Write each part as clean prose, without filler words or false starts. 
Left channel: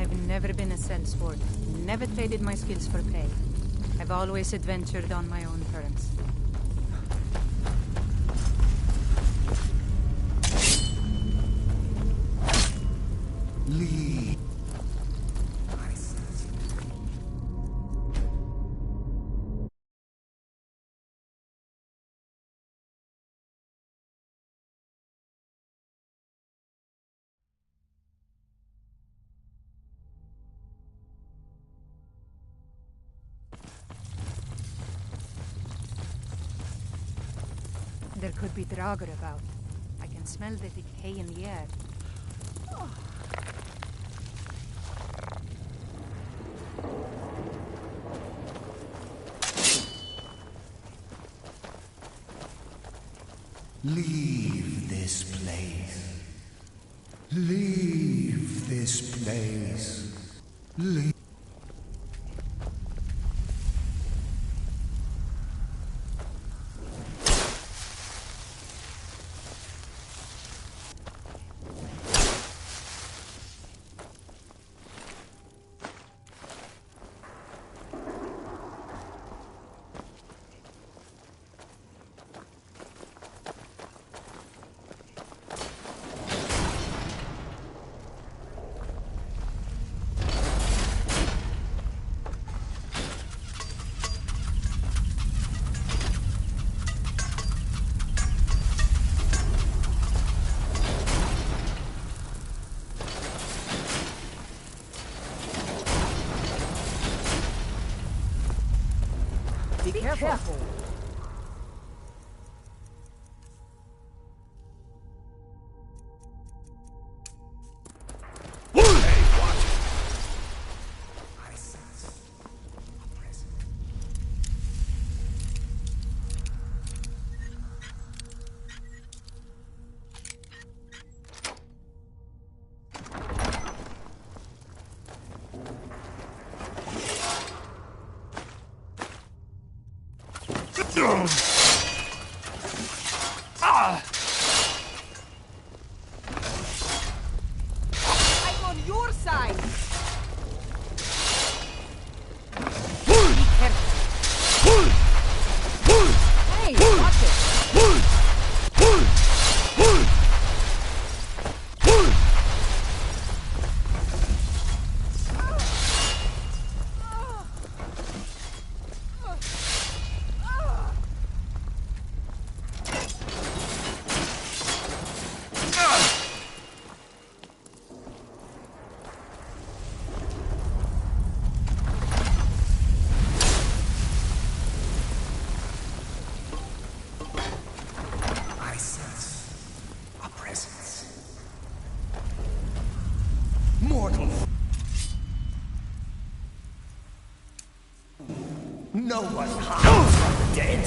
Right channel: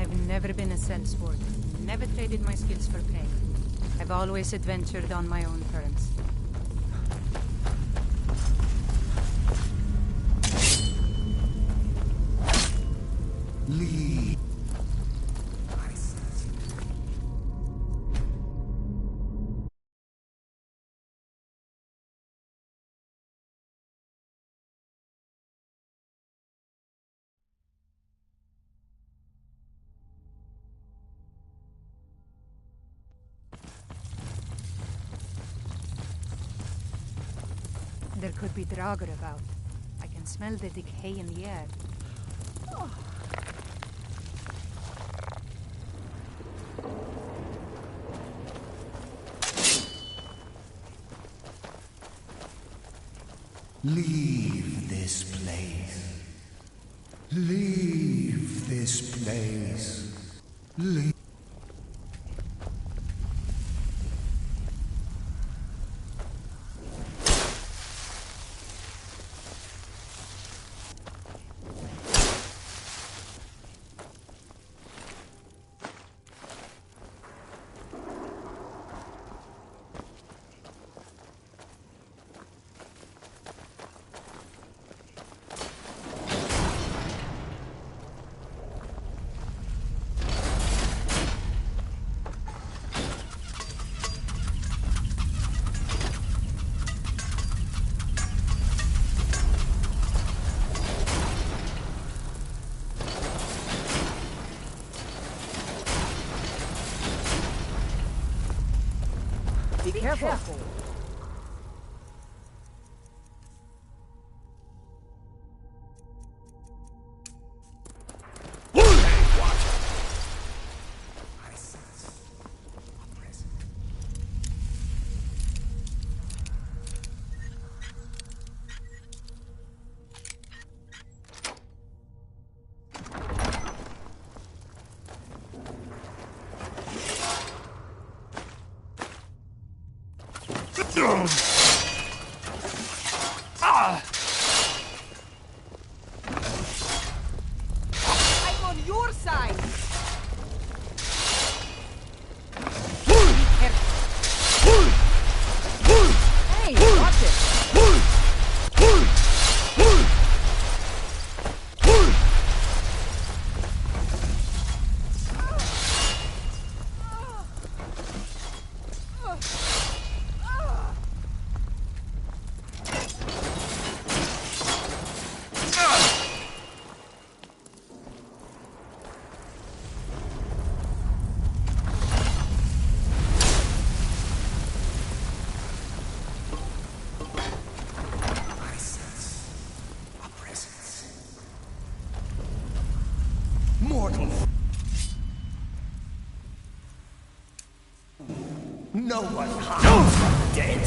I've never been a sellsword, never traded my skills for pay. I've always adventured on my own terms. Leave. There could be Draugr about. I can smell the decay in the air. Leave this place. Leave this place. Leave. Be careful. Hey, watch it. I sense a presence. I'm on your side! Be careful. Hey, watch it! I sense a presence. Mortal. No one hides from the dead.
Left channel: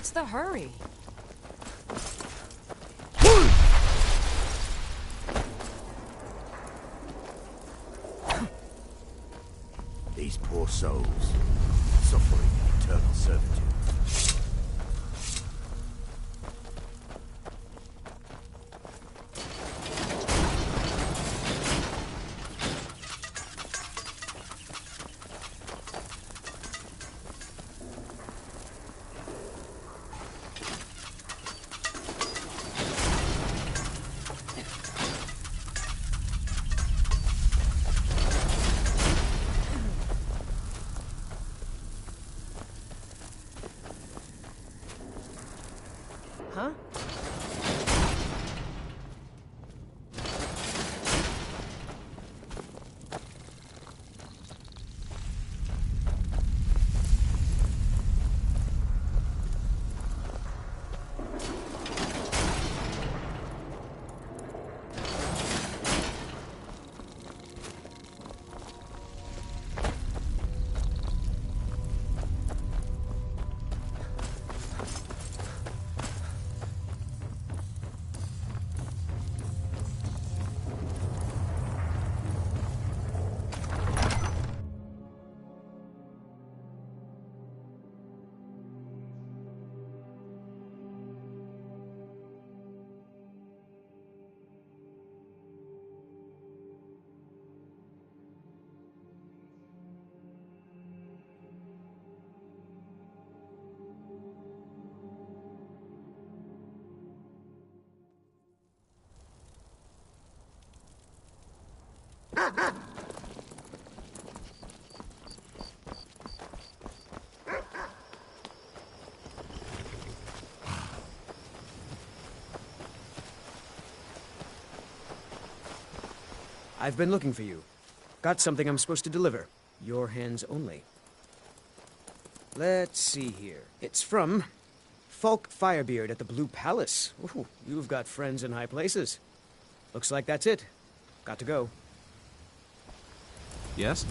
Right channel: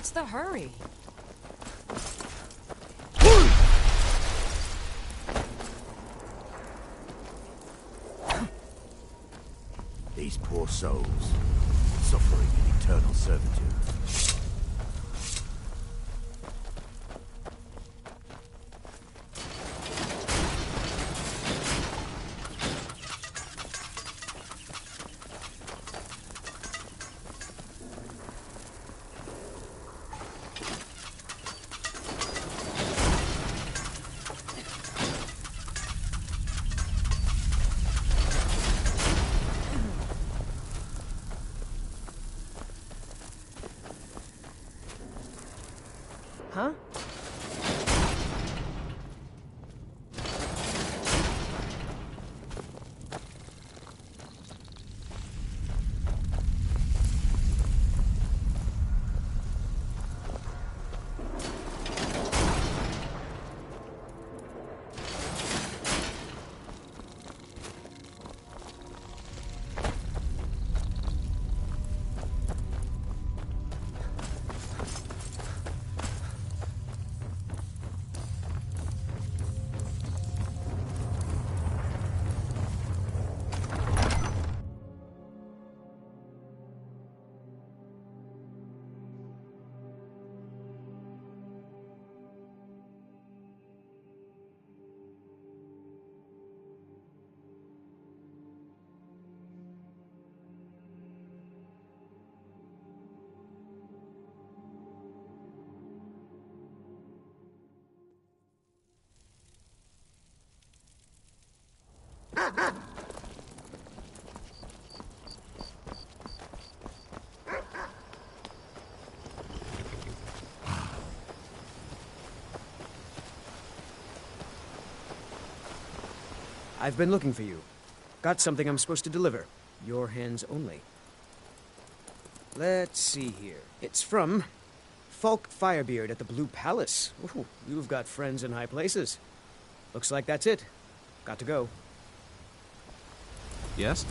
What's the hurry? These poor souls, suffering in eternal servitude. Huh? I've been looking for you. Got something I'm supposed to deliver. Your hands only. Let's see here. It's from Falk Firebeard at the Blue Palace. Ooh, you've got friends in high places. Looks like that's it. Got to go. Yes?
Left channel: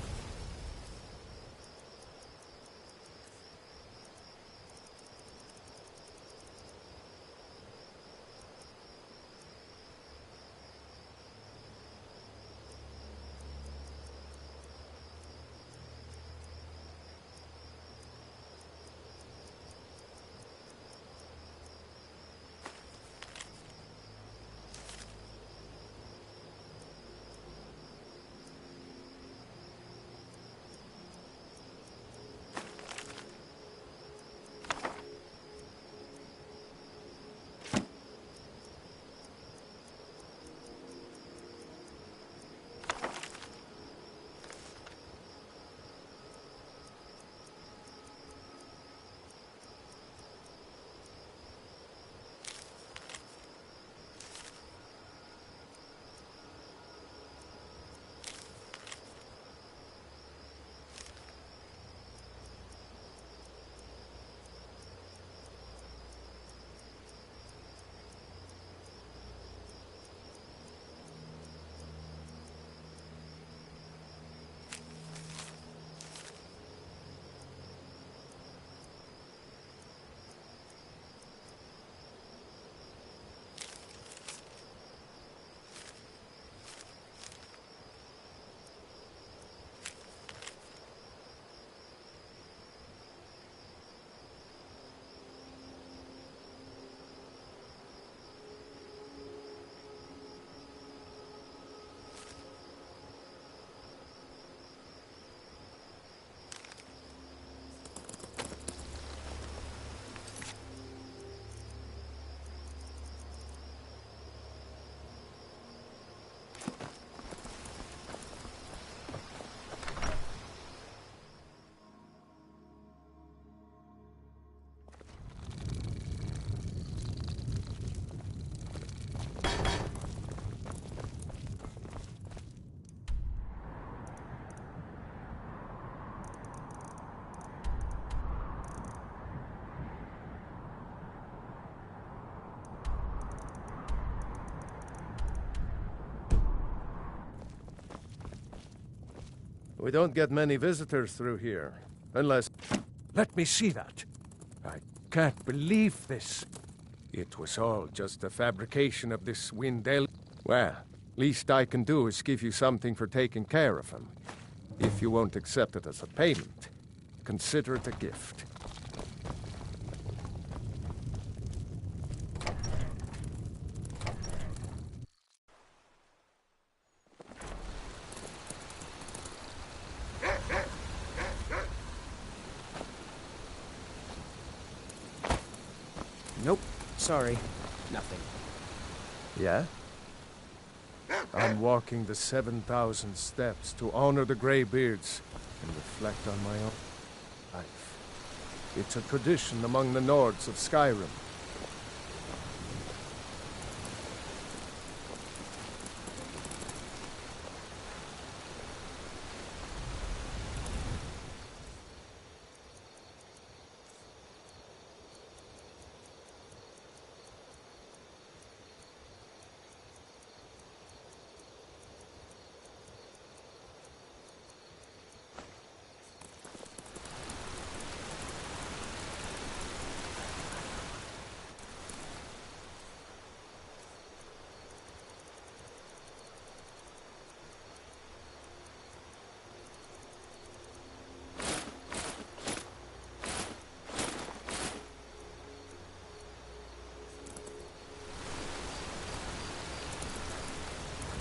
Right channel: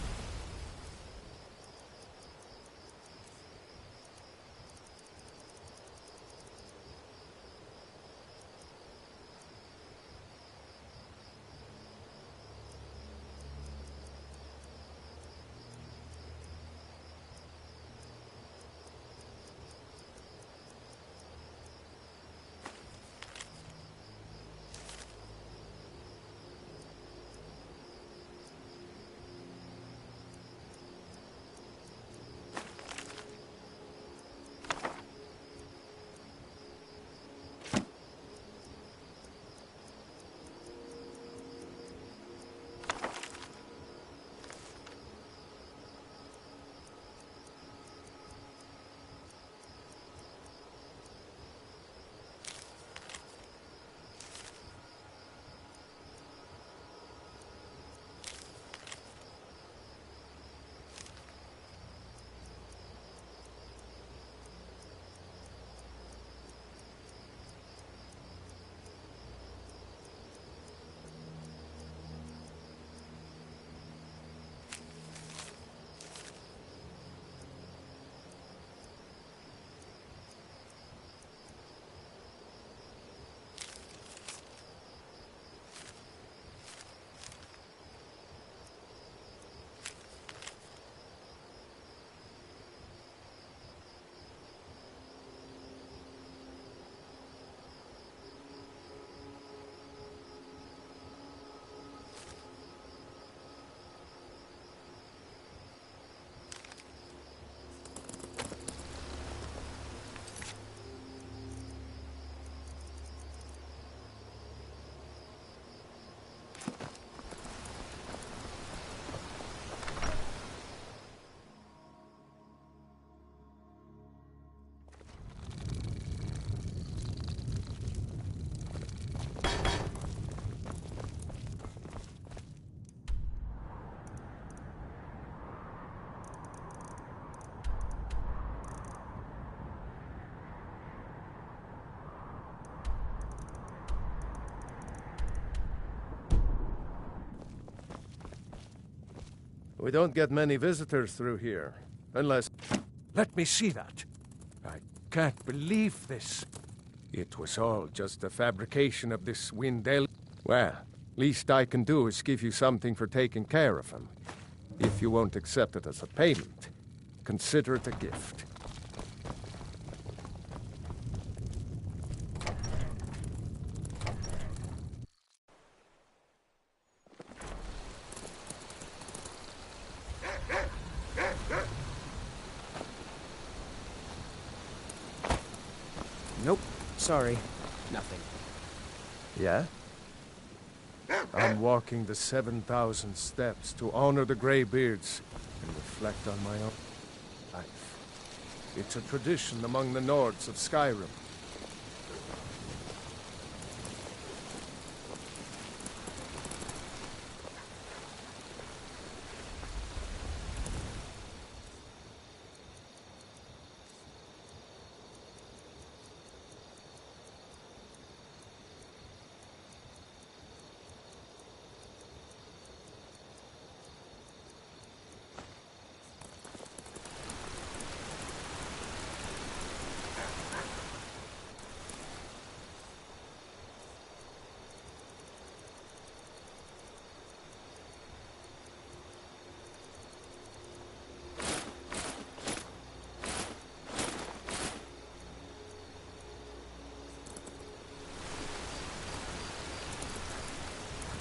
We don't get many visitors through here, unless... Let me see that. can't believe this. It was all just a fabrication of this Windell. Well, least I can do is give you something for taking care of him. If you won't accept it as a payment, consider it a gift. Nope. Sorry. Nothing. Yeah? I'm walking the 7,000 steps to honor the Greybeards and reflect on my own life. It's a tradition among the Nords of Skyrim.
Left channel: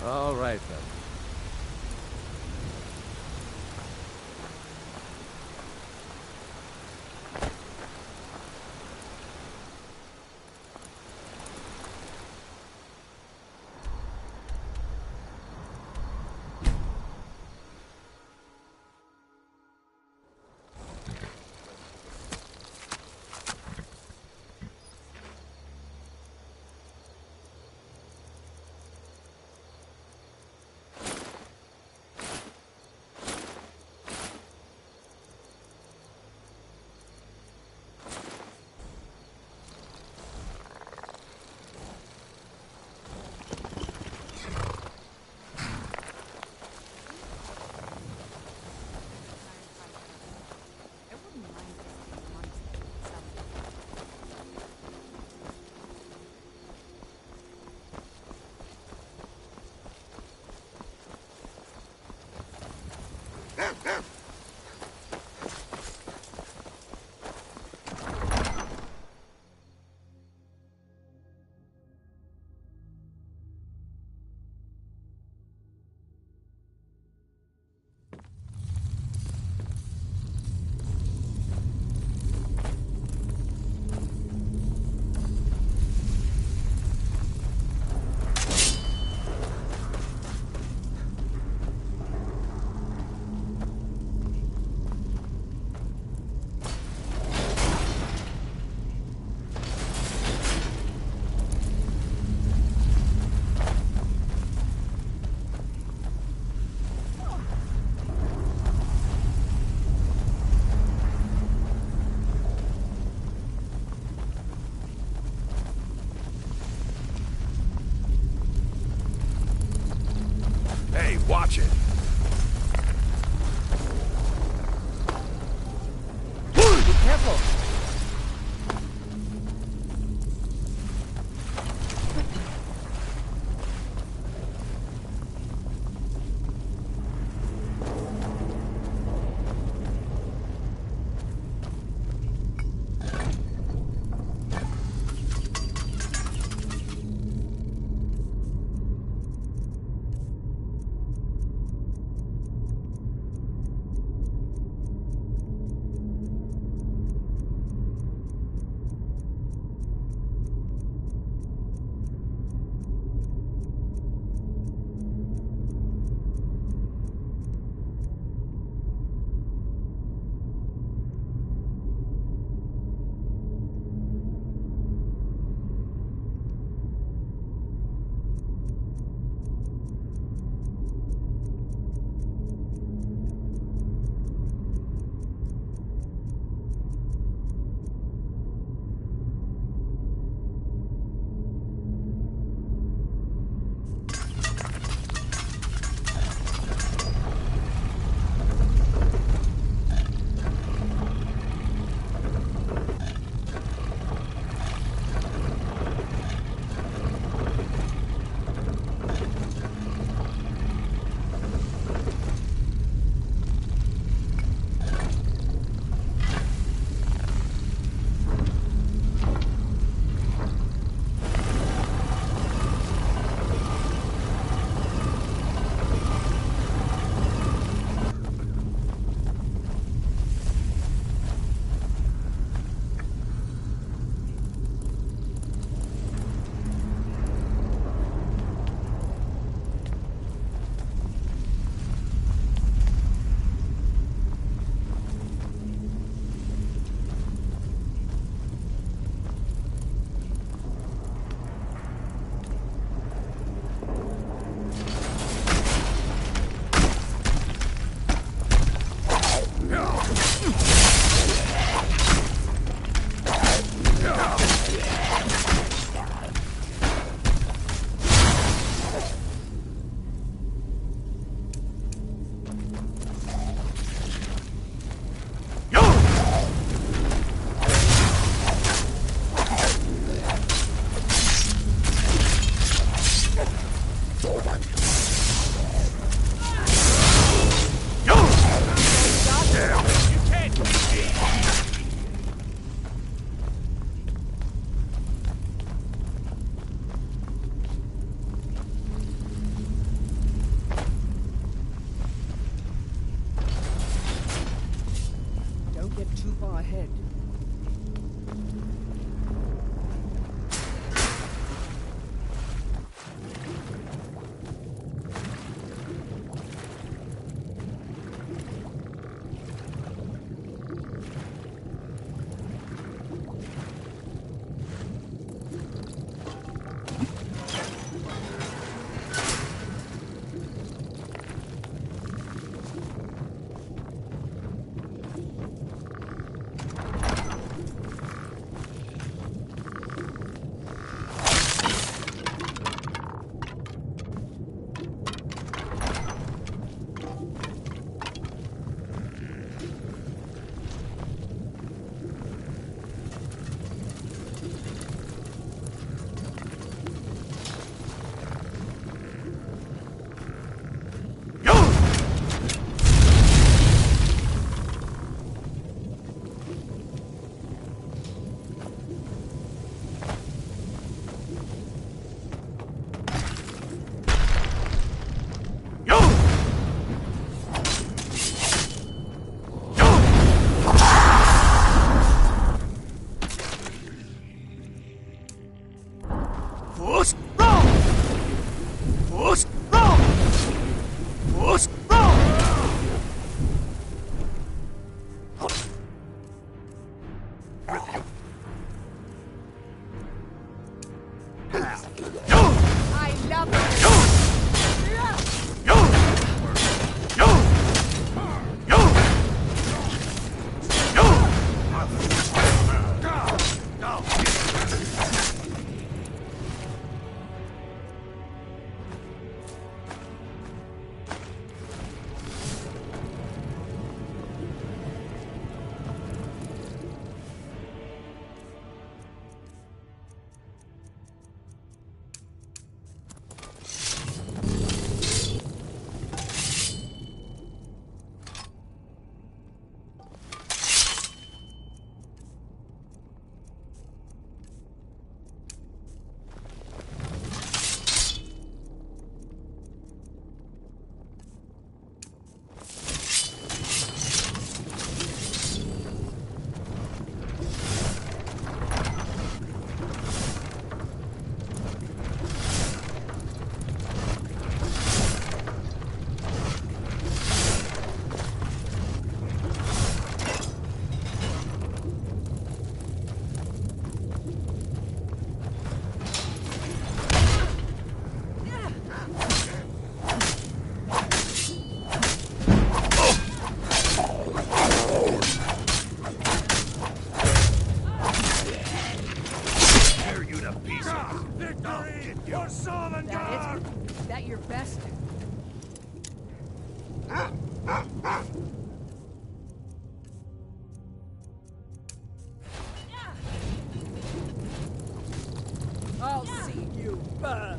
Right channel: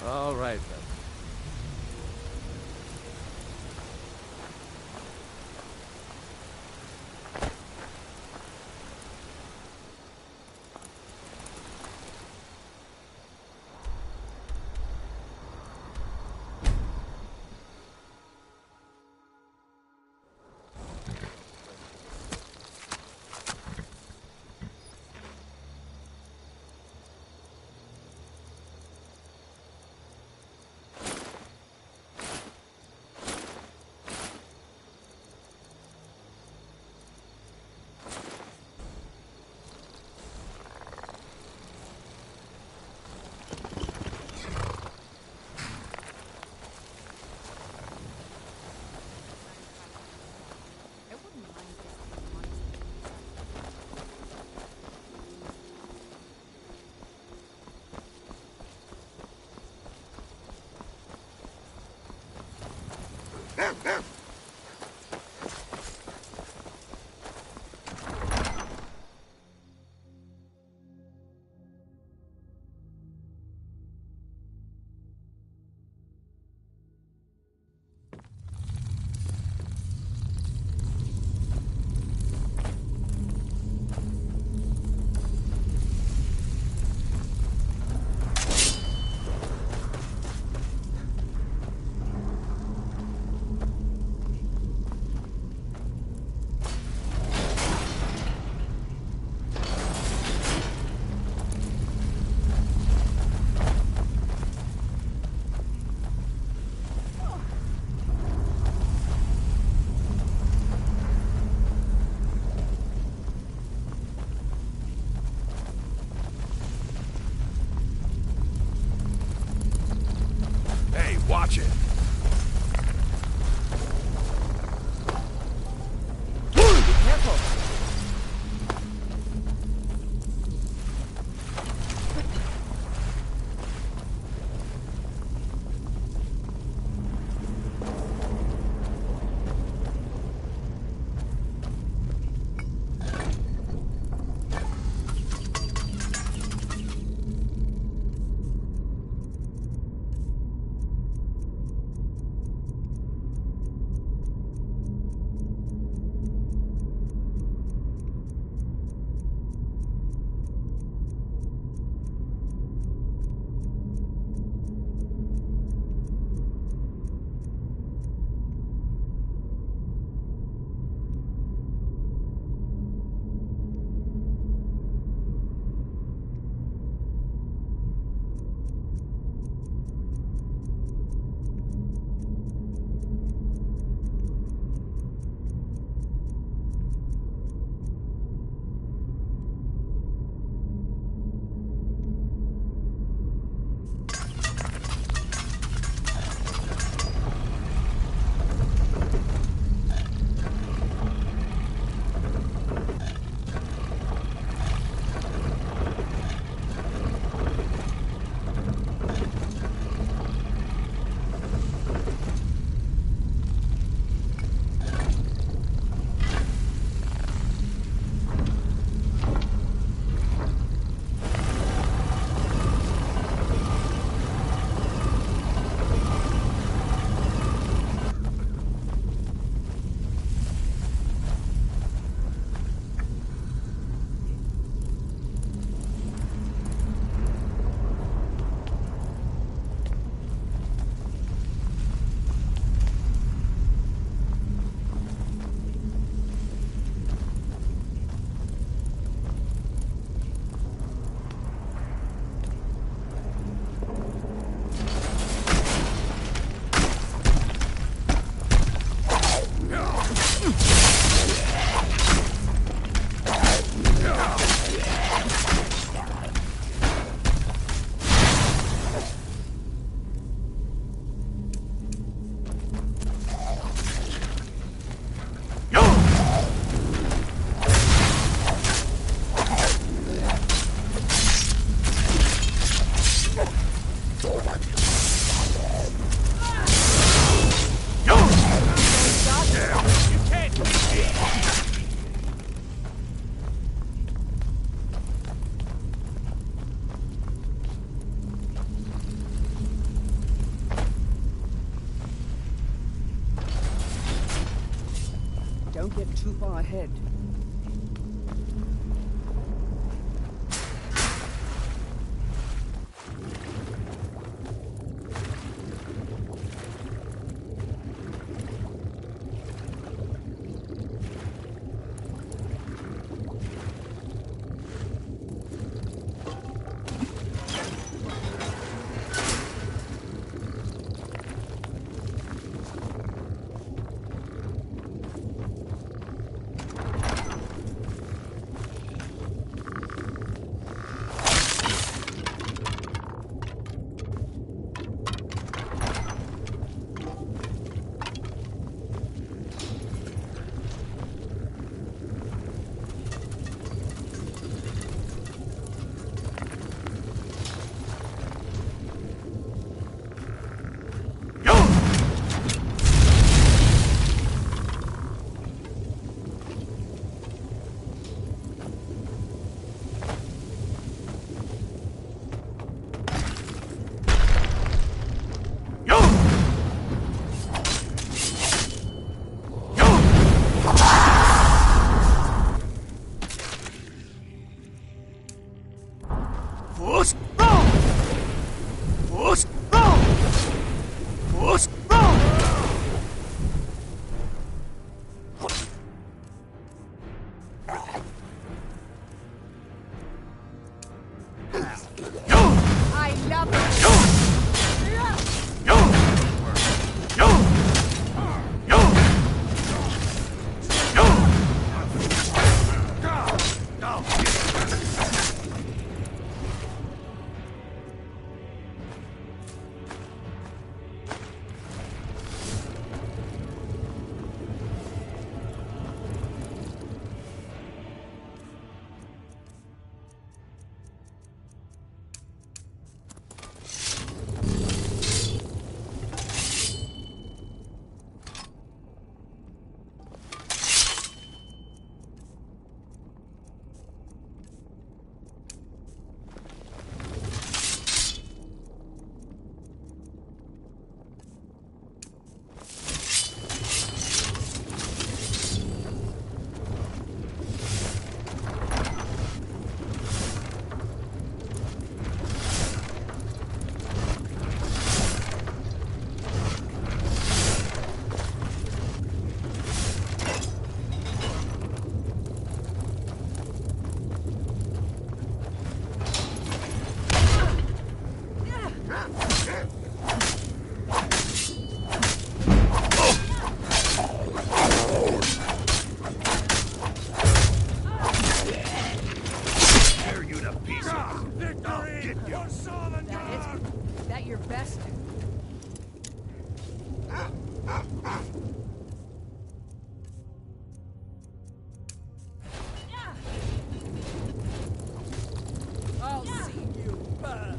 All right, then. I wouldn't mind visiting the monastery myself. Hey, watch it! Be careful! get too far ahead. I love it! That your best? I'll see you burn.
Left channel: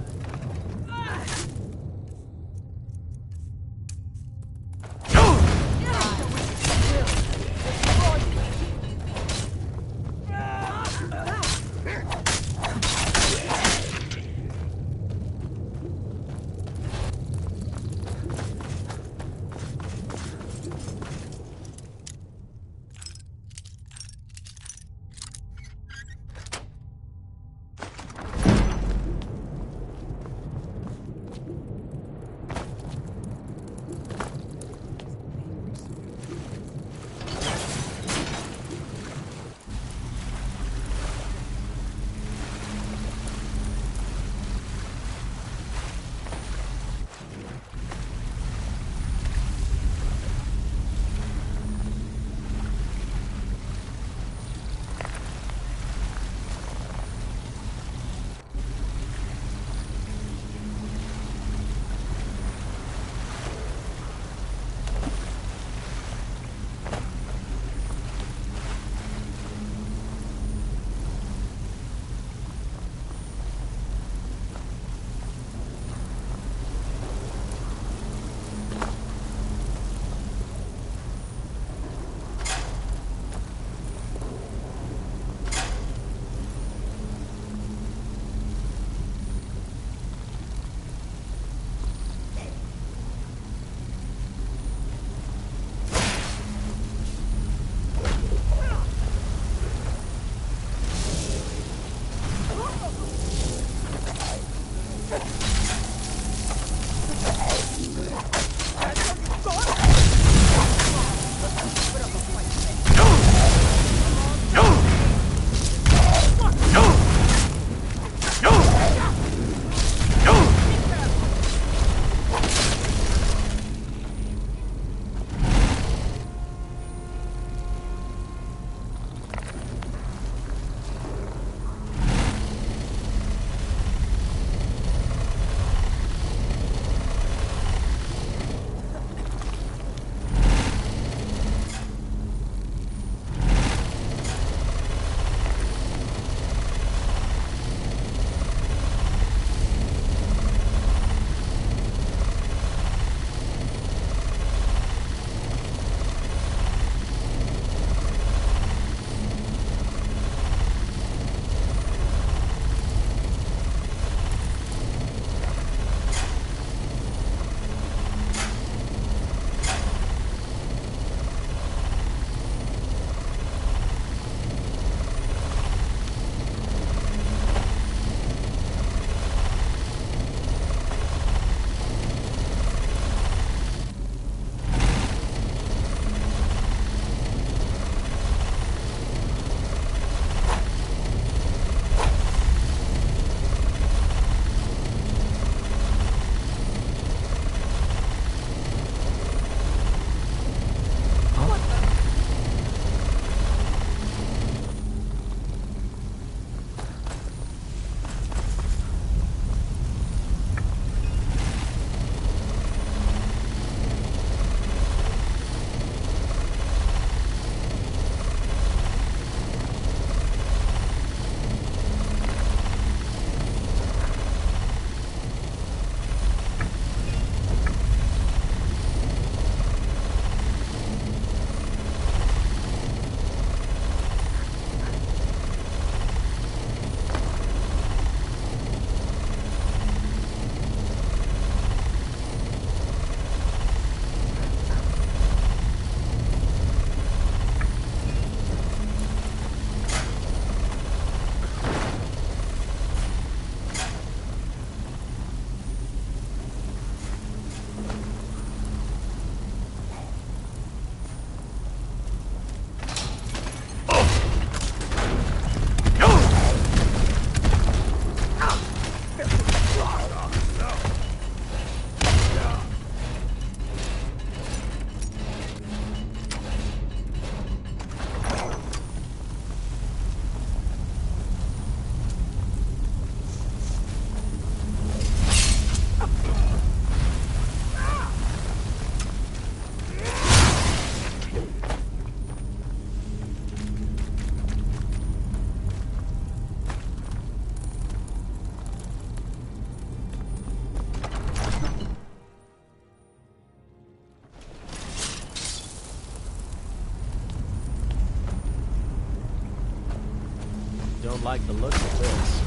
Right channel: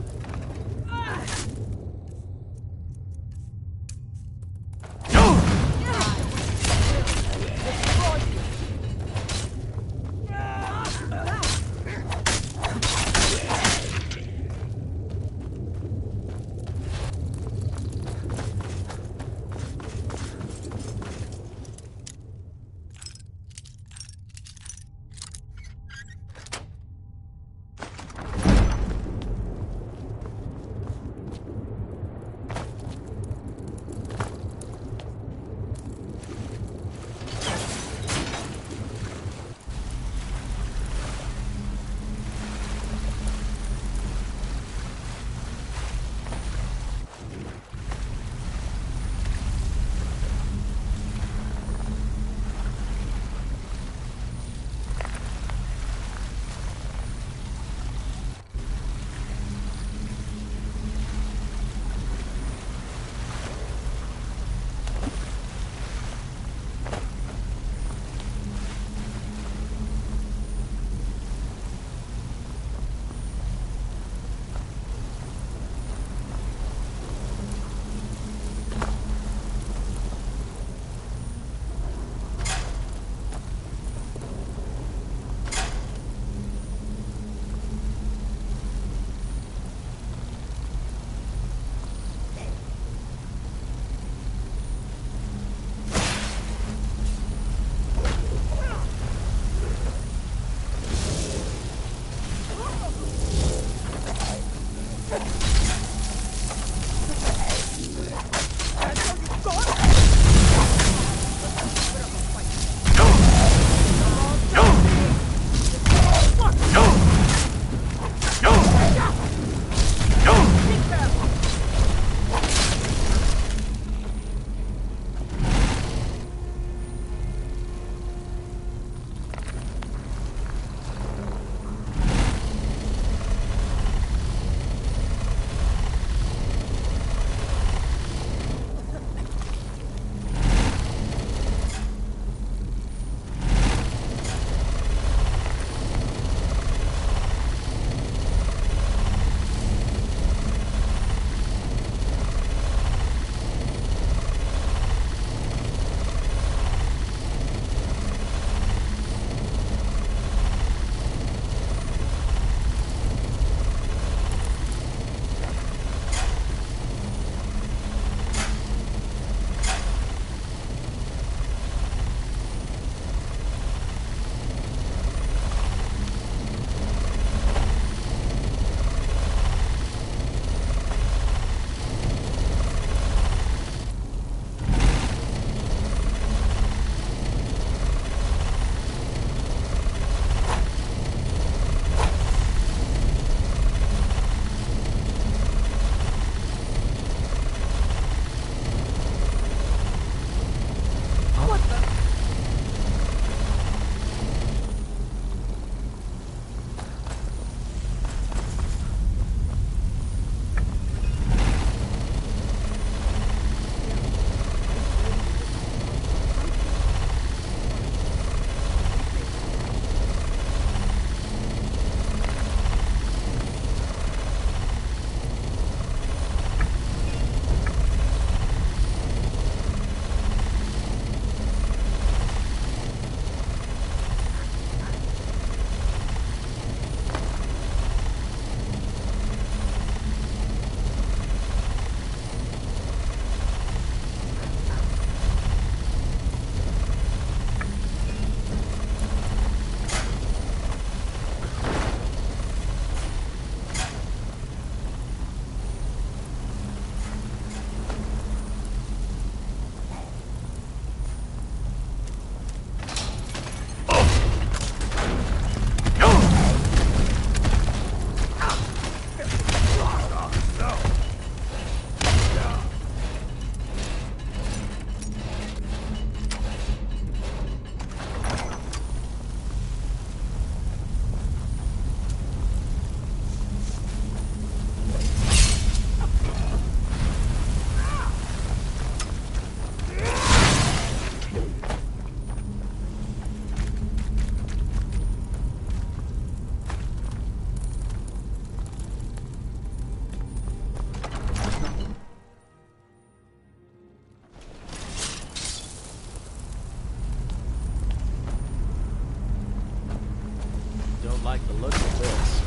don't like the look of this.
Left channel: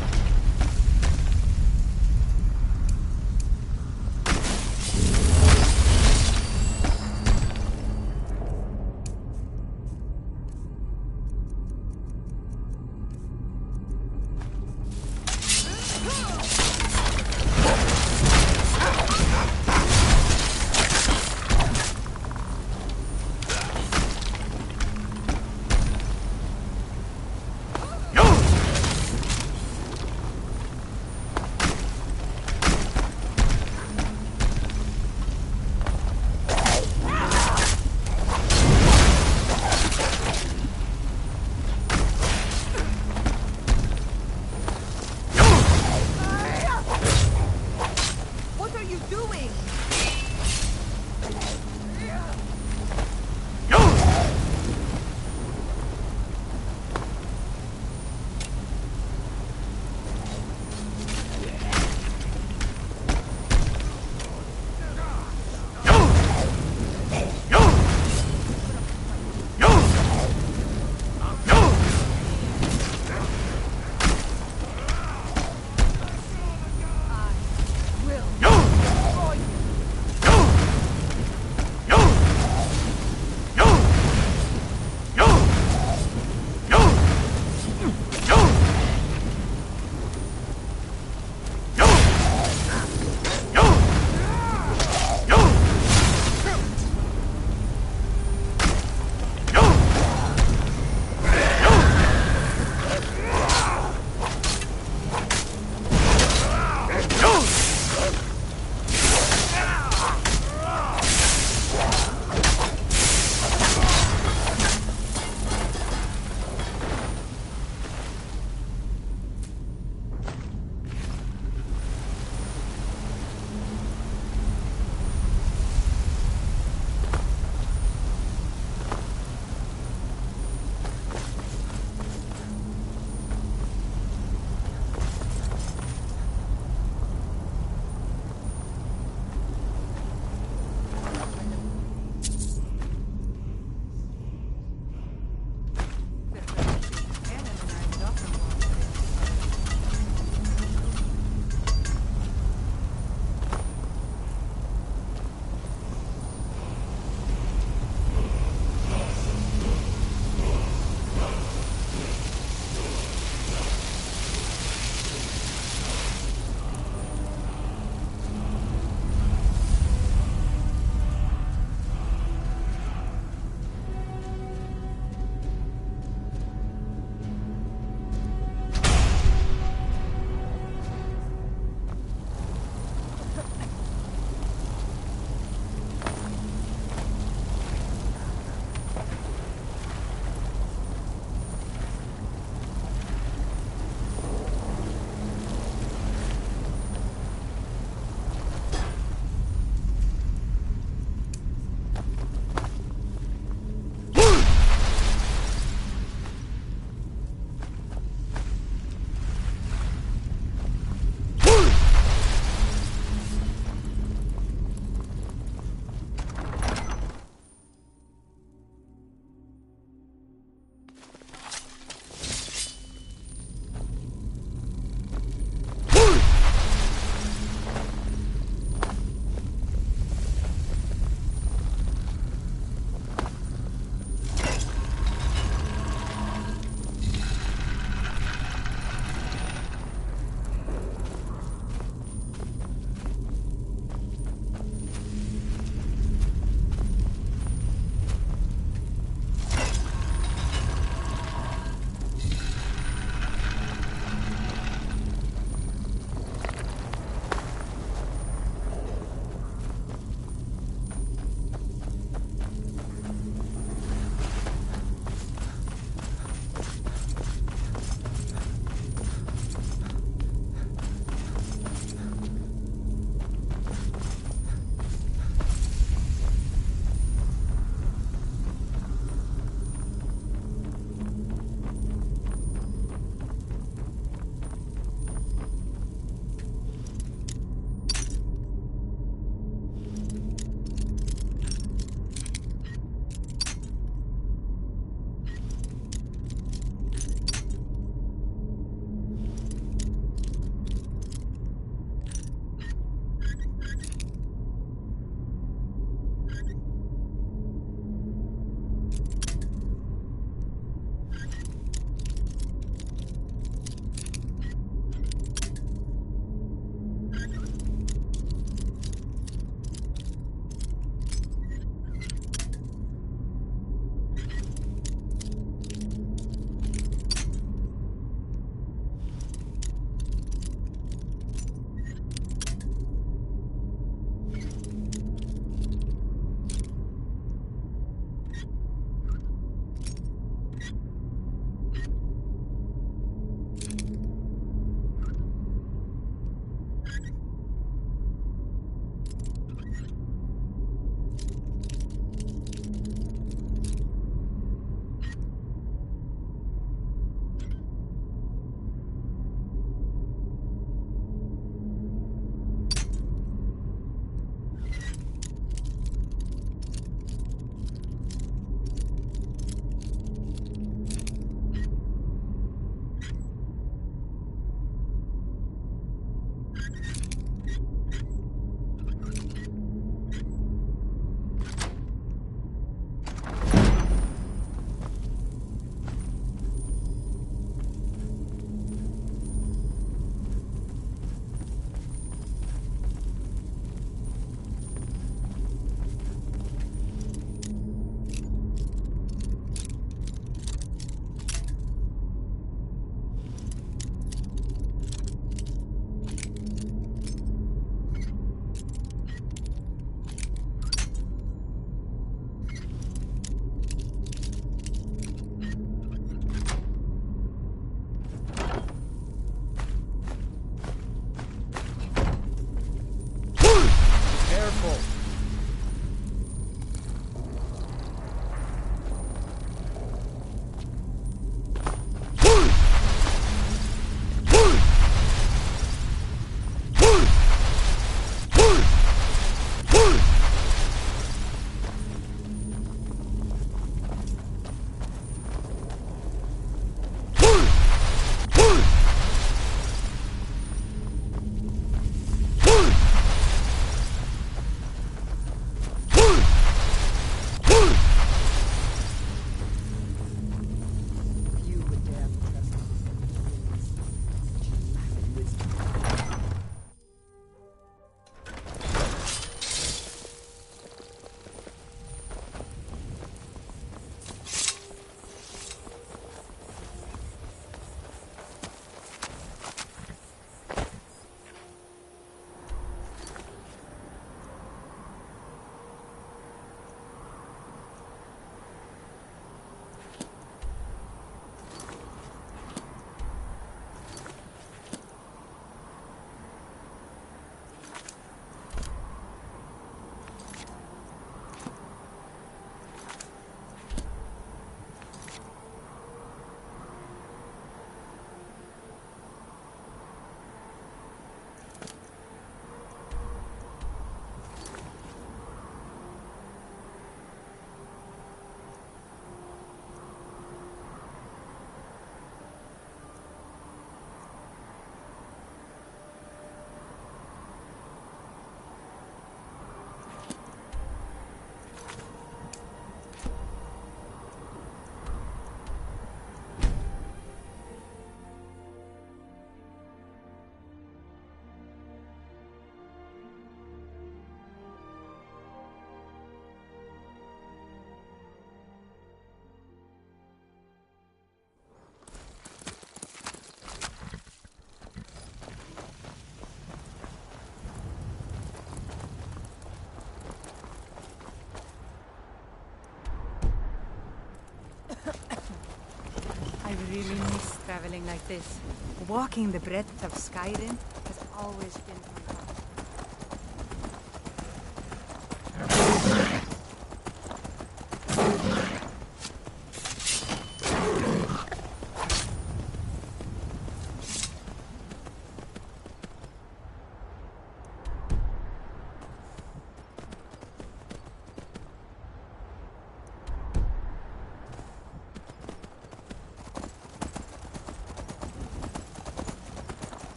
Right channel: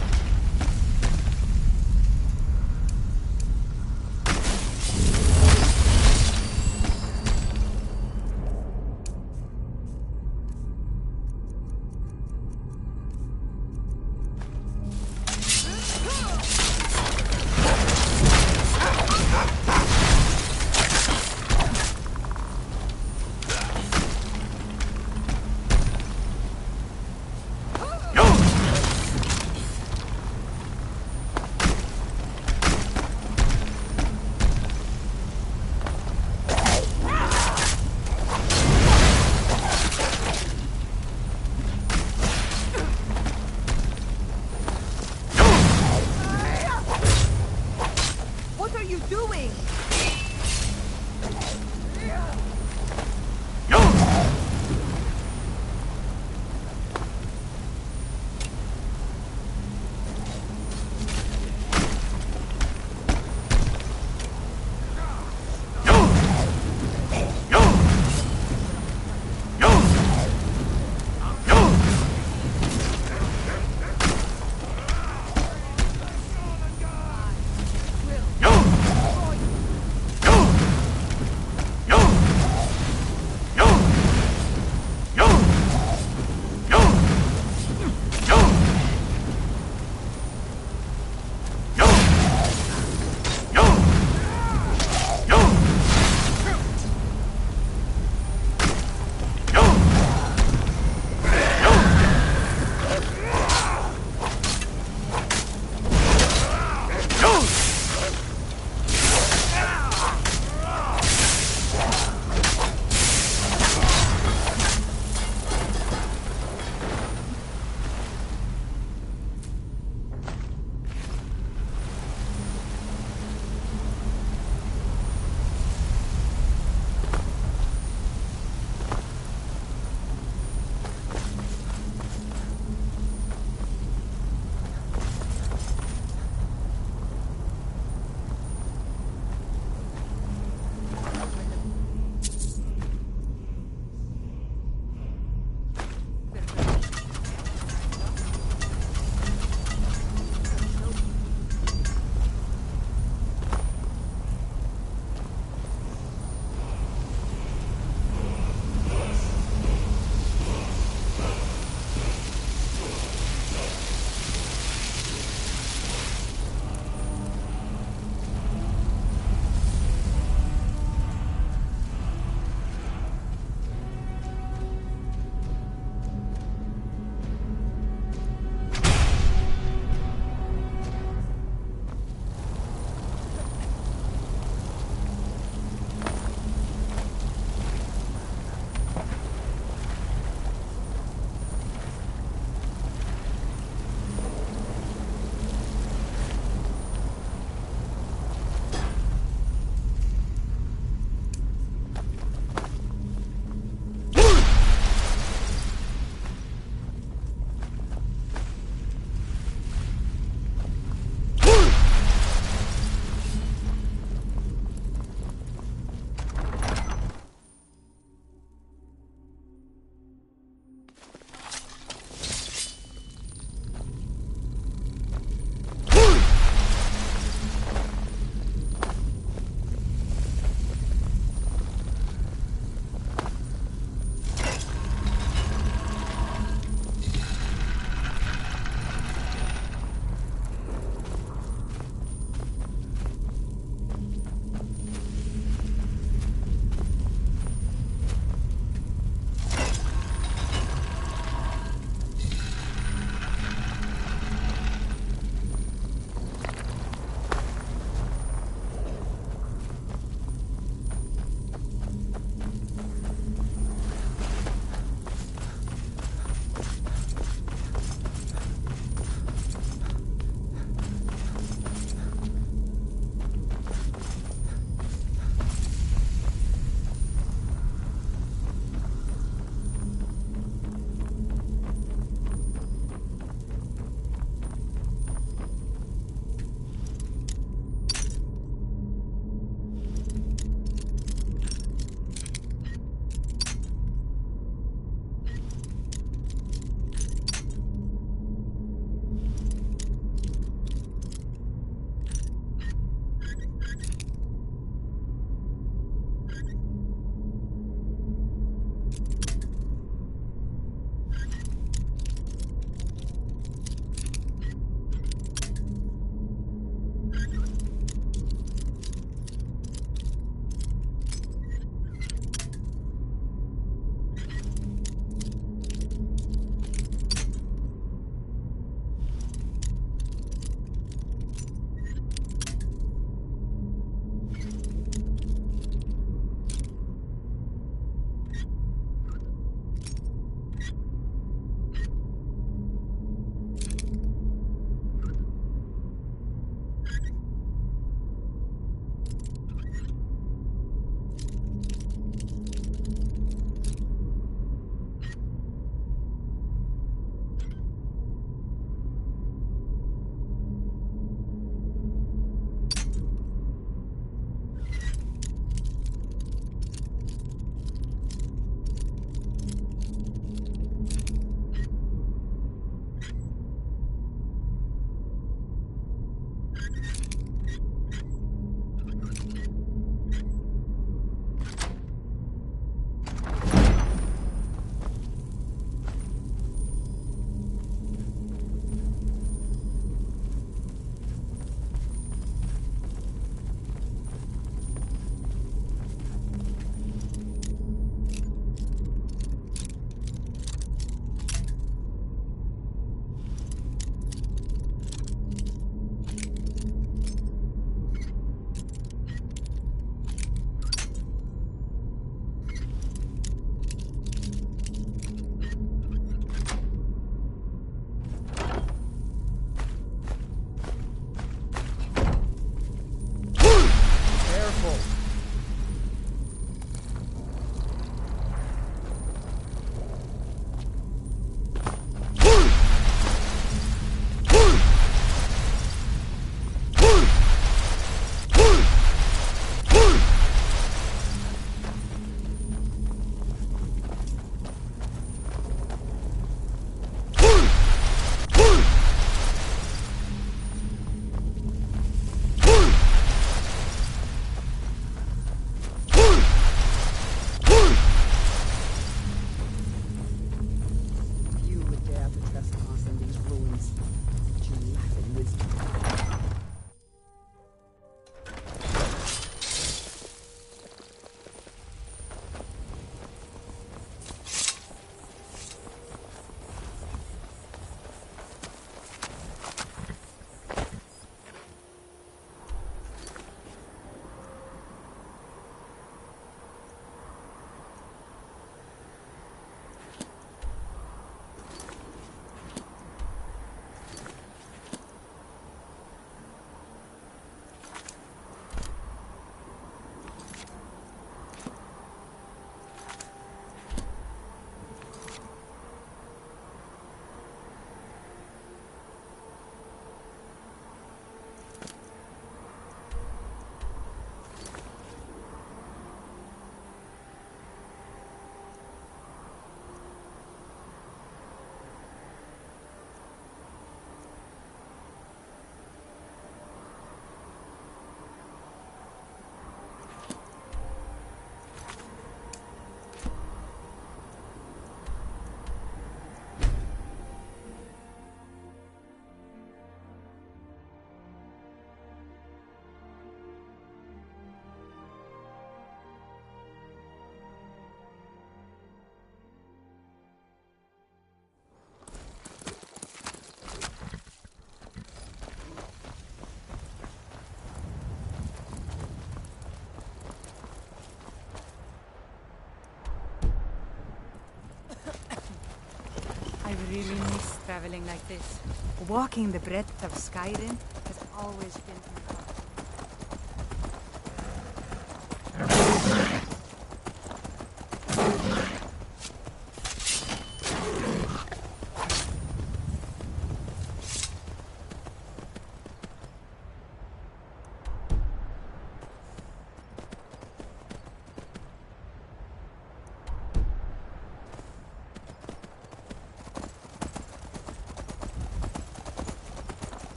really miss traveling like this. Walking the breadth of Skyrim has always been my heart.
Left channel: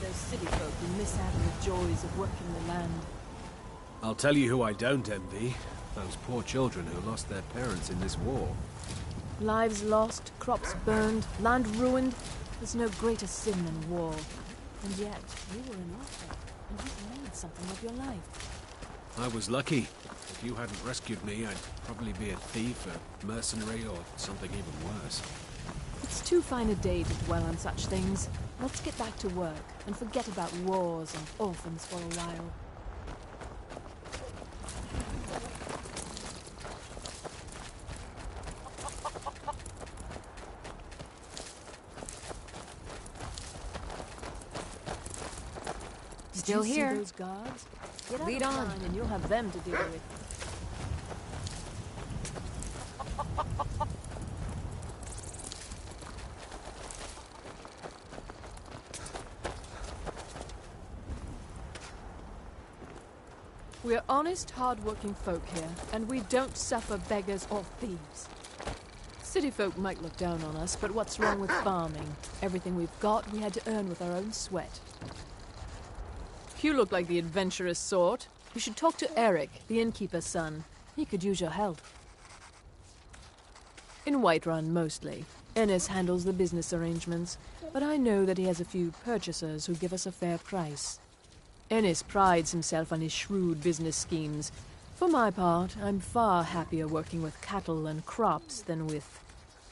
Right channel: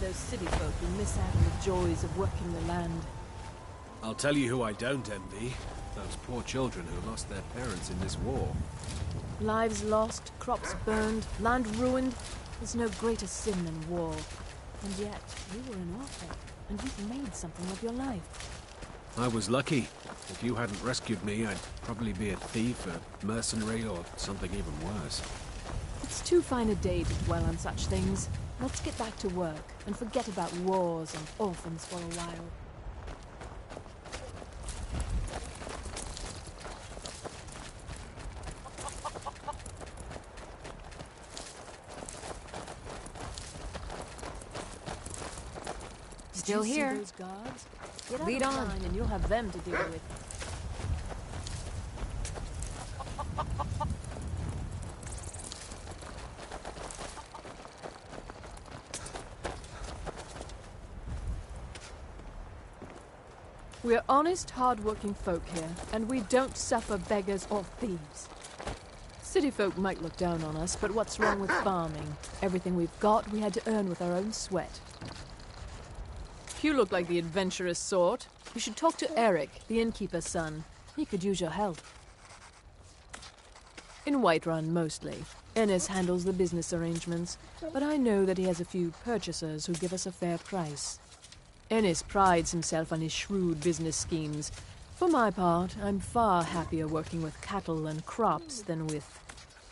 Those city folk who miss out on the joys of working the land. I'll tell you who I don't envy. Those poor children who lost their parents in this war. Lives lost, crops burned, land ruined. There's no greater sin than war. And yet, you were an author, and you've made something of your life. I was lucky. If you hadn't rescued me, I'd probably be a thief, a mercenary, or something even worse. It's too fine a day to dwell on such things. Let's get back to work and forget about wars and orphans for a while. Still here. See those guards? Get out Lead of on. line and you'll have them to deal with. We're honest, hard-working folk here, and we don't suffer beggars or thieves. City folk might look down on us, but what's wrong with farming? Everything we've got, we had to earn with our own sweat. You look like the adventurous sort. You should talk to Eric, the innkeeper's son. He could use your help. In Whiterun, mostly. Ennis handles the business arrangements, but I know that he has a few purchasers who give us a fair price. Ennis prides himself on his shrewd business schemes. For my part, I'm far happier working with cattle and crops than with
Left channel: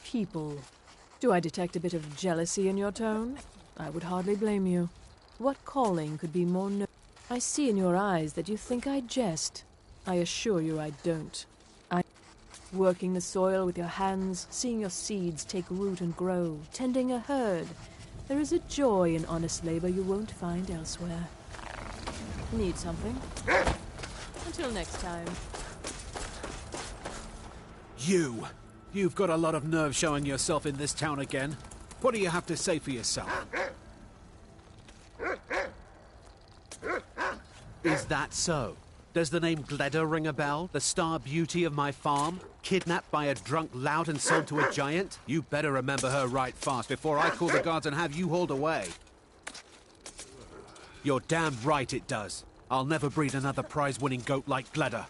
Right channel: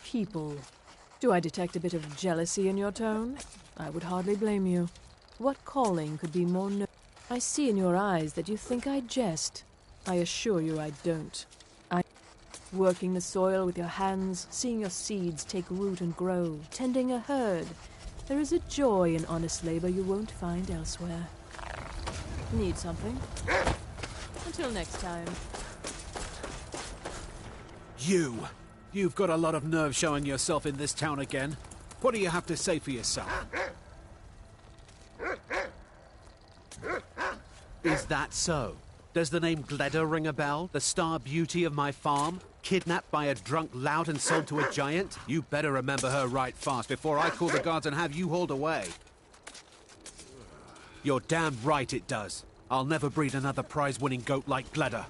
people. Do I detect a bit of jealousy in your tone? I would hardly blame you. What calling could be more I see in your eyes that you think I jest. I assure you I don't. Working the soil with your hands, seeing your seeds take root and grow, tending a herd. There is a joy in honest labor you won't find elsewhere. Need something? Until next time. You've got a lot of nerve showing yourself in this town again. What do you have to say for yourself? Is that so? Does the name Gleda ring a bell? The star beauty of my farm? Kidnapped by a drunk lout and sold to a giant? You better remember her right fast before I call the guards and have you hauled away. You're damn right it does. I'll never breed another prize-winning goat like Gleda.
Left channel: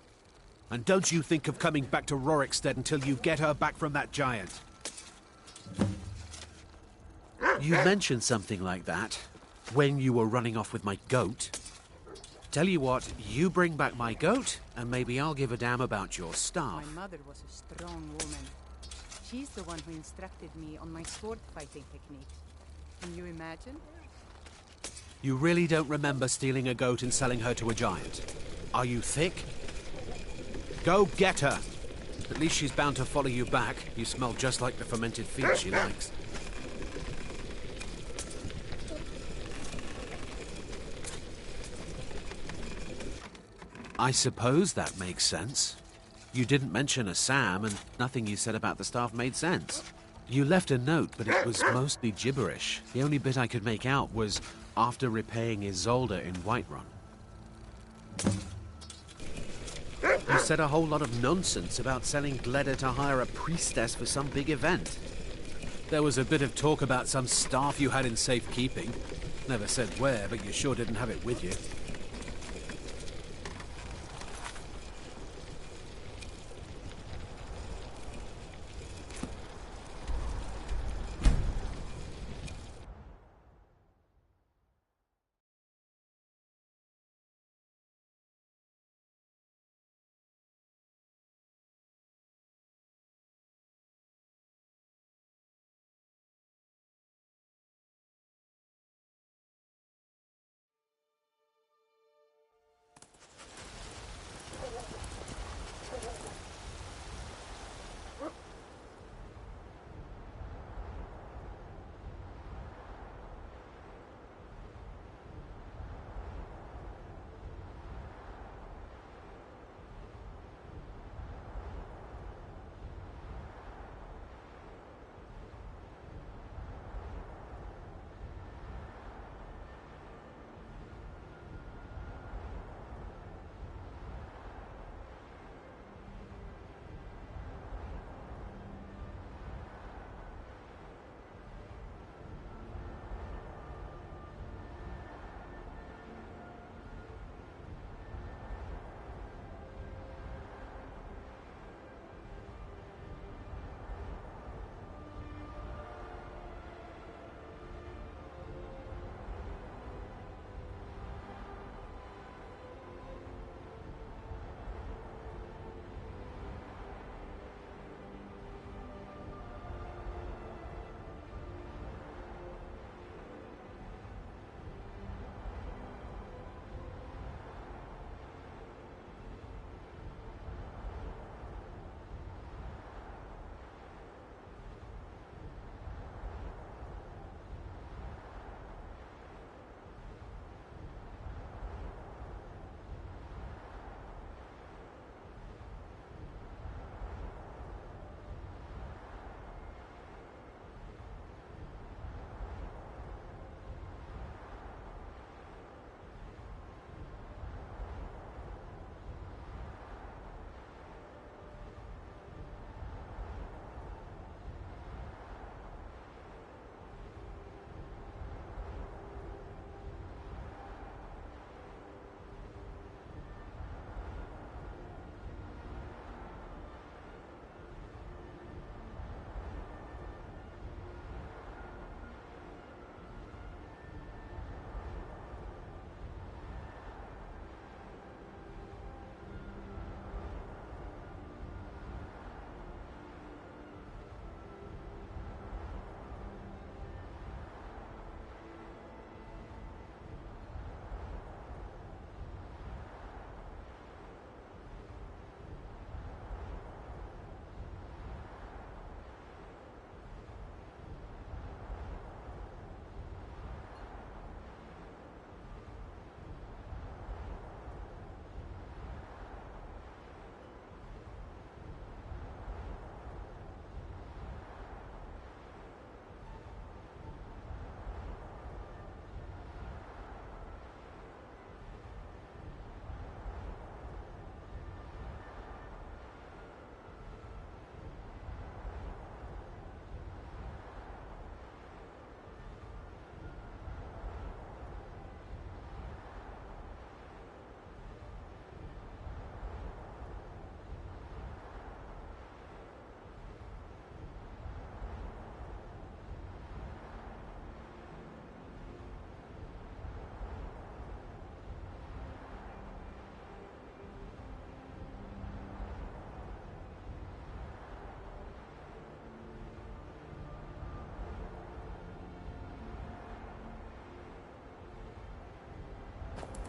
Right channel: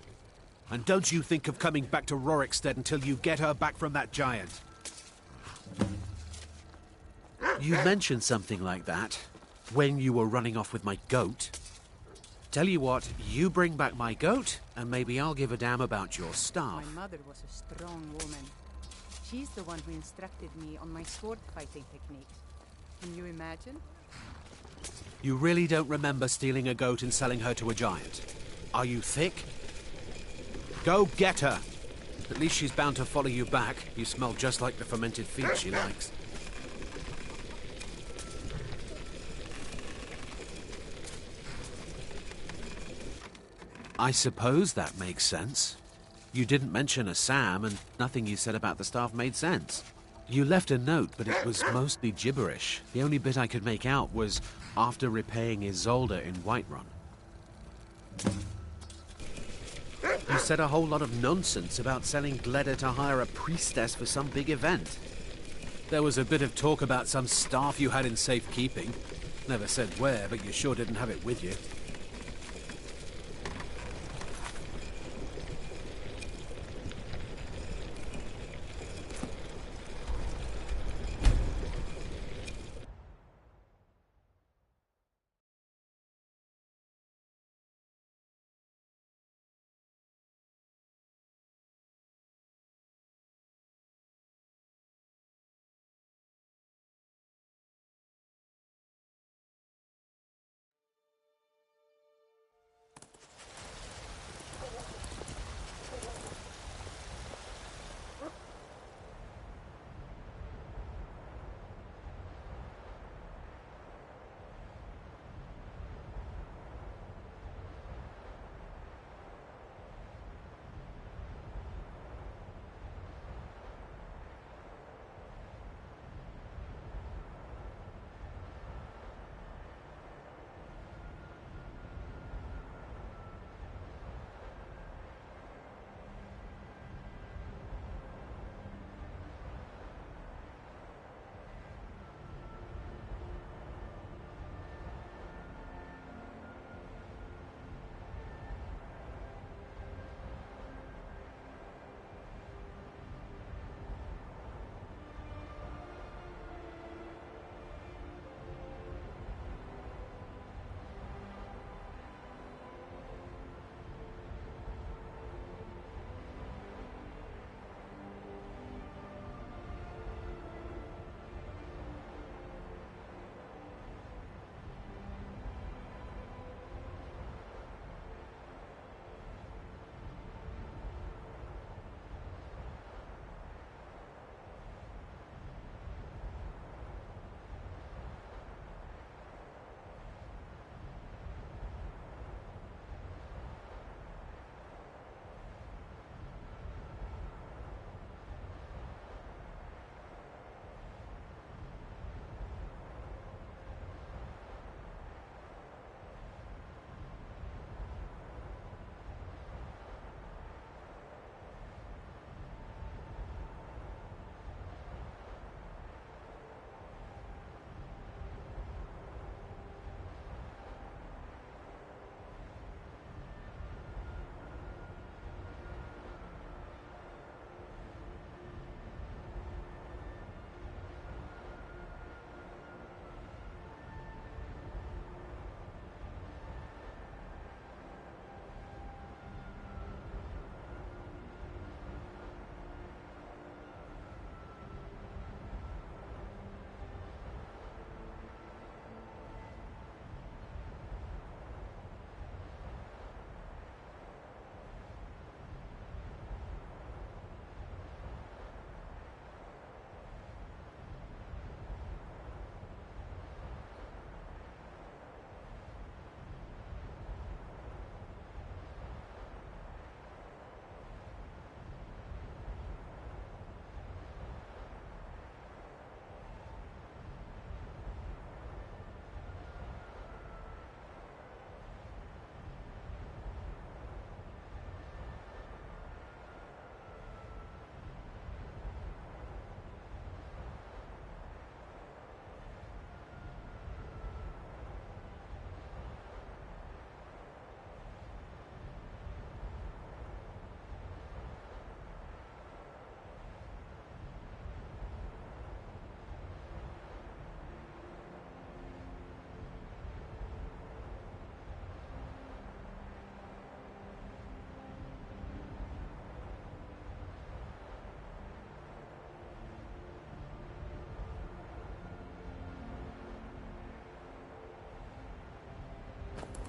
And don't you think of coming back to Rorikstead until you get her back from that giant. You mentioned something like that when you were running off with my goat. Tell you what, you bring back my goat, and maybe I'll give a damn about your staff. My mother was a strong woman. She's the one who instructed me on my sword fighting techniques. Can you imagine? You really don't remember stealing a goat and selling her to a giant? Are you thick? Go get her! At least she's bound to follow you back. You smell just like the fermented feed she likes. I suppose that makes sense. You didn't mention a Sam, and nothing you said about the staff made sense. You left a note, but it was mostly gibberish. The only bit I could make out was after repaying Isolde in Whiterun. You said a whole lot of nonsense about selling Gleda to hire a priestess for some big event. There was a bit of talk about some staff you had in safekeeping. Never said where, but you sure didn't have it with you.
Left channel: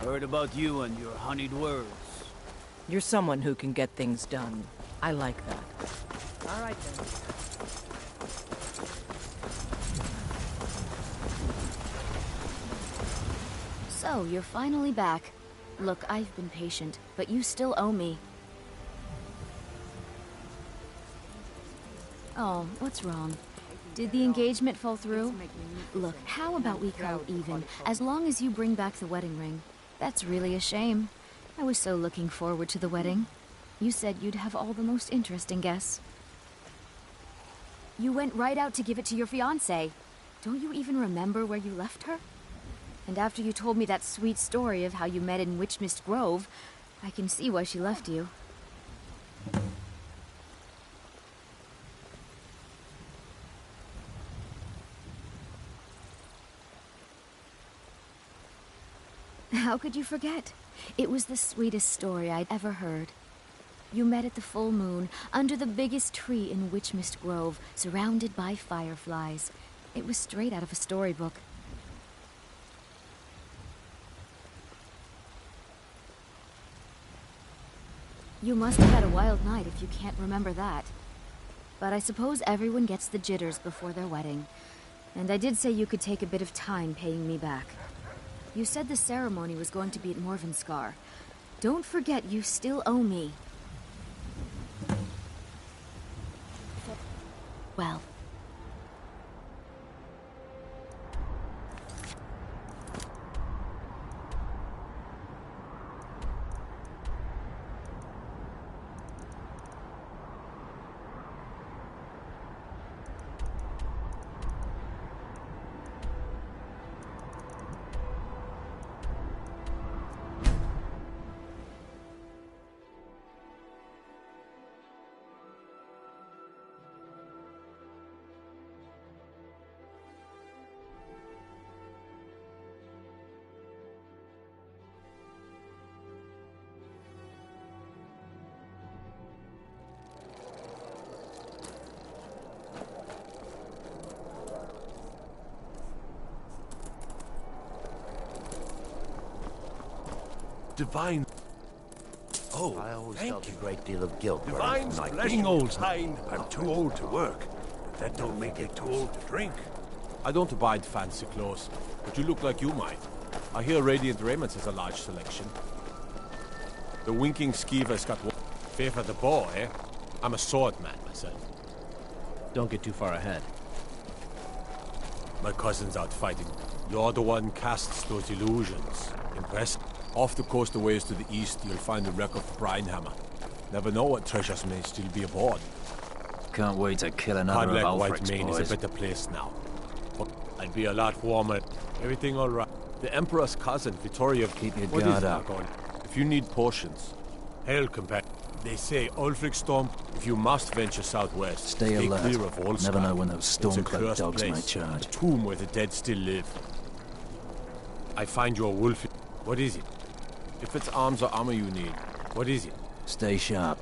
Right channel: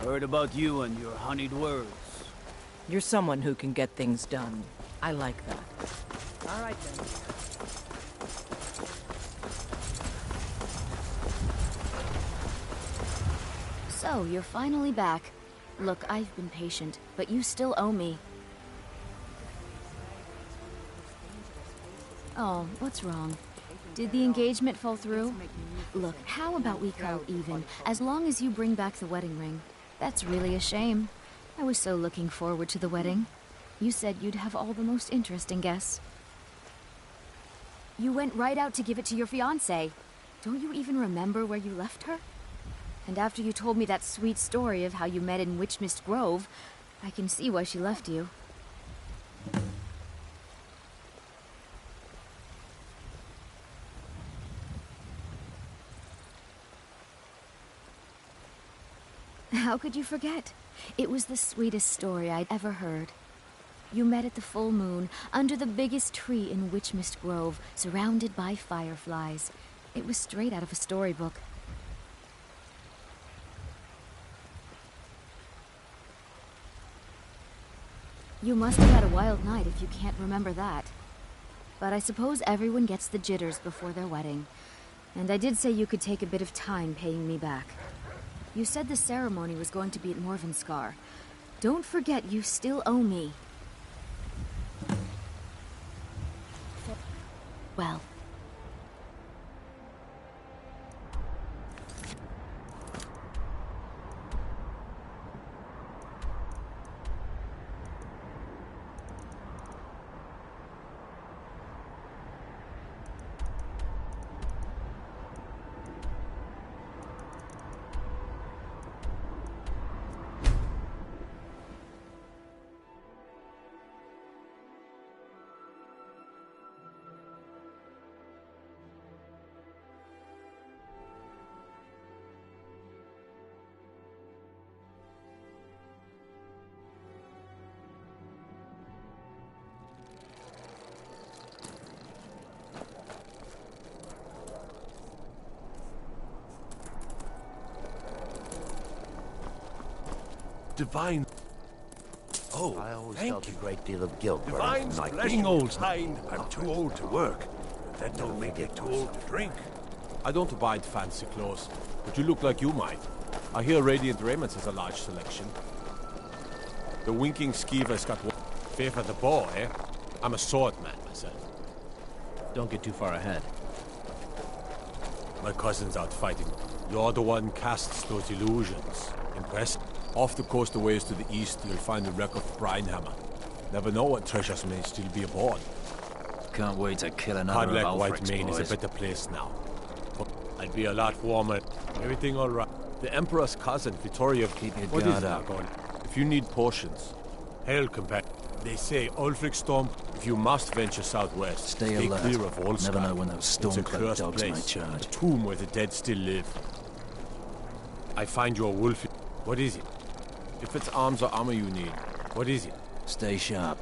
Heard about you and your honeyed words. You're someone who can get things done. I like that. All right, then. So, you're finally back. Look, I've been patient, but you still owe me. Oh, what's wrong? Did the engagement fall through? Look, how about we call even, as long as you bring back the wedding ring? That's really a shame. I was so looking forward to the wedding. You said you'd have all the most interesting guests. You went right out to give it to your fiancé. Don't you even remember where you left her? And after you told me that sweet story of how you met in Witchmist Grove, I can see why she left you. How could you forget? It was the sweetest story I'd ever heard. You met at the full moon, under the biggest tree in Witchmist Grove, surrounded by fireflies. It was straight out of a storybook. You must have had a wild night if you can't remember that. But I suppose everyone gets the jitters before their wedding. And I did say you could take a bit of time paying me back. You said the ceremony was going to be at Morvenskar. Don't forget you still owe me. Well. Divine. Oh, I always felt a great deal of guilt. Divine's Being old, kind. I'm too old to work. But that don't make me too old to drink. I don't abide fancy clothes, but you look like you might. I hear Radiant Raymond's has a large selection. The winking skeever's got one. Favor the bow, eh? I'm a sword man myself. Don't get too far ahead. My cousin's out fighting. You're the one casts those illusions. Impressive. Off the coast a ways to the east, you'll find the wreck of the Brinehammer. Never know what treasures may still be aboard. Can't wait to kill another of White Alfred's Mane boys. is a better place now. But I'd be a lot warmer. Everything all right. The Emperor's cousin, Vittoria... Keep your What guard is up. Argon? If you need potions, hail, companion. They say Ulfric Storm, if you must venture southwest, Stay alert. clear of all Never Skyrim. know when those It's a storm-cloaked cursed dogs place, might charge. a tomb where the dead still live. I find your wolf... What is it? If it's arms or armor you need, what is it? Stay sharp.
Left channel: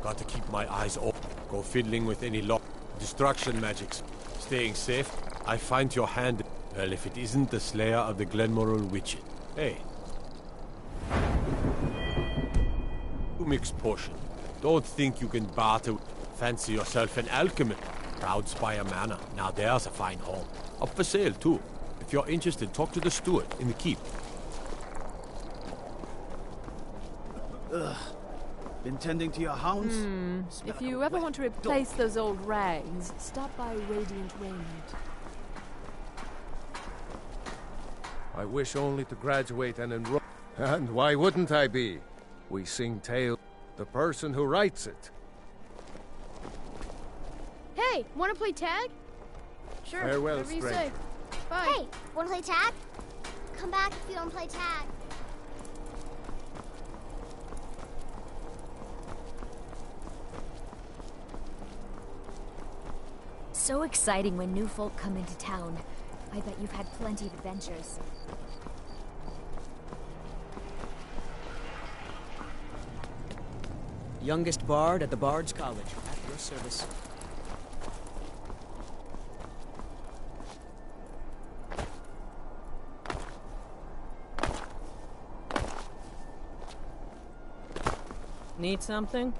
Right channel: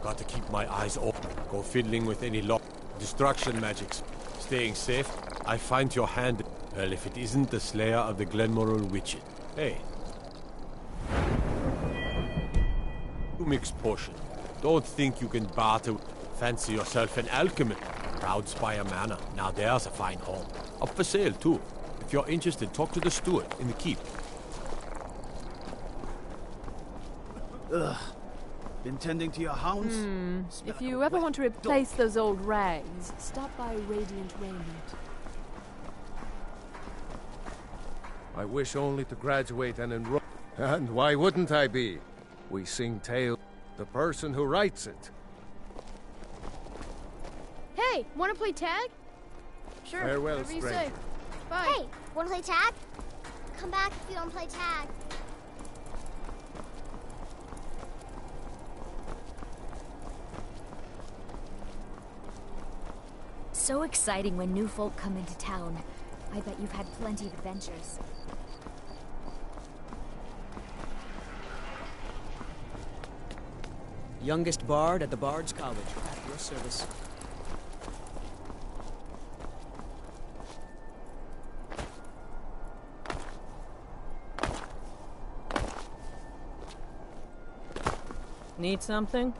Got to keep my eyes open. Go fiddling with any lock. Destruction magics. Staying safe. I find your hand... Well, if it isn't the slayer of the Glenmoral witches. Hey. You mix potion. Don't think you can barter. Fancy yourself an alchemist. Proud Spire Manor. Now there's a fine home. Up for sale, too. If you're interested, talk to the steward in the keep. Ugh. Been tending to your hounds? If you ever want to replace those old rags, stop by Radiant Raiment. I wish only to graduate and enroll. And why wouldn't I be? We sing tales. The person who writes it. Hey, wanna play tag? Sure, Farewell, whatever you stranger. say. Bye. Hey, wanna play tag? Come back if you don't play tag. So exciting when new folk come into town. I bet you've had plenty of adventures. Youngest bard at the Bard's College, at your service. Need something?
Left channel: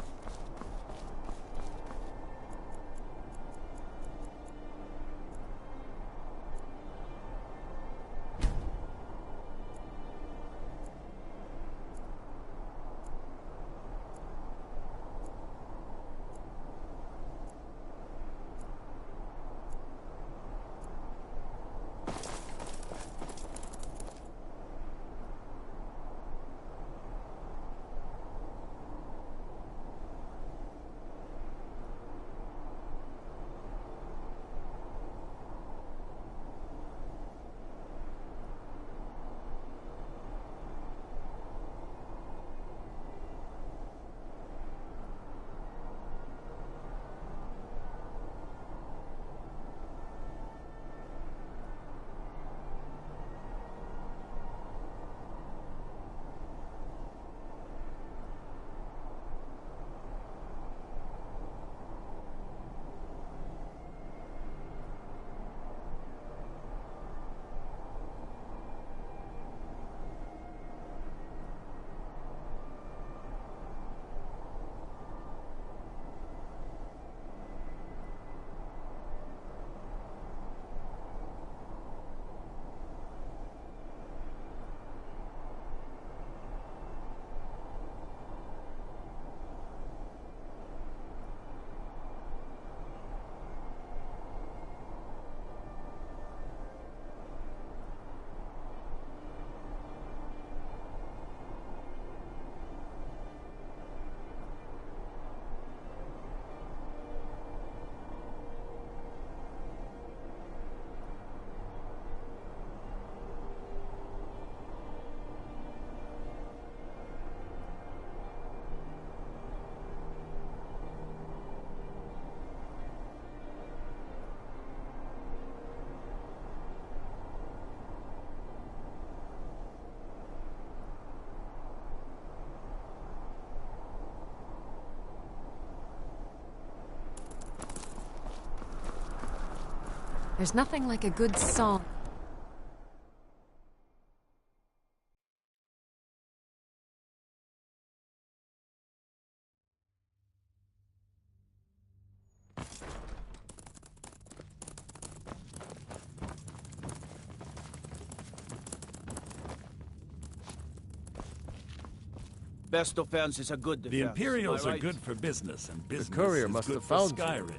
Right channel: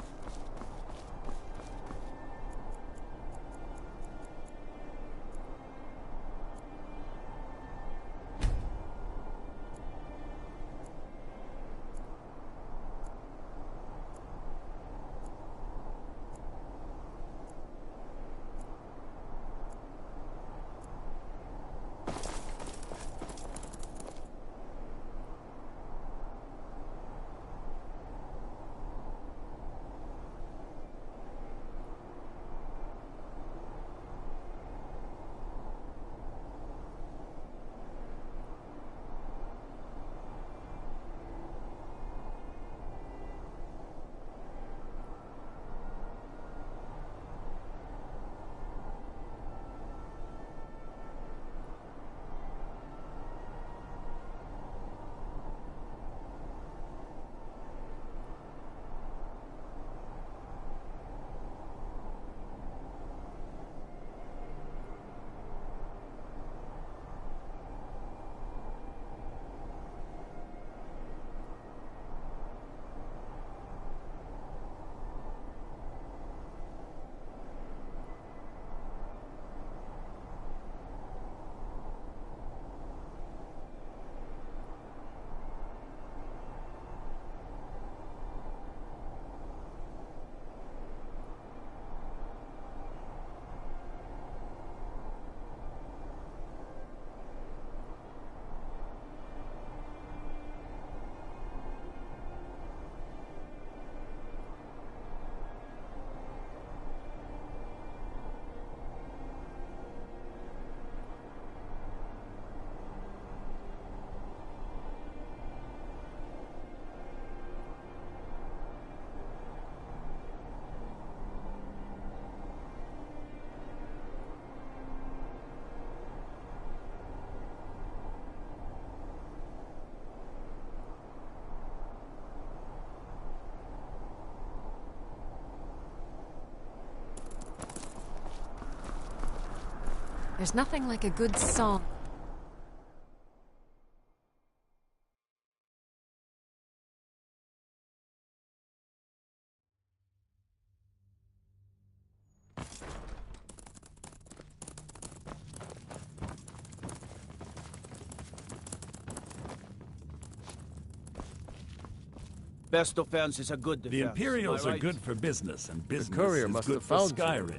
There's nothing like a good song. Best offense is a good defense. The Imperials am I are right? good for business, and business courier is must good have for found you. Skyrim.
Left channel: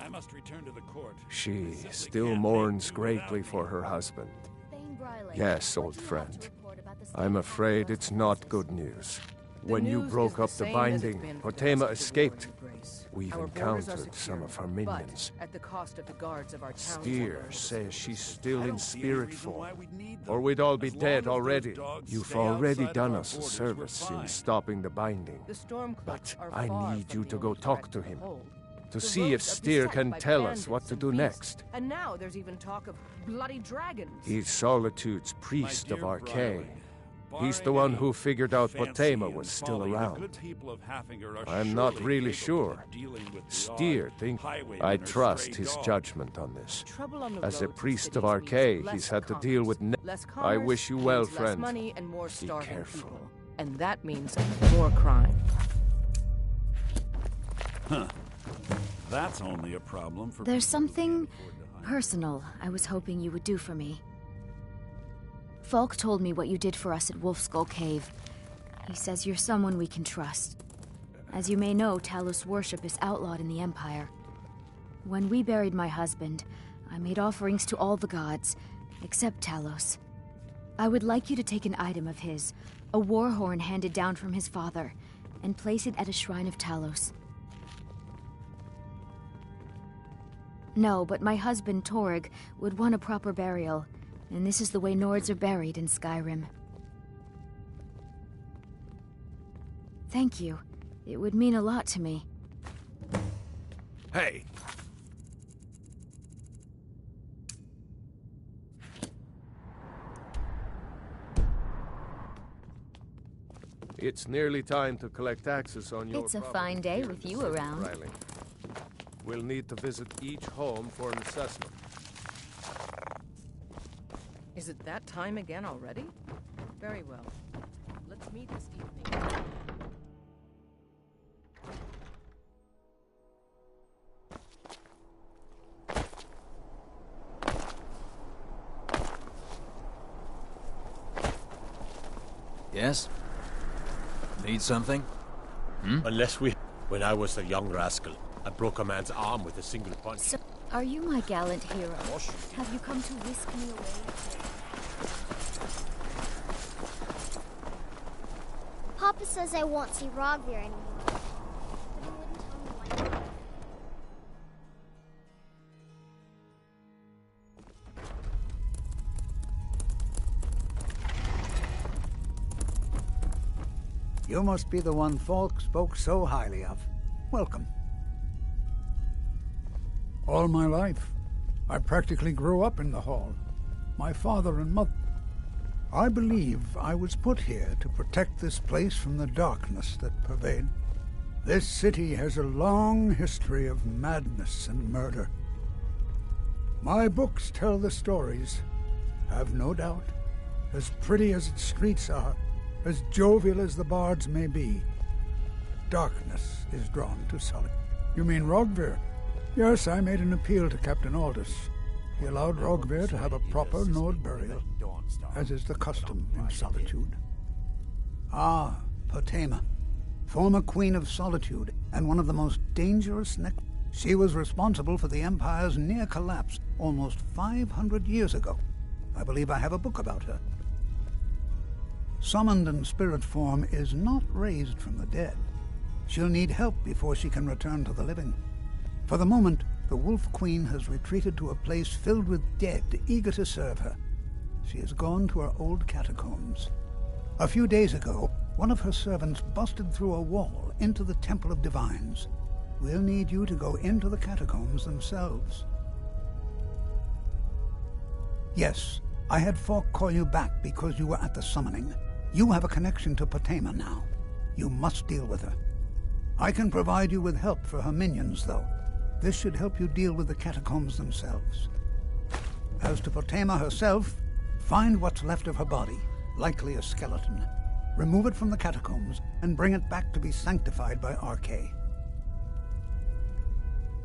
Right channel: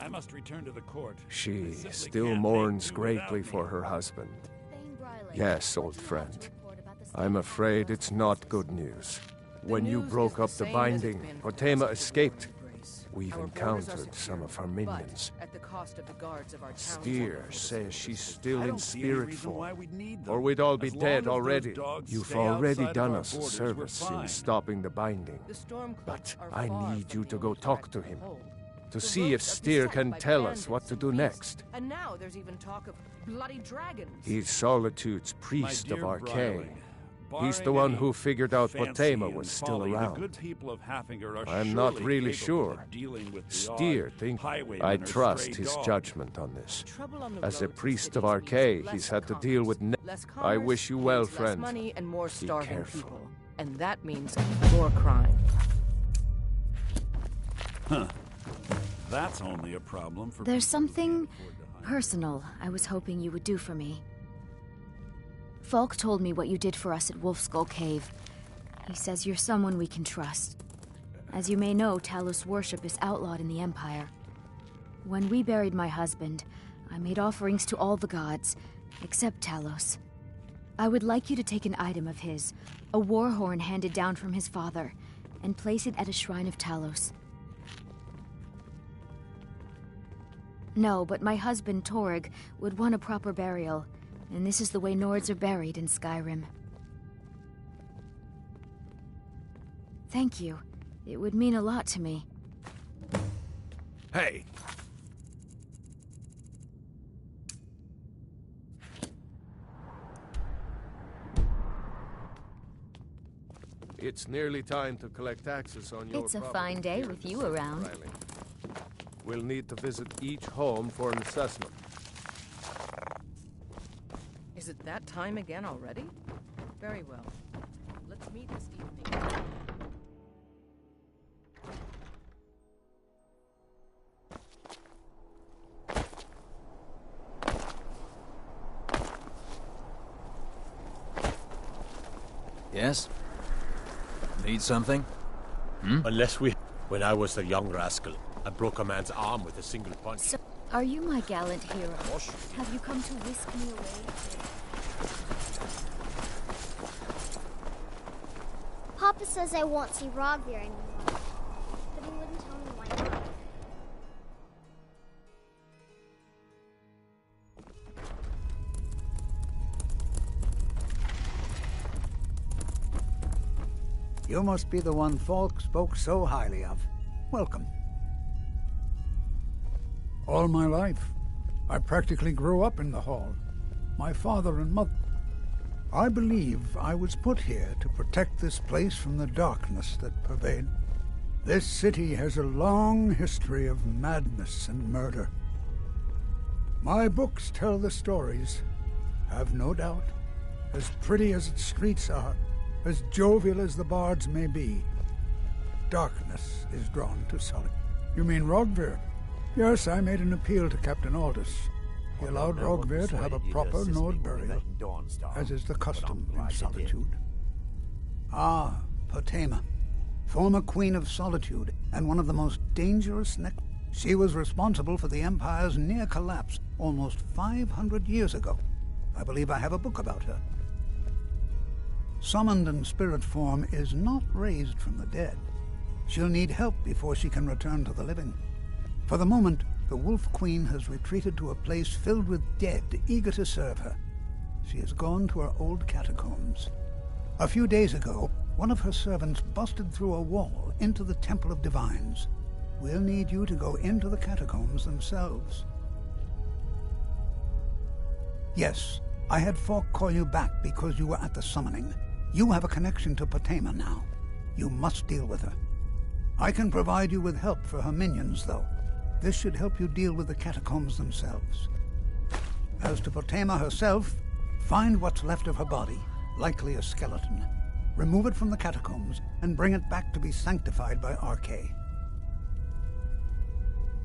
I must return to the court. She simply still can't mourns make do without greatly me. for her husband. Thane Briley, Yes, what old do you have friend. to report about the I'm state afraid of it's the not forces? good news. The When you news broke is the up the same as it's binding, been for the Potema rest of the escaped. war in Grace. We've Our borders are encountered some secure, of her but minions. at the cost of the guards of our town. Steer says she's still I in don't see any spirit reason form. why we'd need Or them. we'd all be As long dead as those already. dogs You've stay already outside of done our us a borders, we're service in fine. stopping the binding. The Stormcloaks But are I far need from you the to go old talk threat to we him. hold. To The see if roads are Steer beset can by tell us bandits what to and do beasts. next. And now there's even talk of bloody dragons. He's Solitude's priest My of dear Archay. Briley, He's the barring one any who figured out fancy Potema and was still folly, around. The good people of Haffinger are I'm not surely really capable sure. of dealing with the Steer odd think highwayman I or trust stray his dog. judgment on this. Trouble on the As a roads and priest of cities Archay, means he's less had to deal with less I commerce wish you well, means friend. Less money and more starving careful. people. And that means more crime. Huh. That's only a problem for There's people who can't something afford to hire. personal I was hoping you would do for me. Falk told me what you did for us at Wolfskull Cave. He says you're someone we can trust. As you may know, Talos worship is outlawed in the Empire. When we buried my husband, I made offerings to all the gods, except Talos. I would like you to take an item of his, a war horn handed down from his father, and place it at a shrine of Talos. No, but my husband, Torg, would want a proper burial, and this is the way Nords are buried in Skyrim. Thank you. It would mean a lot to me. Hey! It's nearly time to collect taxes on your It's a property fine day here in with the you city, around. Riley. We'll need to visit each home for an assessment. Is it that time again already? Very well. Let's meet this evening. Yes? Need something? Unless we... When I was a young rascal, I broke a man's arm with a single punch. So, are you my gallant hero? Have you come to whisk me away? Papa says I won't see Rogvir anymore, but he wouldn't tell me why not. You must be the one Falk spoke so highly of. Welcome. All my life, I practically grew up in the hall. My father and mother... I believe I was put here to protect this place from the darkness that pervades. This city has a long history of madness and murder. My books tell the stories, have no doubt. As pretty as its streets are, as jovial as the bards may be, darkness is drawn to solitude. You mean Rogvir? Yes, I made an appeal to Captain Aldous. He allowed Rogvir to have a proper Nord burial, as is the custom in Solitude. Ah, Potema, former Queen of Solitude, and one of the most dangerous She was responsible for the Empire's near collapse almost 500 years ago. I believe I have a book about her. Summoned in spirit form is not raised from the dead. She'll need help before she can return to the living. For the moment, the Wolf Queen has retreated to a place filled with dead, eager to serve her. She has gone to her old catacombs. A few days ago, one of her servants busted through a wall into the Temple of Divines. We'll need you to go into the catacombs themselves. Yes, I had Falk call you back because you were at the summoning. You have a connection to Potema now. You must deal with her. I can provide you with help for her minions, though. This should help you deal with the catacombs themselves. As to Potema herself, find what's left of her body, likely a skeleton. Remove it from the catacombs and bring it back to be sanctified by Arche.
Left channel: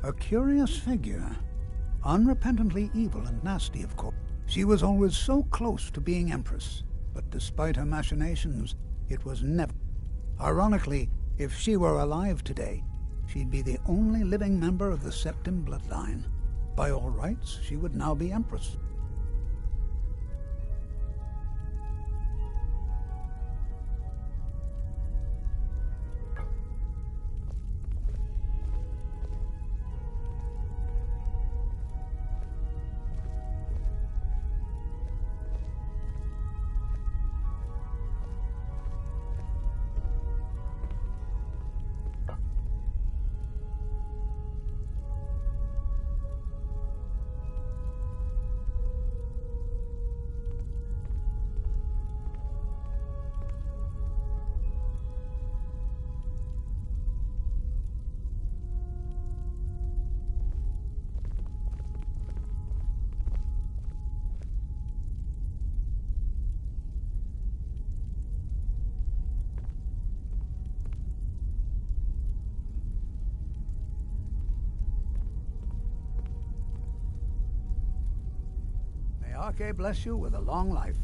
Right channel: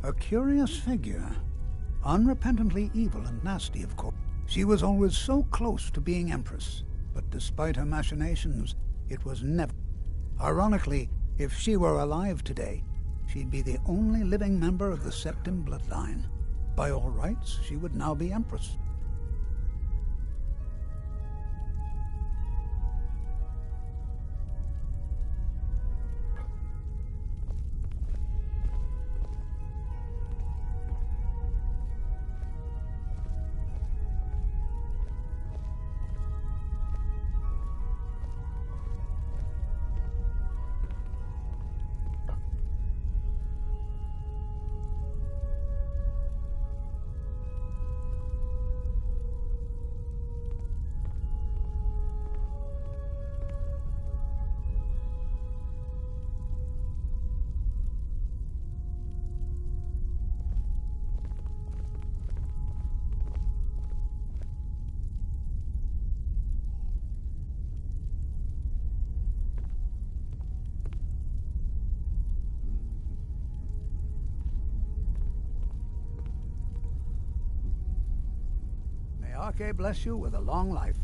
A curious figure. Unrepentantly evil and nasty, of course. She was always so close to being Empress, but despite her machinations, it was never. Ironically, if she were alive today, she'd be the only living member of the Septim bloodline. By all rights, she would now be Empress. Arche bless you with a long life.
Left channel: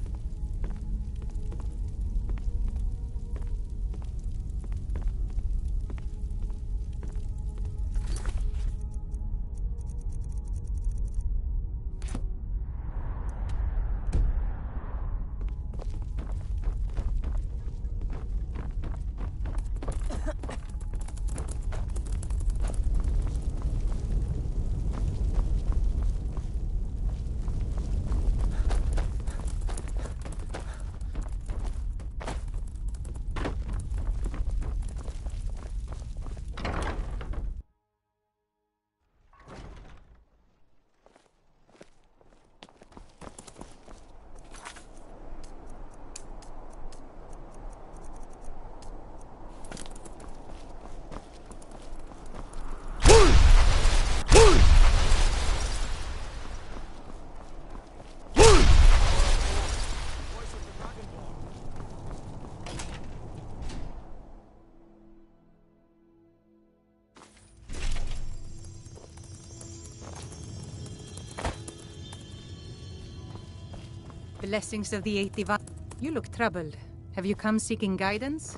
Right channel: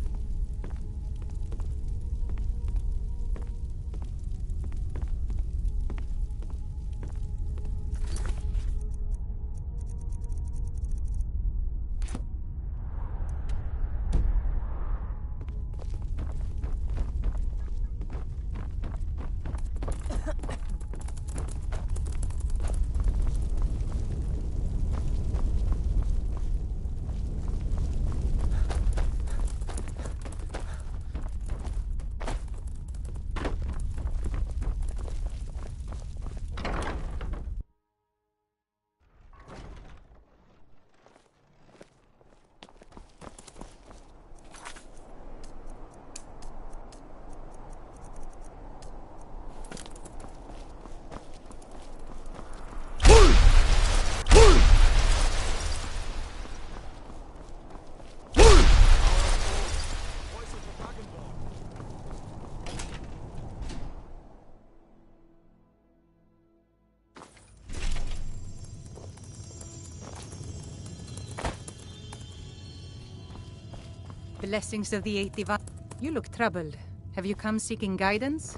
Blessings of the Eight Divine. You look troubled. Have you come seeking guidance?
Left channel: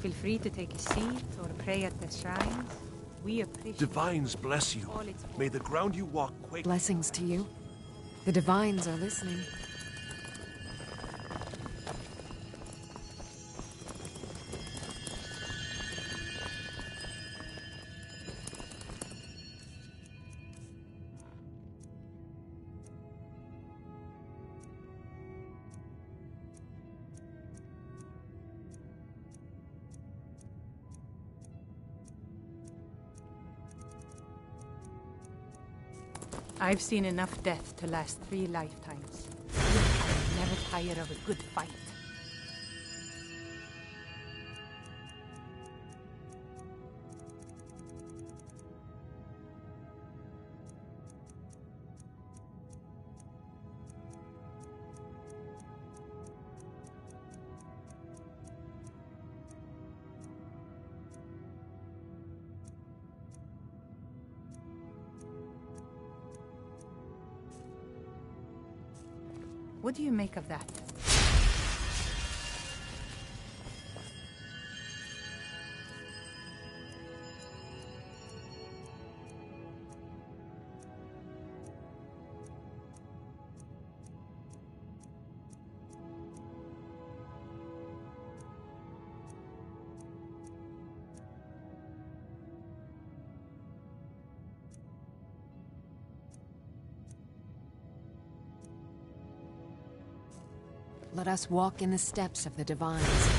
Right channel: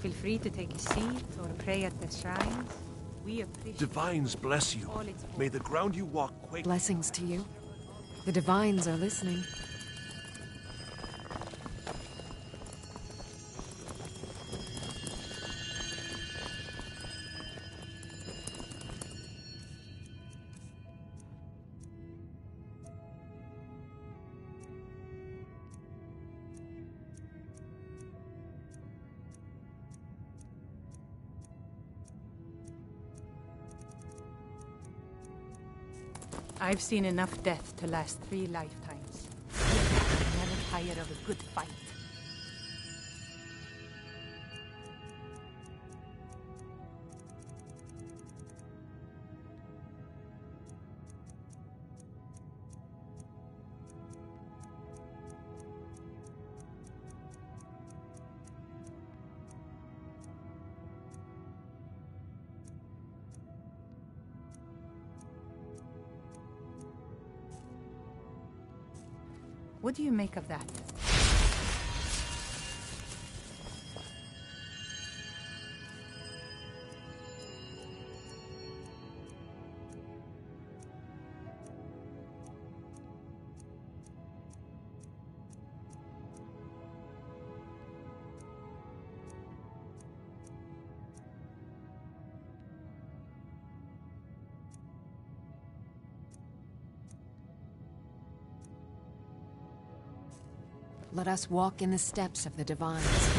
Feel free to take a seat or pray at the shrines. We appreciate... Divines bless you. May the ground you walk quake... Blessings to you. The Divines are listening. I've seen enough death to last 3 lifetimes. Yet I never tire of a good fight. What do you make of that? Let us walk in the steps of the Divines.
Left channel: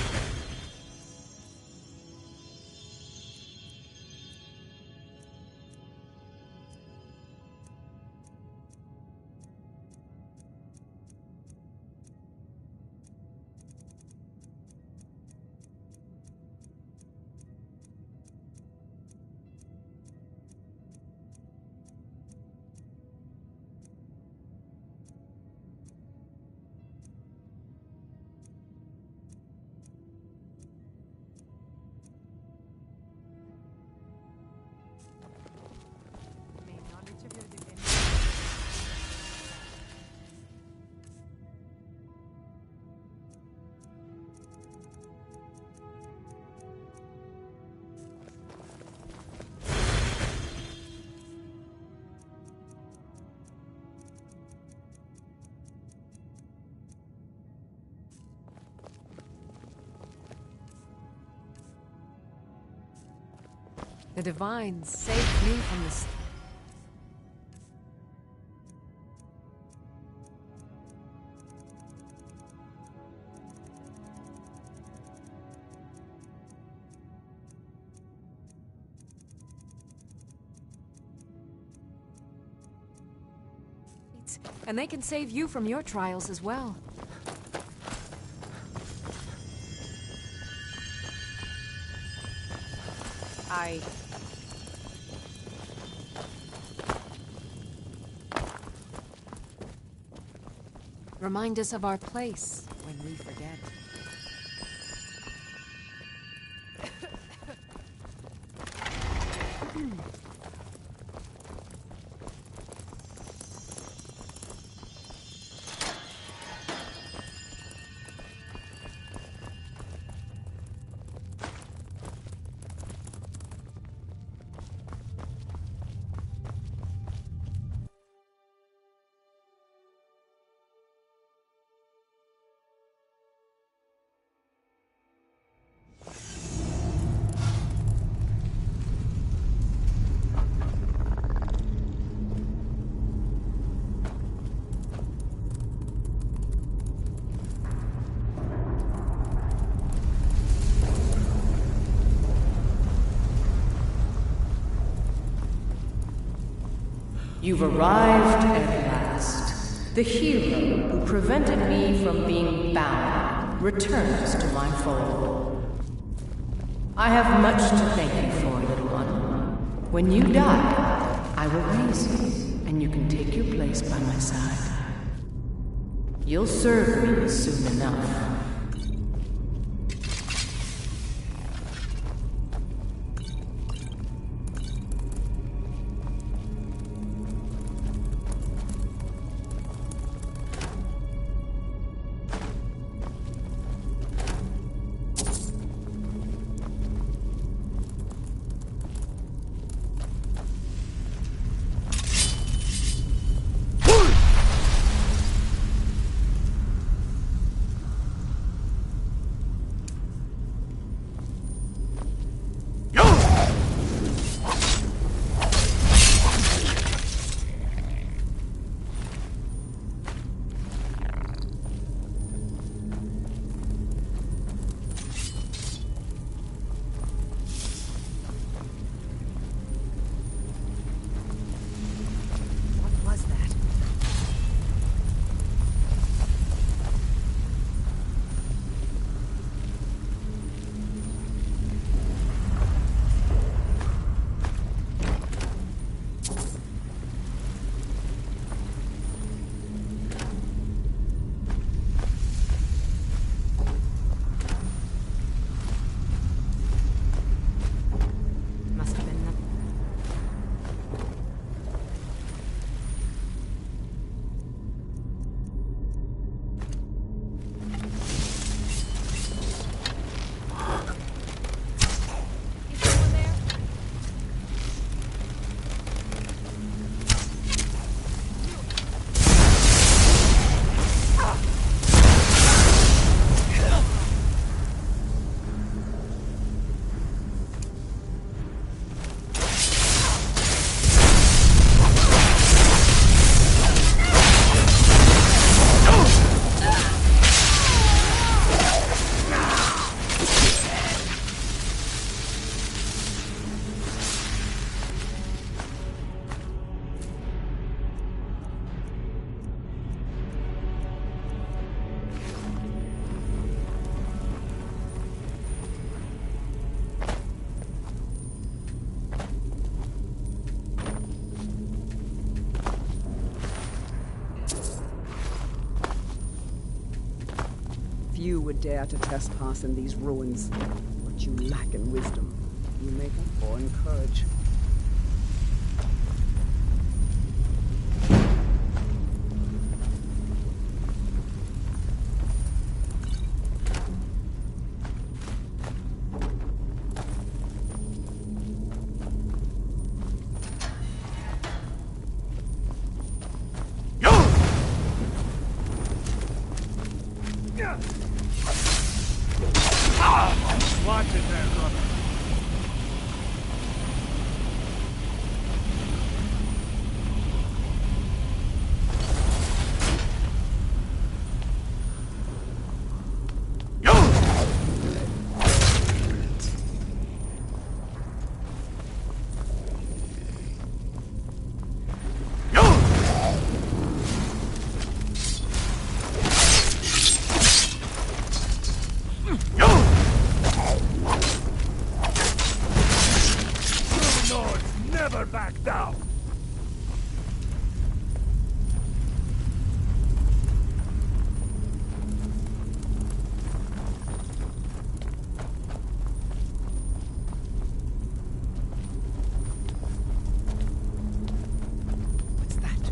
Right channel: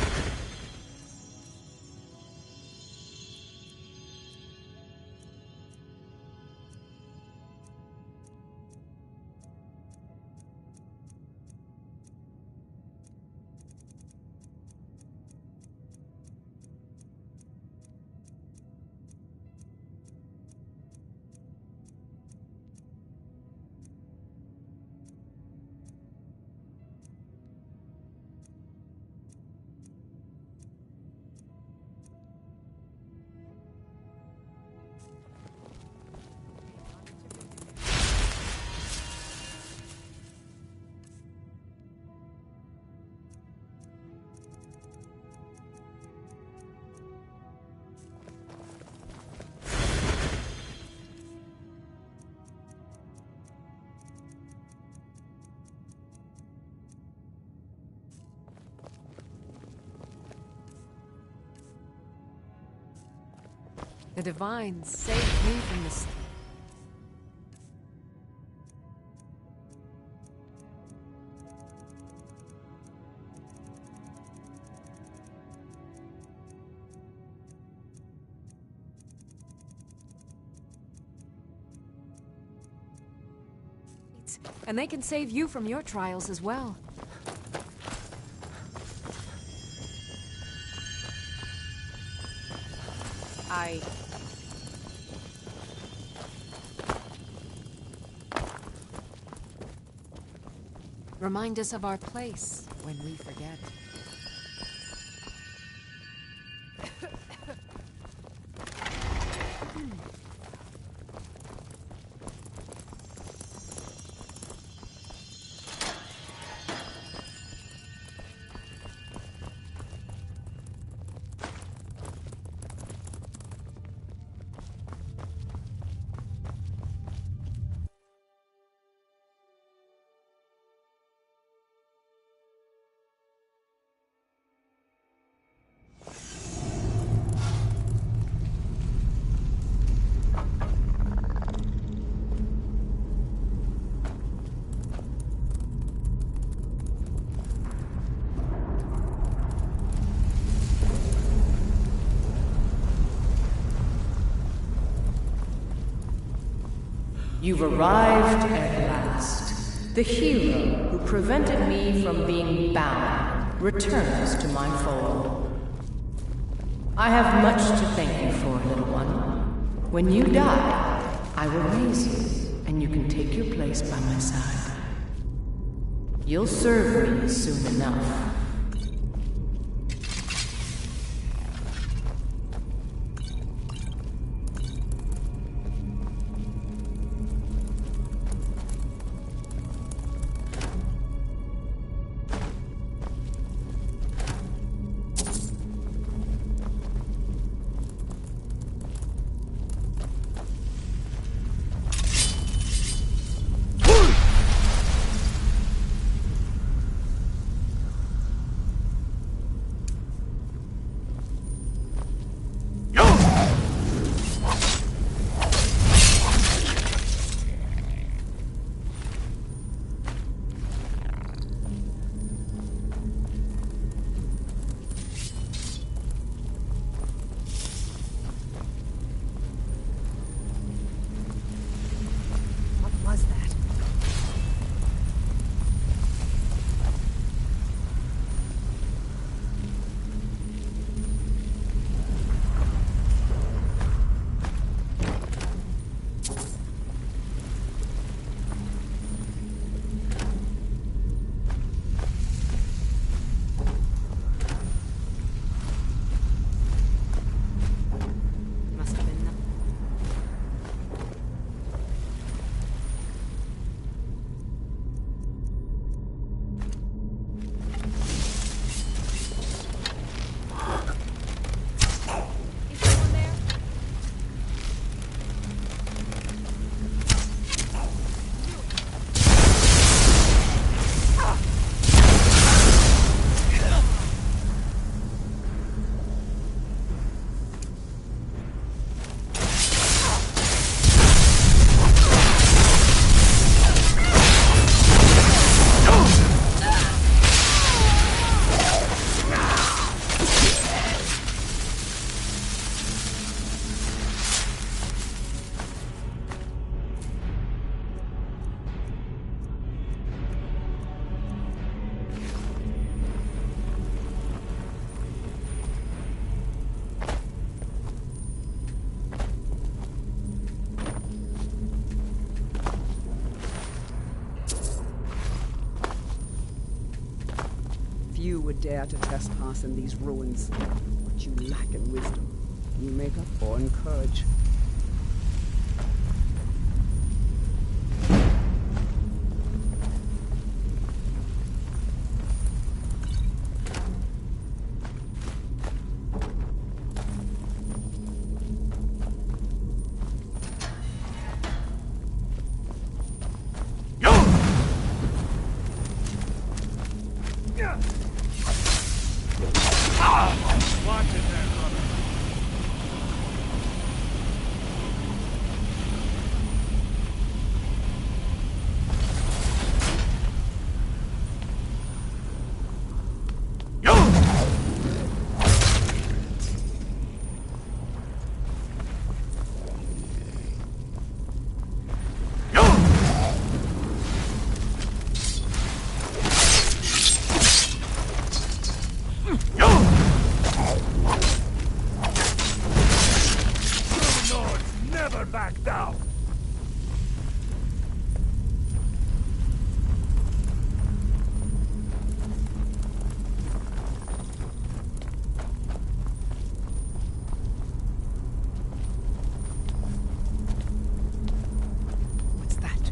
The Divines saved me from this. And they can save you from your trials as well. Remind us of our place when we forget. You've arrived at last. The hero who prevented me from being bound returns to my fold. I have much to thank you for, little one. When you die, I will raise you, and you can take your place by my side. You'll serve me soon enough. you would dare to trespass in these ruins. What you lack in wisdom, you make up for in courage. Watch it there, brother. Never back down! What's that?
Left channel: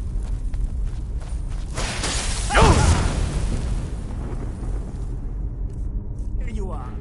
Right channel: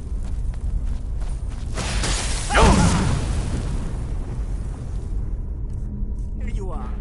Here you are.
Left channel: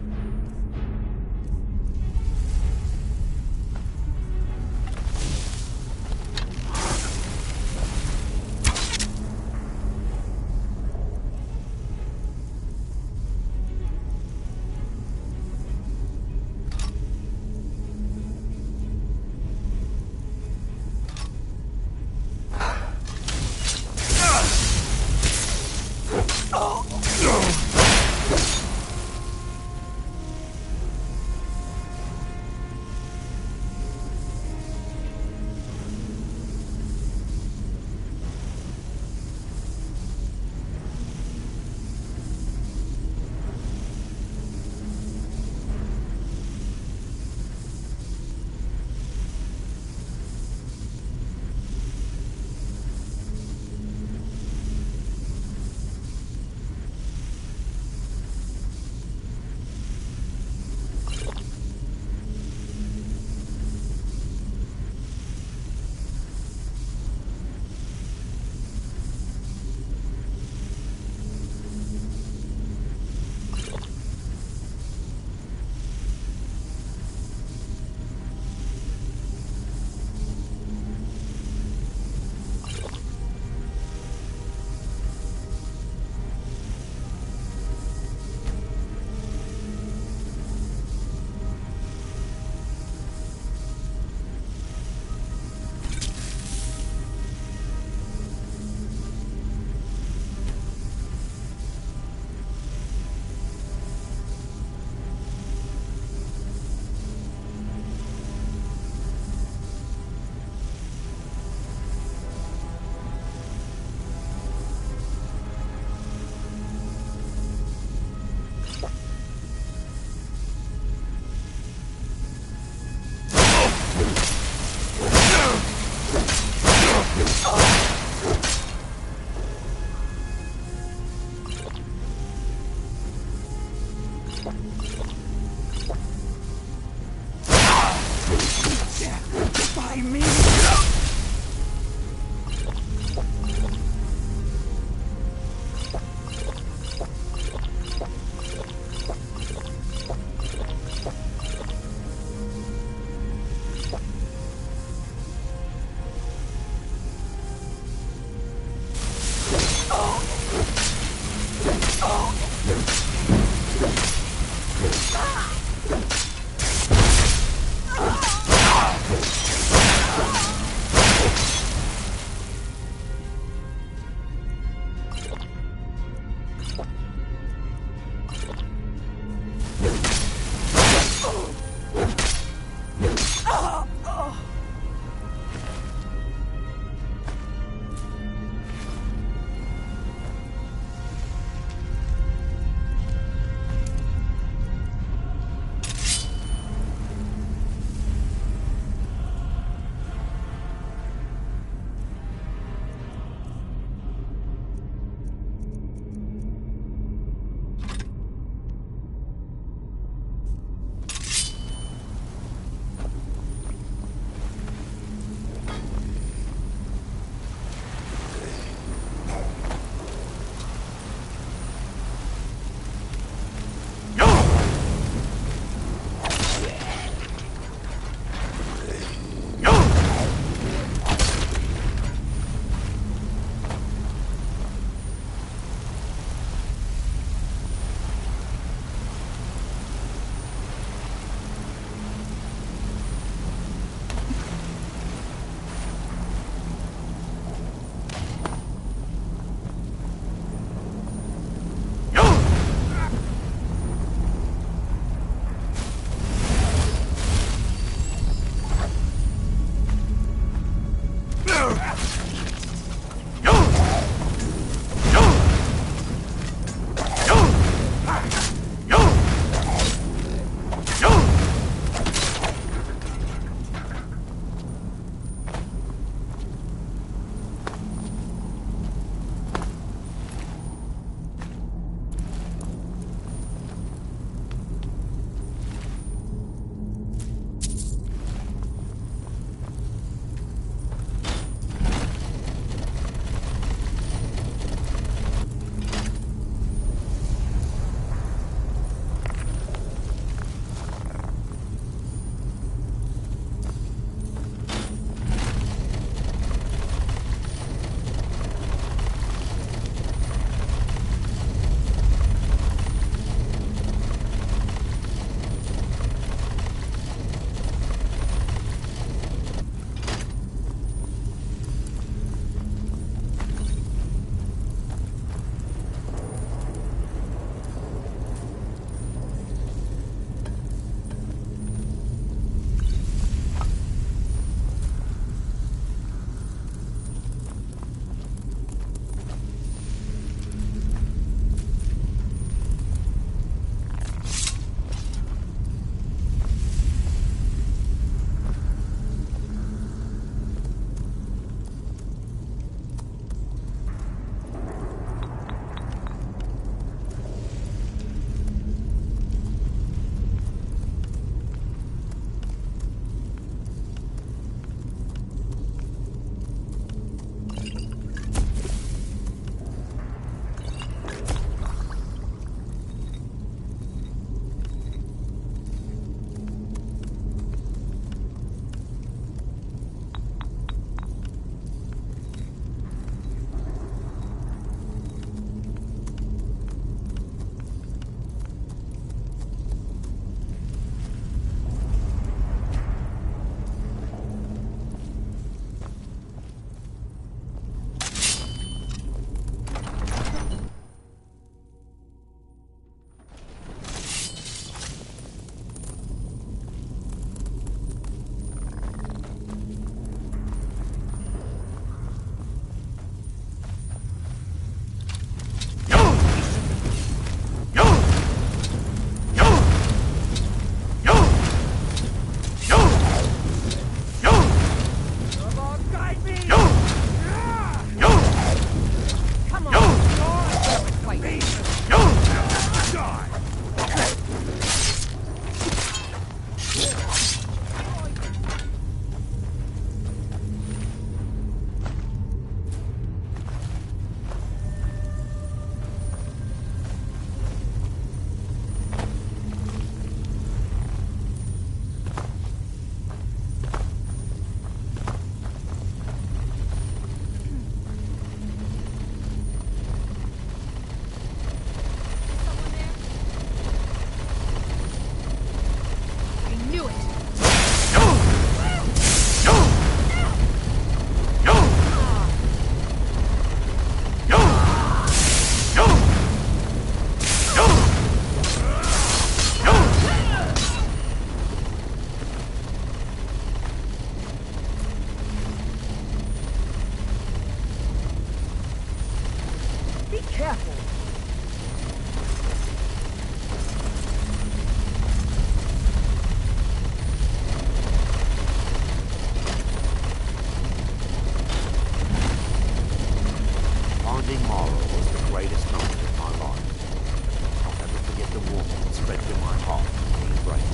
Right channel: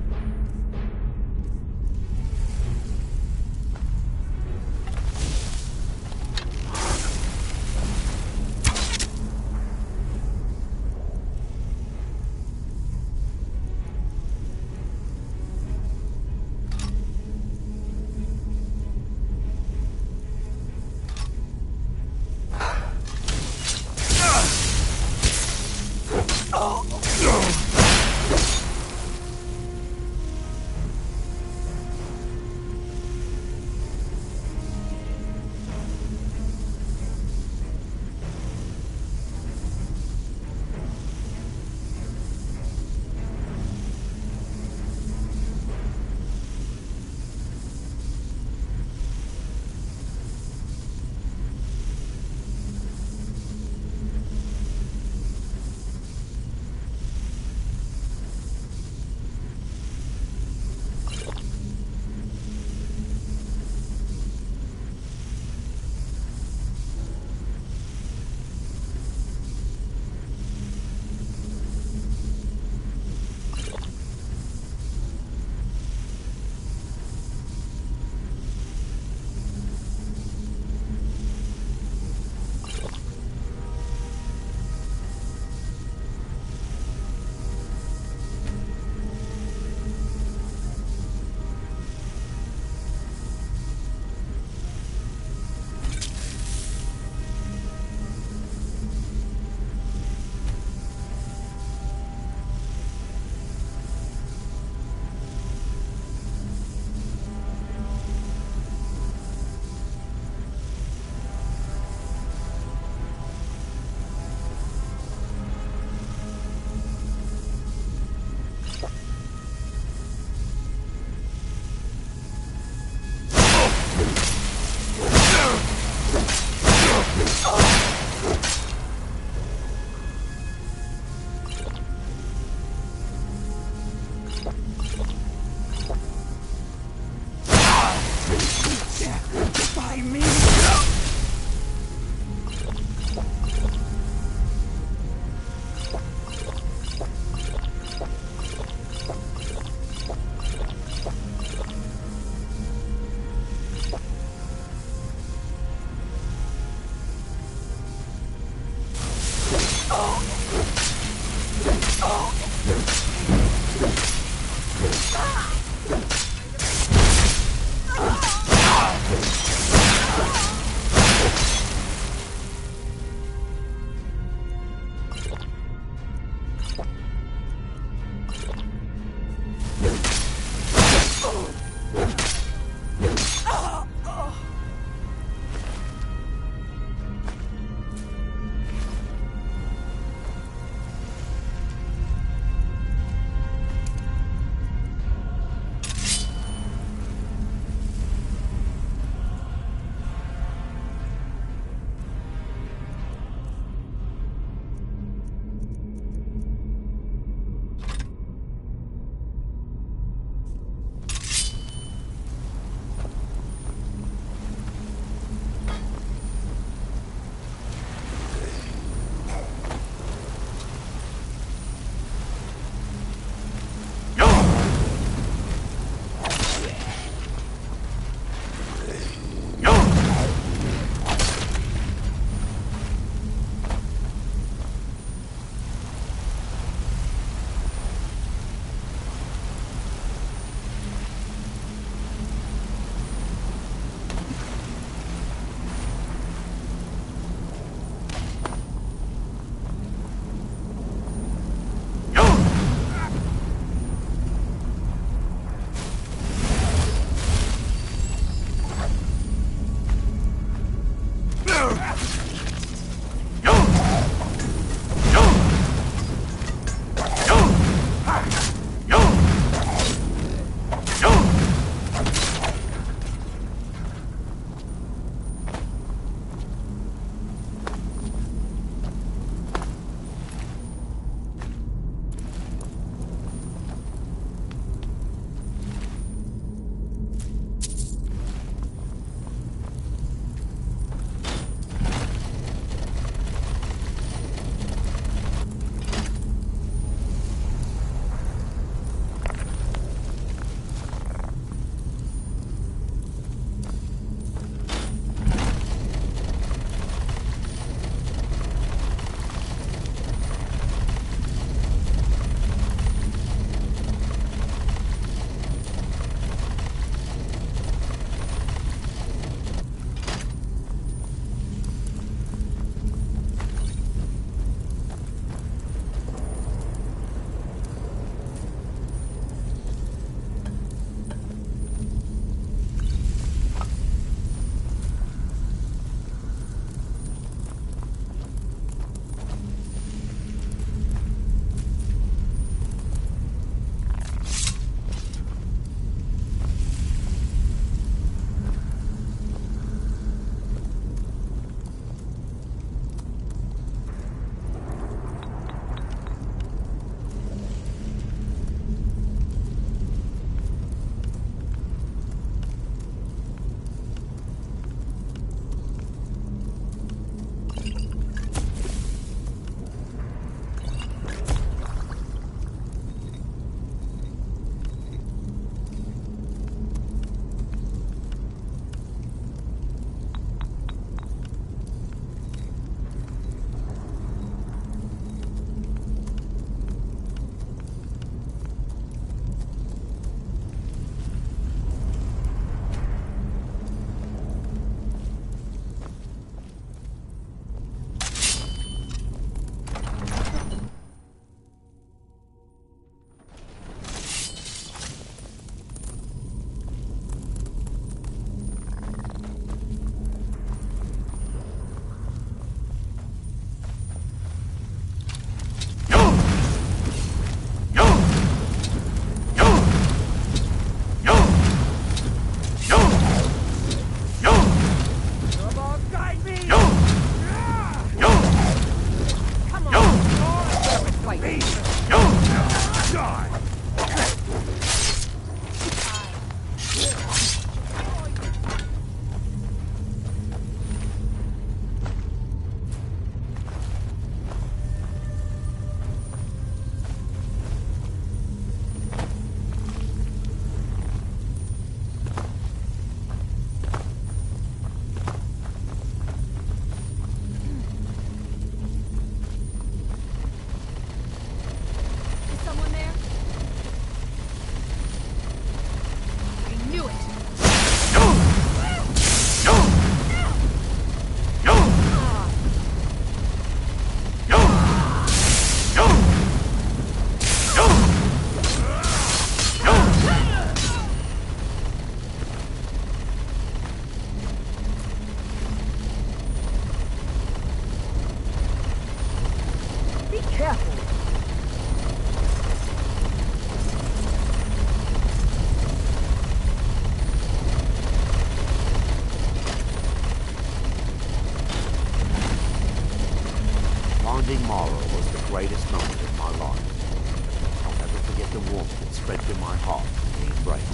greatest moment of my life. I'll never forget the warmth that spread through my heart in the embrace.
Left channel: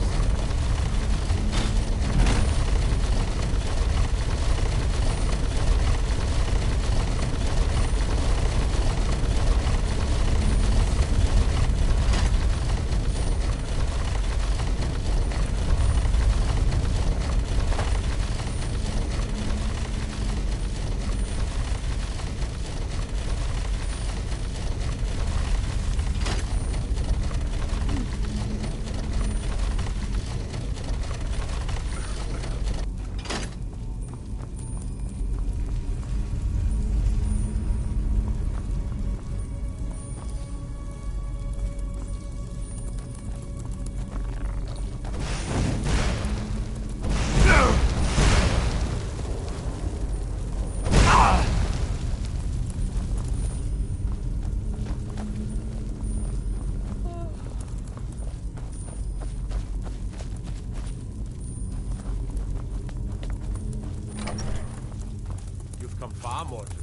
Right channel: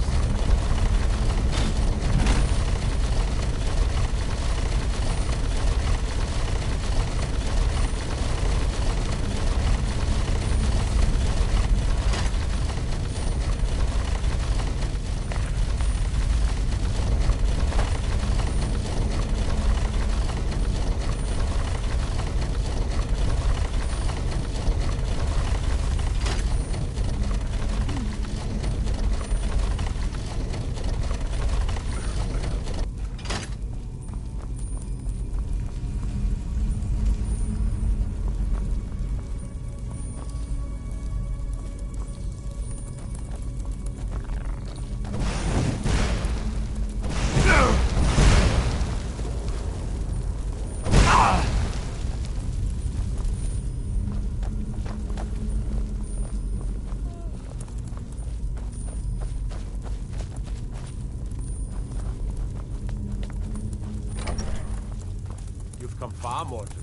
Come far, mortal.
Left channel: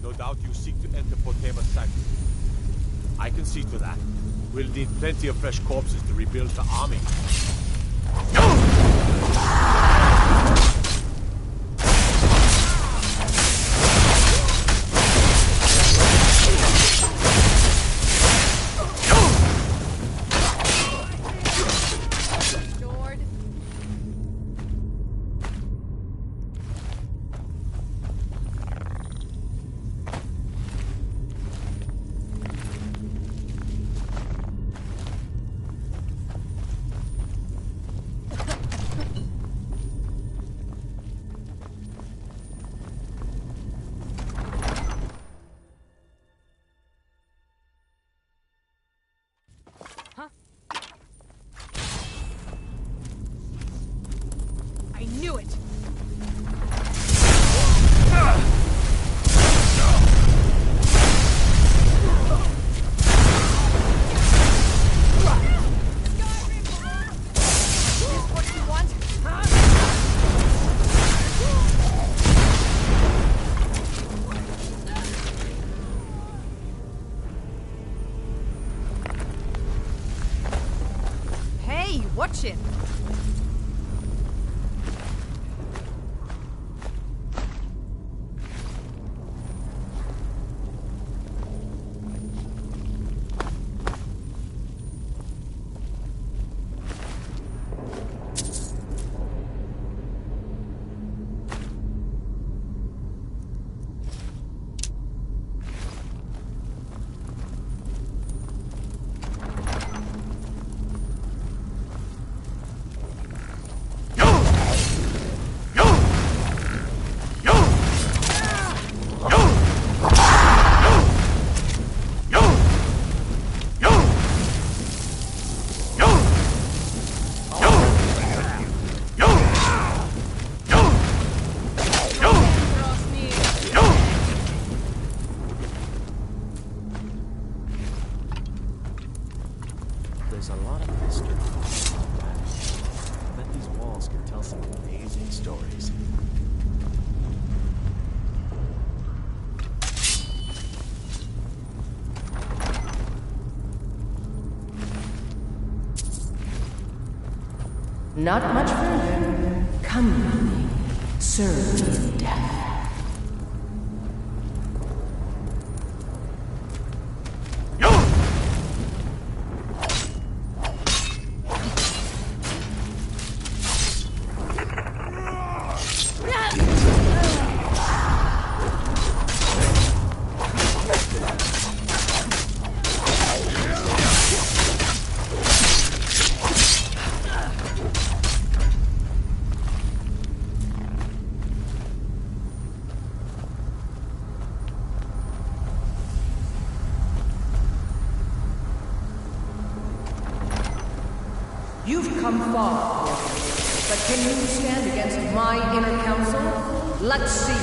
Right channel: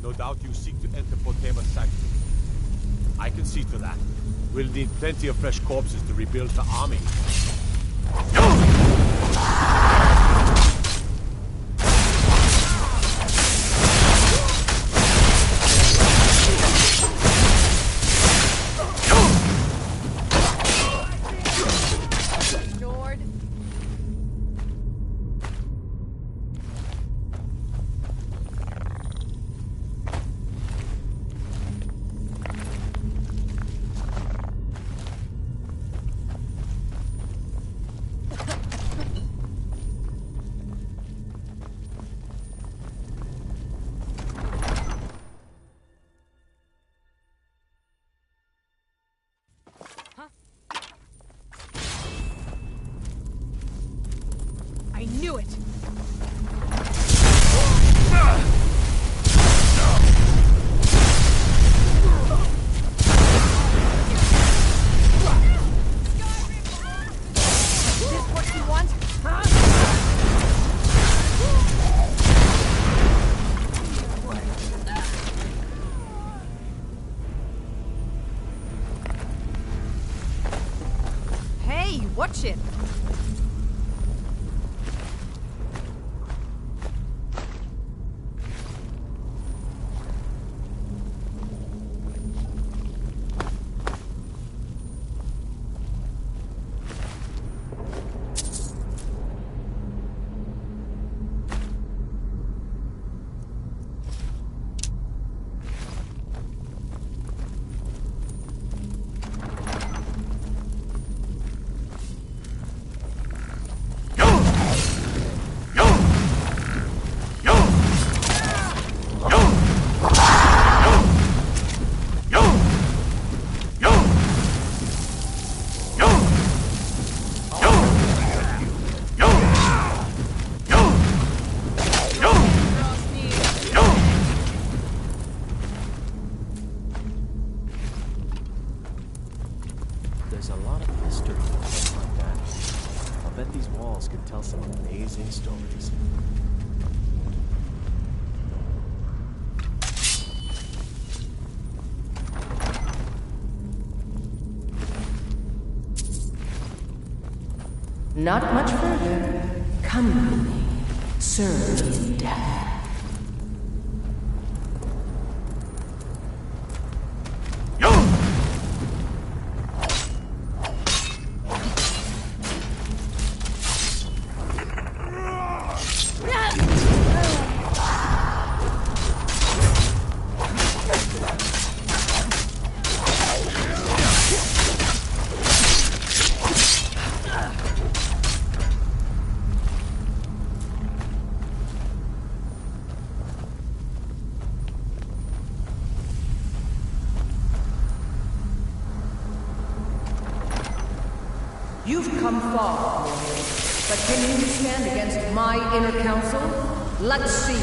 No doubt you seek to enter Potema's sanctuary. I can see to that. We'll need plenty of fresh corpses to rebuild the army. I knew it! Is this what you want? Huh? Hey, watch it! There's a lot of history in a place like that. I'll bet these walls could tell some amazing stories. Not much further. Come with me. Serve me in death. You've come far, warrior. But can you stand against my inner council? Let's see.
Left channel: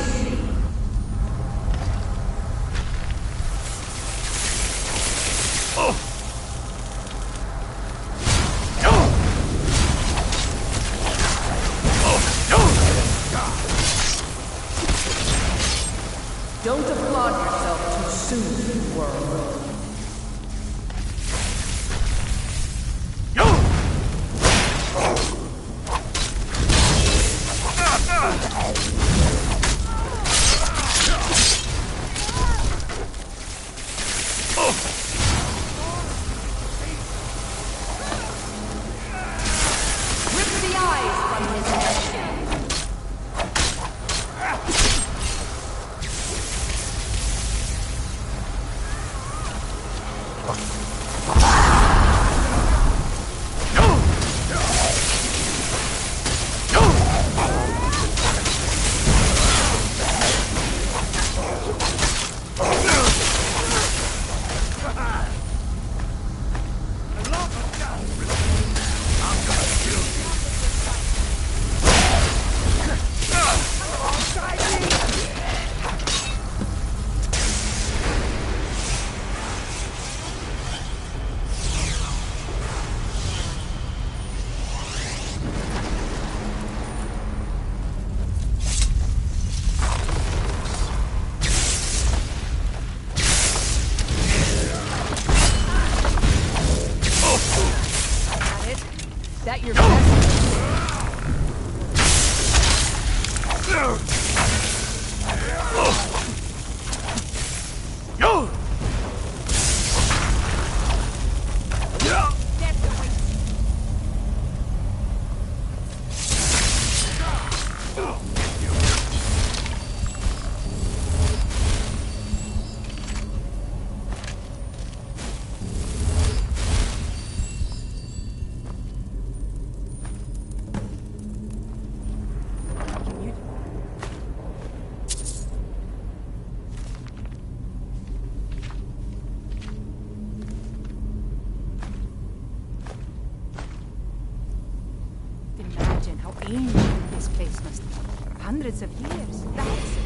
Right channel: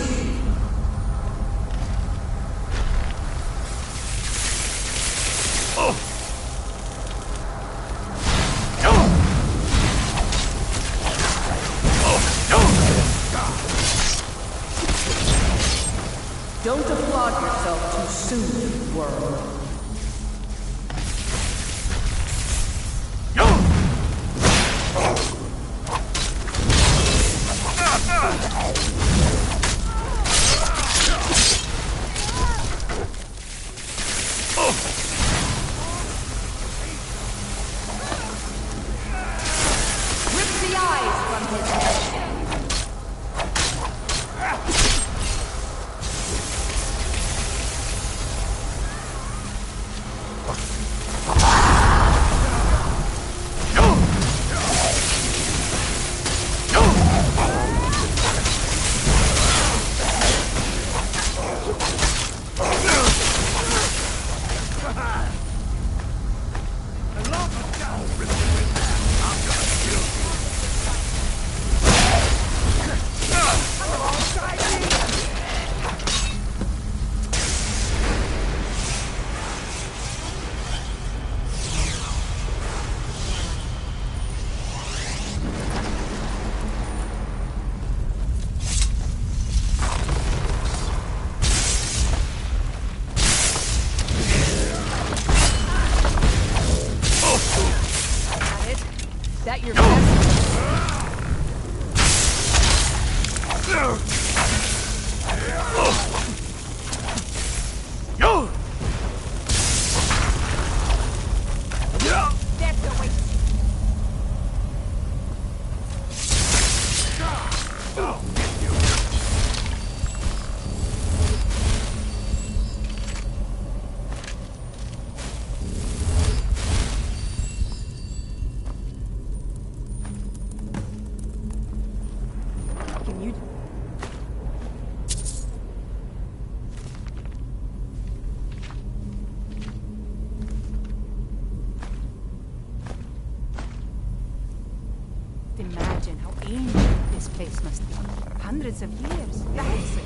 Don't applaud yourself too soon, worm. Imagine how ancient this place must be. Hundreds of years, thousands.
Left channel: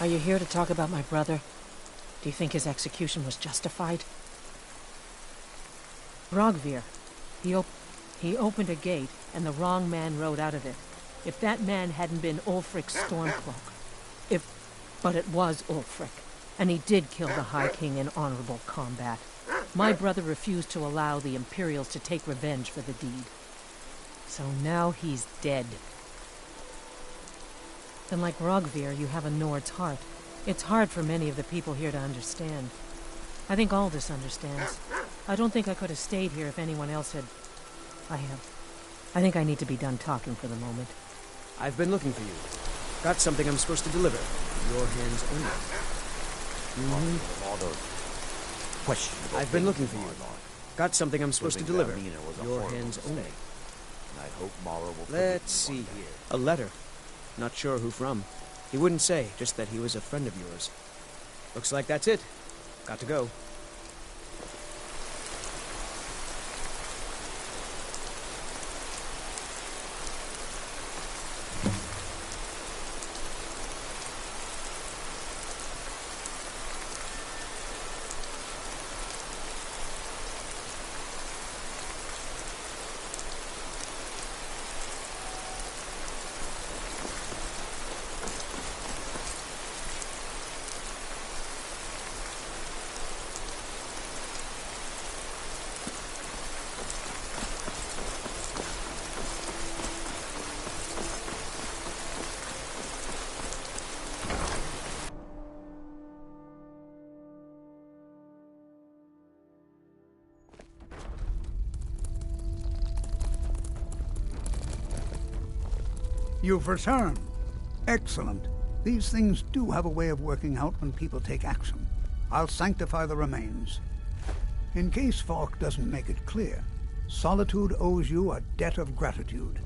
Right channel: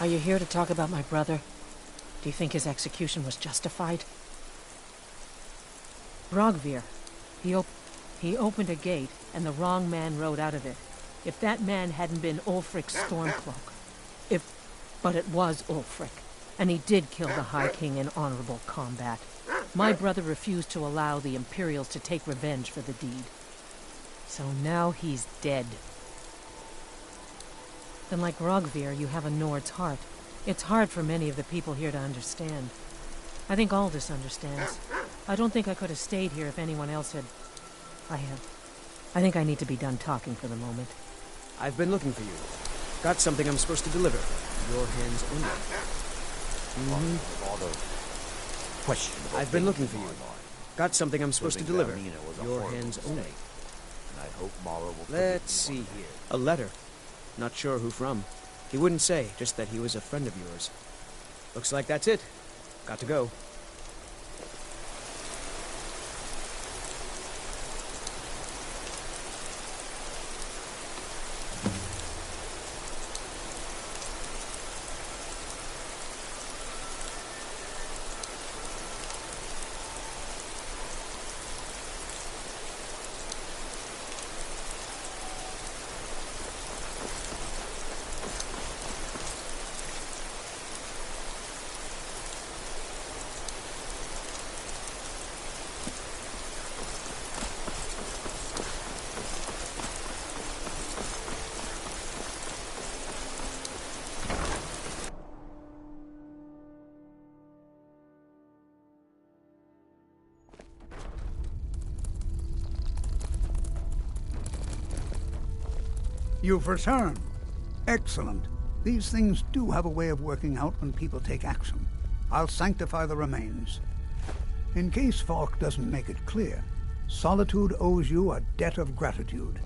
Are you here to talk about my brother? Do you think his execution was justified? Rogvir. He opened a gate, and the wrong man rode out of it. If that man hadn't been Ulfric's Stormcloak. But it was Ulfric, and he did kill the High King in honorable combat. My brother refused to allow the Imperials to take revenge for the deed. So now he's dead. Then like Rogvir, you have a Nord's heart. It's hard for many of the people here to understand. I think Aldous understands. I don't think I could have stayed here if anyone else had... I think I need to be done talking for the moment. I've been looking for you. Got something I'm supposed to deliver. Your hands only. I've been looking for you. Got something I'm supposed to deliver. Your hands only. And I hope Mara will... Let's see here. A letter. Not sure who from. He wouldn't say, just that he was a friend of yours. Looks like that's it. Got to go. You've returned. Excellent. These things do have a way of working out when people take action. I'll sanctify the remains. In case Falk doesn't make it clear, Solitude owes you a debt of gratitude.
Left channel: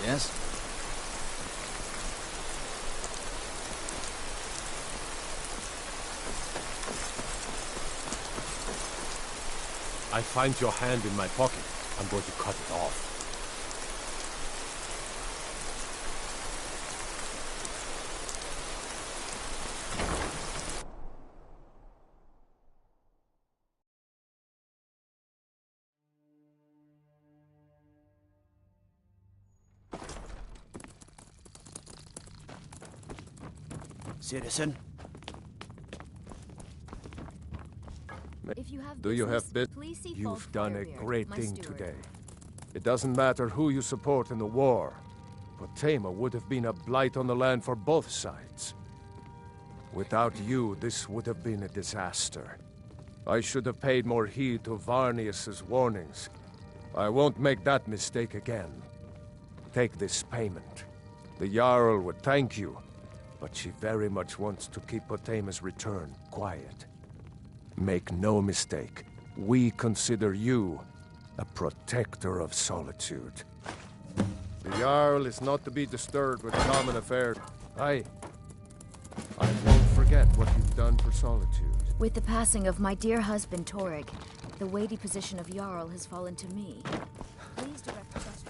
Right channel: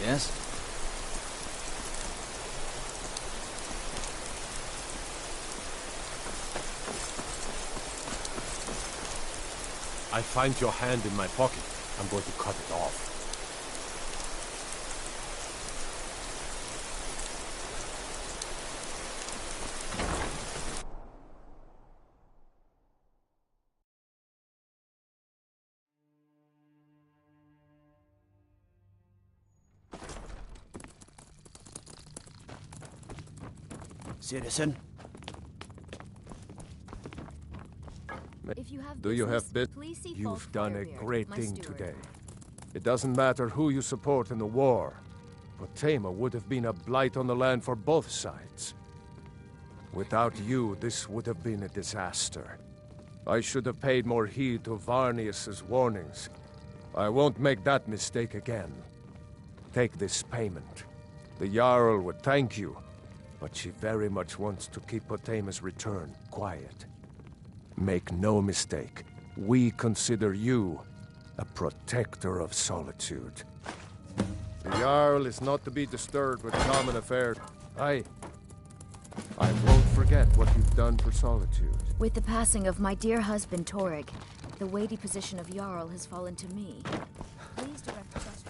Yes? I find your hand in my pocket. I'm going to cut it off. Citizen? If you have Do you business, have bit? please see You've Falk done a Firebeard, great my thing steward. today. It doesn't matter who you support in the war, but Tama would have been a blight on the land for both sides. Without you, this would have been a disaster. I should have paid more heed to Varnius's warnings. I won't make that mistake again. Take this payment. The Jarl would thank you, but she very much wants to keep Potama's return quiet. Make no mistake, we consider you a protector of Solitude. The Jarl is not to be disturbed with common affairs. I won't forget what you've done for Solitude. With the passing of my dear husband, Torrig, the weighty position of Jarl has fallen to me. Please direct questions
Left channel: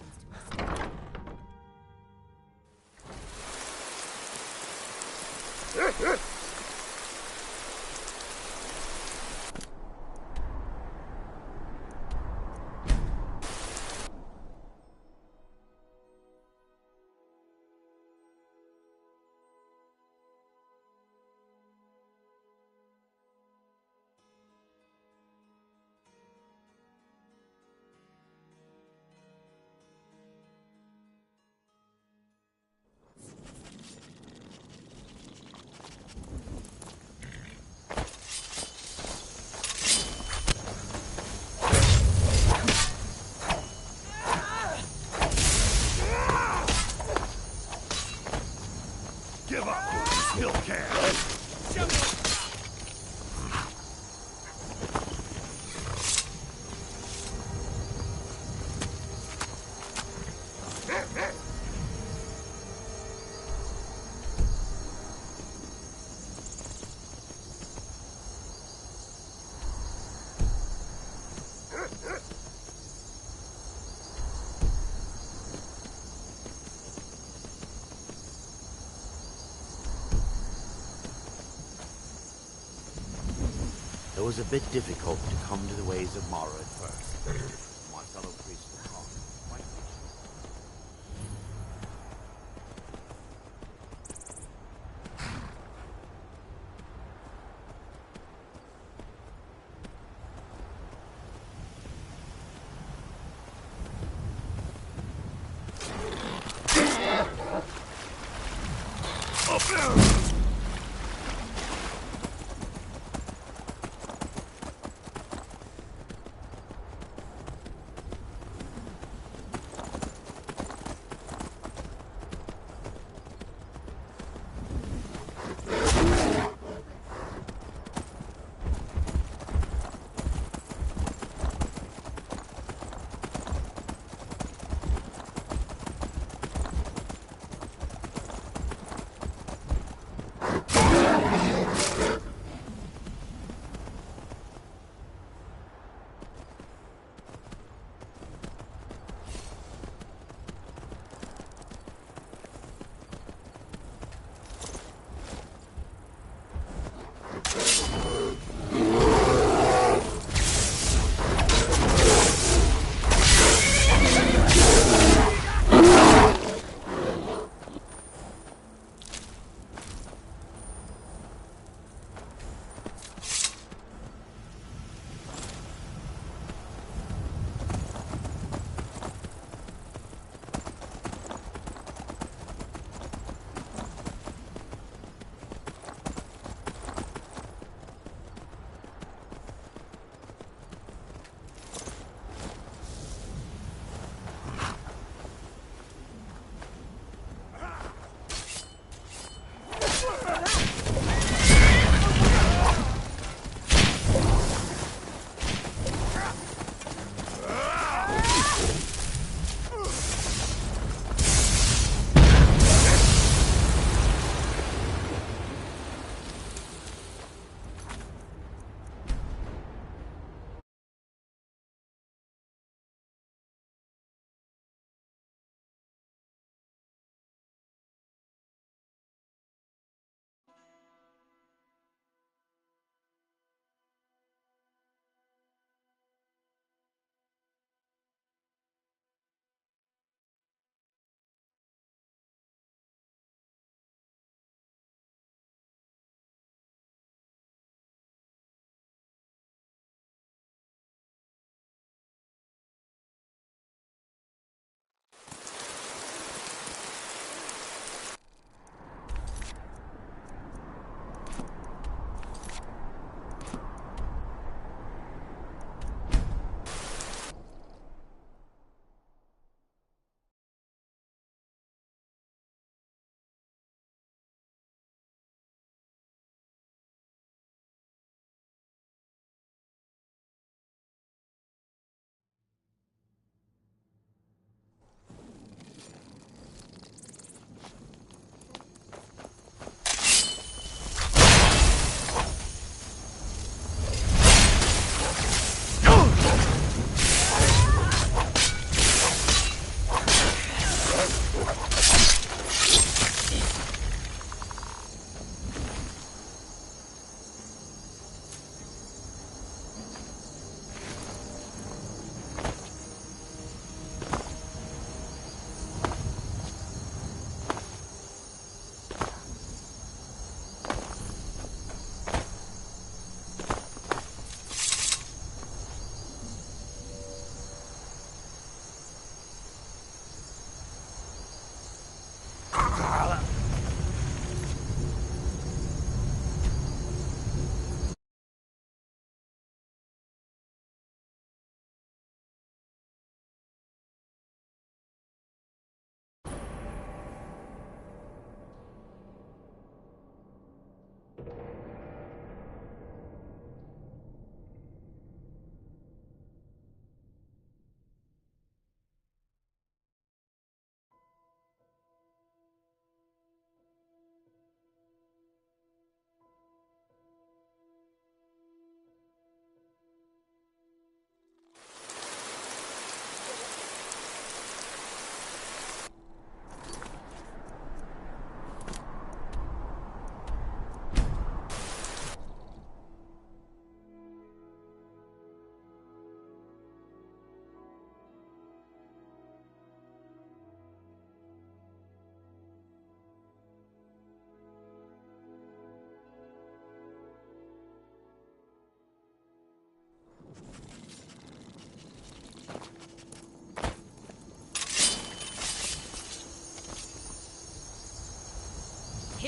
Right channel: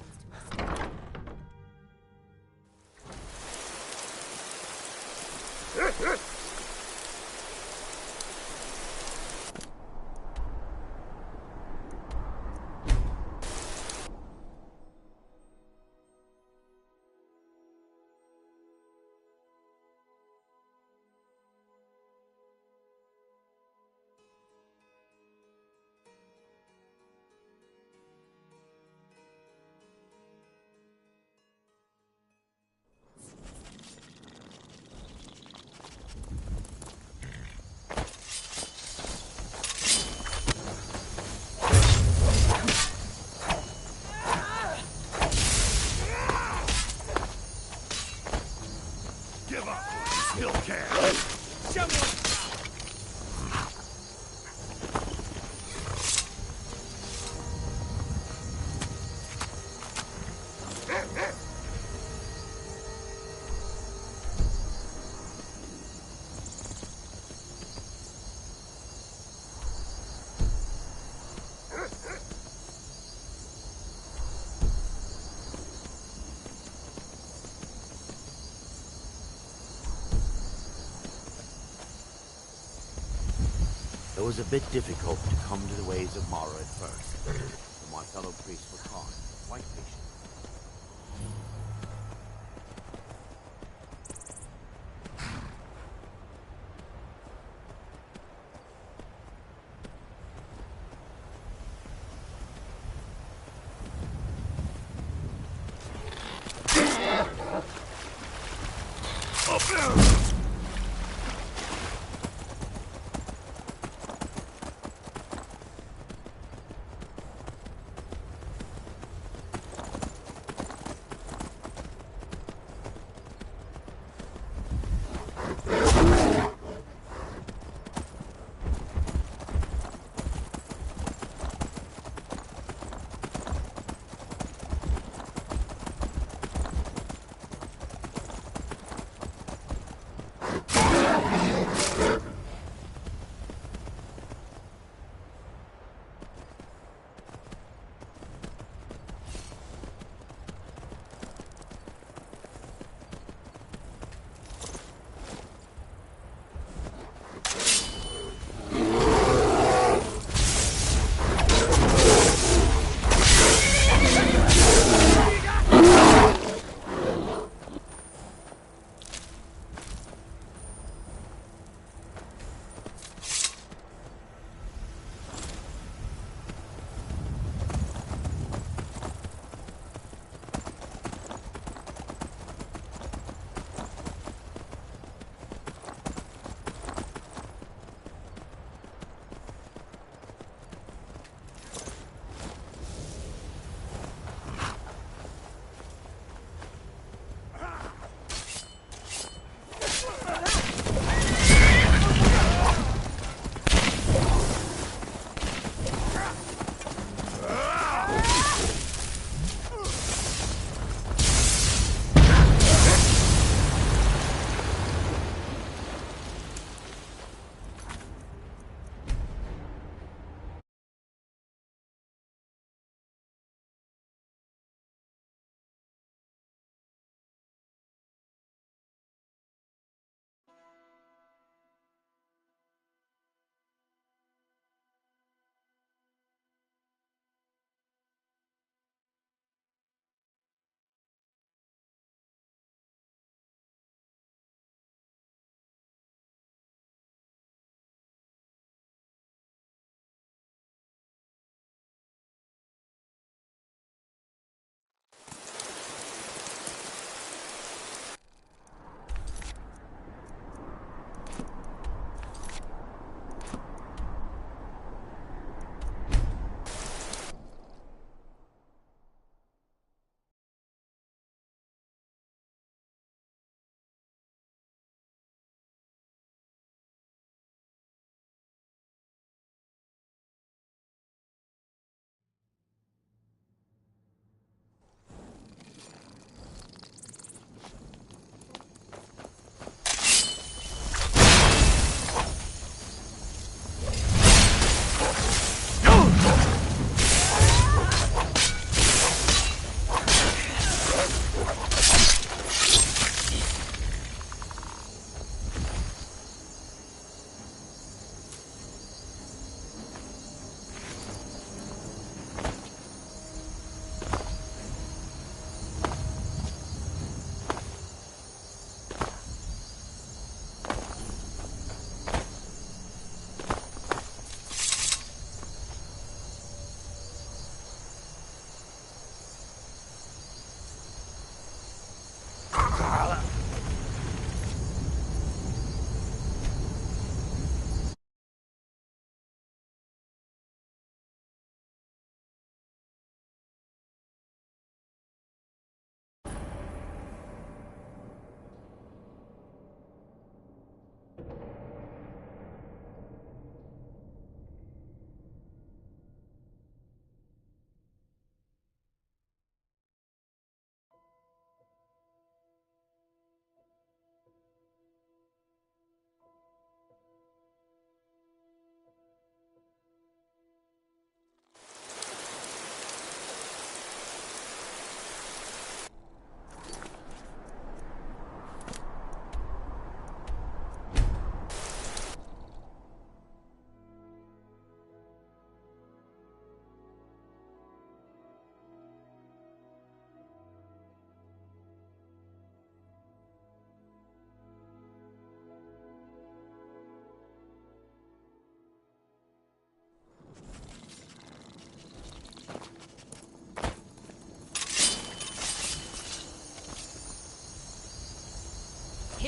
to us. Give up! You still can! It was a bit difficult to come to the ways of Mara at first. My fellow priests were calm, quite patient.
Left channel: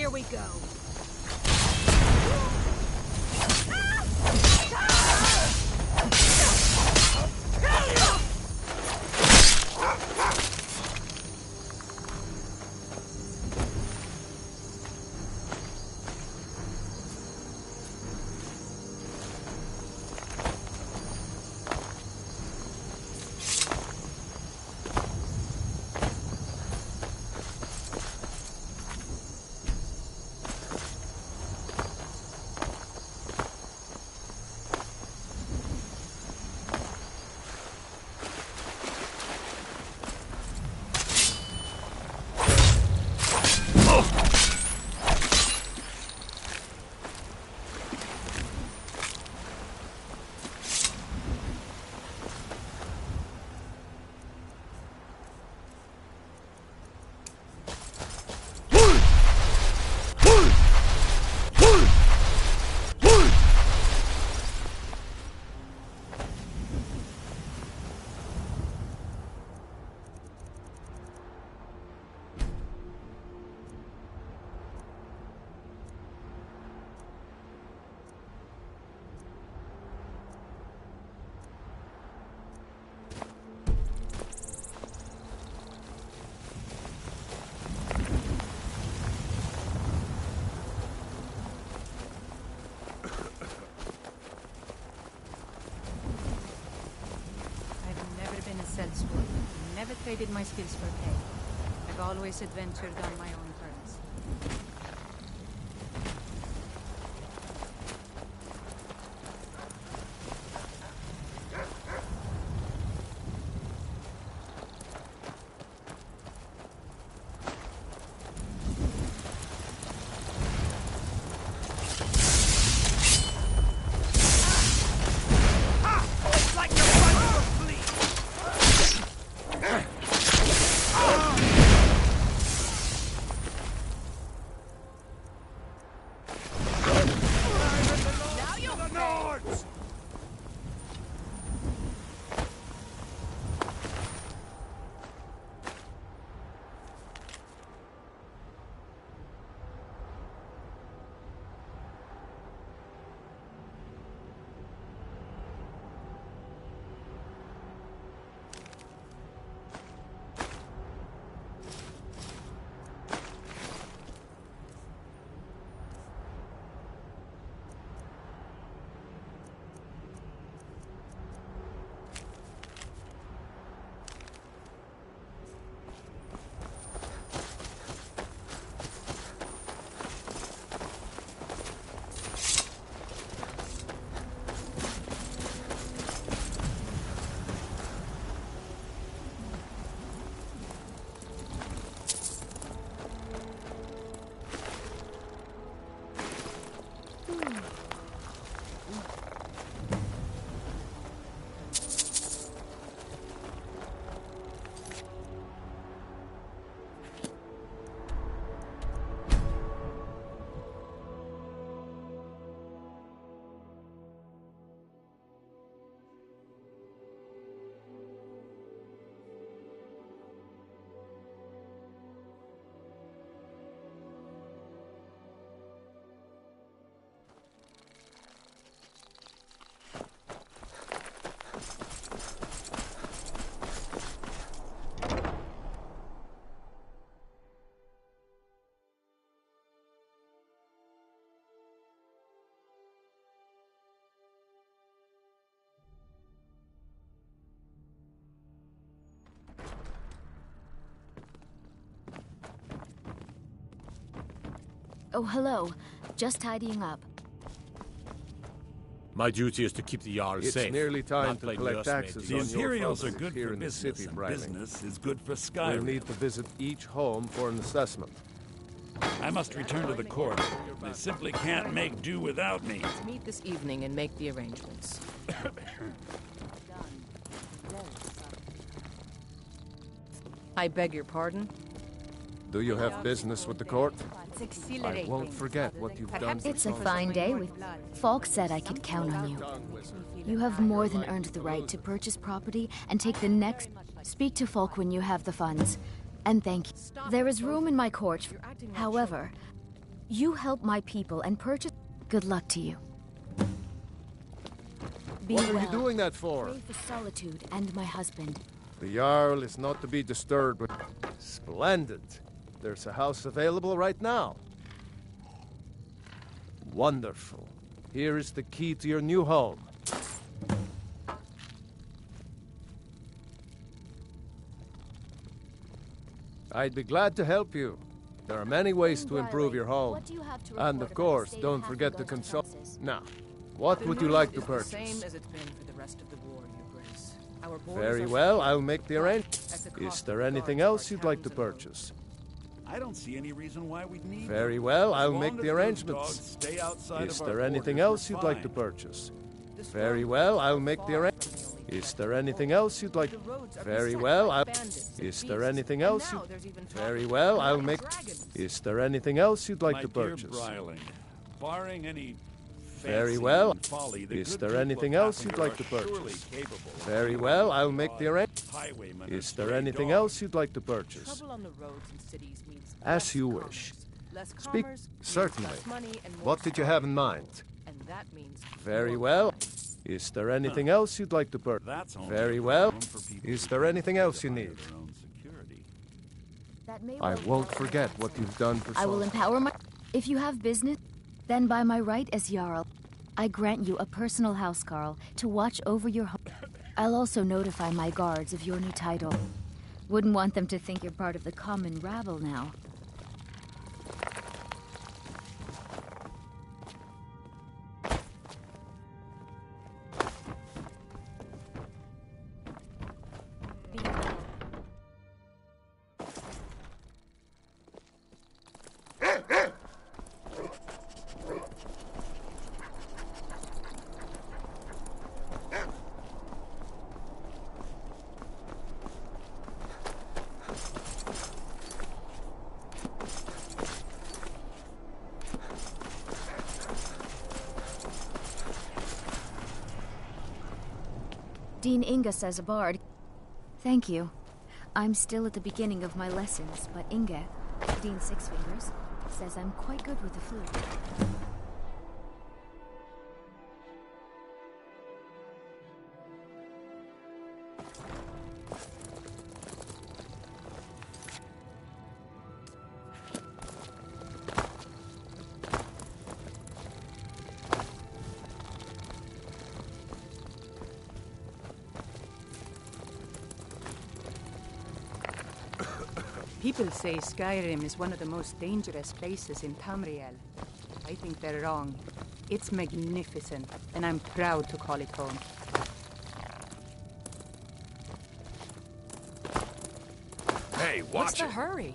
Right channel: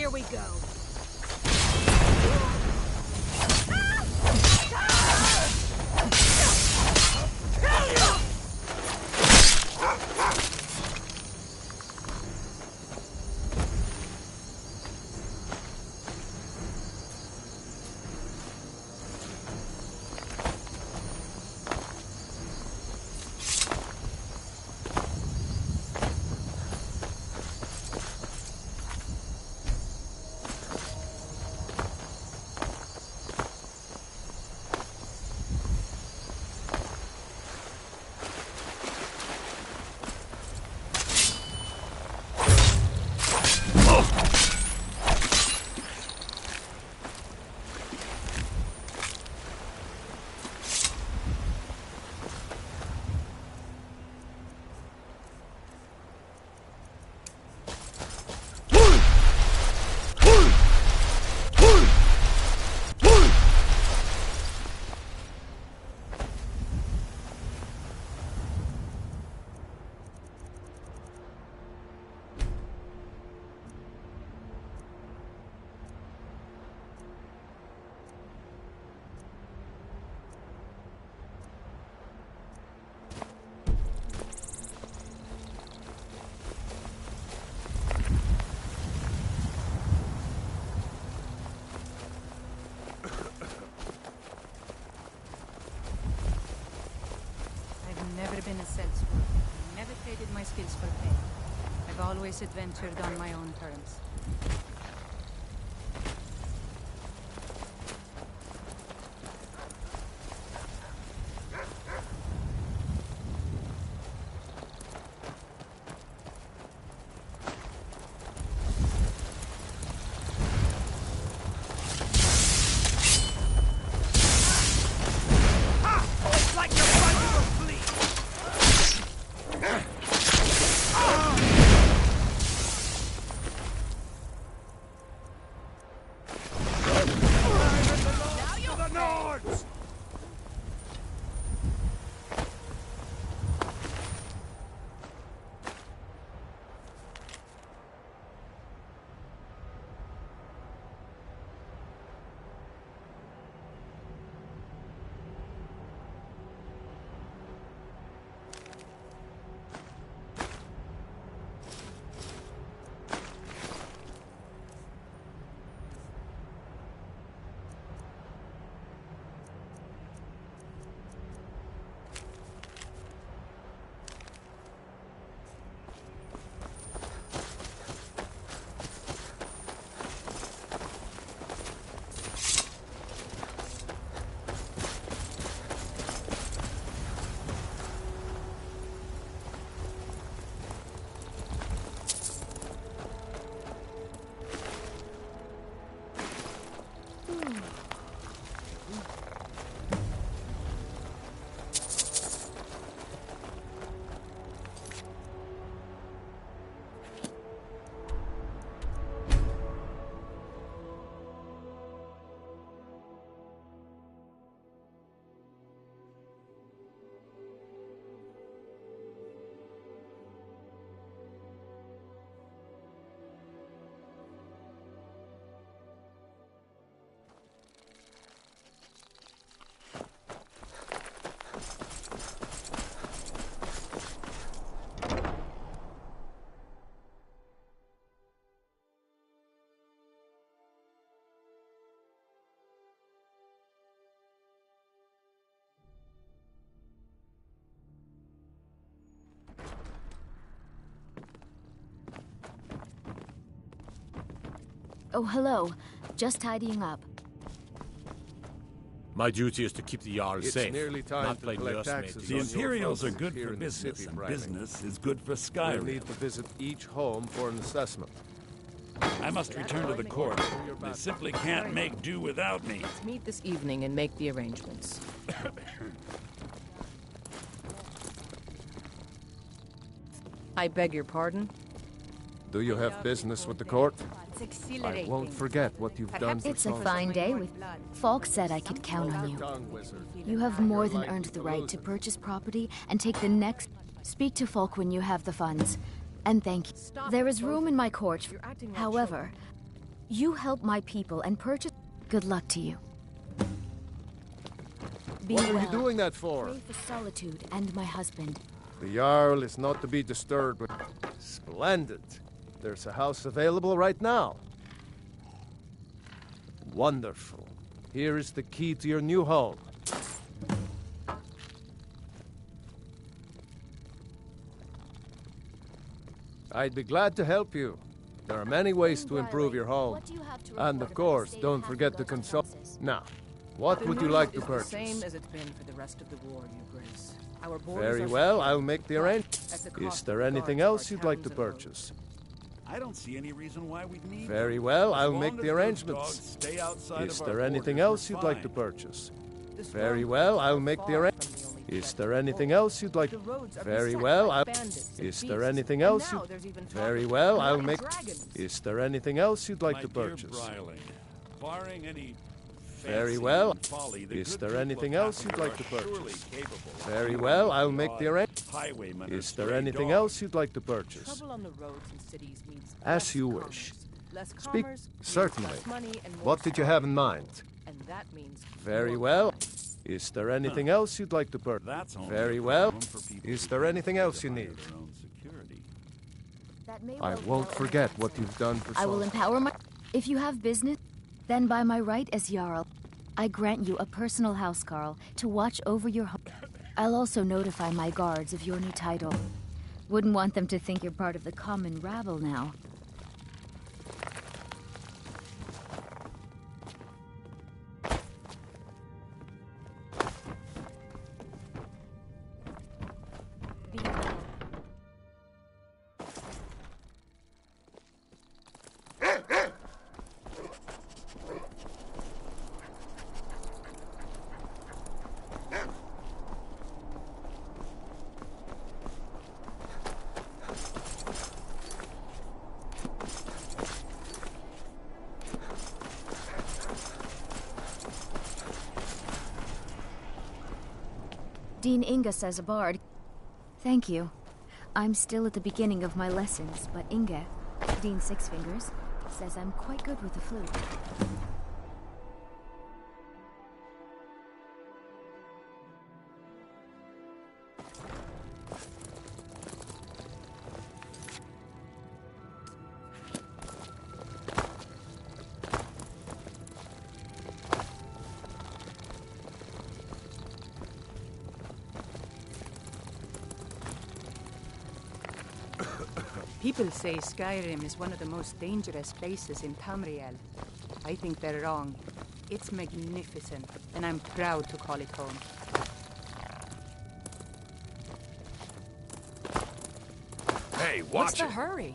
Here we go. Been a sellsword. Never traded my skills for pay. I've always adventured on my own terms. Oh, hello. Just tidying up. My duty is to keep the Jarl safe. It's nearly time not to play collect nursemaid taxes to on The your Imperials are properties good here for in the business, city, and Bradley. business is good for We'll Skyrim. need to visit each home for an assessment. I must return to the court. They simply can't make do without me. Let's meet this evening and make the arrangements. I beg your pardon? Do you have business with the court? It's I exhilarating. won't forget what you've done for It's a Song. fine day with... Falk said I could count on you. You have more than earned the right to purchase property and take the next... Speak to Falk when you have the funds. And thank you. There is room in my court. However, You help my people and purchase... Good luck to you. Be What are well. you doing that for? Pray for solitude and my husband. The Jarl is not to be disturbed. Splendid. There's a house available right now. Wonderful. Here is the key to your new home. I'd be glad to help you. There are many ways to improve your home. What do you have to And report of course, about the don't state of forget to Hafengar's consult... defenses? Now, what The would you road like to is purchase? the same as it's been for the rest of the war, Your Grace. Our borders Very are well, secure, I'll make the but arrangement. at the Is cost there of anything guards of else our you'd like to towns and roads. purchase? I don't see any reason why we'd need Very them. well, As I'll long make as the those arrangements. dogs stay outside Is of there our anything borders, else we're you'd like to fine. purchase? The Very strongholds well, I'll are make the far arrangement. from the only Is threat there to anything war. else you'd like? The roads are Very beset well, by I'll... bandits and Is there beasts, anything and else now you... there's even talk Very of well, I'll bloody make... dragons. Is there anything else you'd like My to dear purchase? Bryling, barring any Very fancy well. and folly, the Is good there people anything of else you'd Hafengar like to are surely purchase? capable of Very dealing well, with I'll make the odd arrangement. highwaymen or Is there stray anything dogs. else you'd like to purchase? Trouble on the roads and cities means As less you commerce. wish. Less Speak... commerce means Certainly. less money and more What did you have in mind? and that means Very more well. crime. Is there anything else you'd like to purchase? That's only Very a well. problem for people Is who there can't anything afford else to you hire need? their own security. That may I well be won't our forget only what answer. you've done for I will Sol. empower my... If you have business, then by my right as Jarl, I grant you a personal housecarl to watch over your home. I'll also notify my guards of your new title. Wouldn't want them to think you're part of the common rabble now. Dean Inga says a bard. Thank you. I'm still at the beginning of my lessons, but Inga, Dean Six Fingers, says I'm quite good with the flute. People say Skyrim is one of the most dangerous places in Tamriel. I think they're wrong. It's magnificent, and I'm proud to call it home. Hey, What's watch the it. hurry?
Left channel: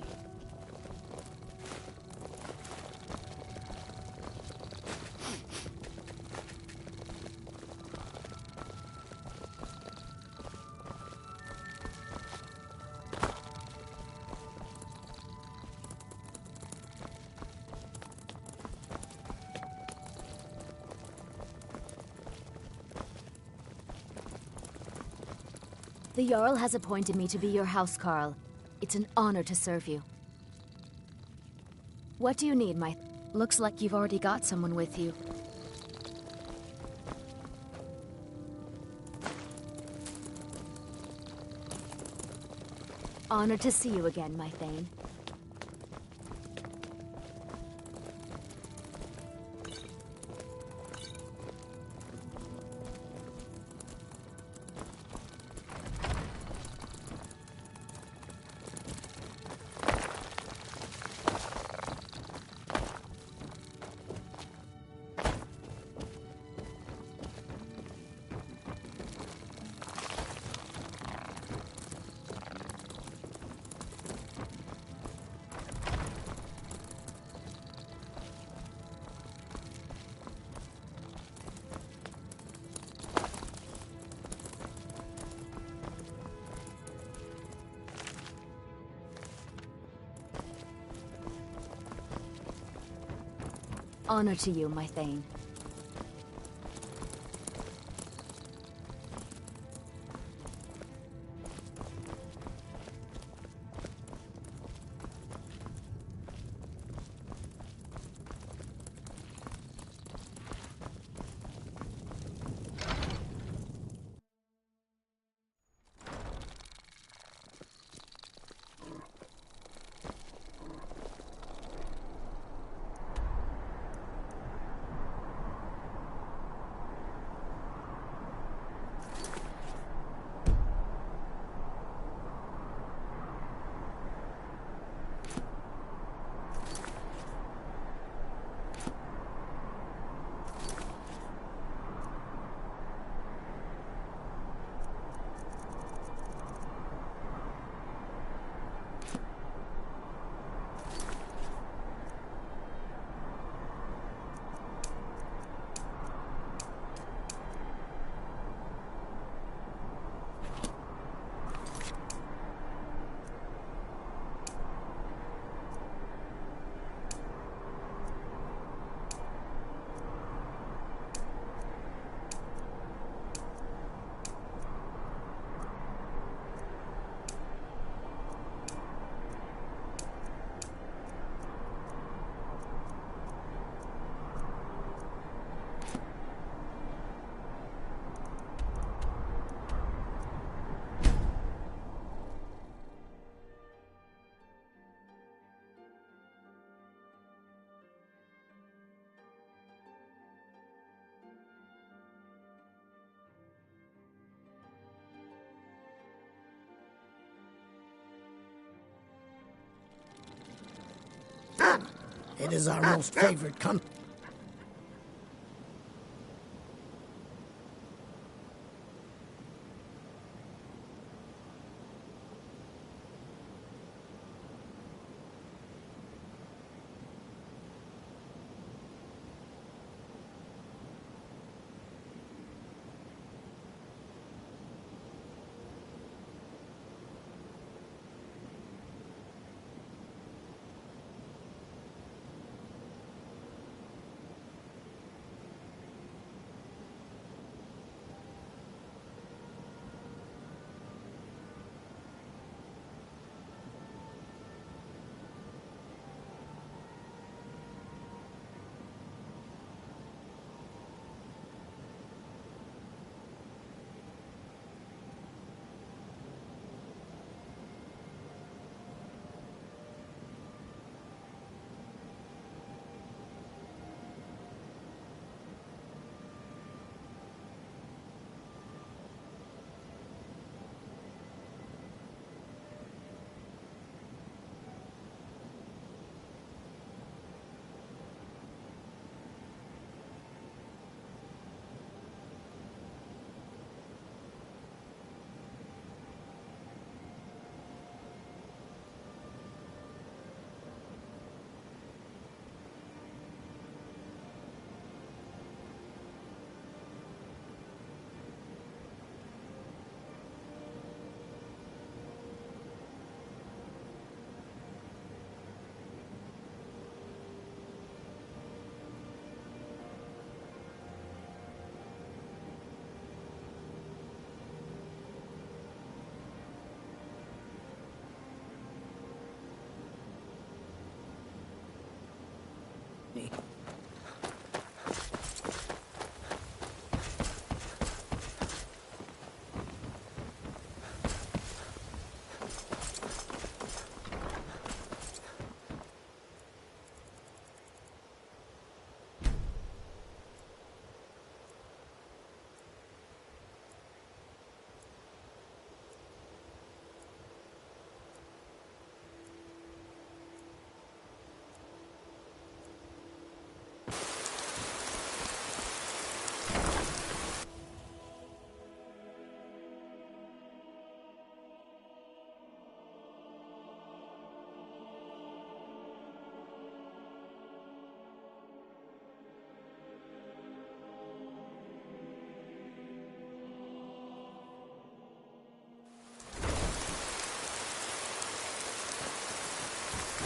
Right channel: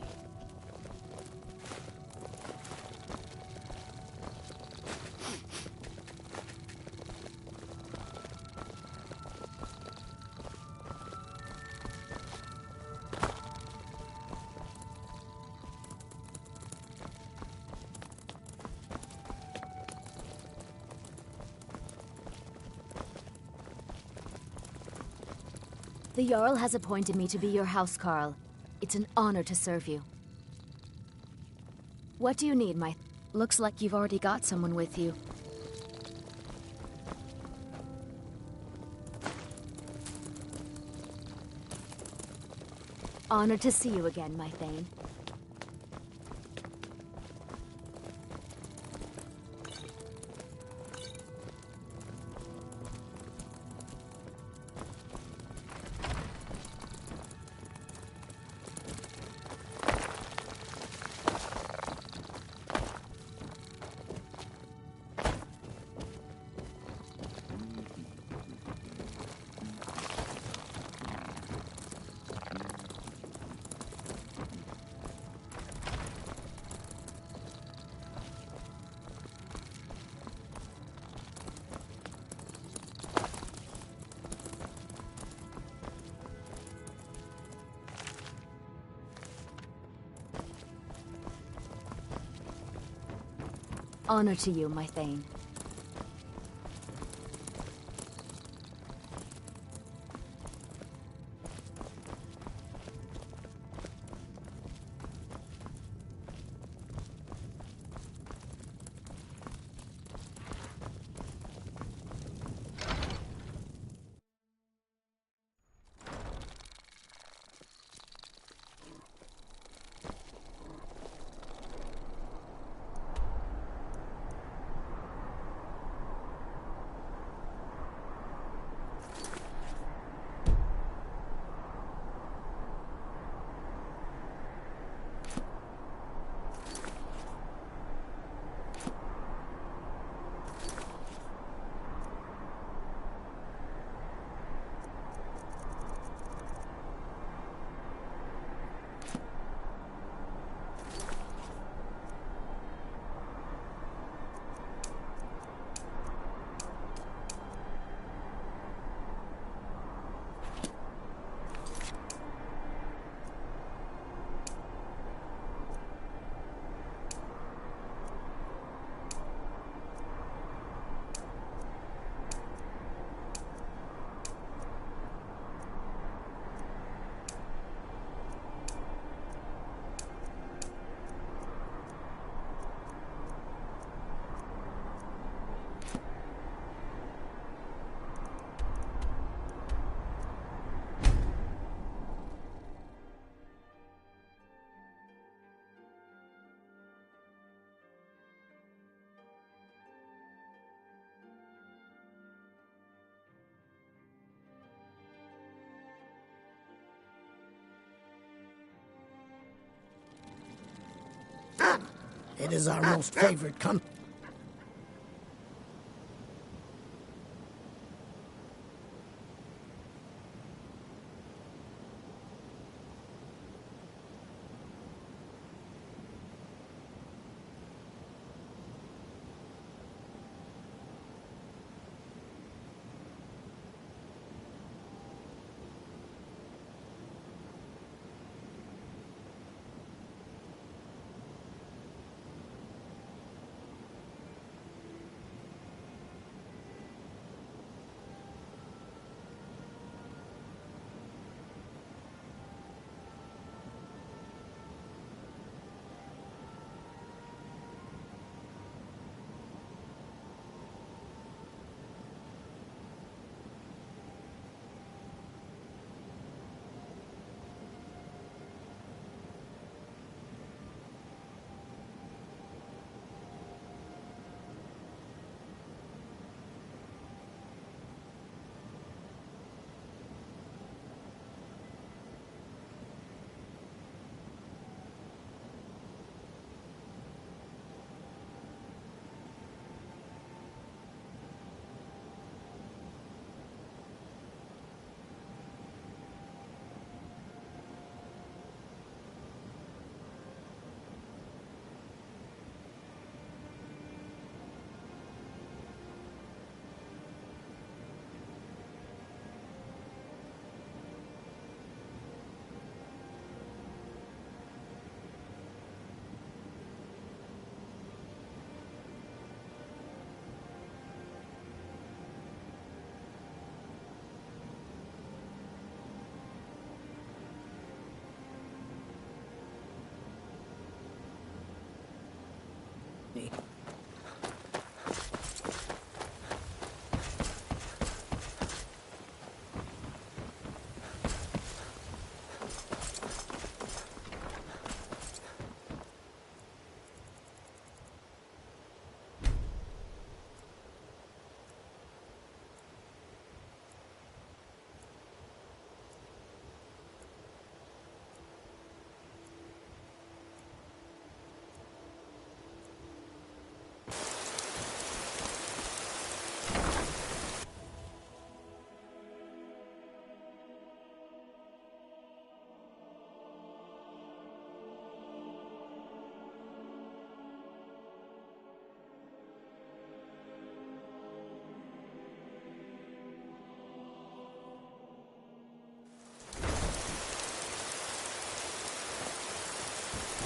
The Jarl has appointed me to be your housecarl. It's an honor to serve you. What do you need, my... Looks like you've already got someone with you. Honored to see you again, my Thane. Honor to you, my Thane. It is our most favorite company.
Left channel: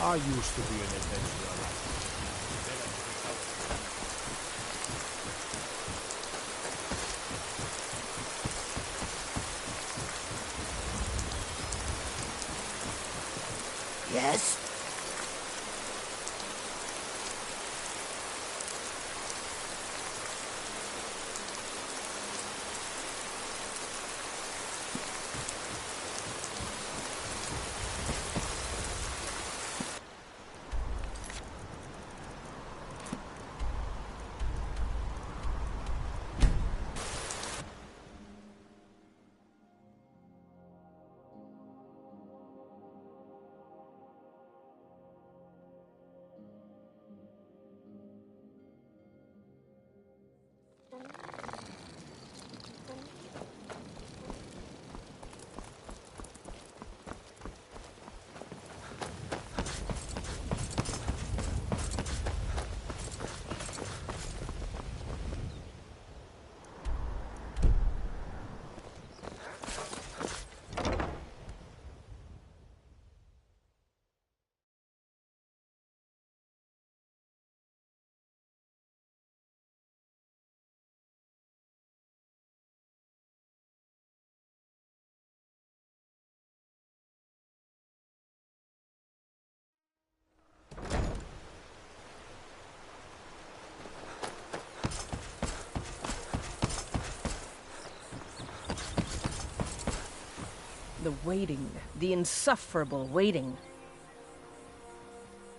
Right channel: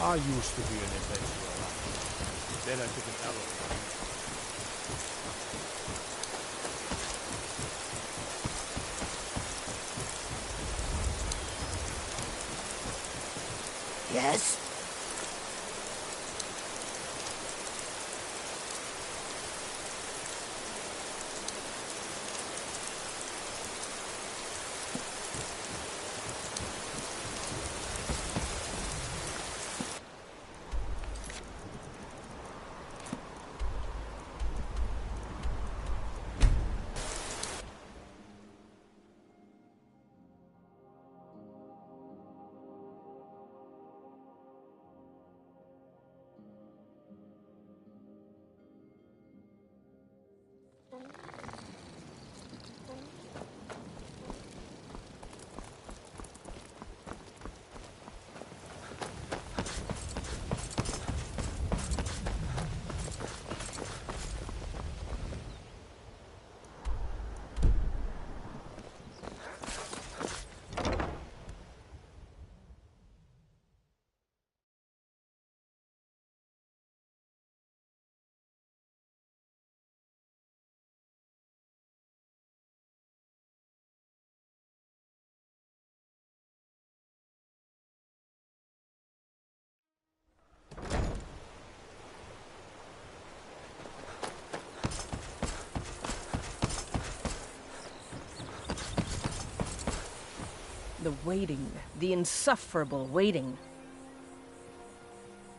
I used to be an adventurer, but then I took an arrow. Yes? The waiting. The insufferable waiting.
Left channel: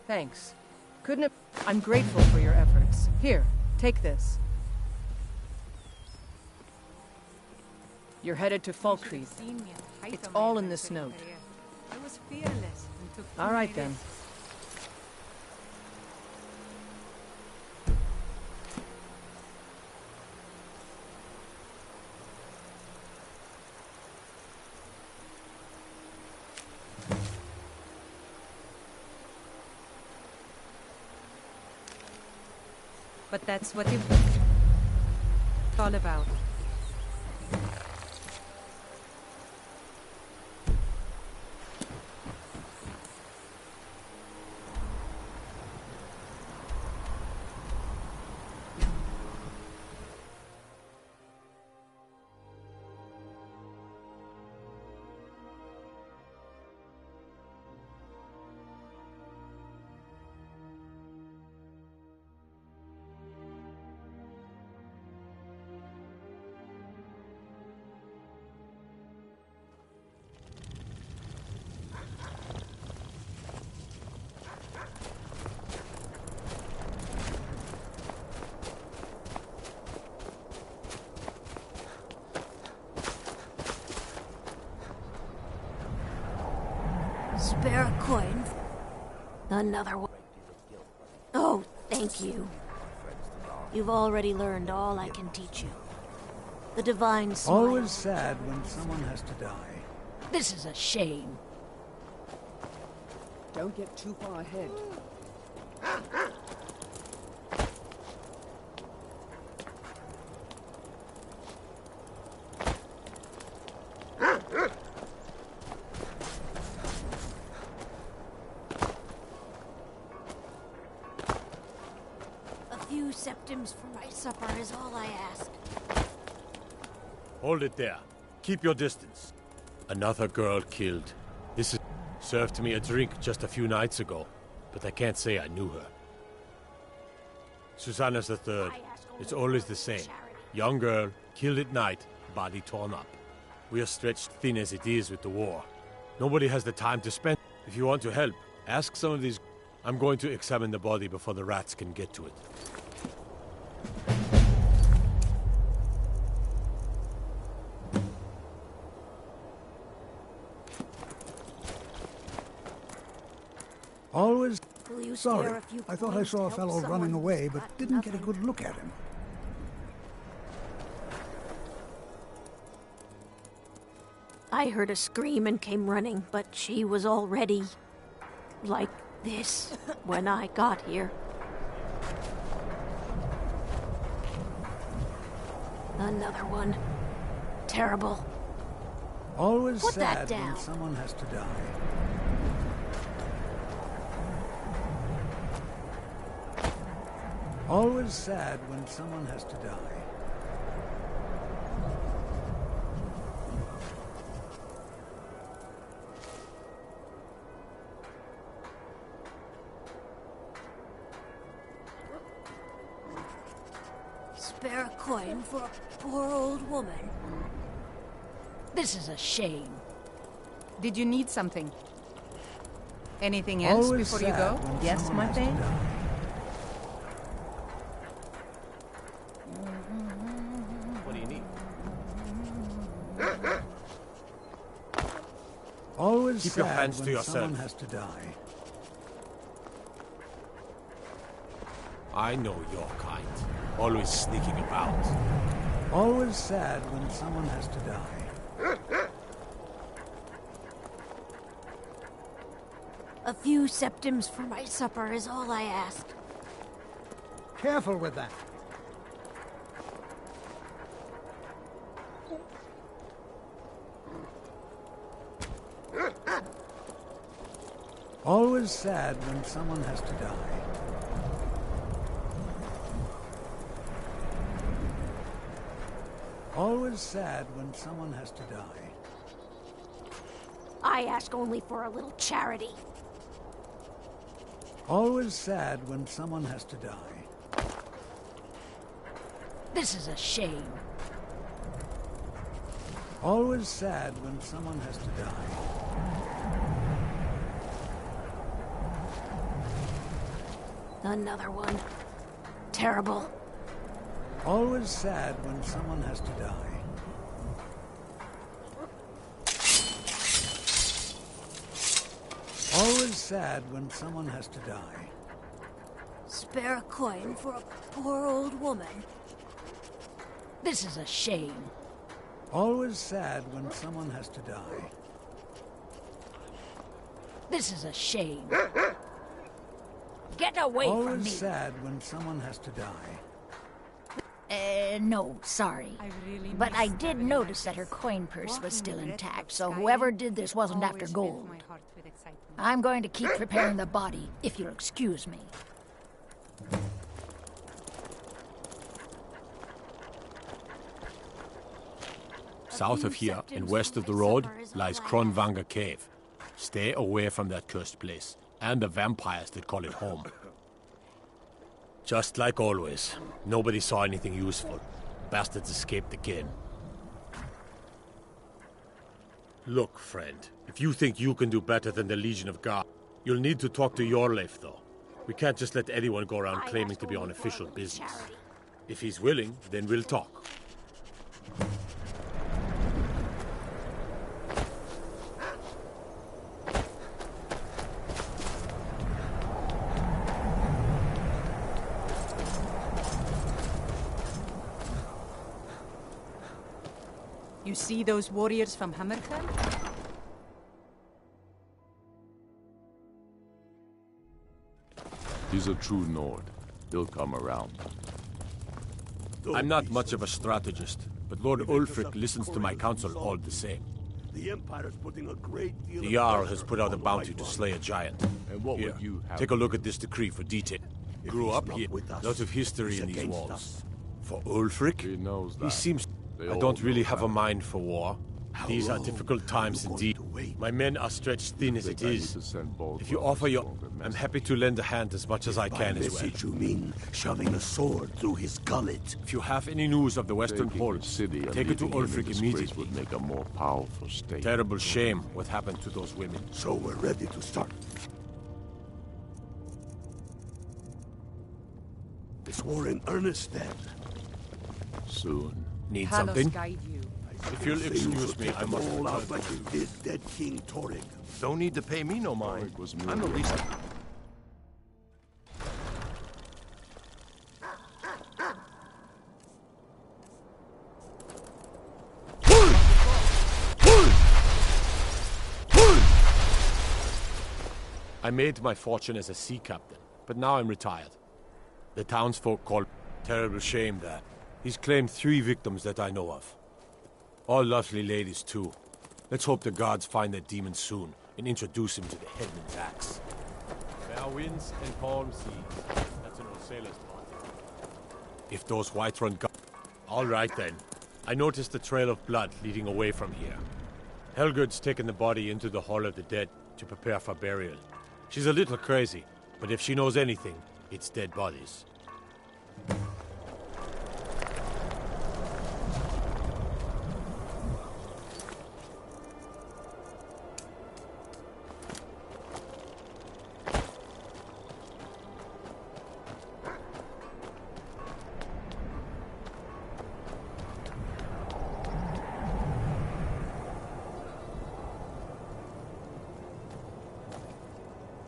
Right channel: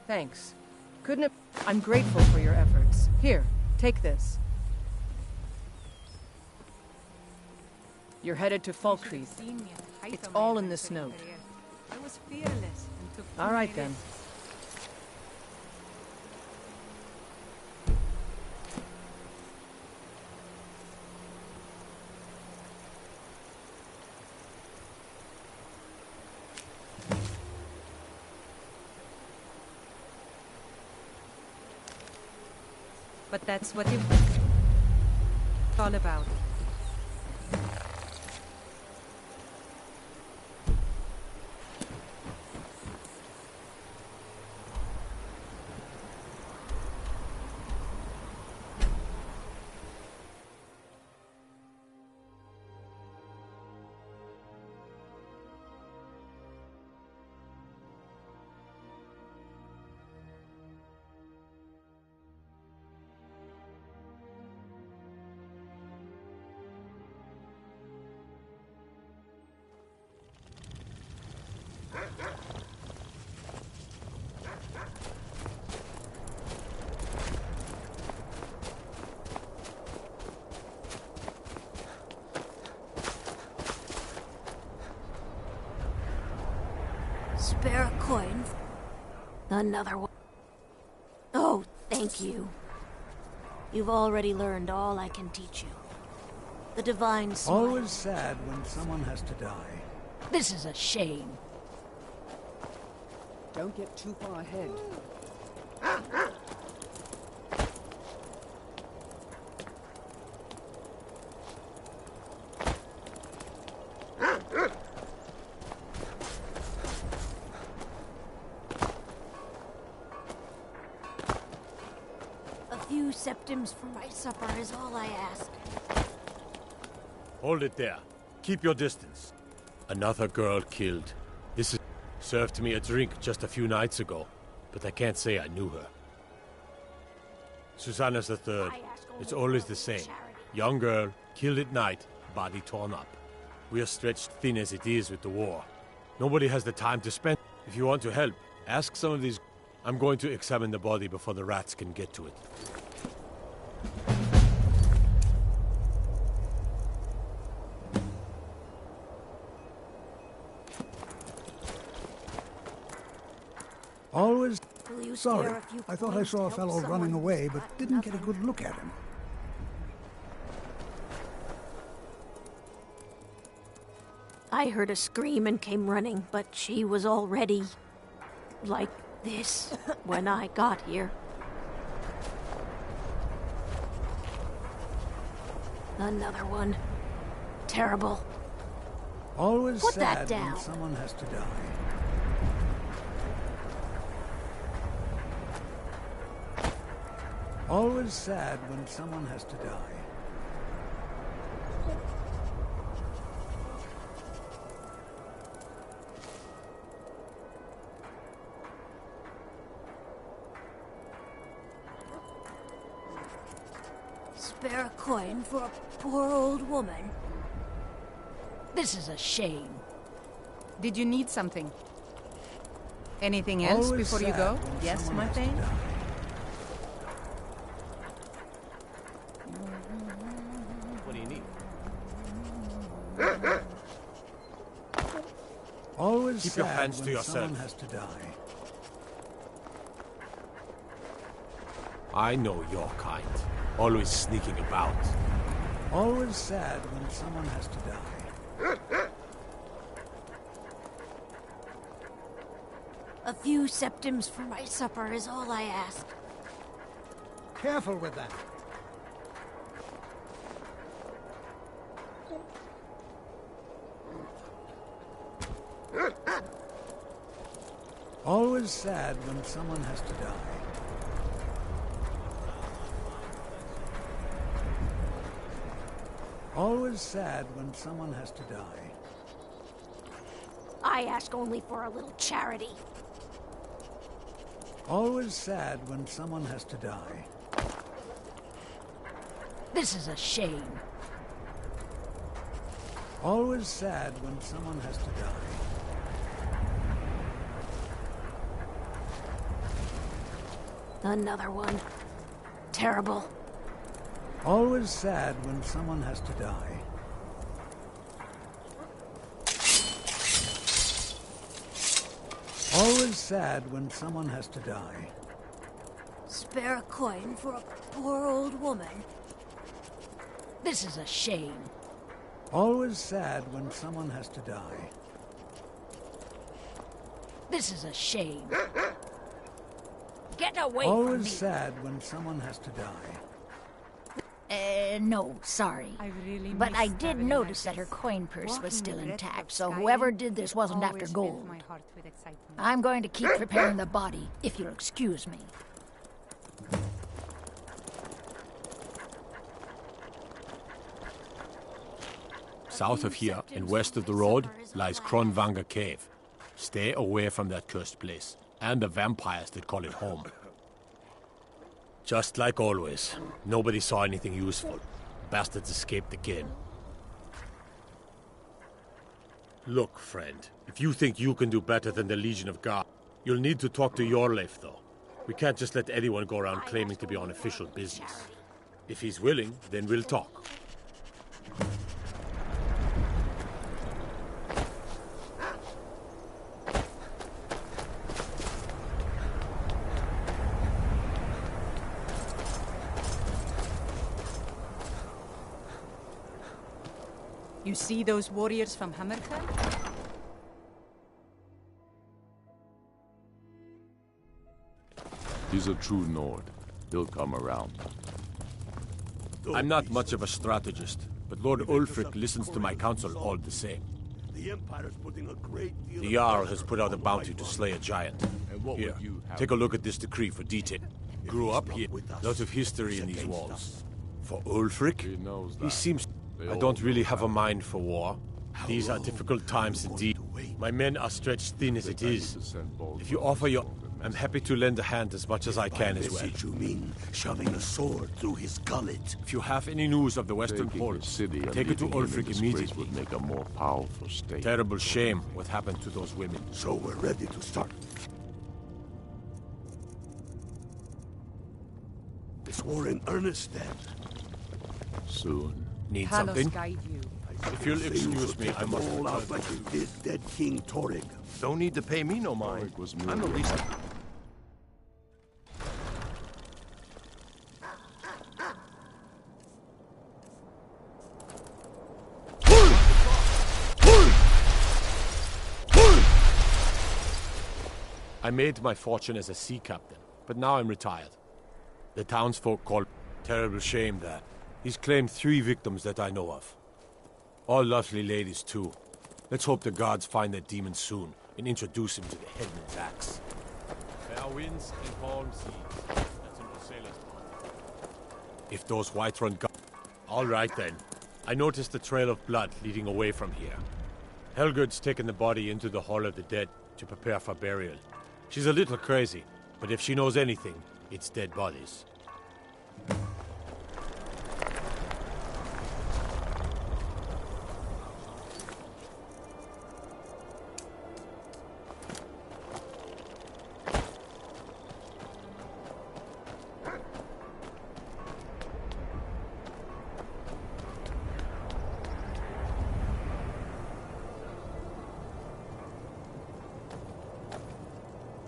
Thanks. Couldn't it... I'm grateful for your efforts. Here, take this. You're headed to Falkreath. It's all in this note. I was fearless and took All right, then. But that's what it's all about. Spare a coin. Another one. Oh, thank you. You've already learned all I can teach you. The divine smile. Always sad when someone has to die. This is a shame. Don't get too far ahead. A few septims for my supper is all I ask. Hold it there. Keep your distance. Another girl killed. This is... served me a drink just a few nights ago, but I can't say I knew her. Susanna's the third. It's always the same. Young girl, killed at night, body torn up. We are stretched thin as it is with the war. Nobody has the time to spend. If you want to help, ask some of these... I'm going to examine the body before the rats can get to it. Always... Will you Sorry, spare a few I thought I coins saw to a help fellow someone running away, who's but got didn't get a nothing? good look at him. I heard a scream and came running, but she was already... like this when I got here. Another one. Terrible. Always Put that sad down. when someone has to die. Always sad when someone has to die. Spare a coin for a poor old woman. This is a shame. Did you need something? Anything else Always before you sad go? when Yes, someone my has to thing? die. What do you need? Always Keep sad your hands to when yourself. someone has to die. I know your kind. Always sneaking about. Always sad when someone has to die. A few septims for my supper is all I ask. Careful with that. Always sad when someone has to die. Always sad when someone has to die. I ask only for a little charity. Always sad when someone has to die. This is a shame. Always sad when someone has to die. Another one. Terrible. Always sad when someone has to die. Always sad when someone has to die. Spare a coin for a poor old woman. This is a shame. Always sad when someone has to die. This is a shame. Get away from Always me. sad when someone has to die. No, sorry. But I did notice that her coin purse was still intact, so whoever did this wasn't after gold. I'm going to keep preparing the body, if you'll excuse me. South of here, and west of the road, lies Kronvanger Cave. Stay away from that cursed place, and the vampires that call it home. Just like always, nobody saw anything useful. Bastards escaped again. Look, friend, if you think you can do better than the Legion of God, you'll need to talk to Yorleif, though. We can't just let anyone go around claiming to be on official business. If he's willing, then we'll talk. You see those warriors from Hammerfell? He's a true Nord. He'll come around. I'm not much of a strategist, but Lord Ulfric listens to my counsel all the same. The Empire's putting a great deal The Jarl has put out a bounty to slay a giant. And what Here, would you have? take a look at this decree for detail. Grew up here, lot of history in these walls. For Ulfric, he seems... I don't really have a mind for war. These are difficult times indeed. My men are stretched thin as it is. If you offer your... I'm happy to lend a hand as much as I can as well. You mean shoving a sword through his gullet? If you have any news of the Western Taking Pole, the city and take it to leaving him in Ulfric disgrace immediately. would make a more powerful state. Terrible shame what happened to those women. So we're ready to start. Is war in earnest then? Soon. Need Talos something? guide you. If you'll excuse me, I must all out return. like this dead King Torrig. Don't need to pay me no mind. I'm the least... I made my fortune as a sea captain, but now I'm retired. The townsfolk call terrible shame that. He's claimed 3 victims that I know of. All lovely ladies, too. Let's hope the gods find that demon soon and introduce him to the headman's axe. Fair winds and calm seas. That's an old sailor's party. If those Whiterun gods... All right, then. I noticed a trail of blood leading away from here. Helgud's taken the body into the Hall of the Dead to prepare for burial. She's a little crazy, but if she knows anything, it's dead bodies.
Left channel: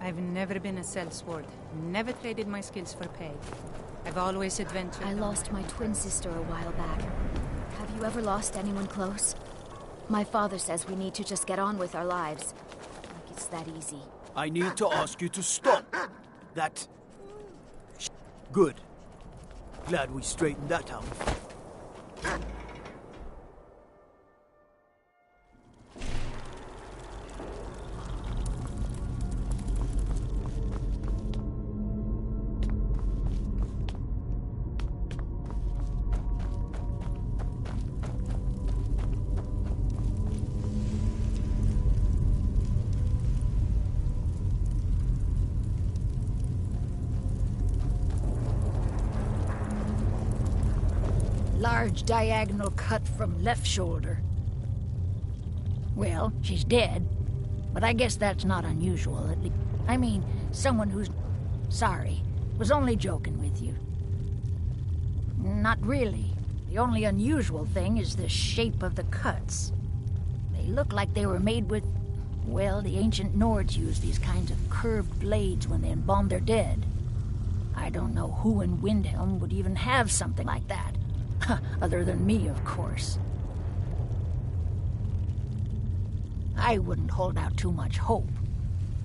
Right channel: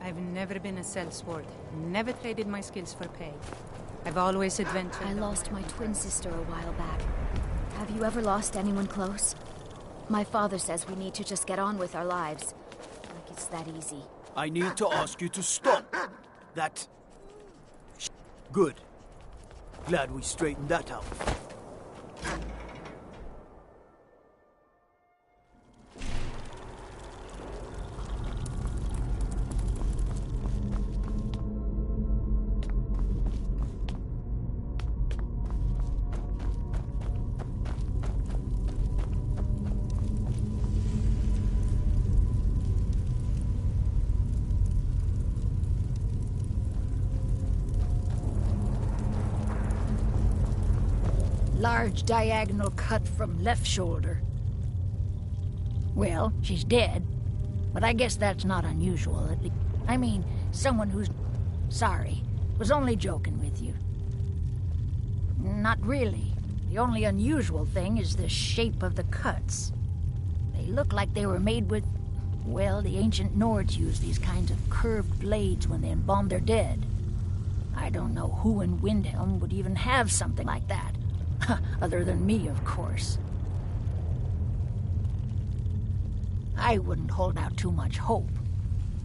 I've never been a sellsword. Never traded my skills for pay. I've always adventured. I lost my twin sister a while back. Have you ever lost anyone close? My father says we need to just get on with our lives. Like it's that easy. I need to ask you to stop. That... Good. Glad we straightened that out. Large diagonal cut from left shoulder. Well, she's dead, but I guess that's not unusual, at least. I mean, someone who's... Sorry, was only joking with you. Not really. The only unusual thing is the shape of the cuts. They look like they were made with... Well, the ancient Nords used these kinds of curved blades when they embalmed their dead. I don't know who in Windhelm would even have something like that. Other than me, of course. I wouldn't hold out too much hope.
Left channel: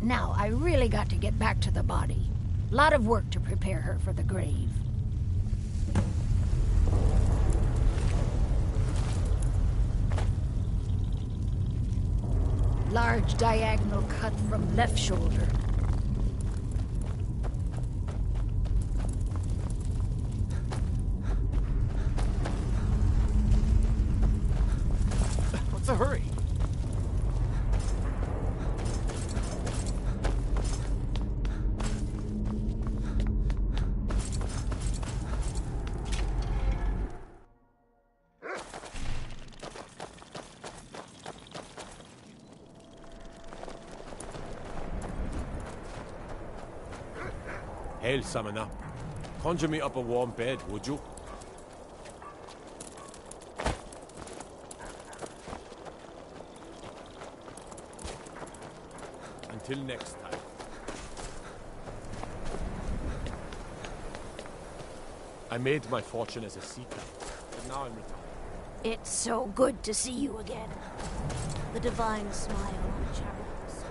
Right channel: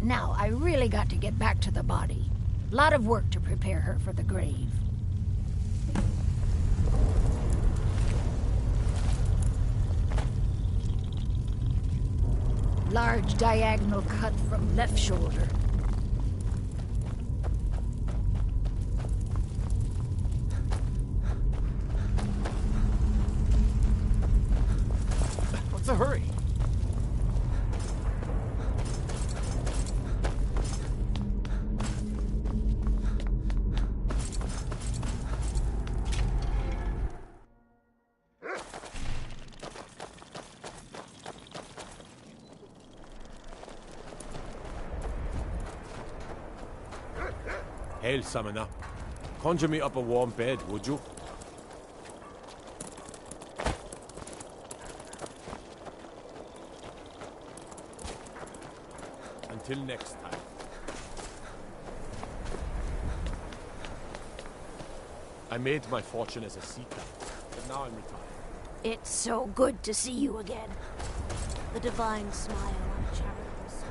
Now, I really got to get back to the body. Lot of work to prepare her for the grave. Large diagonal cut from left shoulder. What's the hurry? Hail, summoner. Conjure me up a warm bed, would you? Until next time. I made my fortune as a seeker, but now I'm retired. It's so good to see you again. The divine smile on a charitable soul.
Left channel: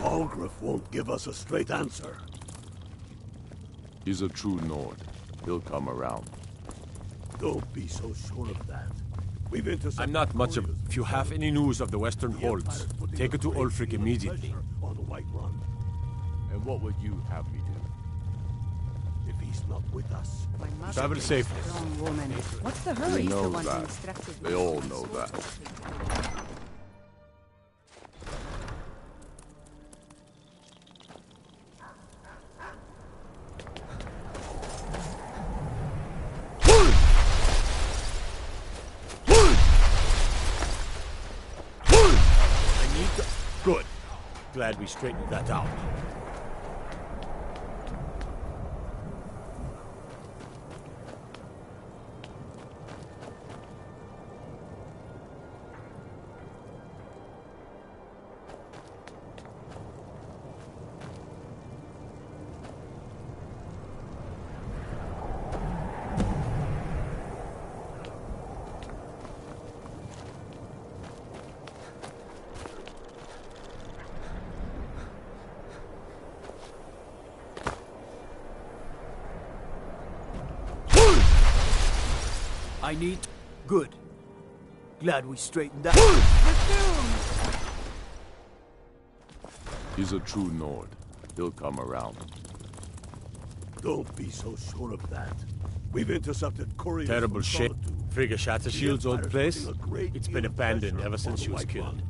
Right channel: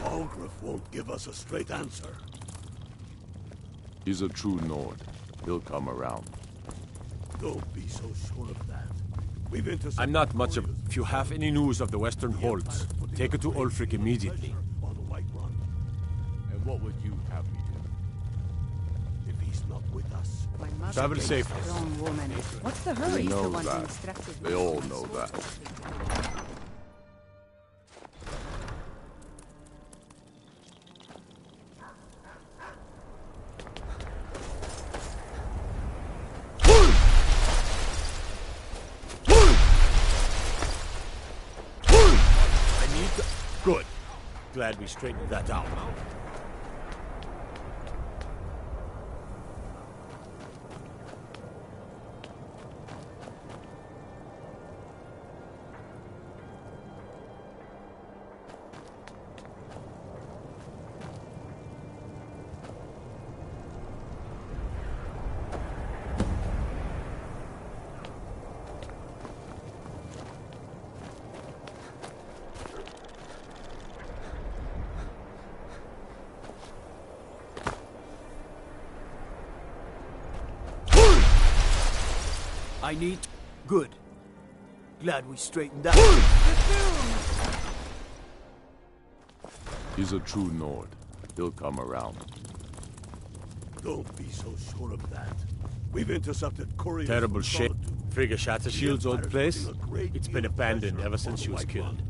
Algrif won't give us a straight answer. He's a true Nord. He'll come around. Don't be so sure of that. We've intercepted. I'm not much of... If you have any news of the Western Holds, take it to Ulfric immediately. On the White Run. And what would you have me do? If he's not with us, Travel safe. Strong woman. What's the They hurry? He's the know one who that. instructed They me. all know that. I need to... Good. Glad we straightened that out. I need... Good. Glad we straightened that. He's a true Nord. He'll come around. don't be so sure of that. We've intercepted couriers. Terrible from shit. Solitude. Frigga Shattershield's old Empire's place? putting a great It's deal been of abandoned pressure ever since on she the was White killed. Run.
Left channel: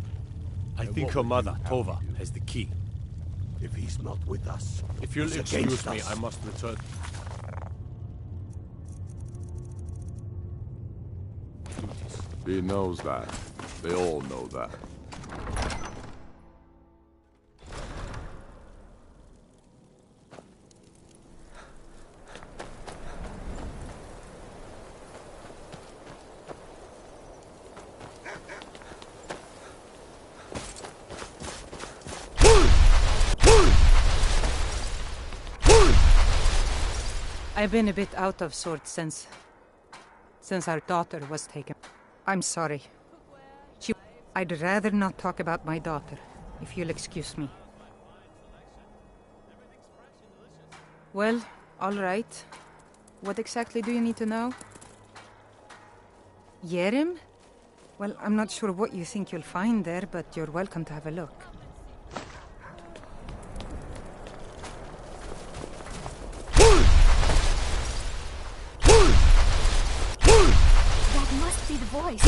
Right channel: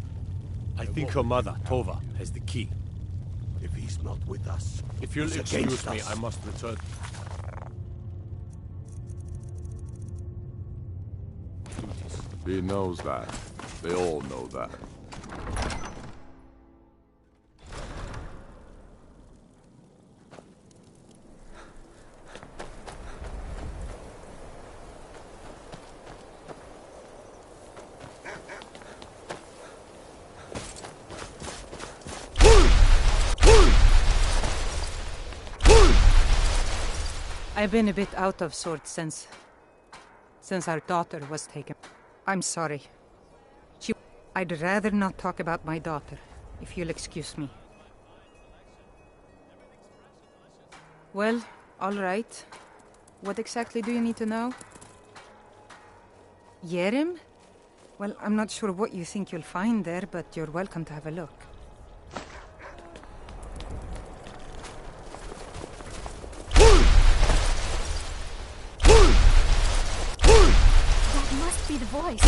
I And think what her would mother, you have Tova, me do? has the key. If he's not with us, If you'll he's excuse against me, us. I must return. He knows that. They all know that. I've been a bit out of sorts since our daughter was taken. I'm sorry. I'd rather not talk about my daughter, if you'll excuse me. Well, all right. What exactly do you need to know? Yerim? Well, I'm not sure what you think you'll find there, but you're welcome to have a look. That must be the voice.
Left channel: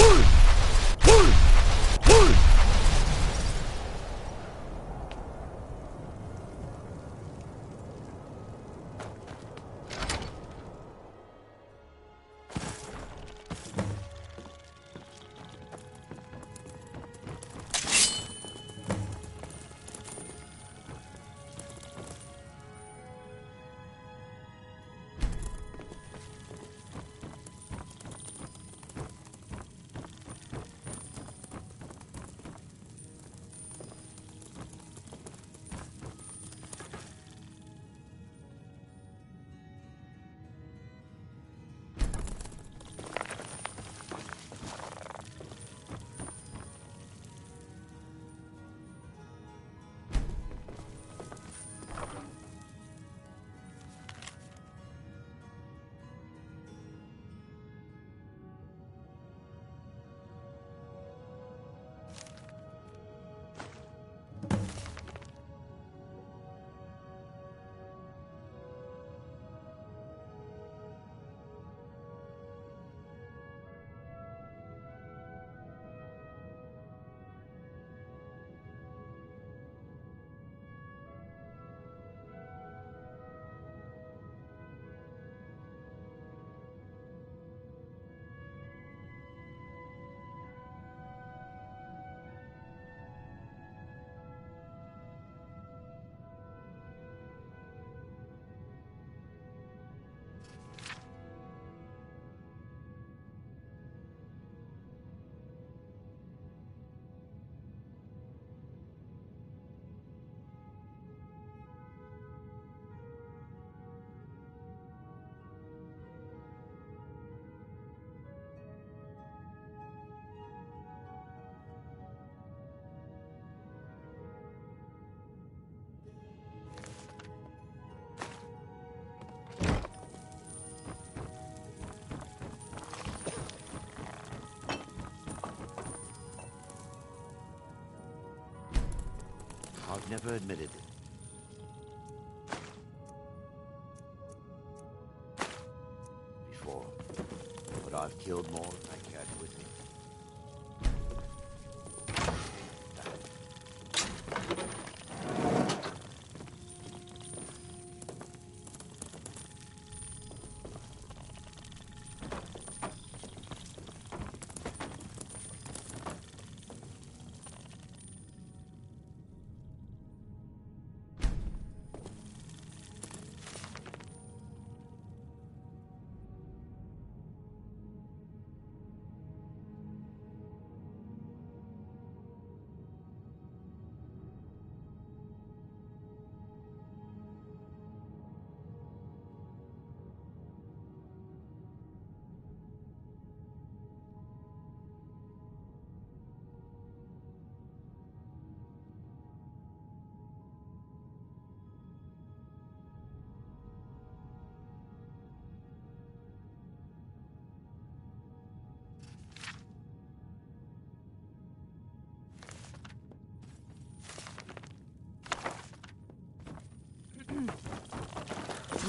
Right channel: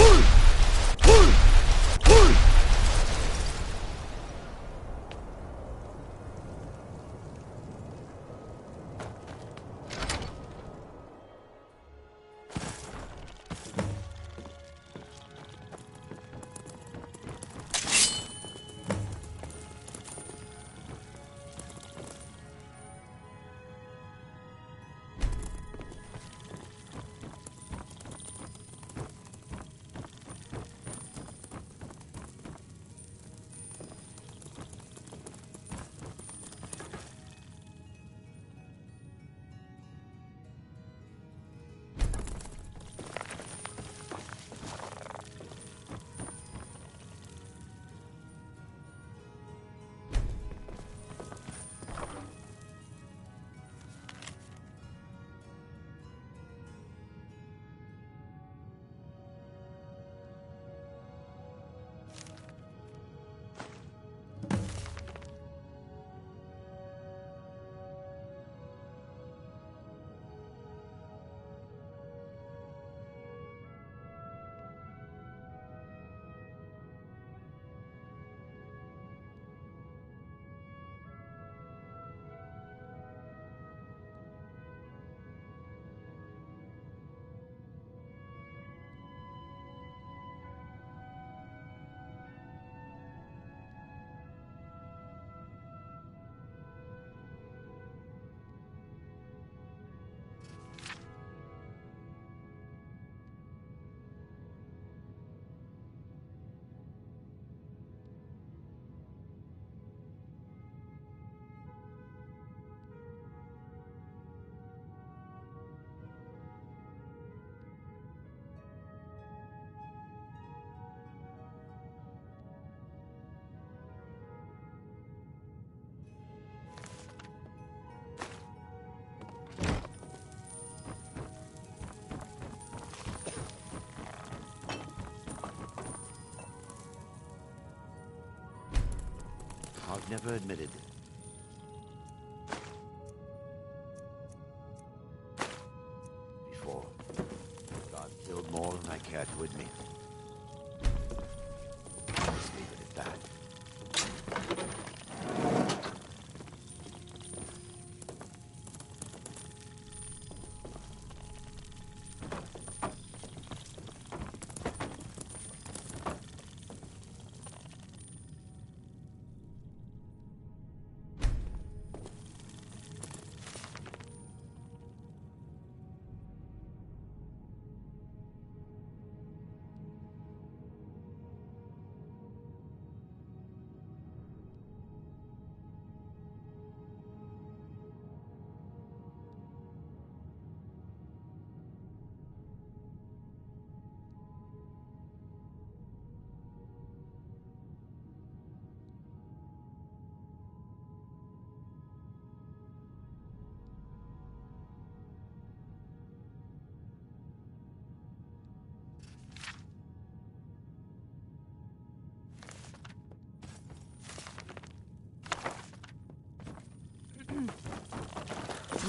I've never admitted it. Before. But I've killed more than I care to admit. Let's leave it at that.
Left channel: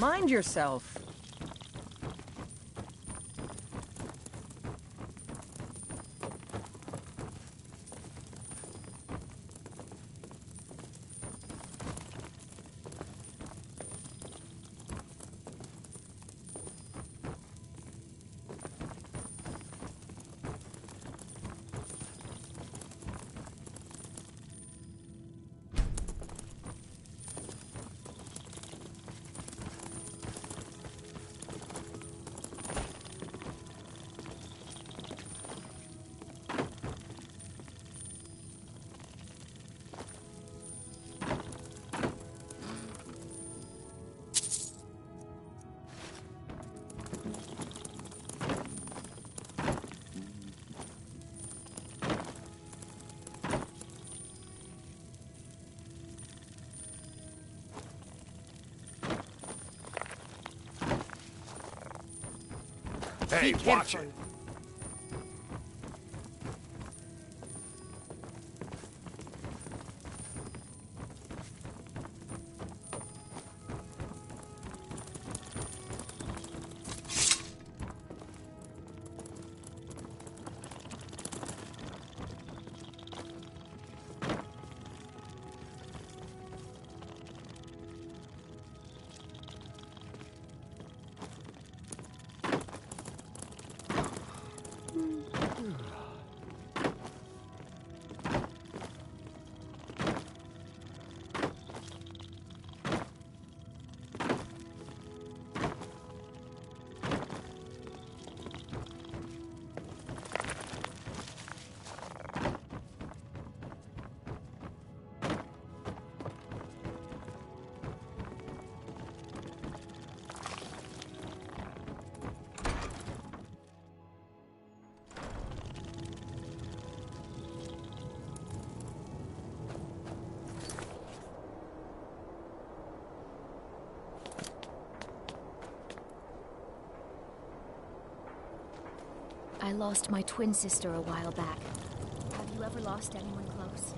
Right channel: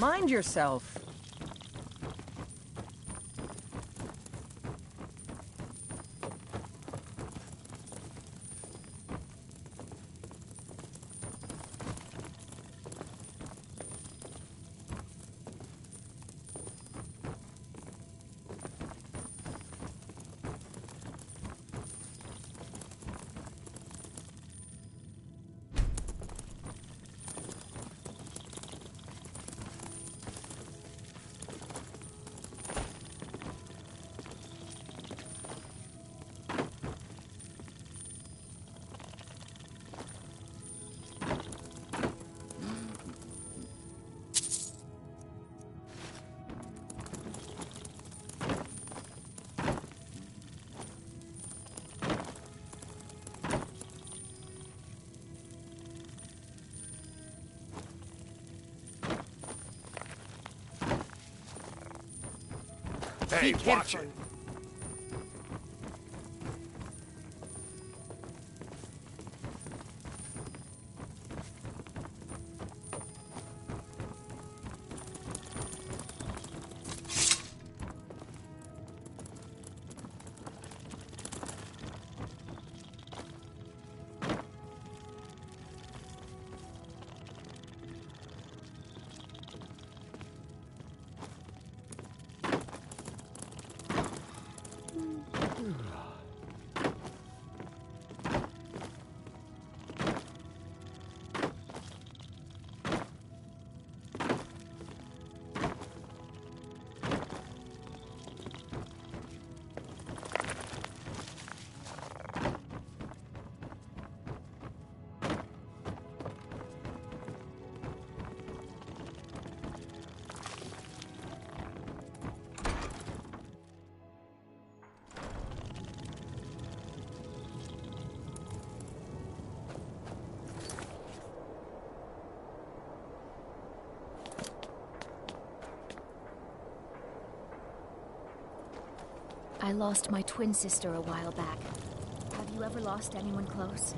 Mind yourself. Hey, watch it! I lost my twin sister a while back. Have you ever lost anyone close?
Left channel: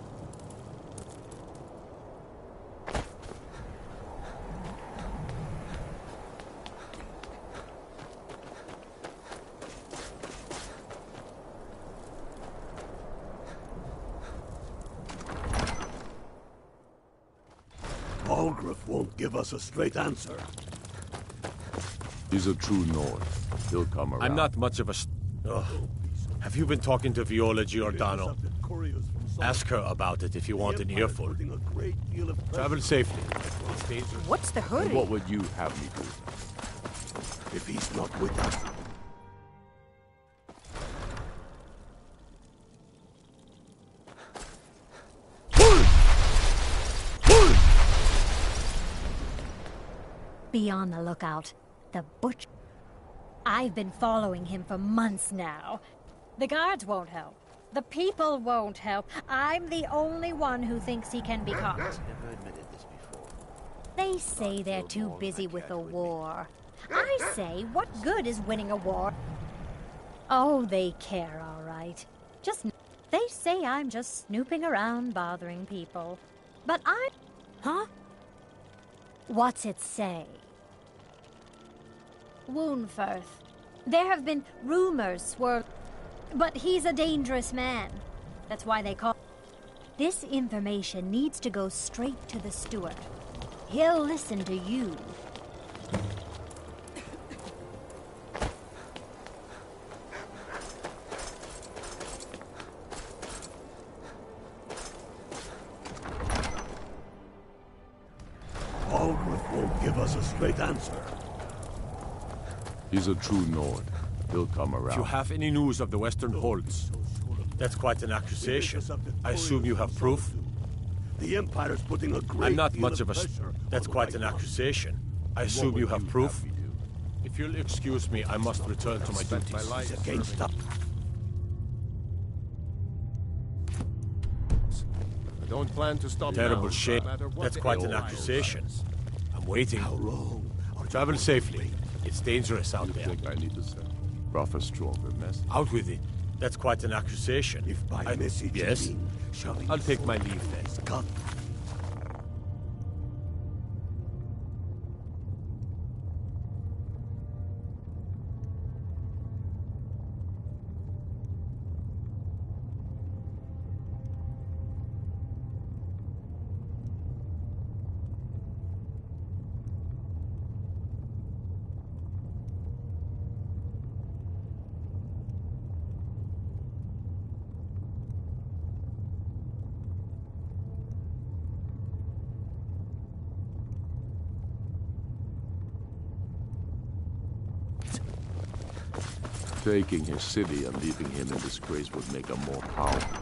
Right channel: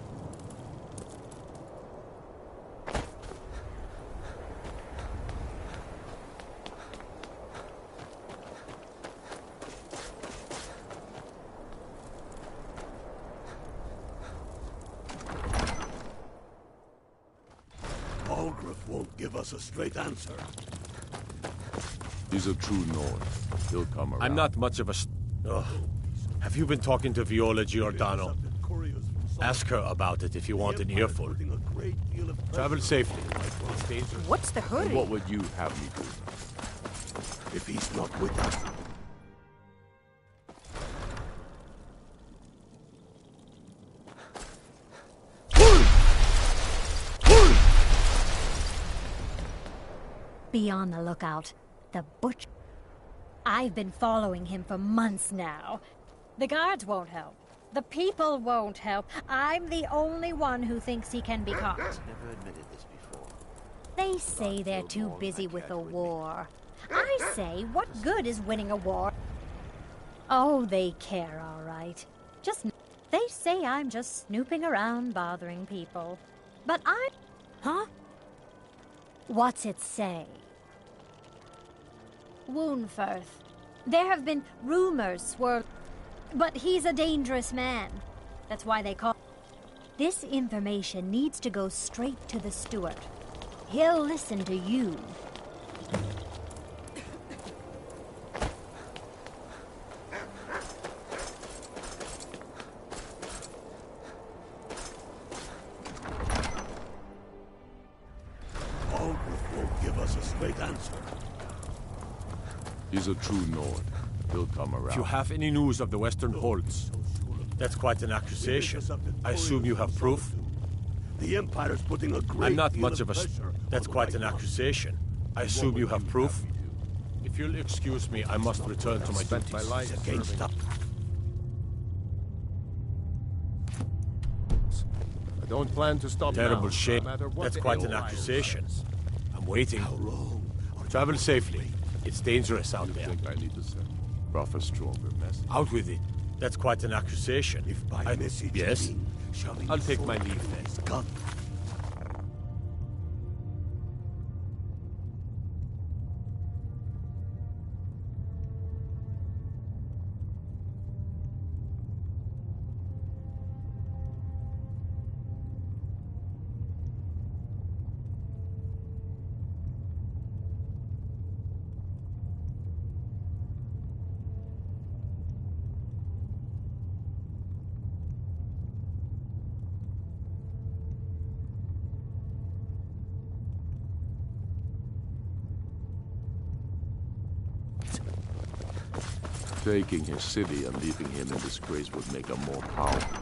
Balgruuf won't give us a straight answer. He's a true Nord. He'll come around. I'm not much of a... Ugh. Have you been talking to Viola Giordano? Ask her about it if you want an earful. Travel safely. It's dangerous. What's the hurry? And what would you have me do? If he's not with us. Be on the lookout. The butcher. I've been following him for months now. The guards won't help. The people won't help. I'm the only one who thinks he can be caught. Never admitted this before. They say they're too busy with the war. I say, what good is winning a war? Oh, they care, all right. They say I'm just snooping around bothering people. But I... Huh? What's it say? Woundfirth. There have been rumors swirling, but he's a dangerous man. That's why they call... This information needs to go straight to the steward. He'll listen to you. Aldrich won't give us a straight answer. He's a true Nord. He'll come around. If you have any news of the Western Holds, that's quite an accusation. I assume you have proof? The Empire's putting a great I'm not deal much of of a... pressure That's on quite the an White House. accusation. I assume you have proof? If you'll excuse me, I must return to my duties. My life Against I don't plan to stop Terrible now, shame. no matter what That's the quite hell an I accusation. I'm waiting. How long? Travel safely. It's dangerous out there. I think I need to send rougher, stronger message. Out with it. That's quite an accusation. If by message you Yes? mean shoving I'll take sword my in leave then. his gun. Taking his city and leaving him in disgrace would make him more powerful.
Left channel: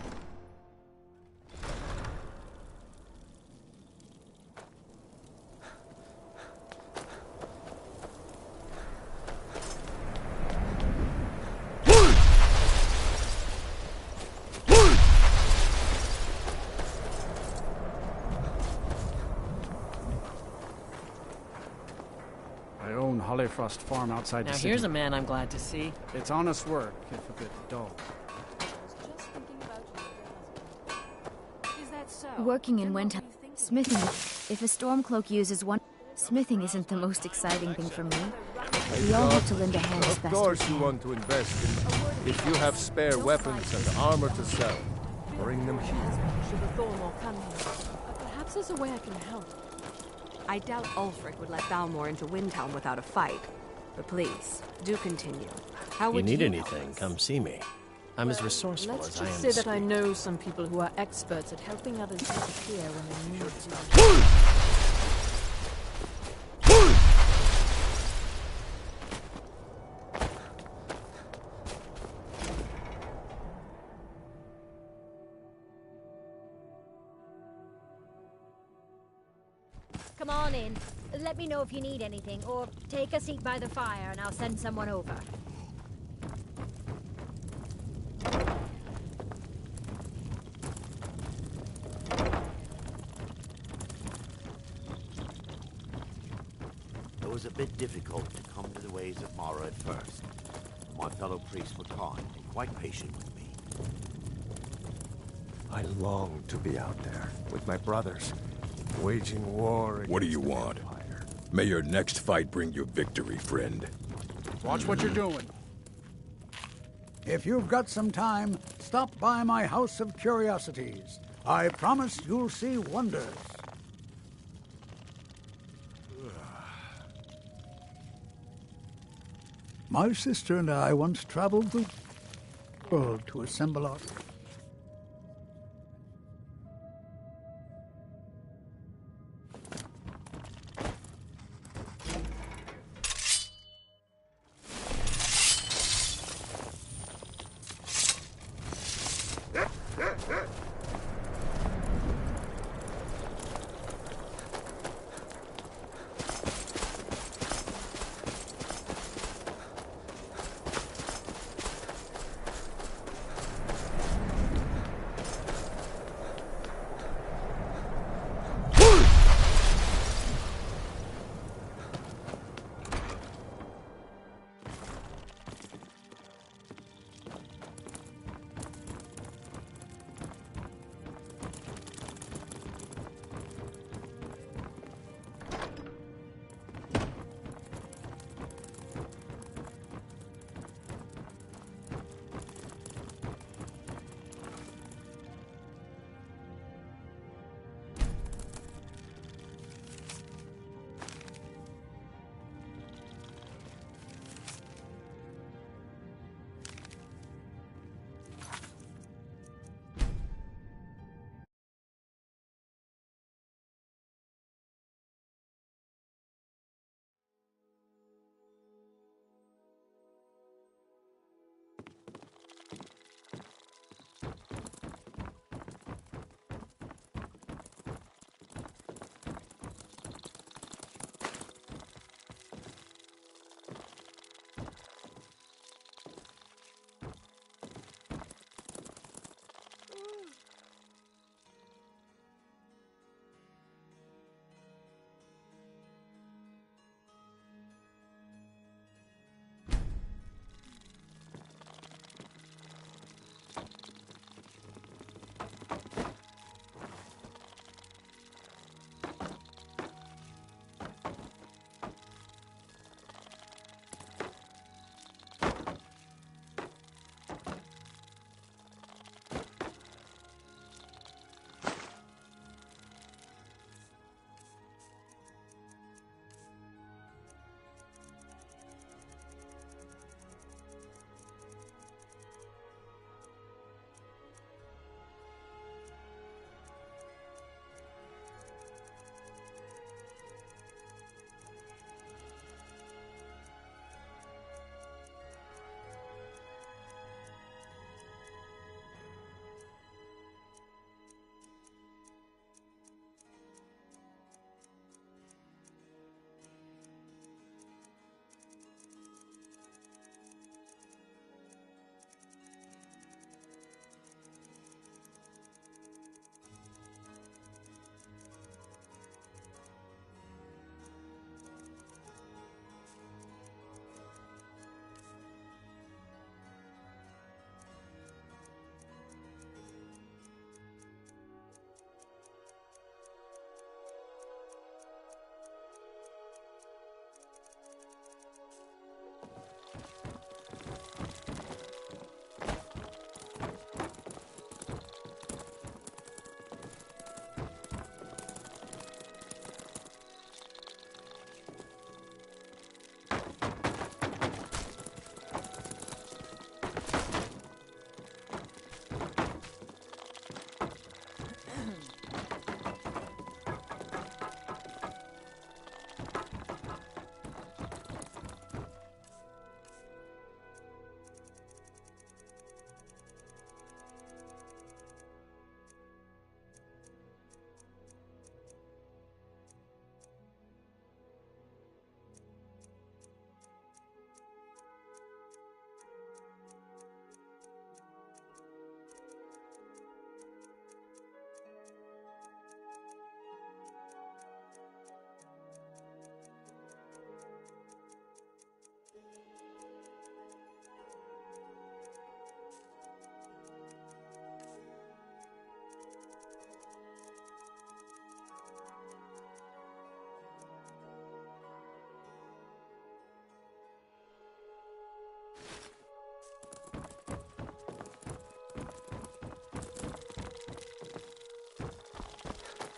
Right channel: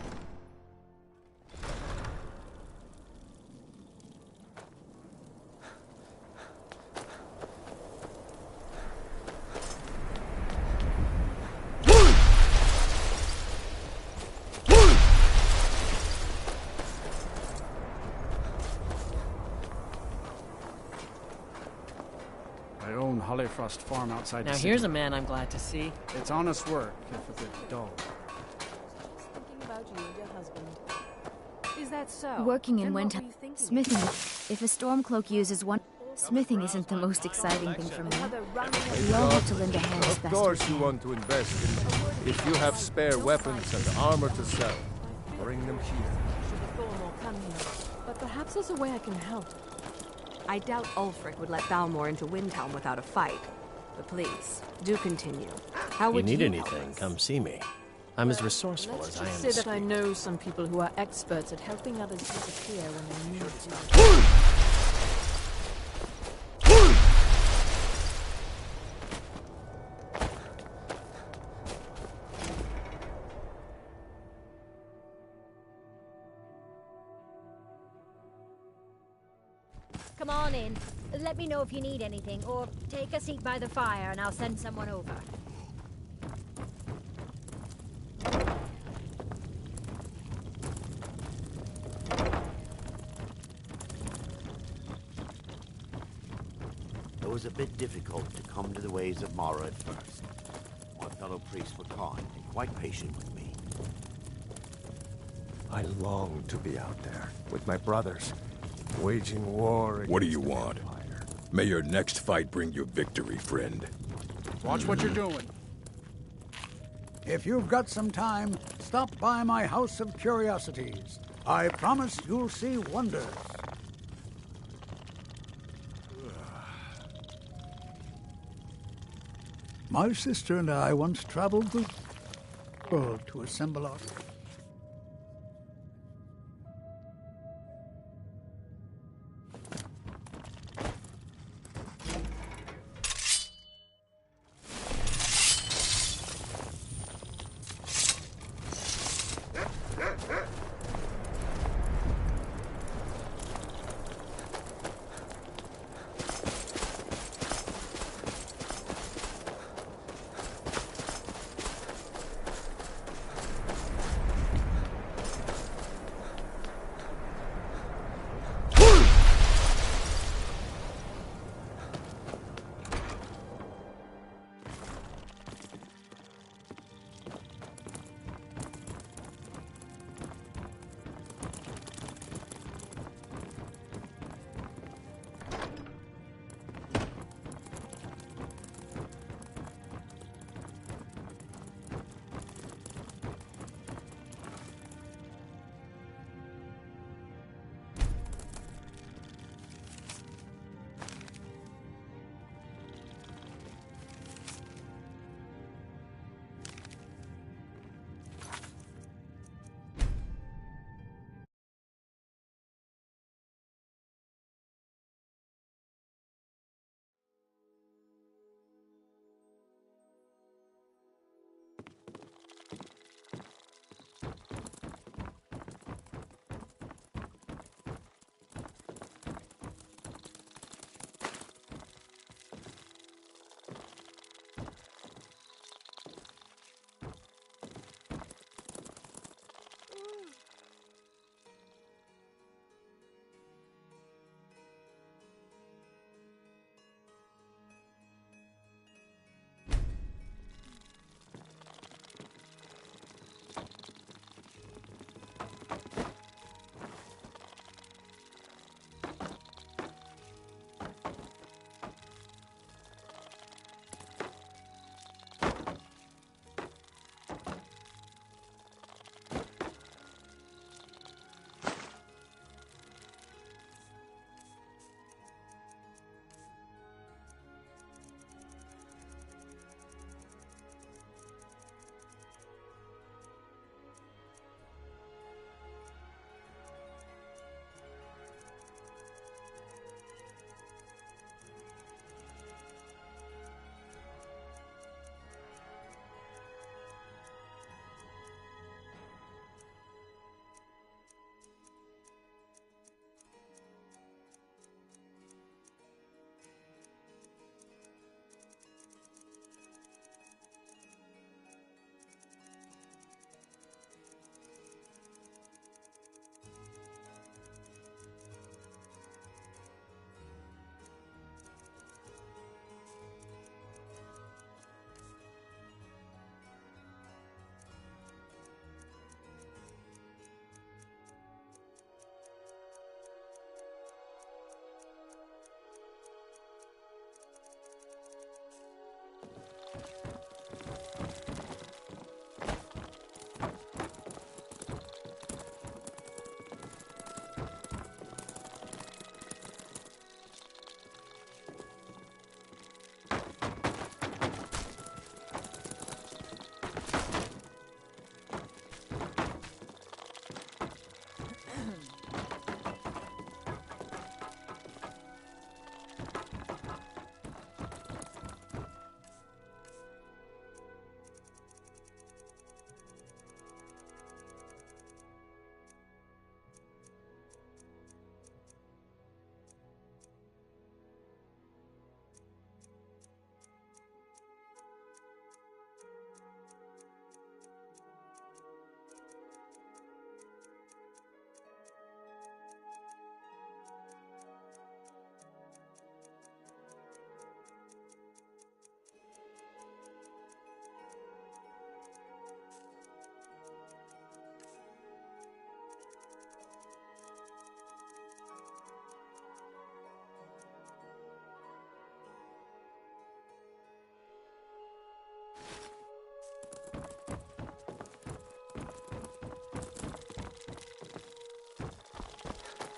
I own Hollyfrost Farm outside Now the city. here's a man I'm glad to see. It's honest work, if a bit dull. Just thinking about you and your husband. Is that so? Working in And what winter, were you thinking? smithing. If a stormcloak uses one, smithing isn't the most exciting thing for me. But we all have to lend a hand as Of best we course can. you want to invest in... If you have spare weapons and armor to sell, bring them here. Should the Thormore come here? But perhaps there's a way I can help. I doubt Ulfric would let Balmor into Windhelm without a fight. But please, do continue. How would you need help anything, us? come see me. I'm as resourceful Let's as I am. just say that I know some people who are experts at helping others disappear when they need to. Come on in. Let me know if you need anything, or take a seat by the fire and I'll send someone over. It was a bit difficult to come to the ways of Mara at first. My fellow priests were kind and quite patient with me. I long to be out there with my brothers, waging war. What do you want? May your next fight bring you victory, friend. Watch what you're doing. If you've got some time, stop by my House of Curiosities. I promise you'll see wonders. My sister and I once traveled the world to assemble our...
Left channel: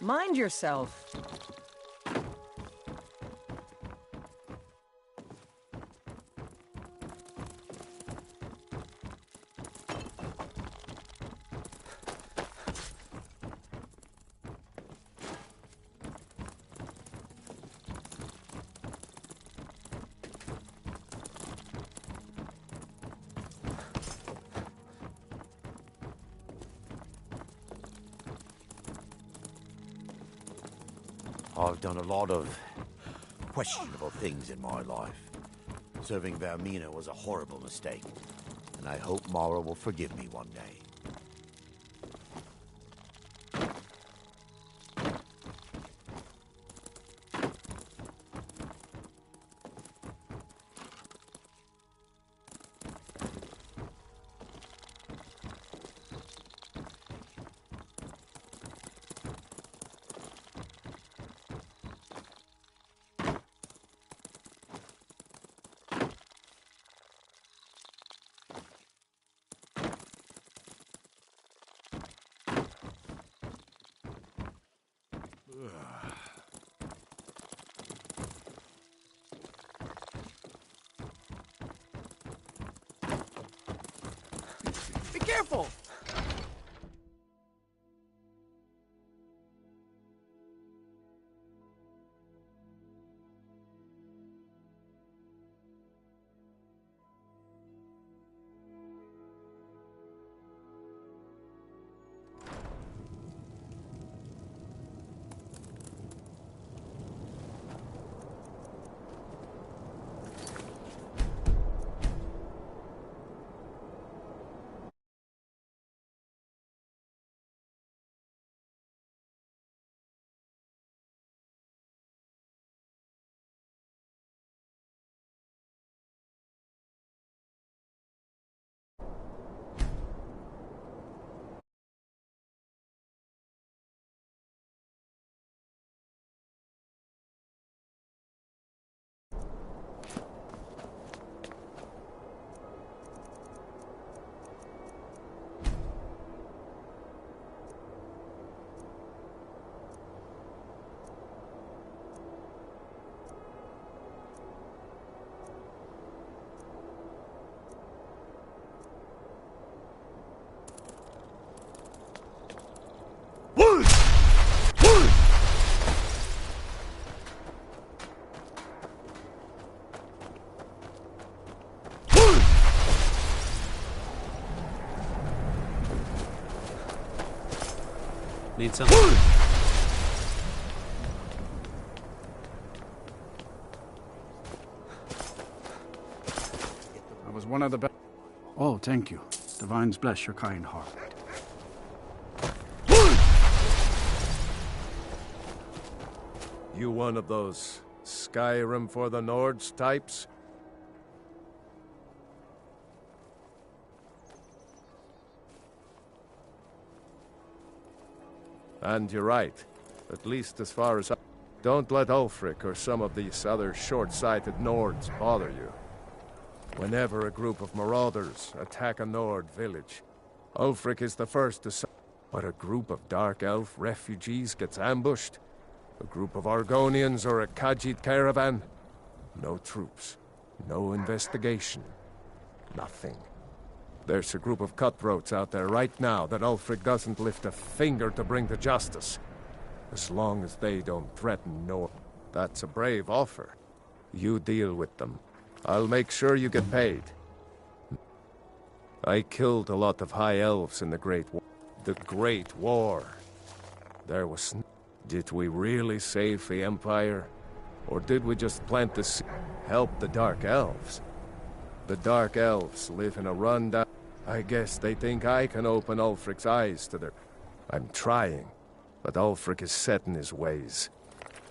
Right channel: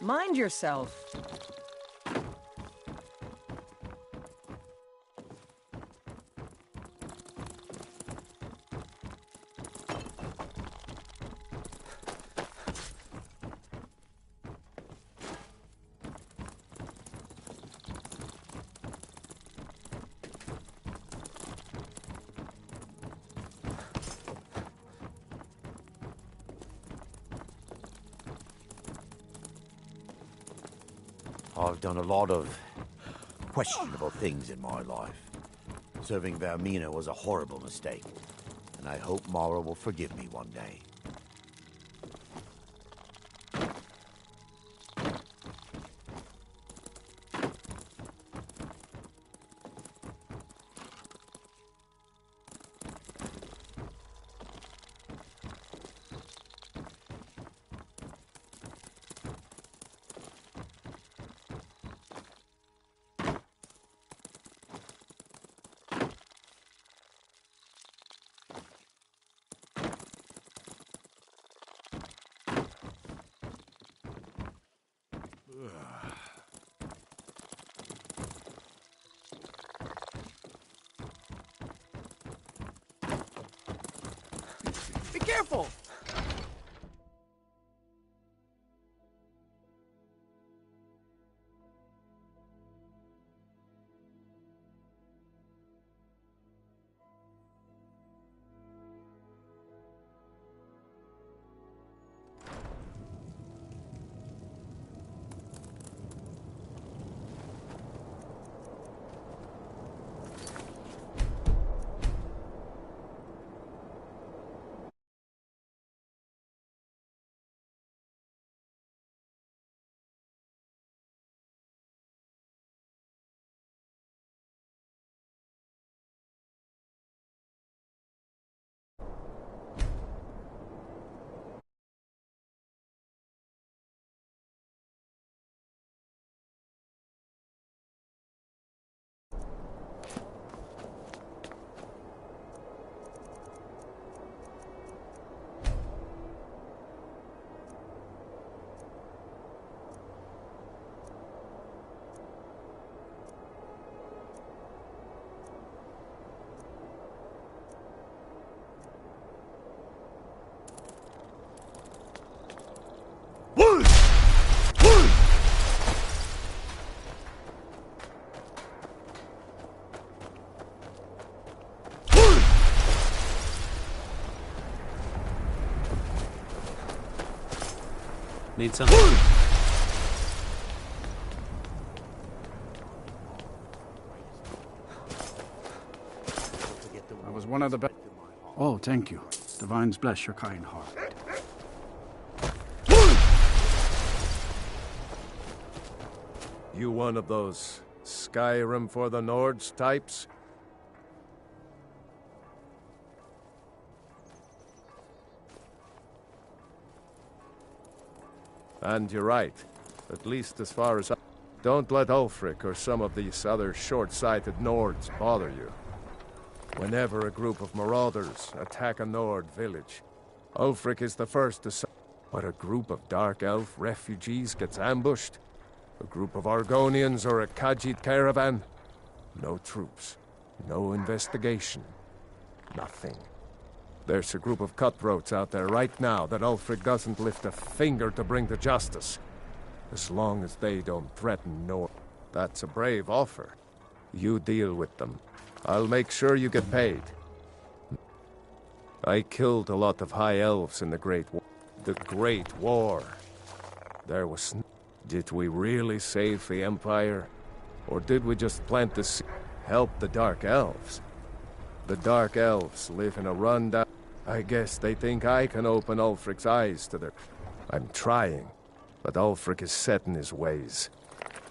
Mind yourself. I've done a lot of questionable things in my life. Serving Vermina was a horrible mistake, and I hope Mara will forgive me one day. Be careful! Need something? I was one of the best. Oh, thank you. Divines bless your kind heart. You one of those Skyrim for the Nords types? And you're right. At least as far as don't let Ulfric or some of these other short-sighted Nords bother you. Whenever a group of marauders attack a Nord village, Ulfric is the first to say, but a group of Dark Elf refugees gets ambushed? A group of Argonians or a Khajiit caravan? No troops. No investigation. Nothing. There's a group of cutthroats out there right now that Ulfric doesn't lift a finger to bring to justice. As long as they don't threaten Nord. That's a brave offer. You deal with them. I'll make sure you get paid. I killed a lot of High Elves in the Great War. The Great War. There was... Did we really save the Empire? Or did we just plant the seed? Help the Dark Elves? The Dark Elves live in a rundown... I guess they think I can open Ulfric's eyes to their... I'm trying, but Ulfric is set in his ways.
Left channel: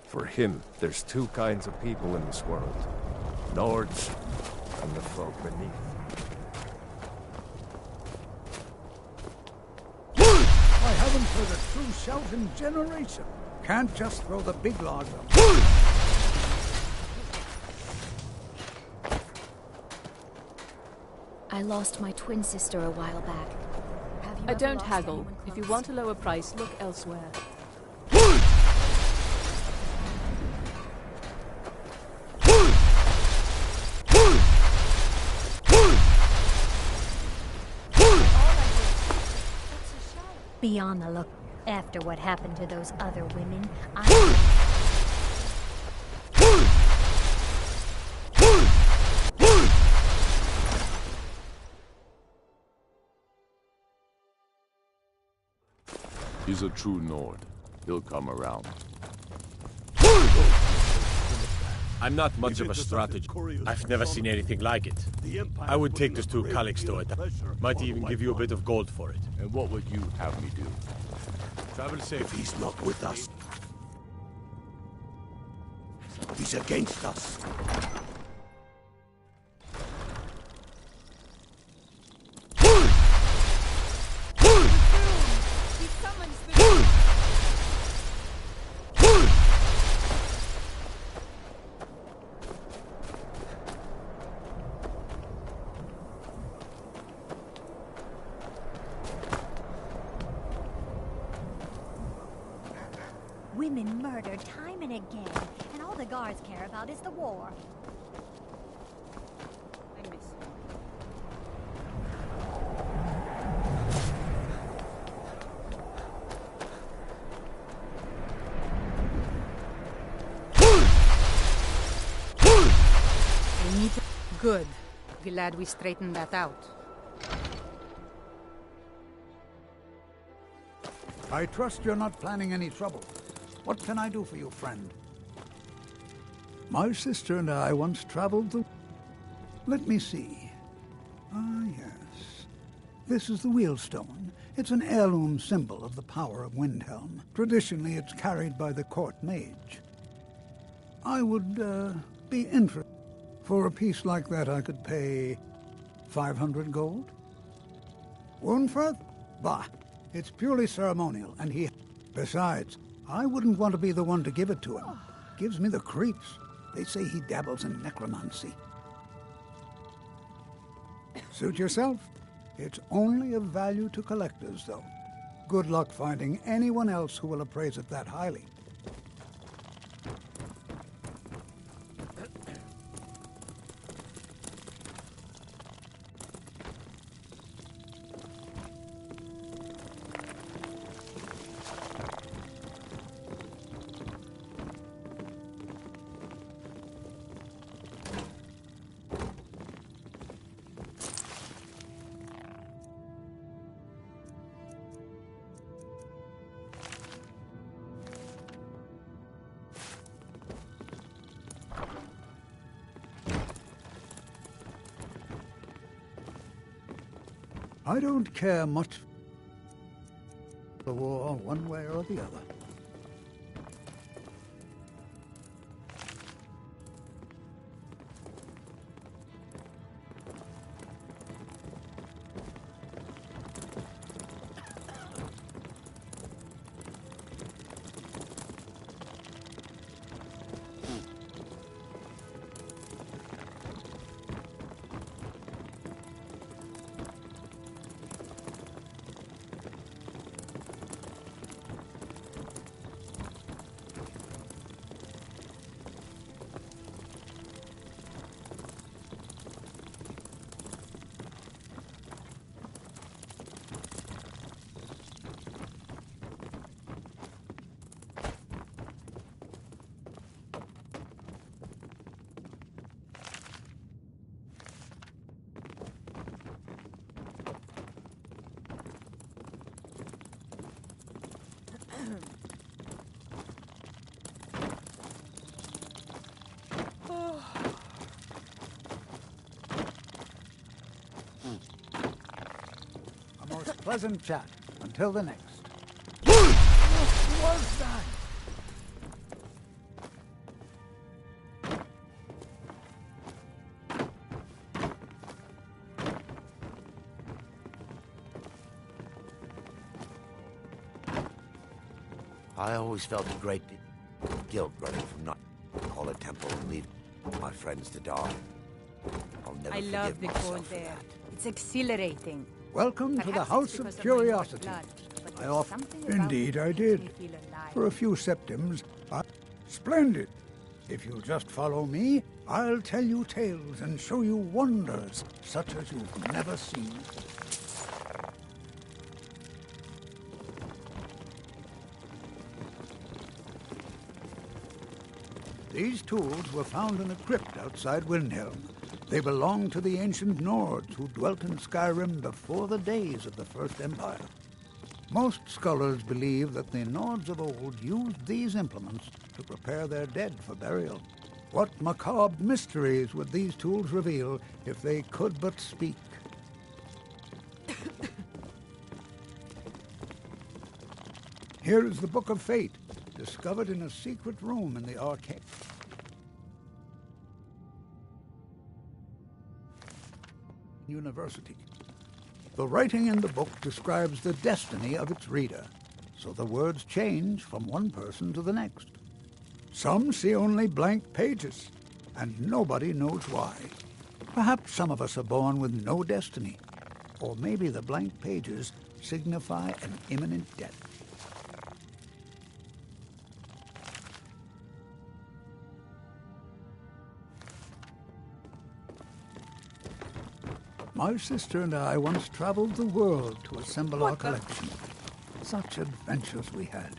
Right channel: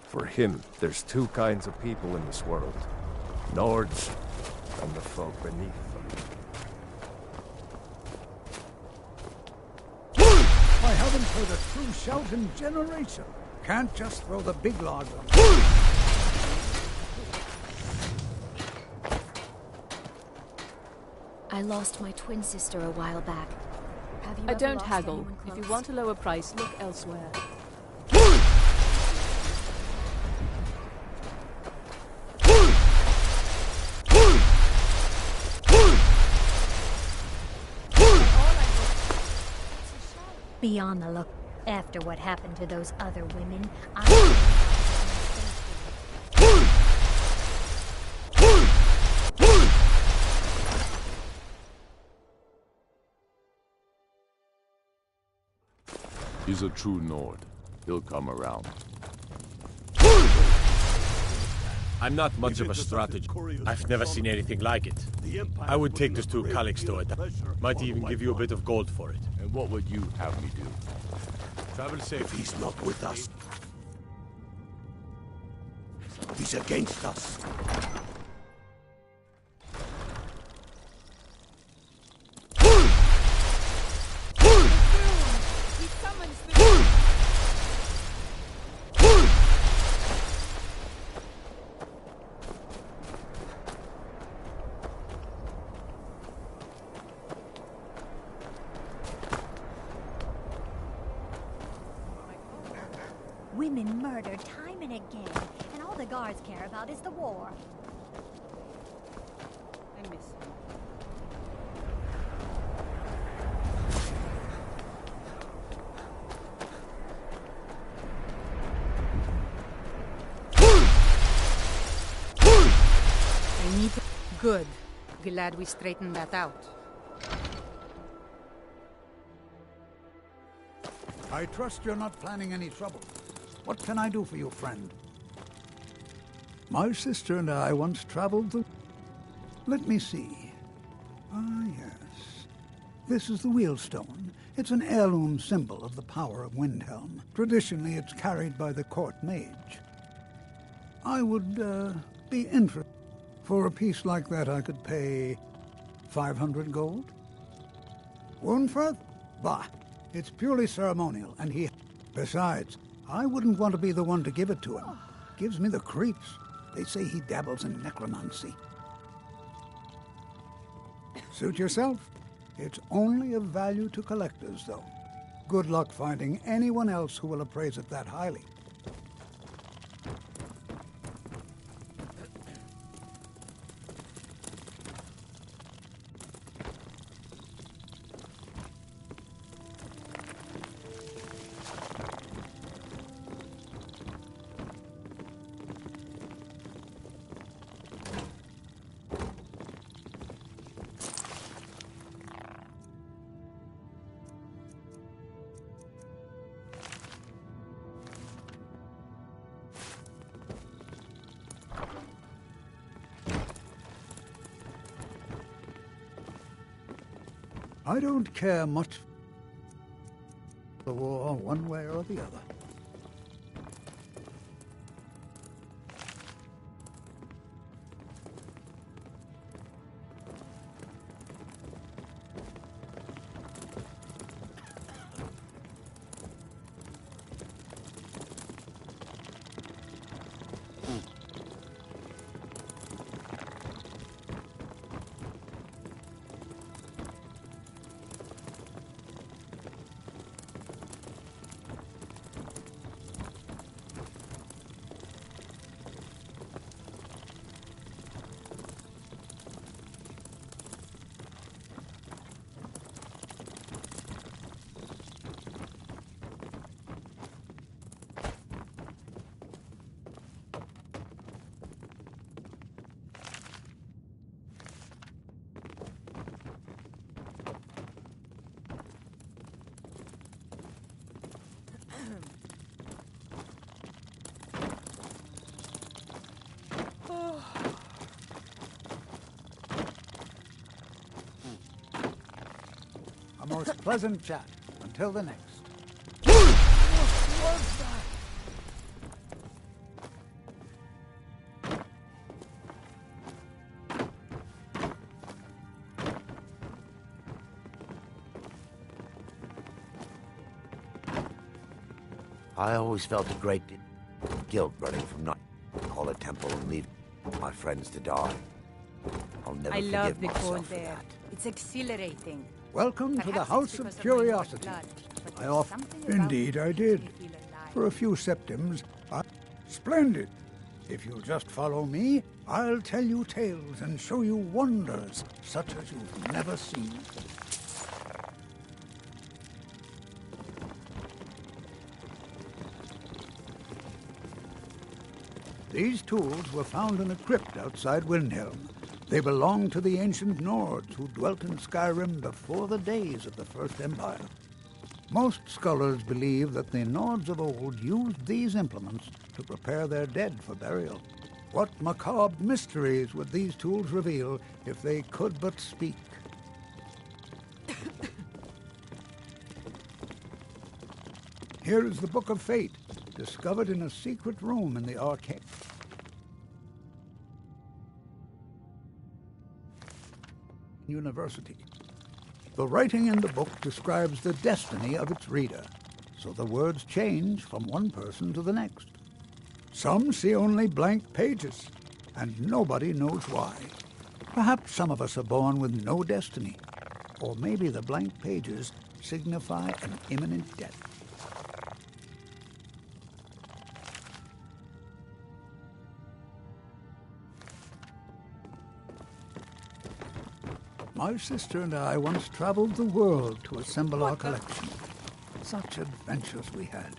For him, there's two kinds of people in this world. Nords, and the folk beneath them. I haven't heard a true shout in generations. Can't just throw the big logs on. I lost my twin sister a while back. Have you I ever don't lost haggle. anyone If you close? want a lower price, look elsewhere. Be on the look. After what happened to those other women, He's a true Nord. He'll come around. I'm not much of a strategist. I've never seen anything like it. I would take this to Calixto at might even give you a bit of gold for it. And what would you have me do? Travel safe. If he's not with us, he's against us. He summons the... Women murdered time and again, and all the guards care about is the war. I miss him. I need... Good. Glad we straightened that out. I trust you're not planning any trouble. What can I do for you, friend? My sister and I once traveled the... Let me see. Ah, yes. This is the Wheelstone. It's an heirloom symbol of the power of Windhelm. Traditionally, it's carried by the court mage. I would, be interested. For a piece like that, I could pay 500 gold? Woundfirth? Bah! It's purely ceremonial, and he... Besides, I wouldn't want to be the one to give it to him. Gives me the creeps. They say he dabbles in necromancy. Suit yourself. It's only of value to collectors, though. Good luck finding anyone else who will appraise it that highly. I don't care much for the war one way or the other. A most pleasant chat. Until the next. What was that? I always felt a great guilt running from not call a temple and leave my friends to die. I'll never I forgive love the myself cold for there. that. It's exhilarating. Welcome to the Perhaps House it's of because my Curiosity. blood, but I there's often... something about Indeed, it I that did. makes me feel alive. For a few septims, Splendid! If you'll just follow me, I'll tell you tales and show you wonders such as you've never seen. These tools were found in a crypt outside Windhelm. They belonged to the ancient Nords who dwelt in Skyrim before the days of the First Empire. Most scholars believe that the Nords of old used these implements to prepare their dead for burial. What macabre mysteries would these tools reveal if they could but speak? Here is the Book of Fate, discovered in a secret room in the arcade. University. The writing in the book describes the destiny of its reader, so the words change from one person to the next. Some see only blank pages, and nobody knows why. Perhaps some of us are born with no destiny, or maybe the blank pages signify an imminent death. My sister and I once traveled the world to assemble our collection. Such adventures we had.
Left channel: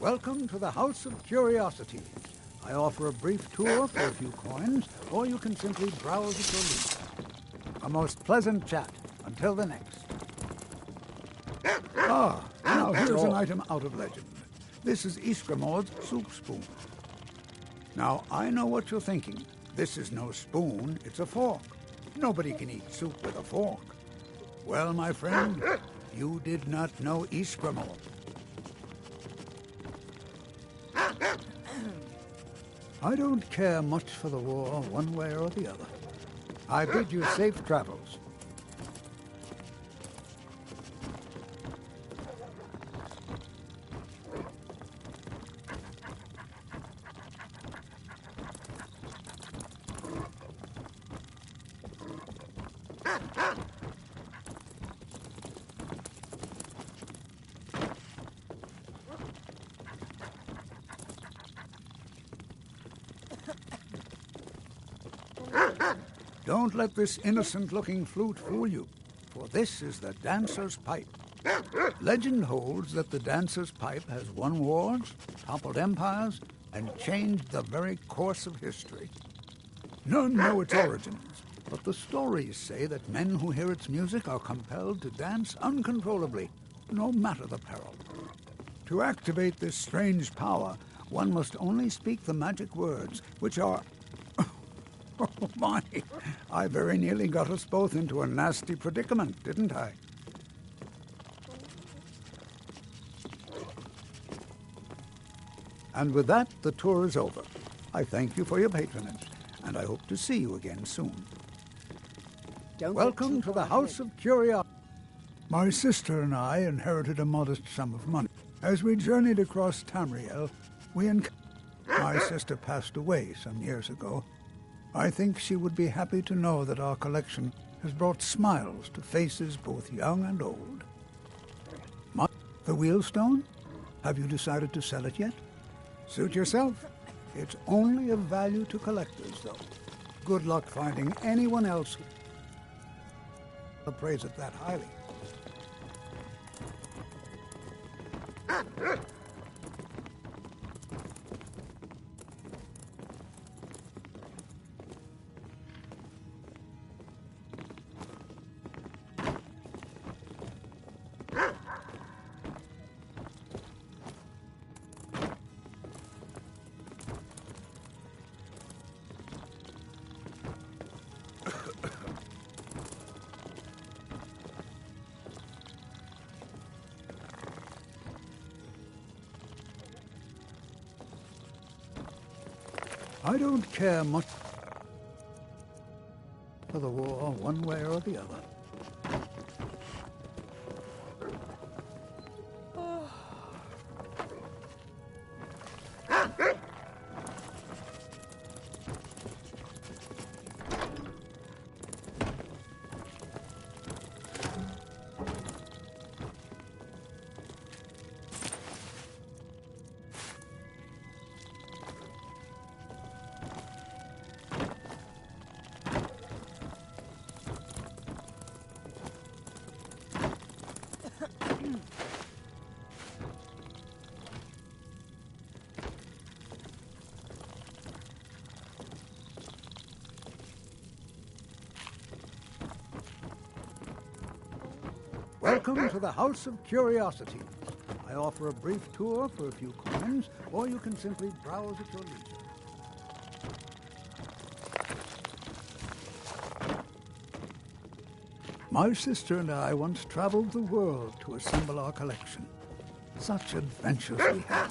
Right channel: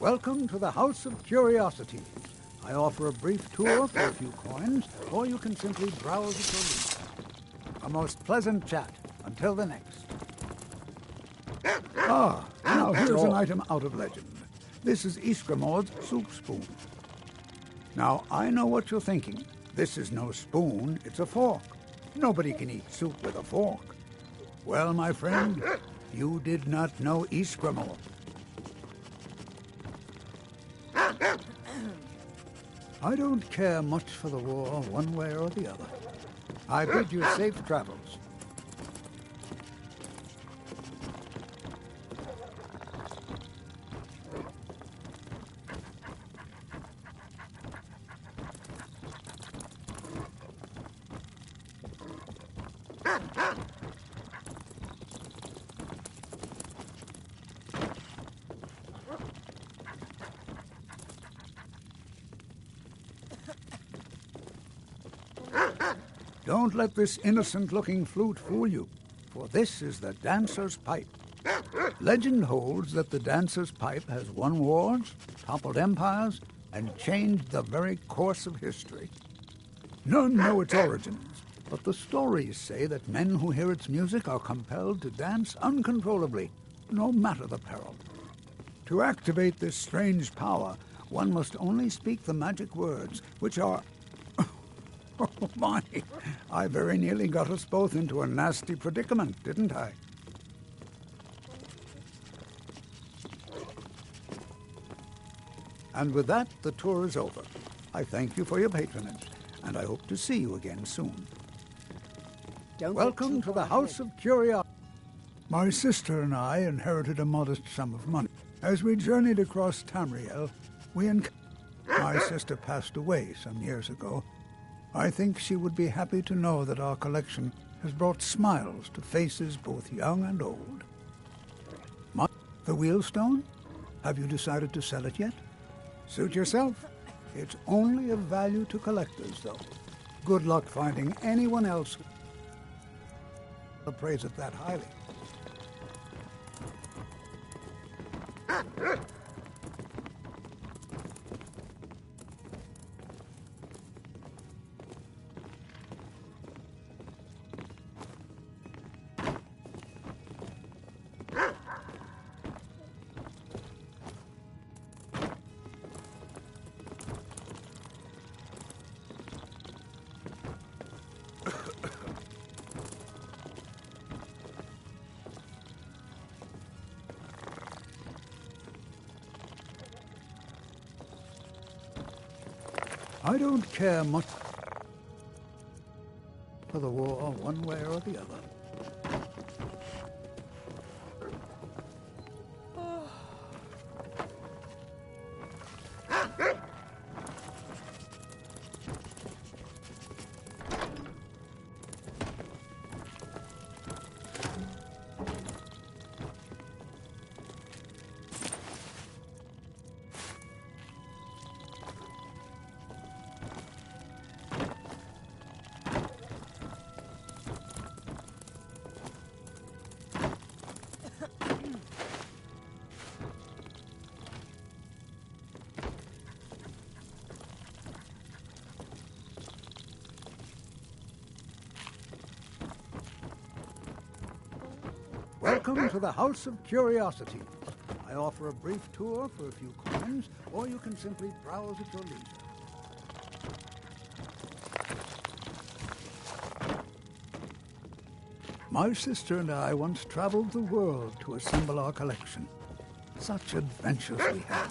Welcome to the House of Curiosity. I offer a brief tour for a few coins, or you can simply browse at your leisure. A most pleasant chat. Until the next. Now here's an item out of legend. This is Iskramord's soup spoon. Now, I know what you're thinking. This is no spoon, it's a fork. Nobody can eat soup with a fork. Well, my friend, you did not know Iskramord. I don't care much for the war one way or the other. I bid you safe travels. Don't let this innocent-looking flute fool you, for this is the dancer's pipe. Legend holds that the dancer's pipe has won wars, toppled empires, and changed the very course of history. None know its origins, but the stories say that men who hear its music are compelled to dance uncontrollably, no matter the peril. To activate this strange power, one must only speak the magic words, which are... Oh, my! I very nearly got us both into a nasty predicament, didn't I? And with that, the tour is over. I thank you for your patronage, and I hope to see you again soon. Welcome to the House of Curiosity. My sister and I inherited a modest sum of money. As we journeyed across Tamriel, my sister passed away some years ago. I think she would be happy to know that our collection has brought smiles to faces both young and old. The wheelstone? Have you decided to sell it yet? Suit yourself. It's only of value to collectors, though. Good luck finding anyone else who appraise it that highly. I don't care much for the war one way or the other. Welcome to the House of Curiosities. I offer a brief tour for a few coins, or you can simply browse at your leisure. My sister and I once traveled the world to assemble our collection. Such adventures we had.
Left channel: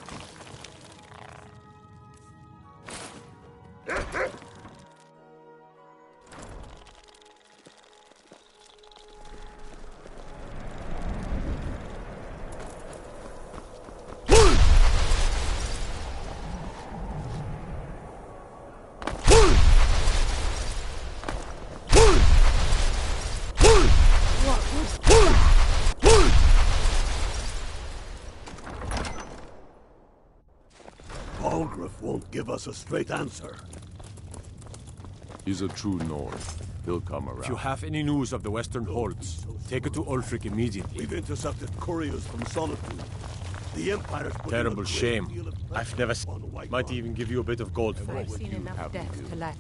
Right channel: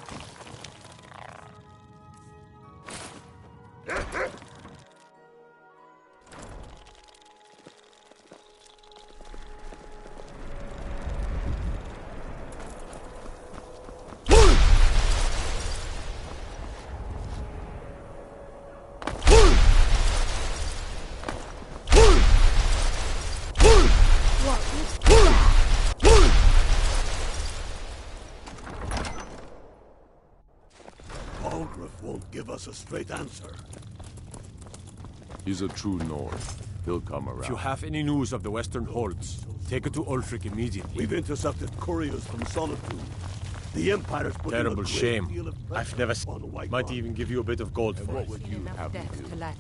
Balgriff won't give us a straight answer. He's a true Nord. He'll come around. If you have any news of the Western Holds, take it to Ulfric immediately. We've intercepted couriers from Solitude. The Empire's put in a Terrible great shame. deal of I've never on the White might Mark. even give you a bit of gold for I've it. seen enough death to let.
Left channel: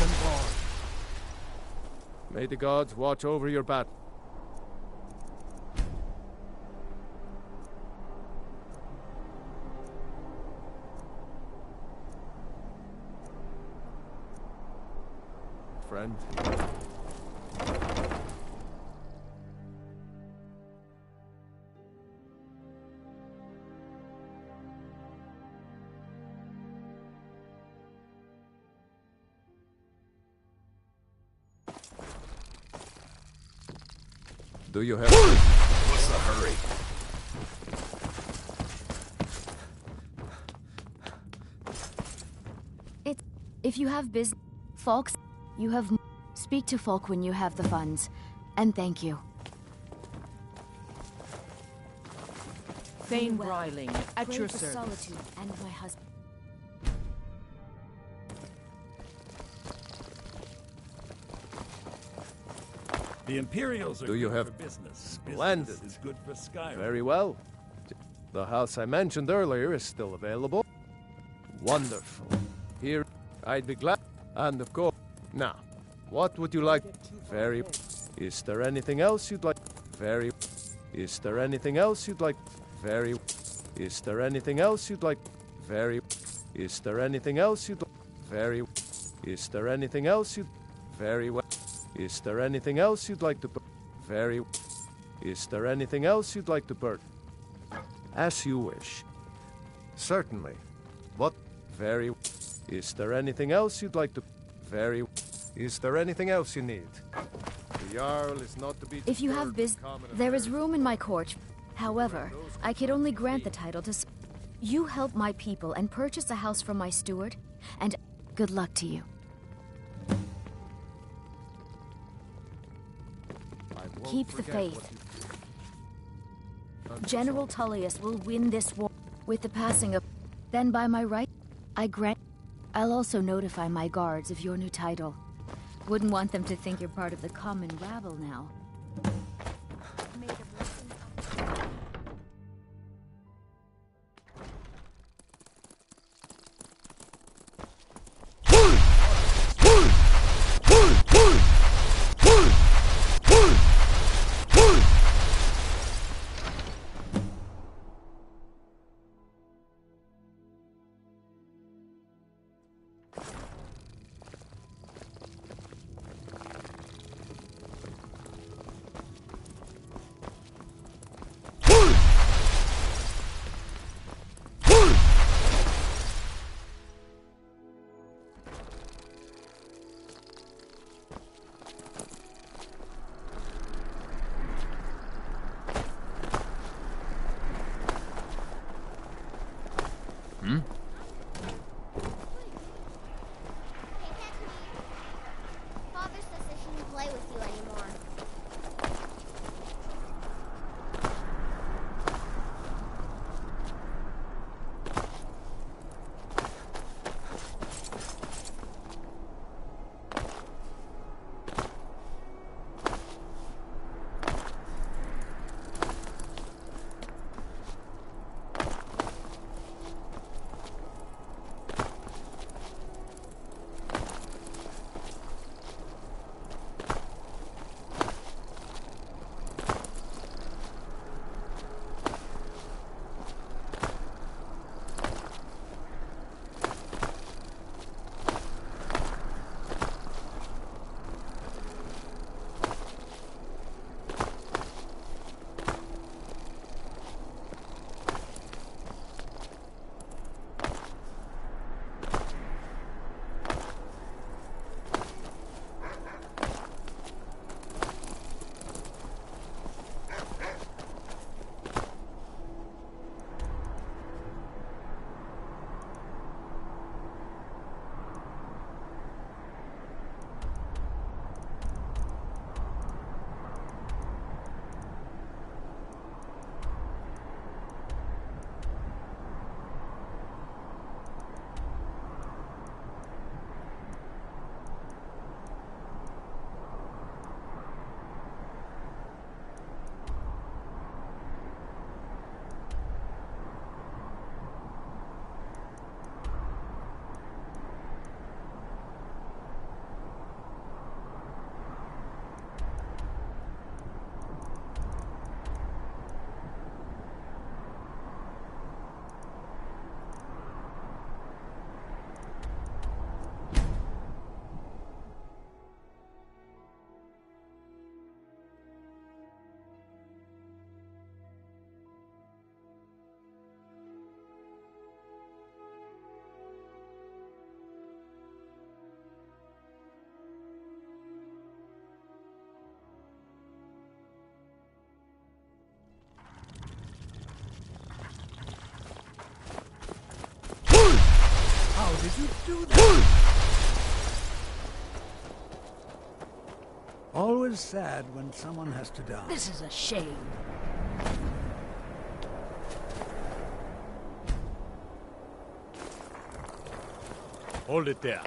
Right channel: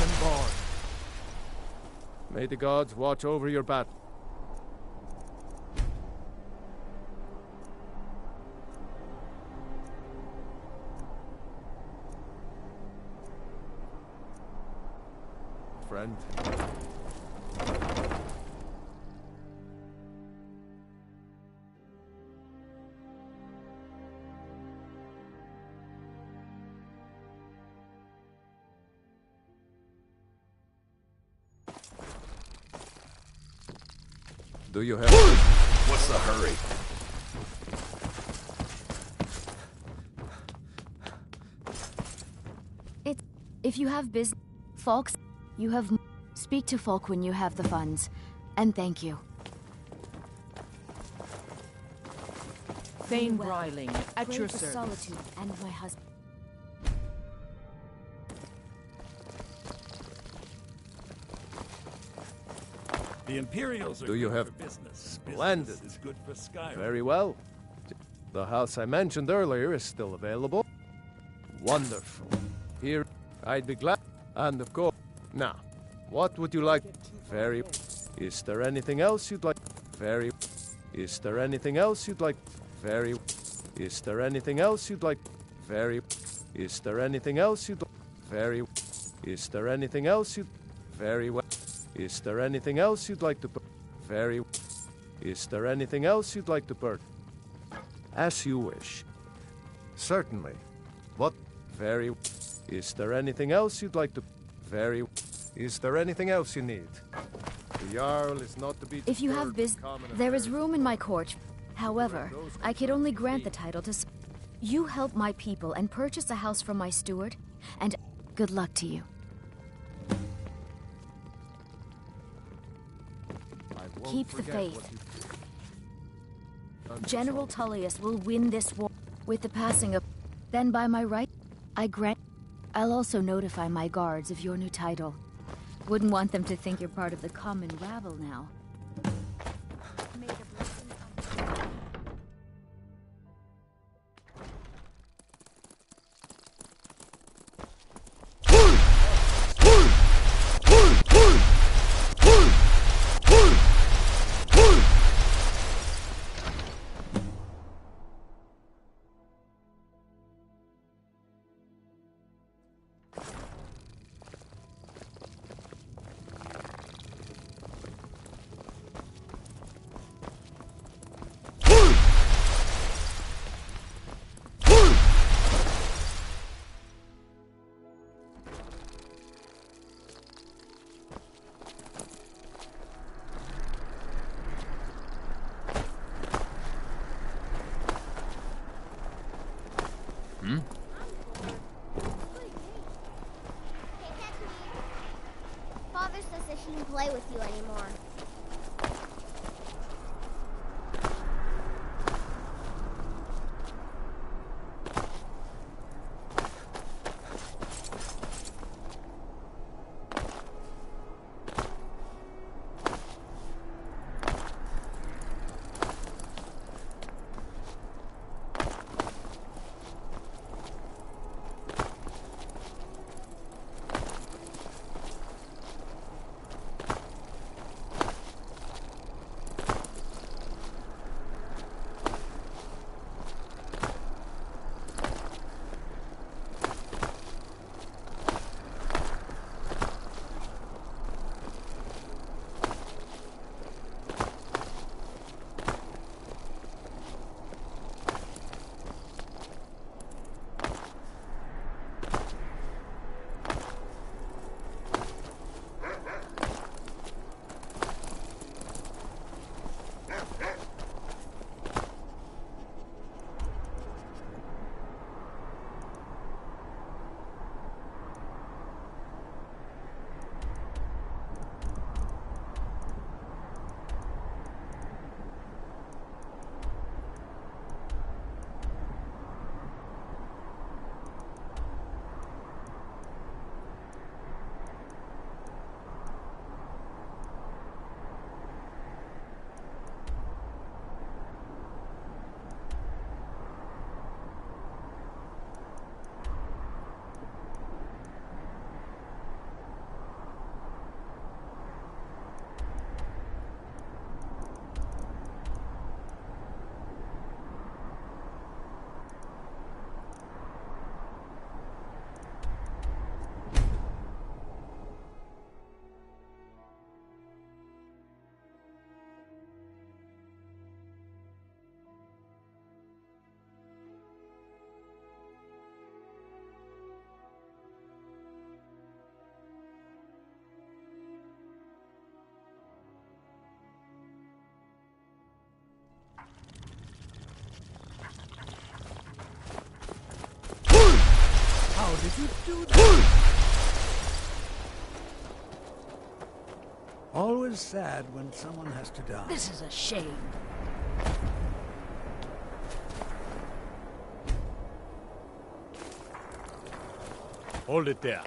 and barred. May the gods watch over your battle. Friend. Do you have... What's the hurry? If you have business, folks, you have... Speak to Folk when you have the funds. And thank you. Thane Bryling, at Pray your for service. solitude and my husband. The Imperials are Do you good have... for business. Splendid. Business is good for Skyrim. Very well. The house I mentioned earlier is still available. Wonderful. Here, I'd be glad. And of course... Now, what would you like? Very... Is there anything else you'd like? Very... Is there anything else you'd like? Very... Is there anything else you'd like? Very... Is there anything else you'd like? Very... Is there anything else you'd... Very well. Is there anything else you'd like to... Very... Is there anything else you'd like to purchase? As you wish. Certainly. What? Very... Is there anything else you'd like to... Very... Is there anything else you need? The Jarl is not to be... If you have business, there is room in my court. However, I could only grant the title to... You help my people and purchase a house from my steward, and good luck to you. Keep the faith. General Tullius will win this war with the passing of... Then by my right, I grant... I'll also notify my guards of your new title. Wouldn't want them to think you're part of the common rabble now. Father says I shouldn't play with you anymore. How did you do that? Always sad when someone has to die. This is a shame. Hold it there.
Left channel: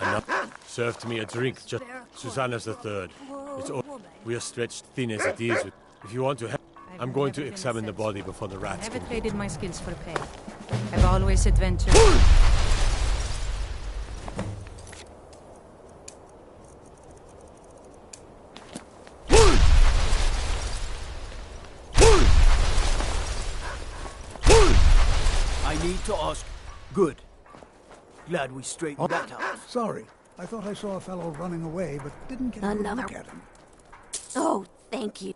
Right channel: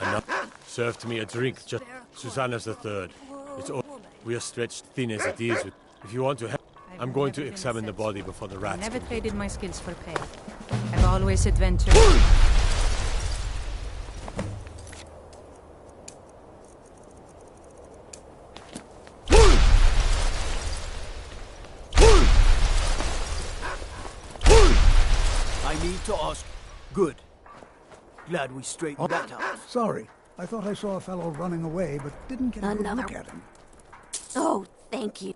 Enough. Served me a drink, just Susanna's the third. It's all. We are stretched thin as it is. If you want to help, I'm going to examine the body before the rats. I never traded my skills for pay. I've always adventured. I need to ask. Good. Glad we straightened that out. Sorry. I thought I saw a fellow running away, but didn't get a good look at him. Oh, thank you.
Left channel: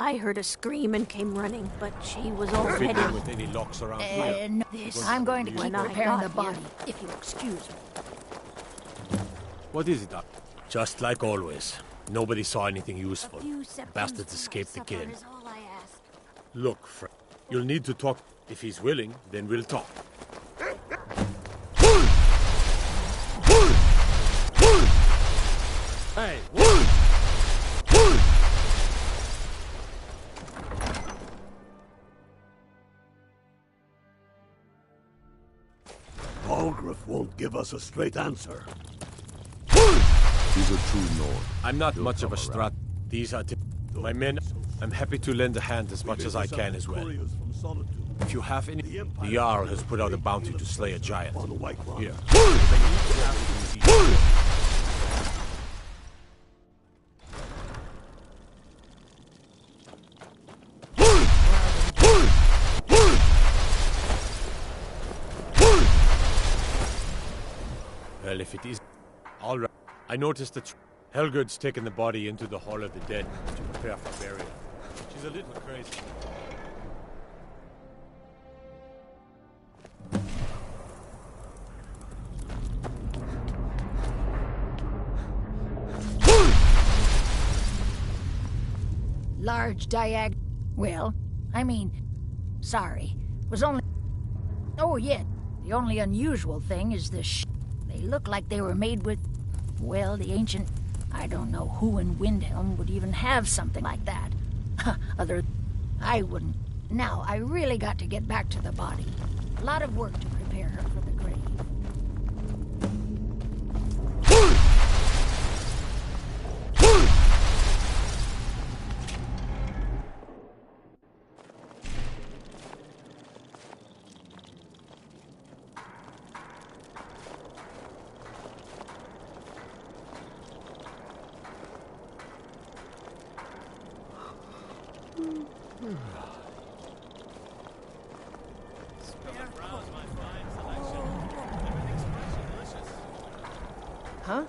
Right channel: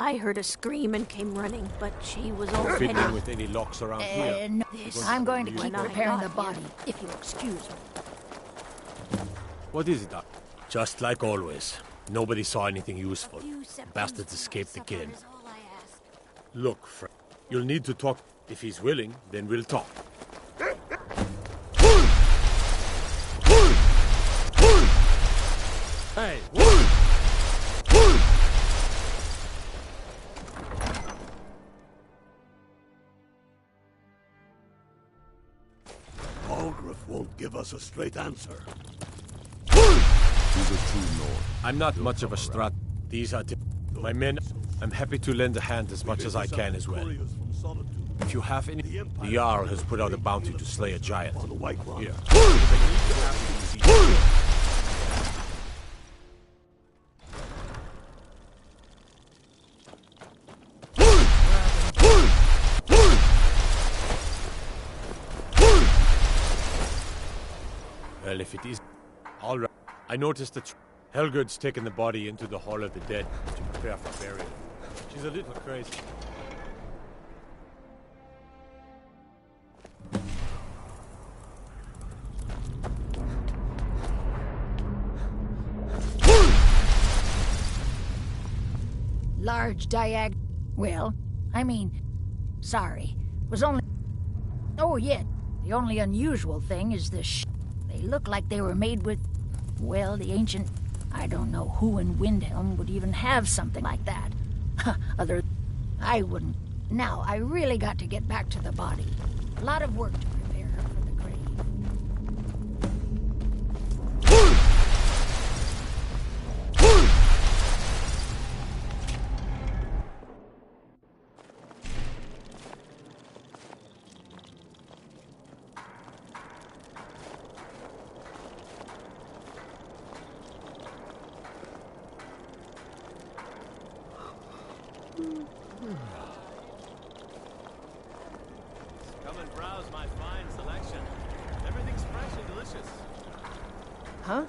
I heard a scream and came running, but she was already... Fiddling with any locks around here. No, I'm going to keep repairing the body, if you'll excuse me. What is it, Doc? Just like always. Nobody saw anything useful. Bastards escaped again. Look, Frank, you'll need to talk. If he's willing, then we'll talk. Hey, what? Balgruuf won't give us a straight answer. He's a true Nord. I'm not much of a strat. These are my men. I'm happy to lend a hand as much as I can as well. If you have any, the Jarl has put out a bounty to slay a giant. Here. Well, if it is, all right. I noticed that Helgerd's taken the body into the Hall of the Dead to prepare for burial. She's a little crazy. Large diag... Well, I mean... Sorry. Was only... Oh, yeah. The only unusual thing is the They look like they were made with... Well, the ancient... I don't know who in Windhelm would even have something like that. Other... I wouldn't. Now, I really got to get back to the body. A lot of work to prepare her for the grave. Come and browse my fine selection. Everything's fresh and delicious. Huh?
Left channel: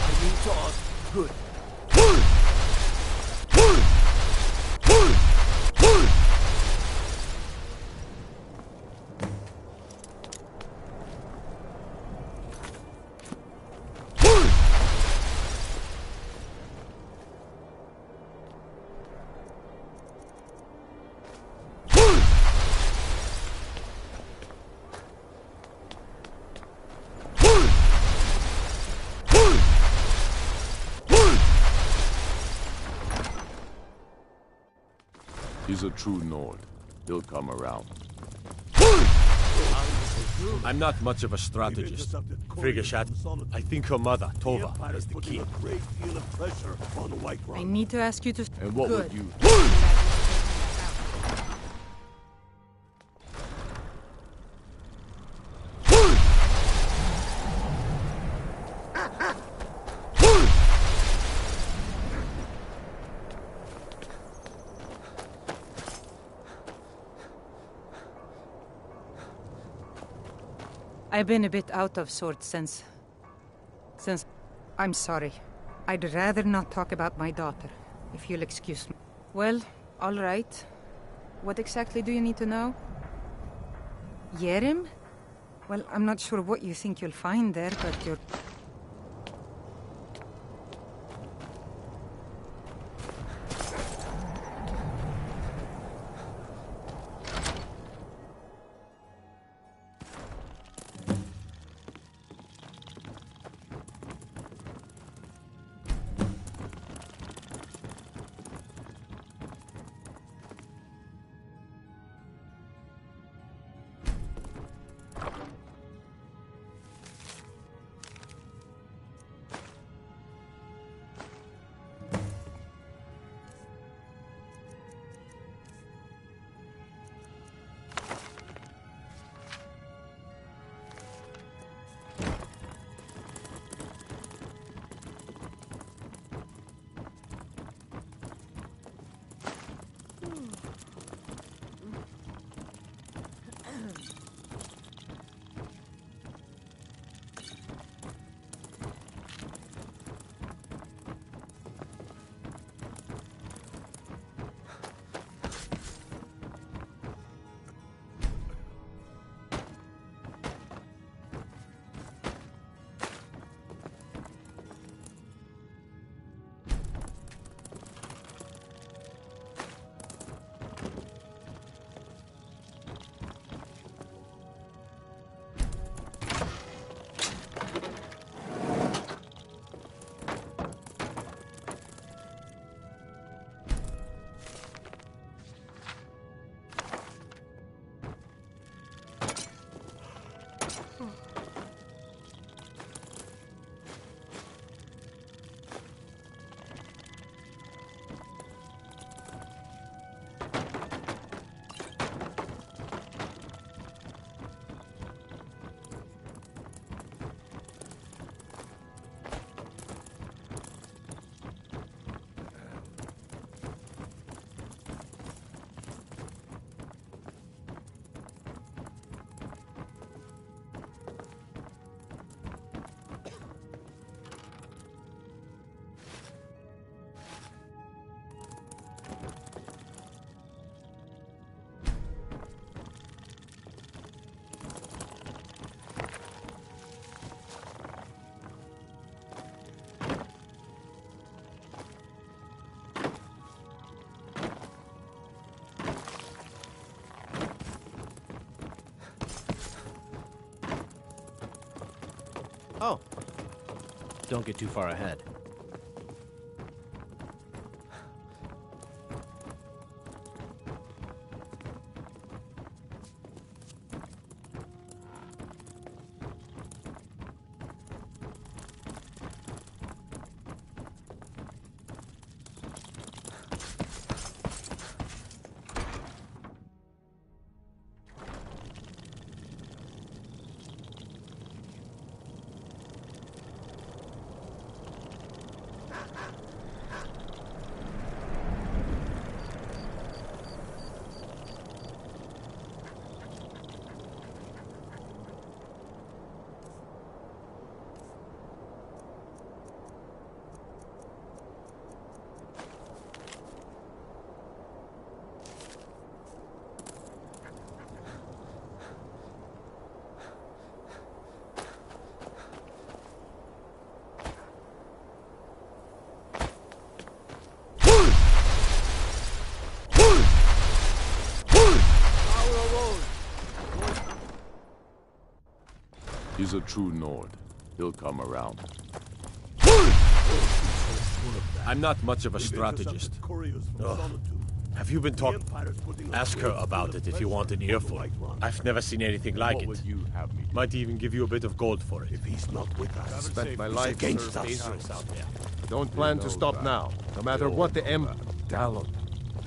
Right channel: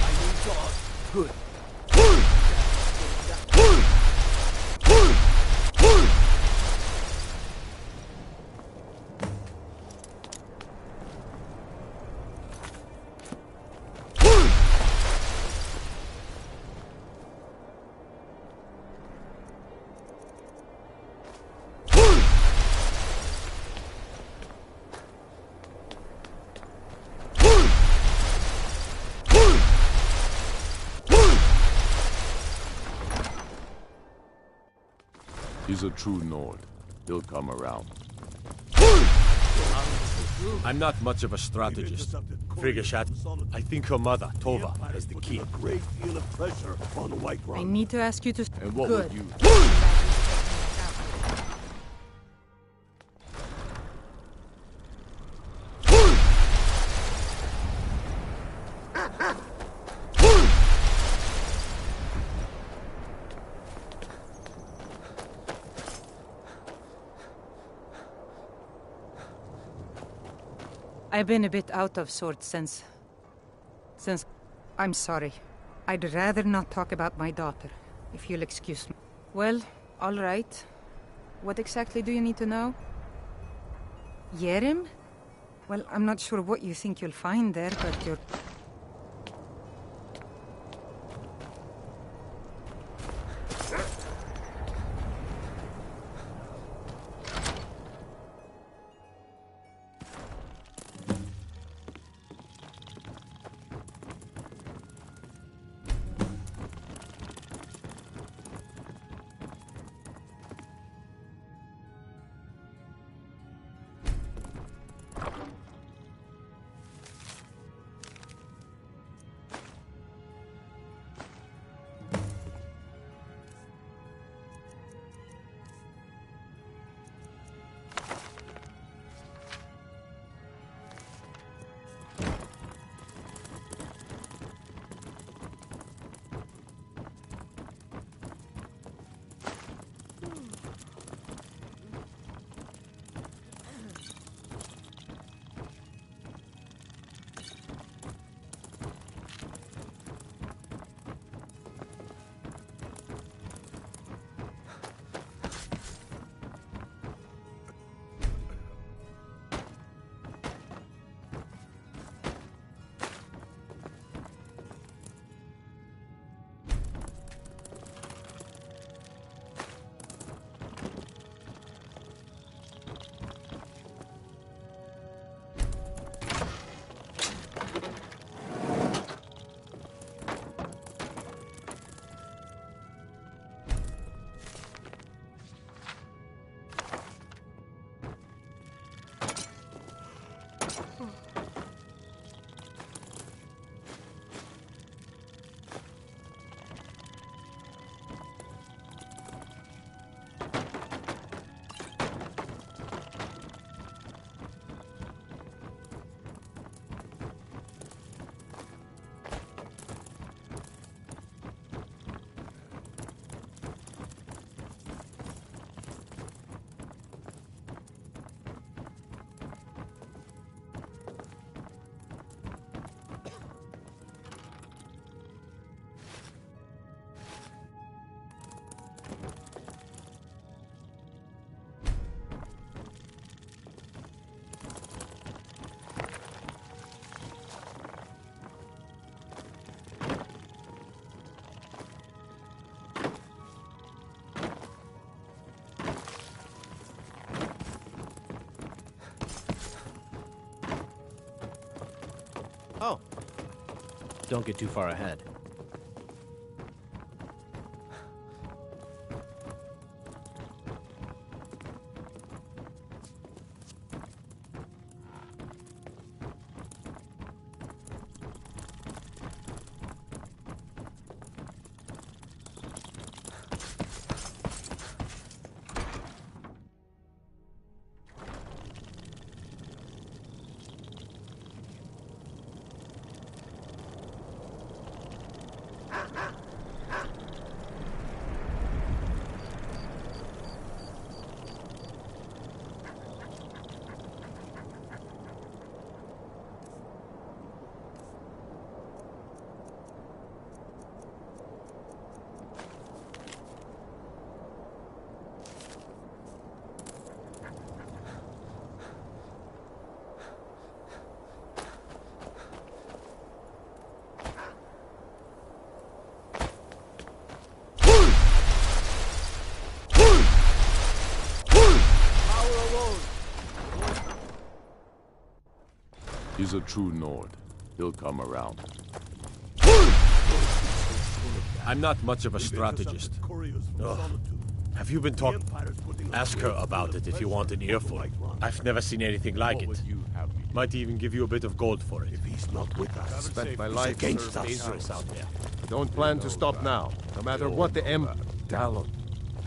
I need to ask. Good. He's a true Nord. He'll come around. I'm not much of a strategist. Frigashat, I think her mother, Tova, is the key. I need to ask you to... And what Good. would you... I've been a bit out of sorts since... I'm sorry. I'd rather not talk about my daughter, if you'll excuse me. Well, all right. What exactly do you need to know? Yerim? Well, I'm not sure what you think you'll find there, but you're... Oh. Don't get too far ahead. He's a true Nord. He'll come around. I'm not much of a strategist. Ugh. Have you been talking? Ask her about it if you want an earful. I've never seen anything like it. Might even give you a bit of gold for it. If he's not with us, I've spent my life against serving us. dangerous out there. Don't plan to stop now, no matter what the Dallon.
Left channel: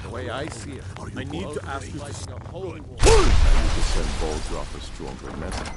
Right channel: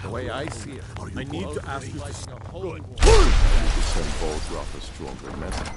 The way I see it, I need to ask you to... I need to send Baldroth a stronger message.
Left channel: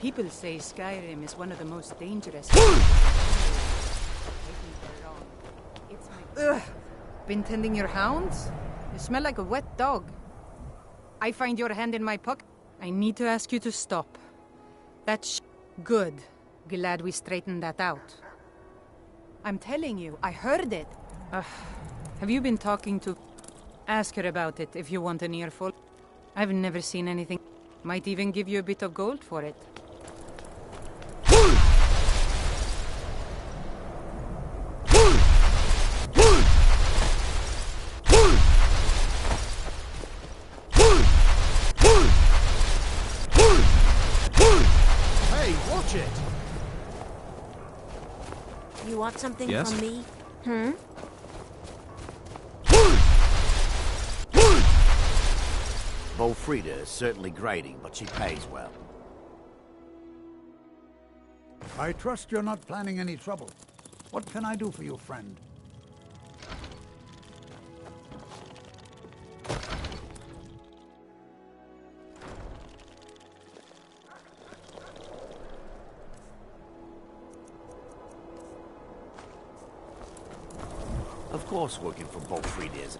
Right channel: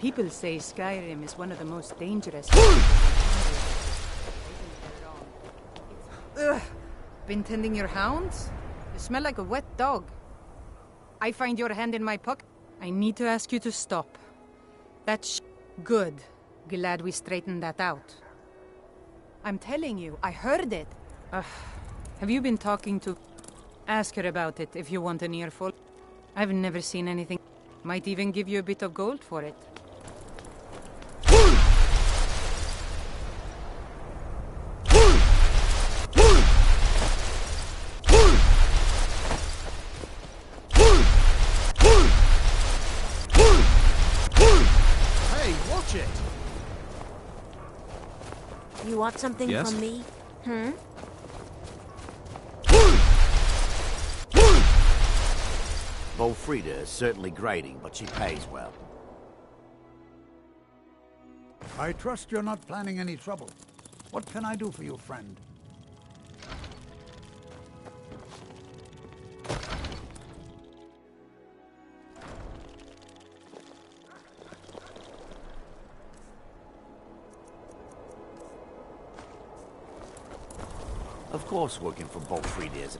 People say Skyrim is one of the most dangerous places in Conrad. I think they're wrong. Ugh! Been tending your hounds? You smell like a wet dog. I find your hand in my pocket. I need to ask you to stop. That's good. Glad we straightened that out. I'm telling you, I heard it. Have you been talking to... Ask her about it if you want an earful. I've never seen anything. Might even give you a bit of gold for it. Hey, watch it! You want something Yes? from me? Hmm? Bolfrida is certainly grating, but she pays well. I trust you're not planning any trouble. What can I do for you, friend? Of course working for Bolfrida is...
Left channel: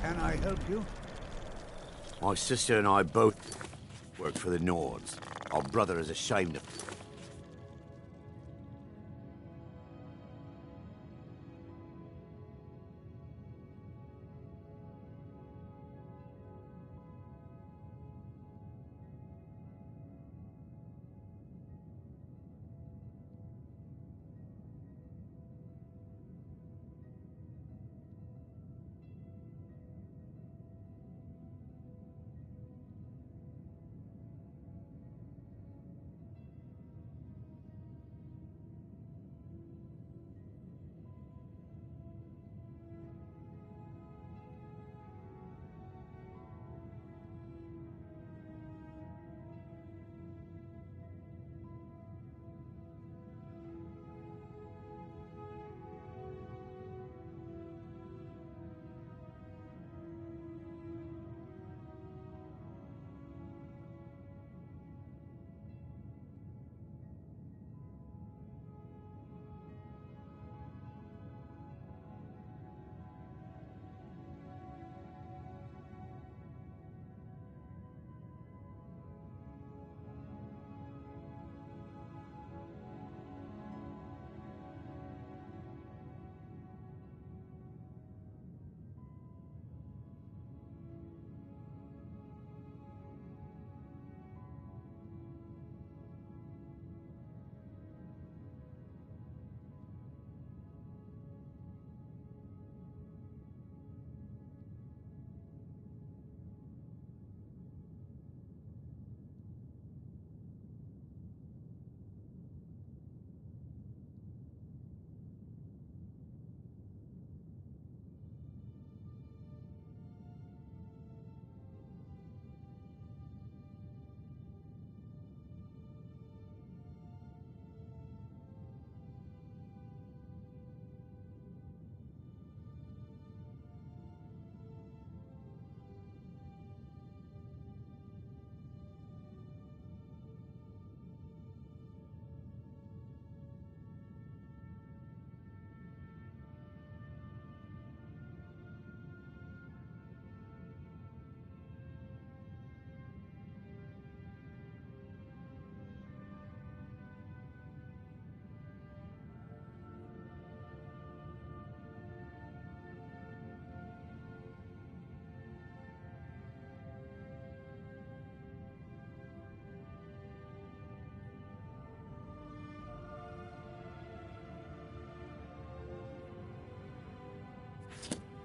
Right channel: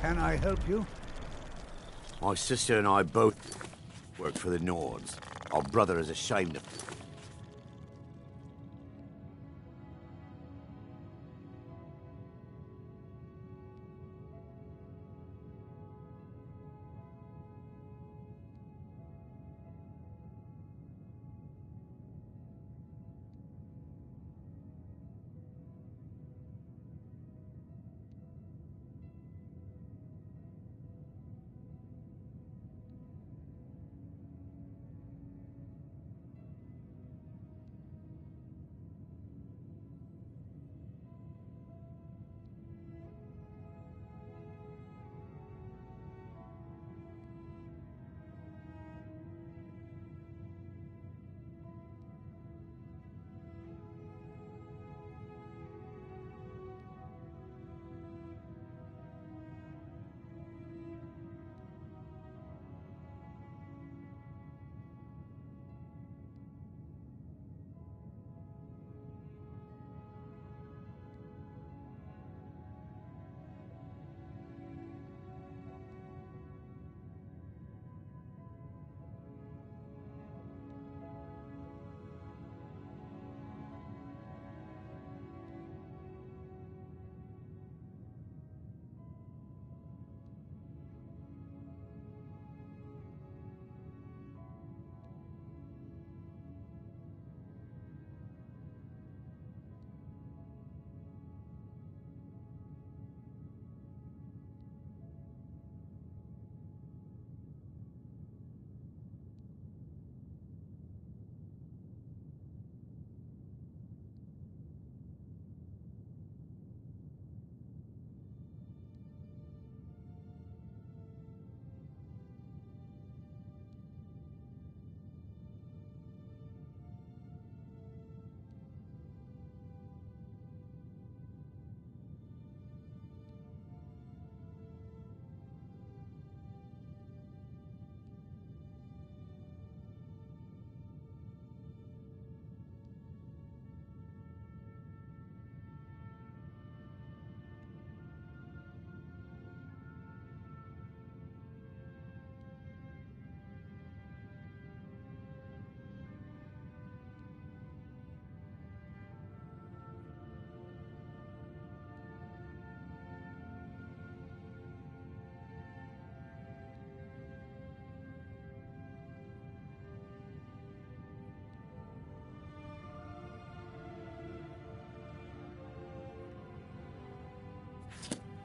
Can I help you? My sister and I both work for the Nords. Our brother is ashamed of...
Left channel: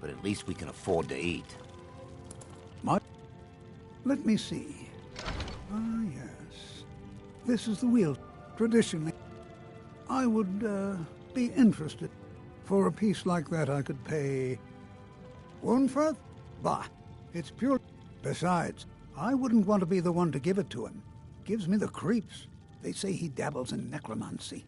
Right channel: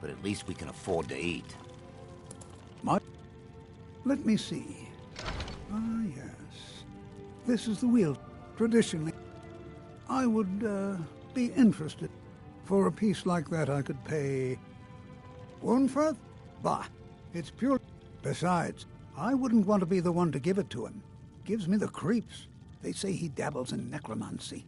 But at least we can afford to eat. Let me see. Ah, yes. This is the wheel. Traditionally, I would be interested. For a piece like that, I could pay... Unferth? Bah, it's pure... Besides, I wouldn't want to be the one to give it to him. Gives me the creeps. They say he dabbles in necromancy.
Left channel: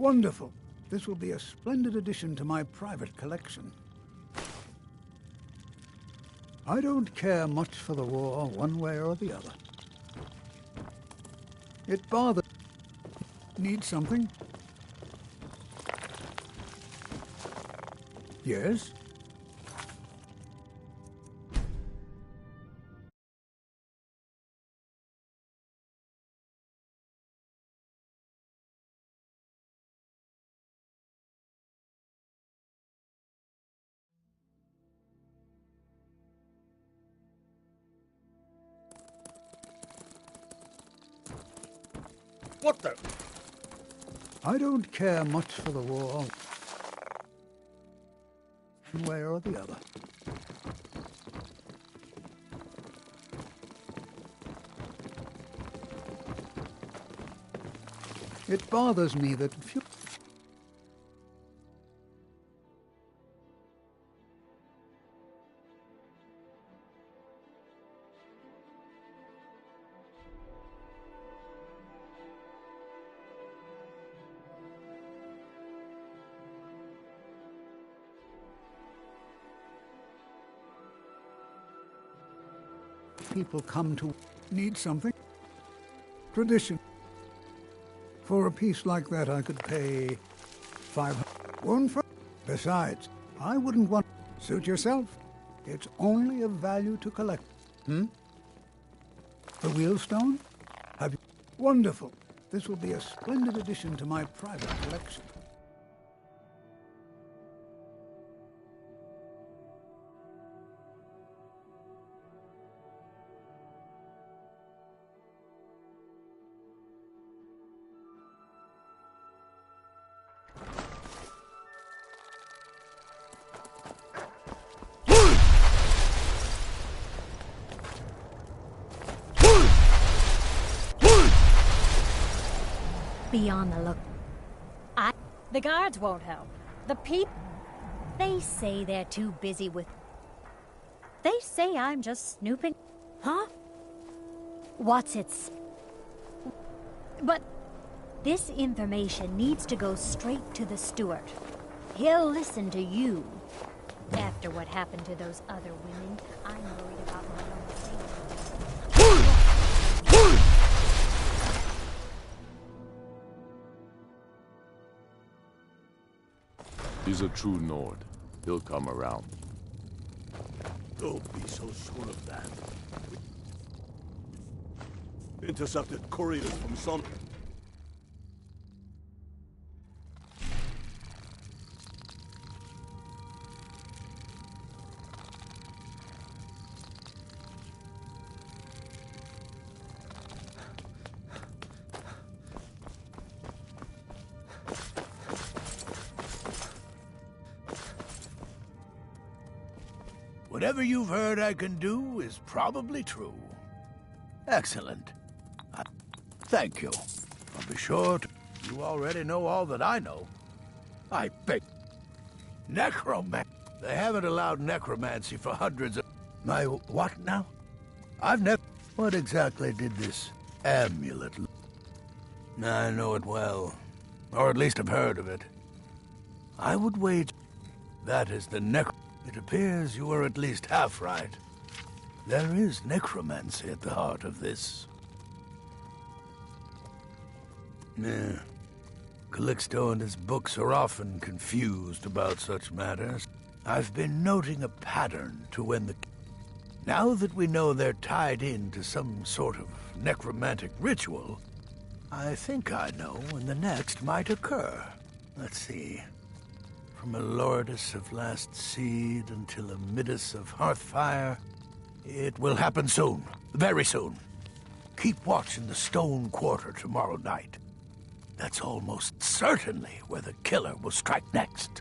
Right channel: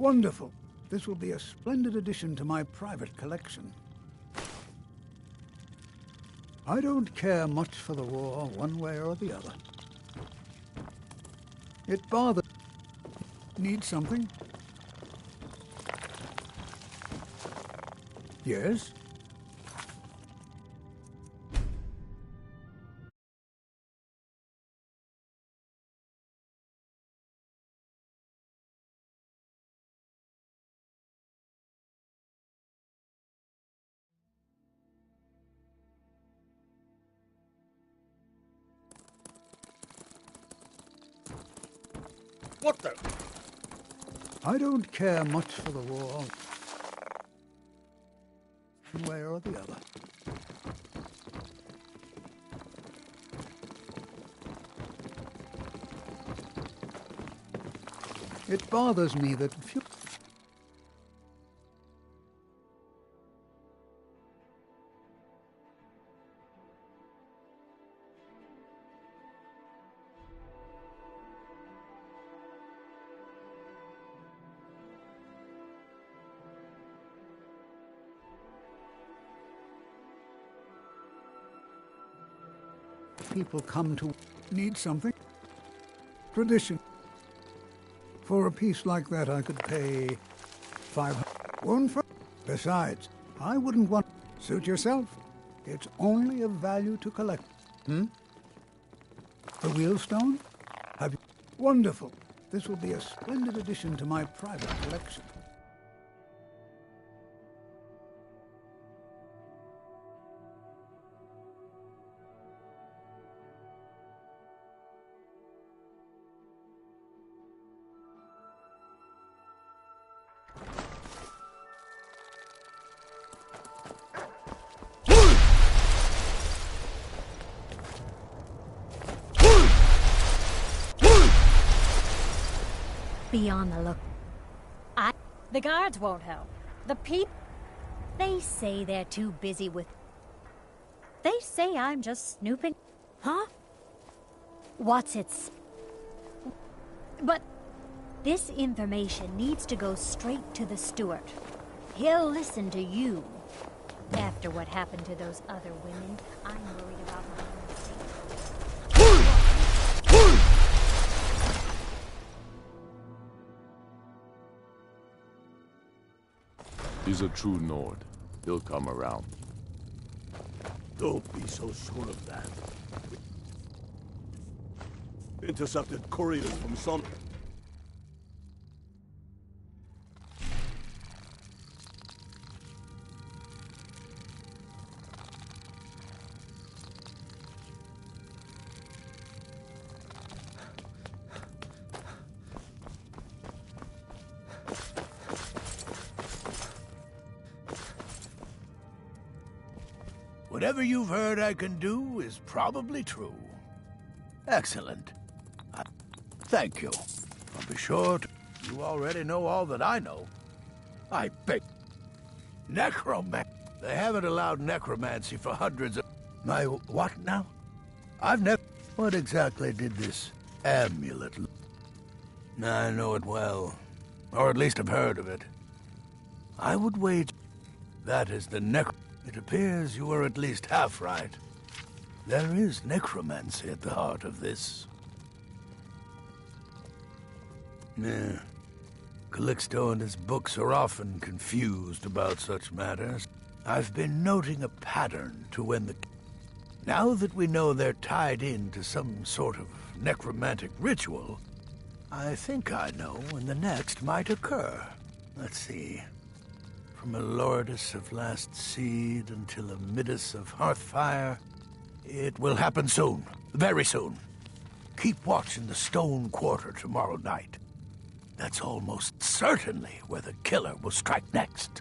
Wonderful. This will be a splendid addition to my private collection. I don't care much for the war, one way or the other. It bothers... Need something? Yes? What the? I don't care much for the war, one way or the other. It bothers me that few... people come to need something. Tradition. For a piece like that, I could pay 500. One for... Besides, I wouldn't want... Suit yourself. It's only of value to collect. The wheelstone? Have you... Wonderful. This will be a splendid addition to my private collection. Be on the look. The guards won't help. The people... They say they're too busy with... They say I'm just snooping. Huh? What's it... But... This information needs to go straight to the steward. He'll listen to you. After what happened to those other women, I'm worried about my own safety. He's a true Nord. He'll come around. Don't be so sure of that. Intercepted couriers from some... Whatever you've heard I can do is probably true. Excellent. Thank you. I'll be sure to... You already know all that I know. I beg... Necromancy. They haven't allowed necromancy for hundreds of... My what now? I've never... What exactly did this amulet look? I know it well. Or at least I've heard of it. I would wager that is the It appears you were at least half right. There is necromancy at the heart of this. Calixto and his books are often confused about such matters. I've been noting a pattern to when the... Now that we know they're tied into some sort of necromantic ritual, I think I know when the next might occur. Let's see. From a Lourdes of Last Seed until a Midas of Hearthfire, it will happen soon. Very soon. Keep watch in the Stone Quarter tomorrow night. That's almost certainly where the killer will strike next.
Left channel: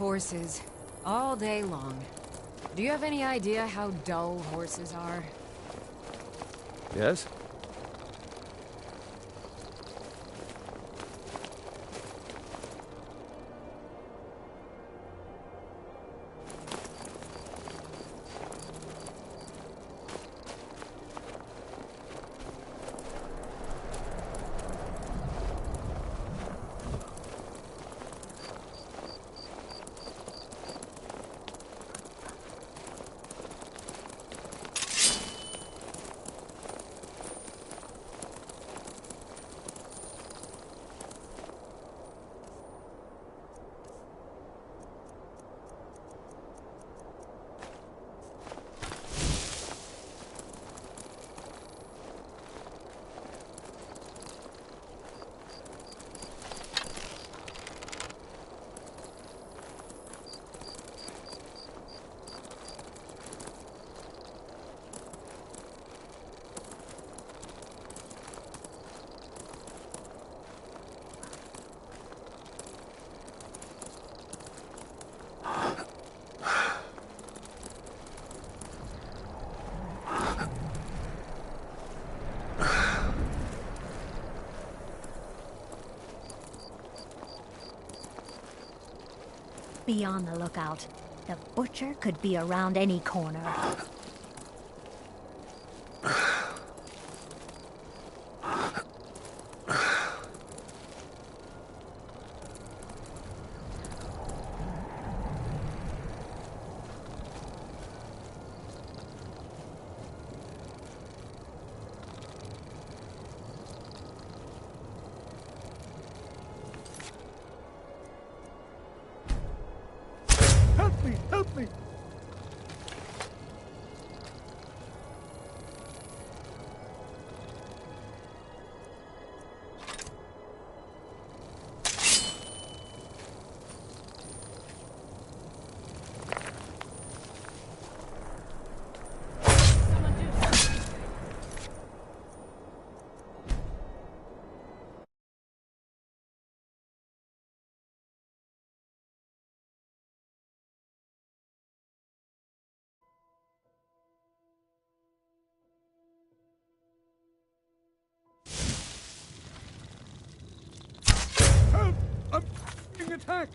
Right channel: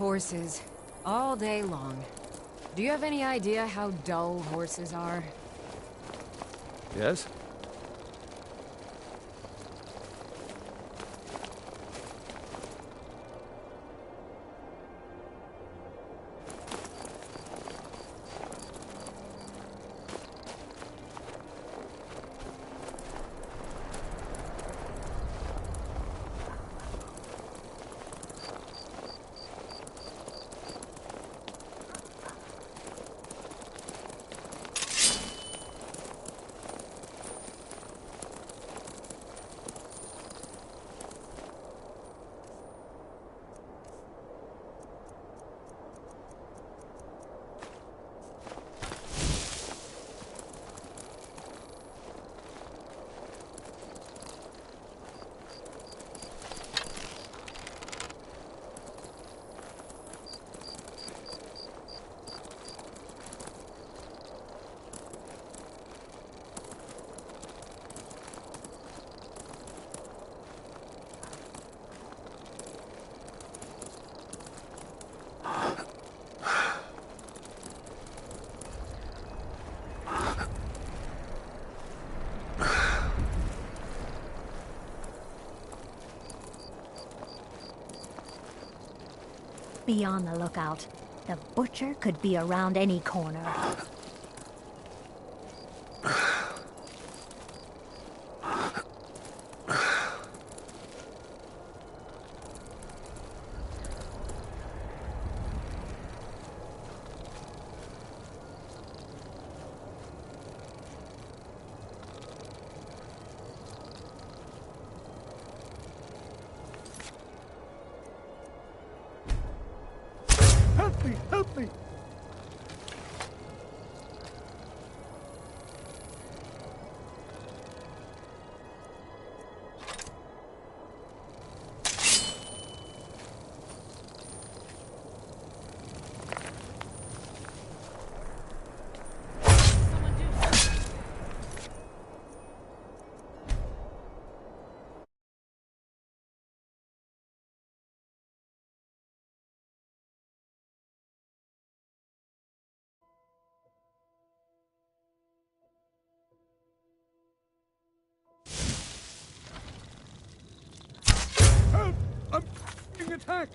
horses. All day long. Do you have any idea how dull horses are? Yes? Be on the lookout. The butcher could be around any corner. Help me! Help me! Help! I'm being attacked!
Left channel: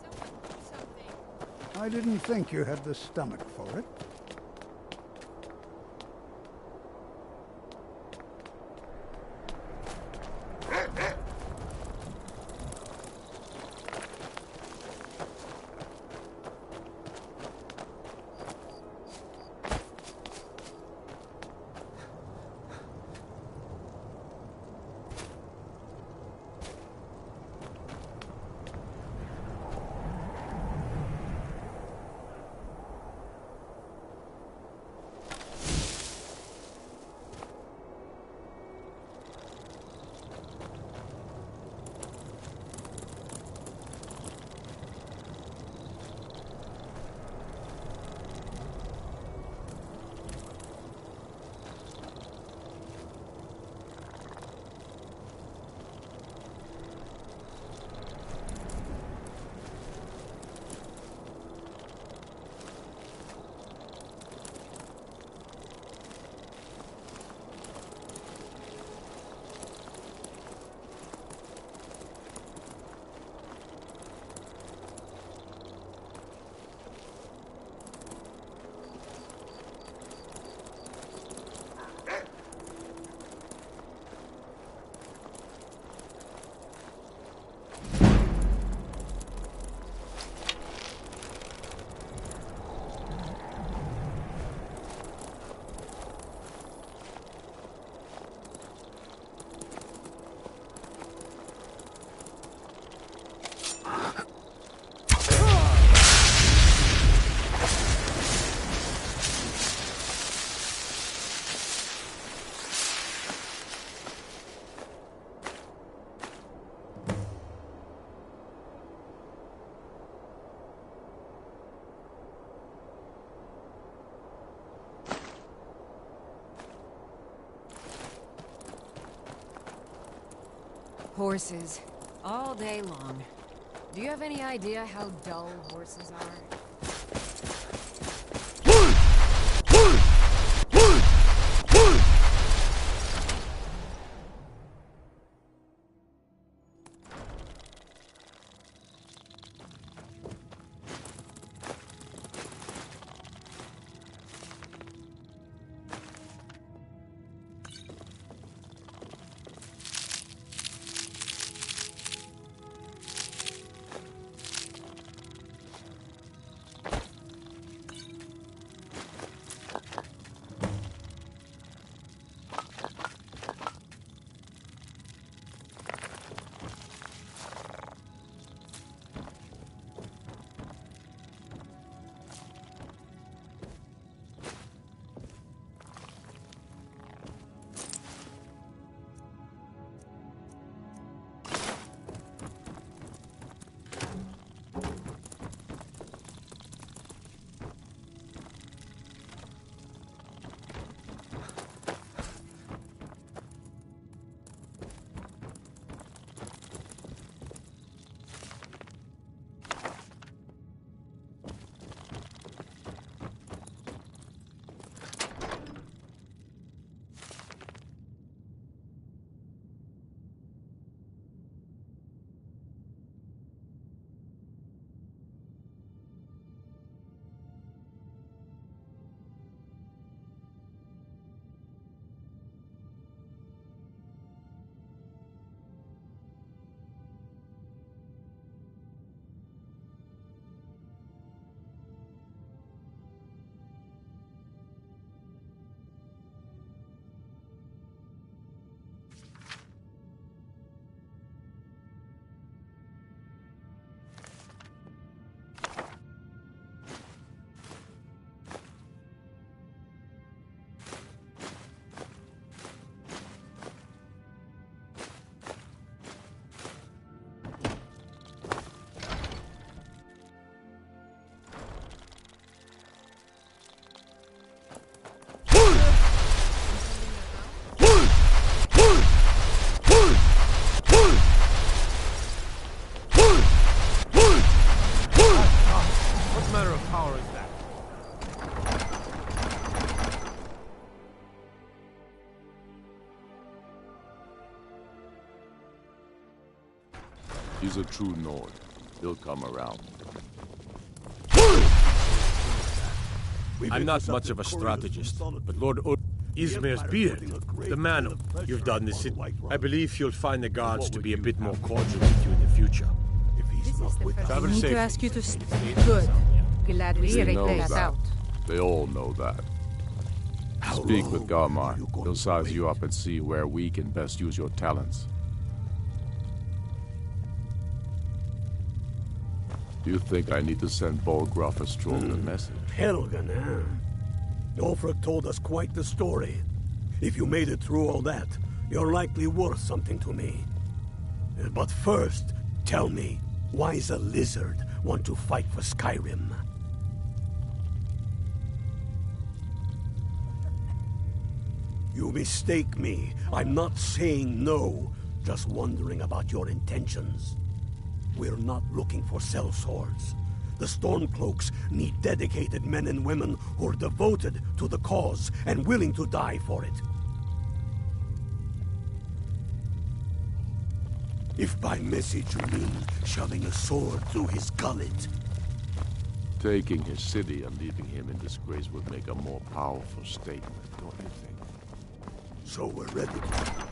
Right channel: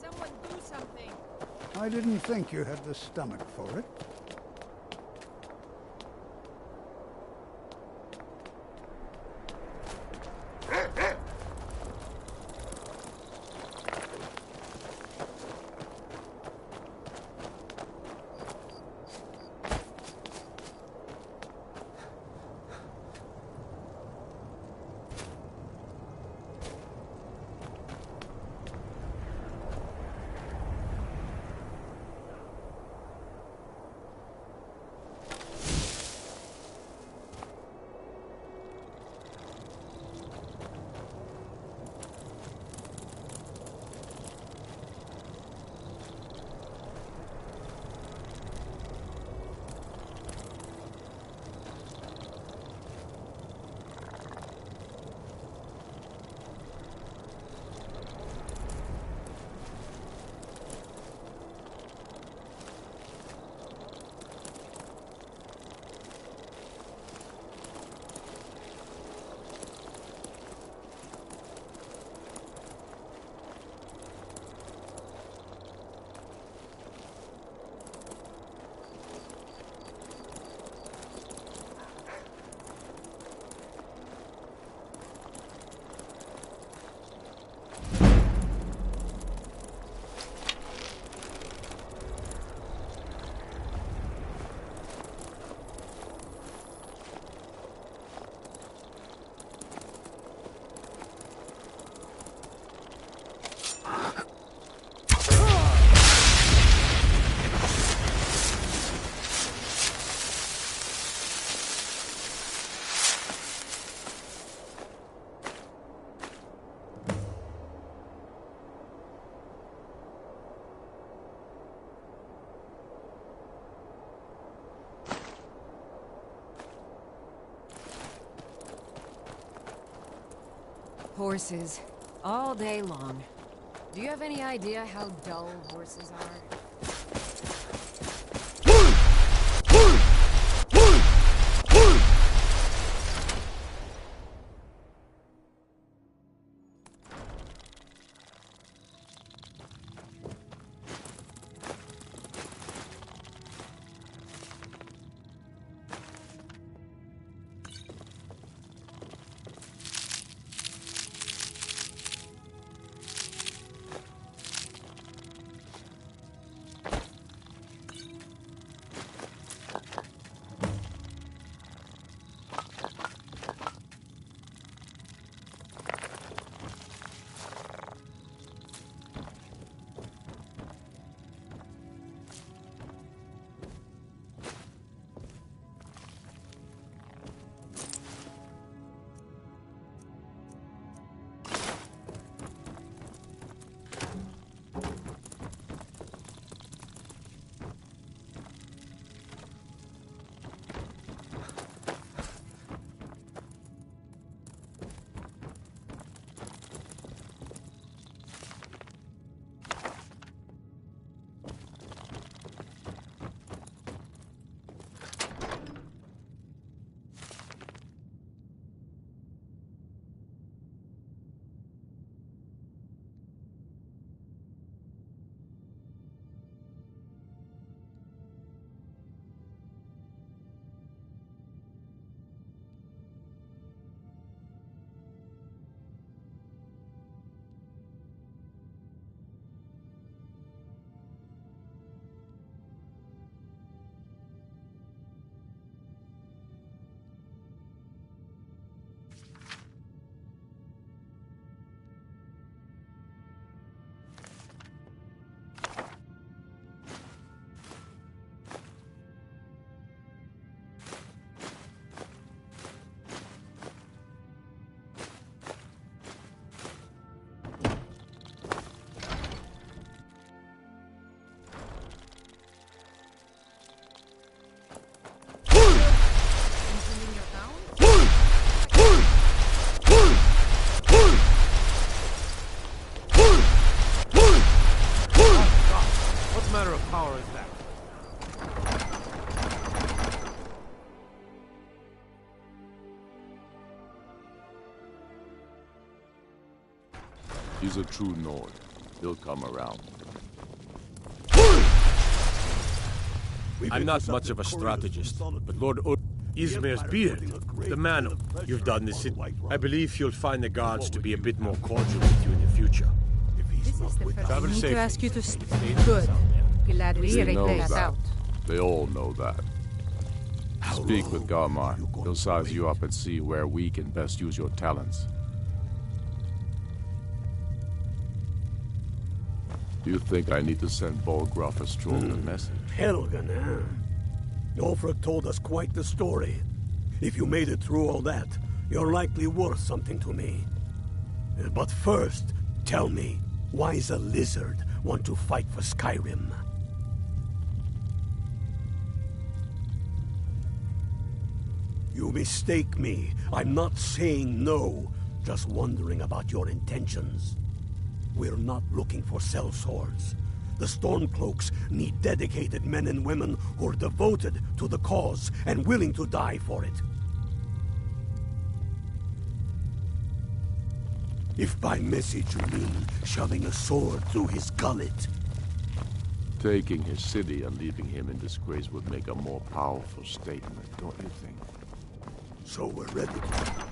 Someone do something. I didn't think you had the stomach for it. horses. All day long. Do you have any idea how dull horses are? What manner of power is that? He's a true Nord. He'll come around. I'm not much of a strategist, but Lord Izmir's beard, the man you've done this in, I believe you'll find the guards to be a bit more cordial with you in the future. This is the first. I Travel need safe. to ask you to stay. Good. Glad we He checked knows that that. out. They all know that. Speak with Galmar. He'll size you up and see where we can best use your talents. Do you think I need to send Bolgraf a stronger message? Helgen, huh? Ulfric told us quite the story. If you made it through all that, you're likely worth something to me. But first, tell me, why does a lizard want to fight for Skyrim? You mistake me. I'm not saying no, just wondering about your intentions. We're not looking for sellswords. The Stormcloaks need dedicated men and women who are devoted to the cause and willing to die for it. If by message you mean shoving a sword through his gullet. Taking his city and leaving him in disgrace would make a more powerful statement, don't you think? So we're ready to...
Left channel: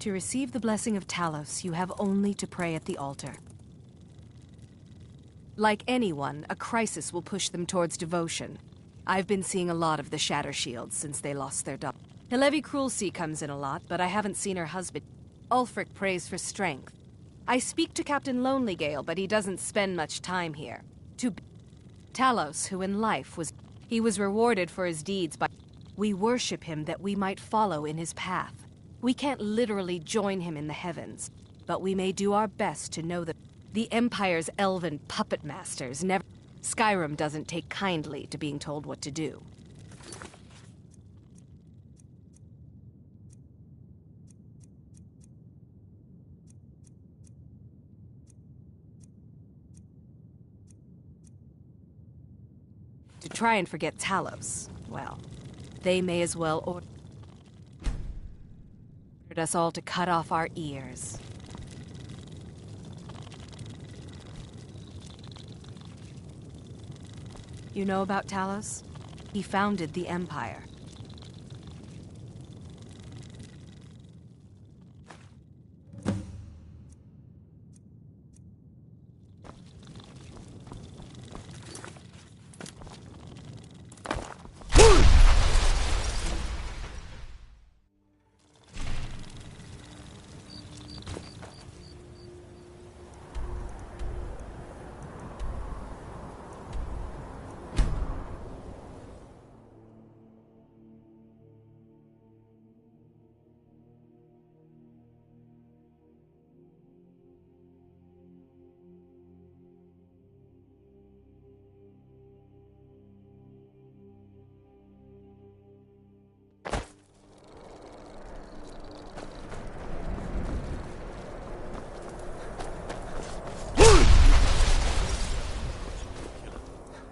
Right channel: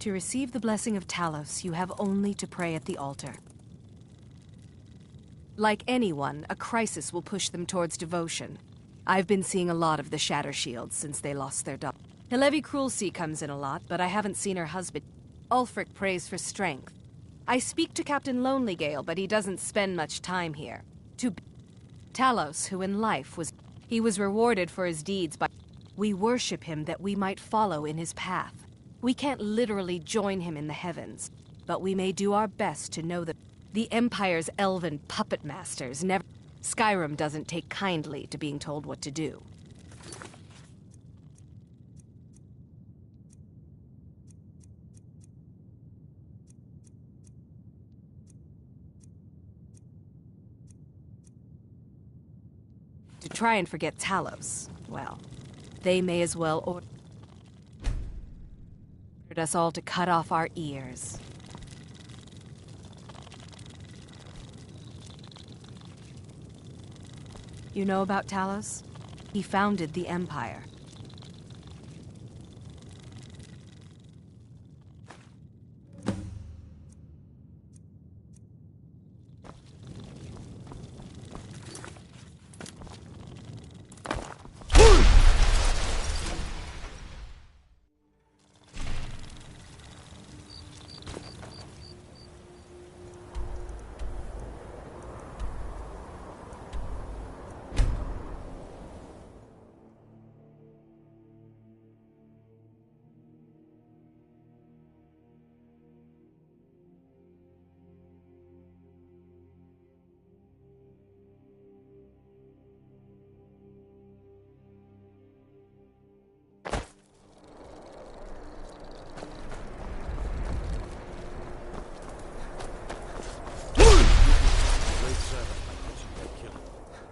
To receive the blessing of Talos, you have only to pray at the altar. Like anyone, a crisis will push them towards devotion. I've been seeing a lot of the Shatter Shields since they lost their daughter. Hilevi Cruelseat comes in a lot, but I haven't seen her husband. Ulfric prays for strength. I speak to Captain Lonelygale, but he doesn't spend much time here. To Talos, who in life he was rewarded for his deeds by... We worship him that we might follow in his path. We can't literally join him in the heavens, but we may do our best to know that the Empire's elven puppet masters never... Skyrim doesn't take kindly to being told what to do. To try and forget Talos, well, they may as well ordered us all to cut off our ears. You know about Talos? He founded the Empire.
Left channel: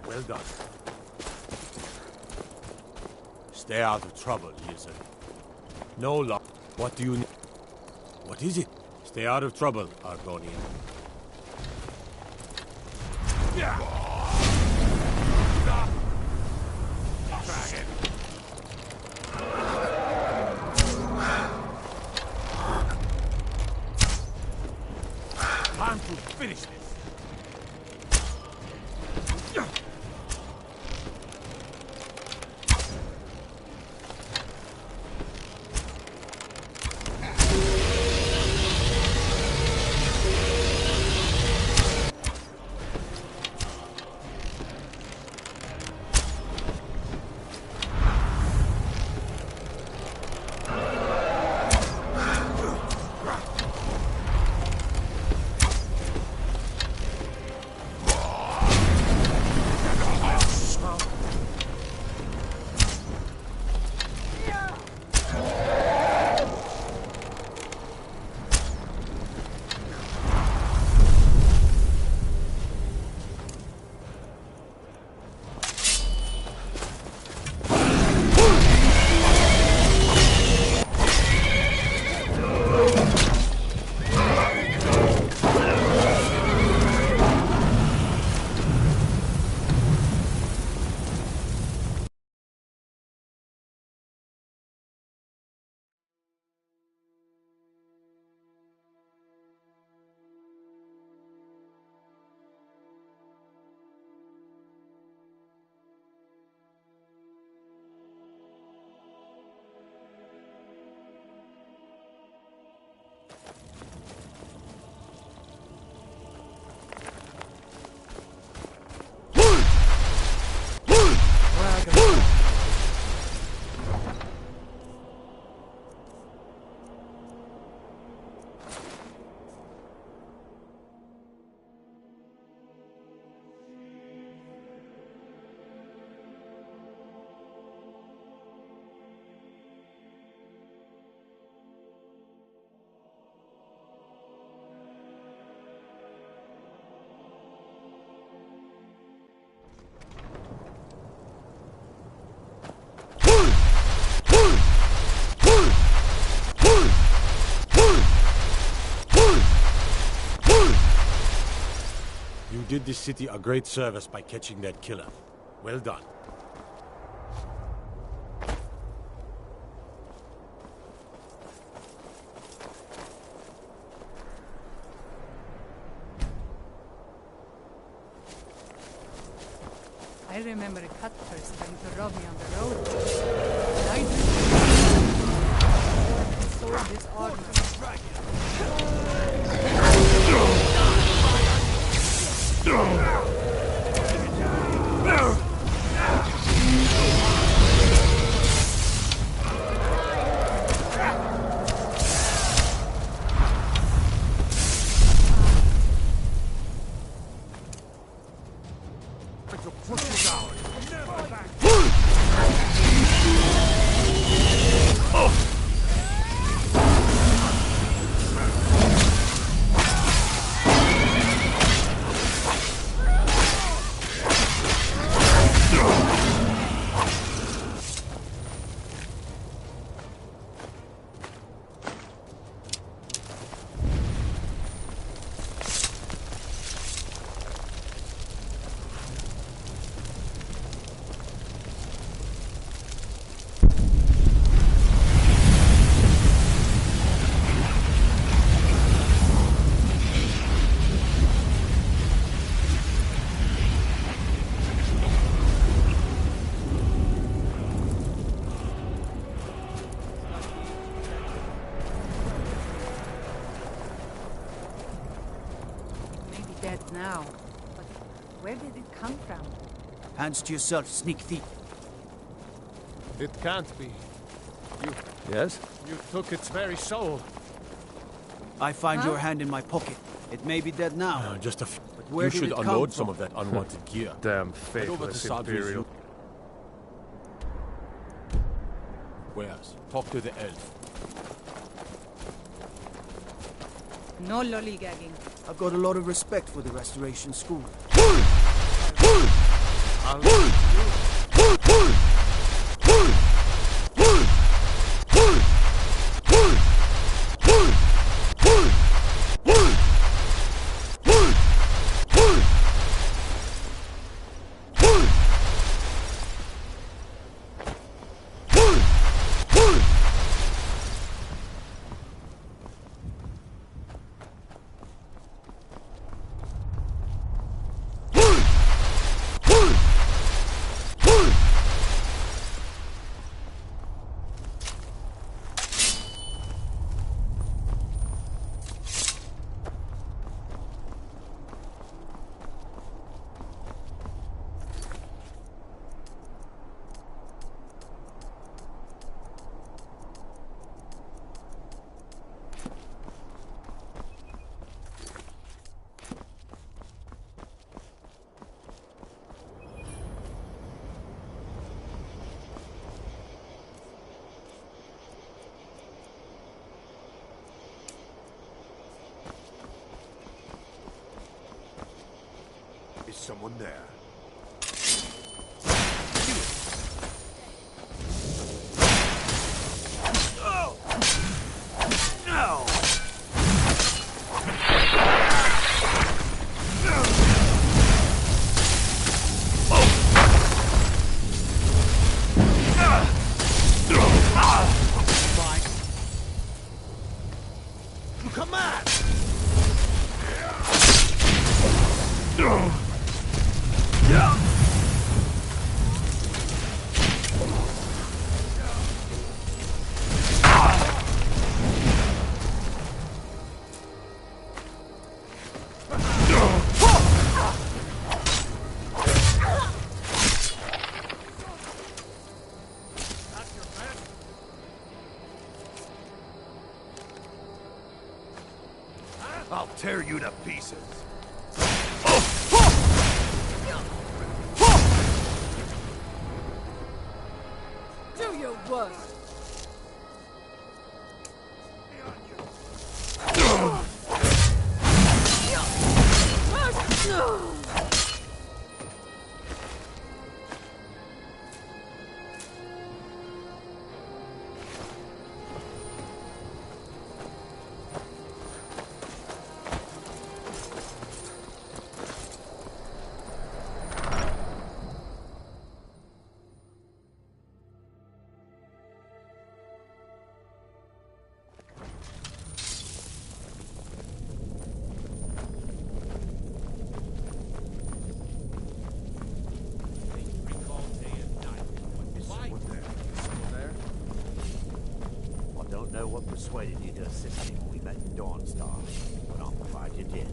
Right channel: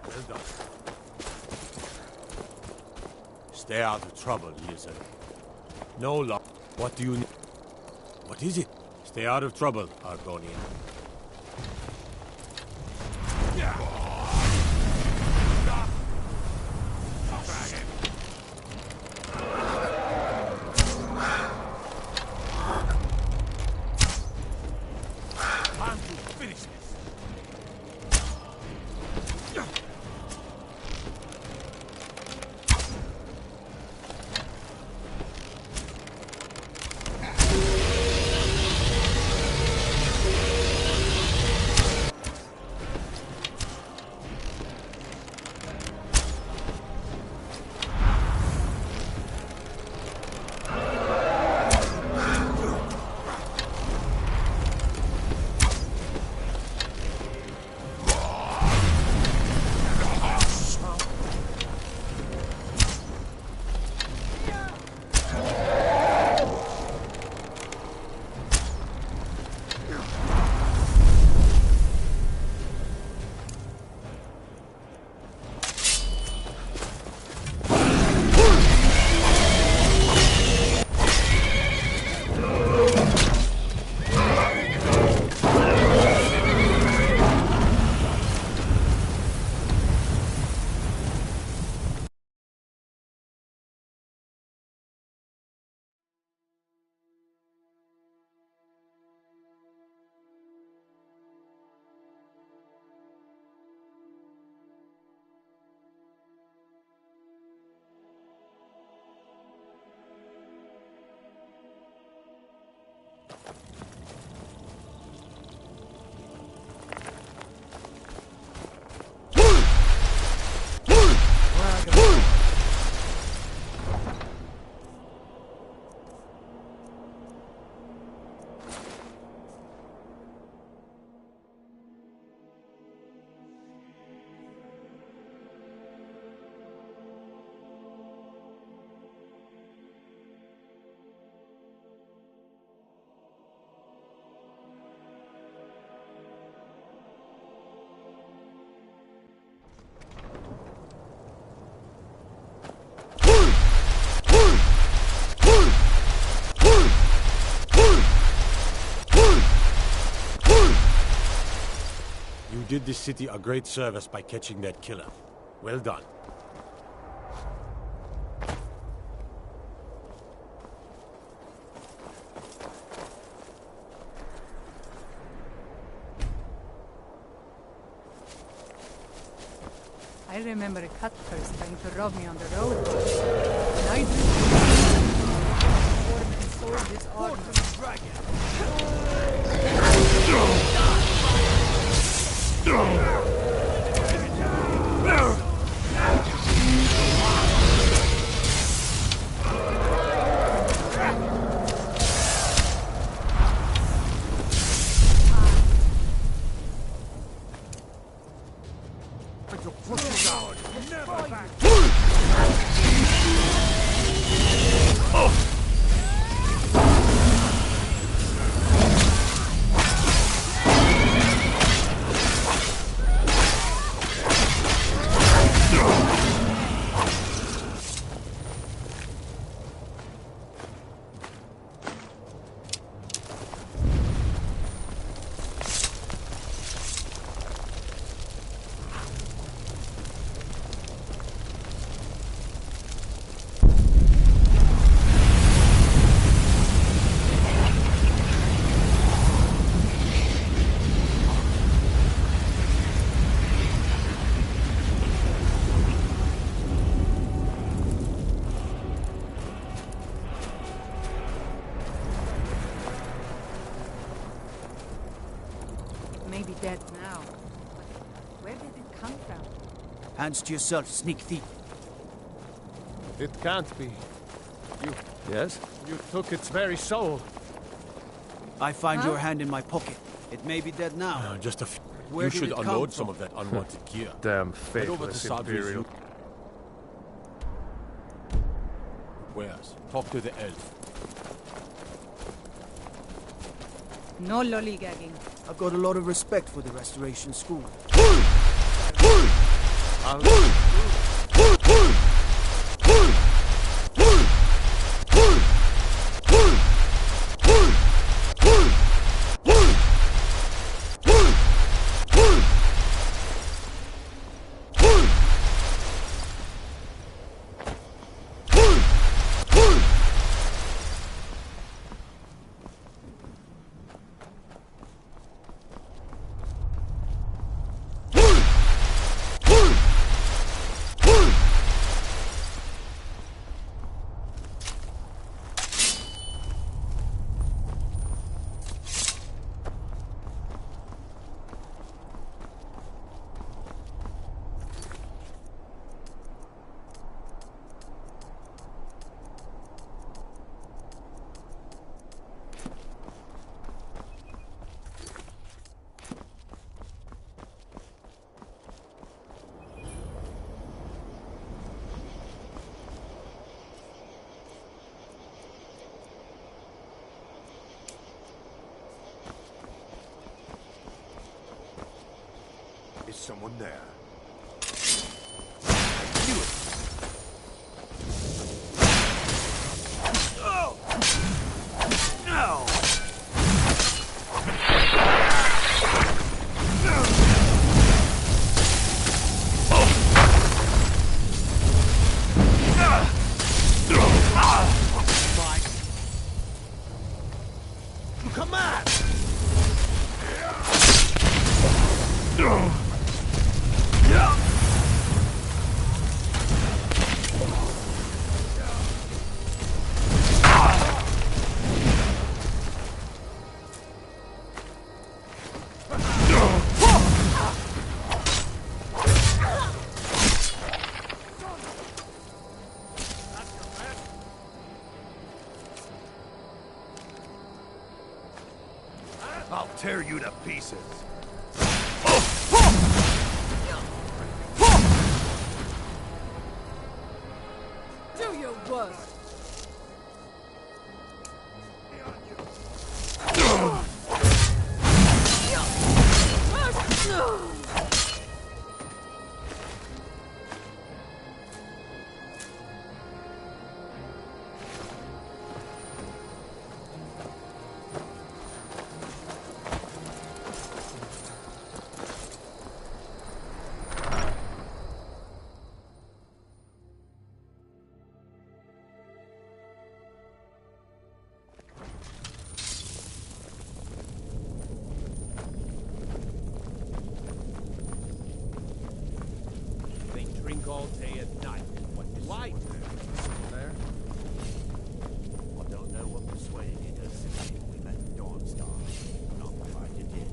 Well done. Stay out of trouble, lizard. No luck. What do you need? What is it? Stay out of trouble, Argonian. Dragon. Time to finish this. You did this city a great service by catching that killer. Well done. I remember Cuthers trying to rob me on the road. And I sold this armor. Dead now. But where did it come from? Hands to yourself, sneak thief. It can't be. You... Yes? You took its very soul. I find your hand in my pocket. It may be dead now. Just a few. Where You did should it come unload from? some of that unwanted gear. Damn Head over to faithless Sadri's Imperial. room. Where's? Talk to the elf. No lollygagging. I've got a lot of respect for the Restoration School. Is someone there? I'll tear you to pieces. Do your worst. what persuaded you to assist me when we met in Dawnstar, but I'm glad you did.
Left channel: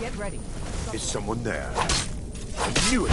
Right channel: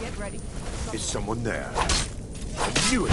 Get ready. Is someone there? I knew it!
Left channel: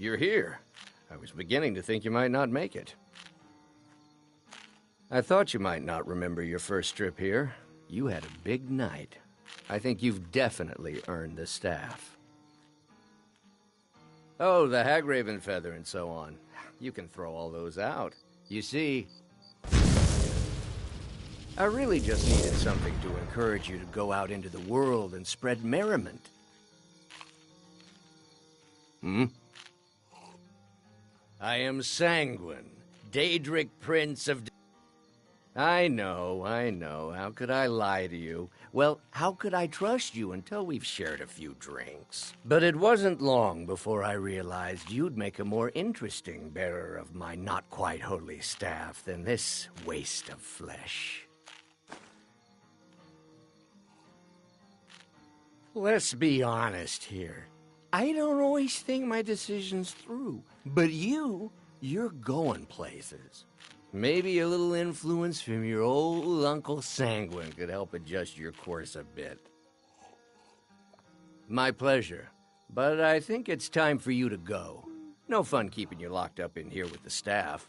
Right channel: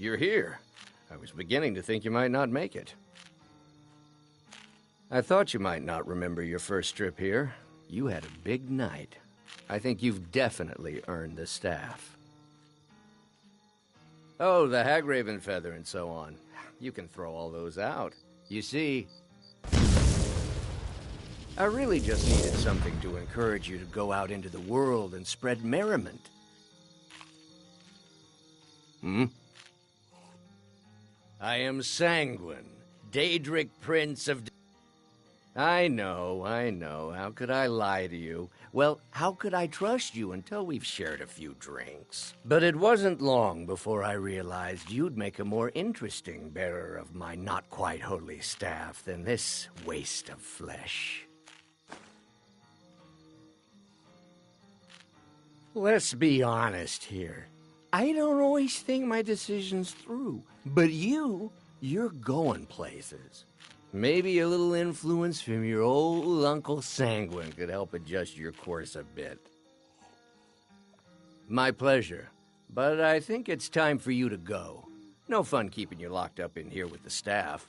You're here. I was beginning to think you might not make it. I thought you might not remember your first trip here. You had a big night. I think you've definitely earned the staff. Oh, the Hagraven feather and so on. You can throw all those out. You see, I really just needed something to encourage you to go out into the world and spread merriment. I am Sanguine, Daedric Prince of... I know. How could I lie to you? Well, how could I trust you until we've shared a few drinks? But it wasn't long before I realized you'd make a more interesting bearer of my not-quite-holy staff than this waste of flesh. Let's be honest here. I don't always think my decisions through. But you're going places. Maybe a little influence from your old Uncle Sanguine could help adjust your course a bit. My pleasure. But I think it's time for you to go. No fun keeping you locked up in here with the staff.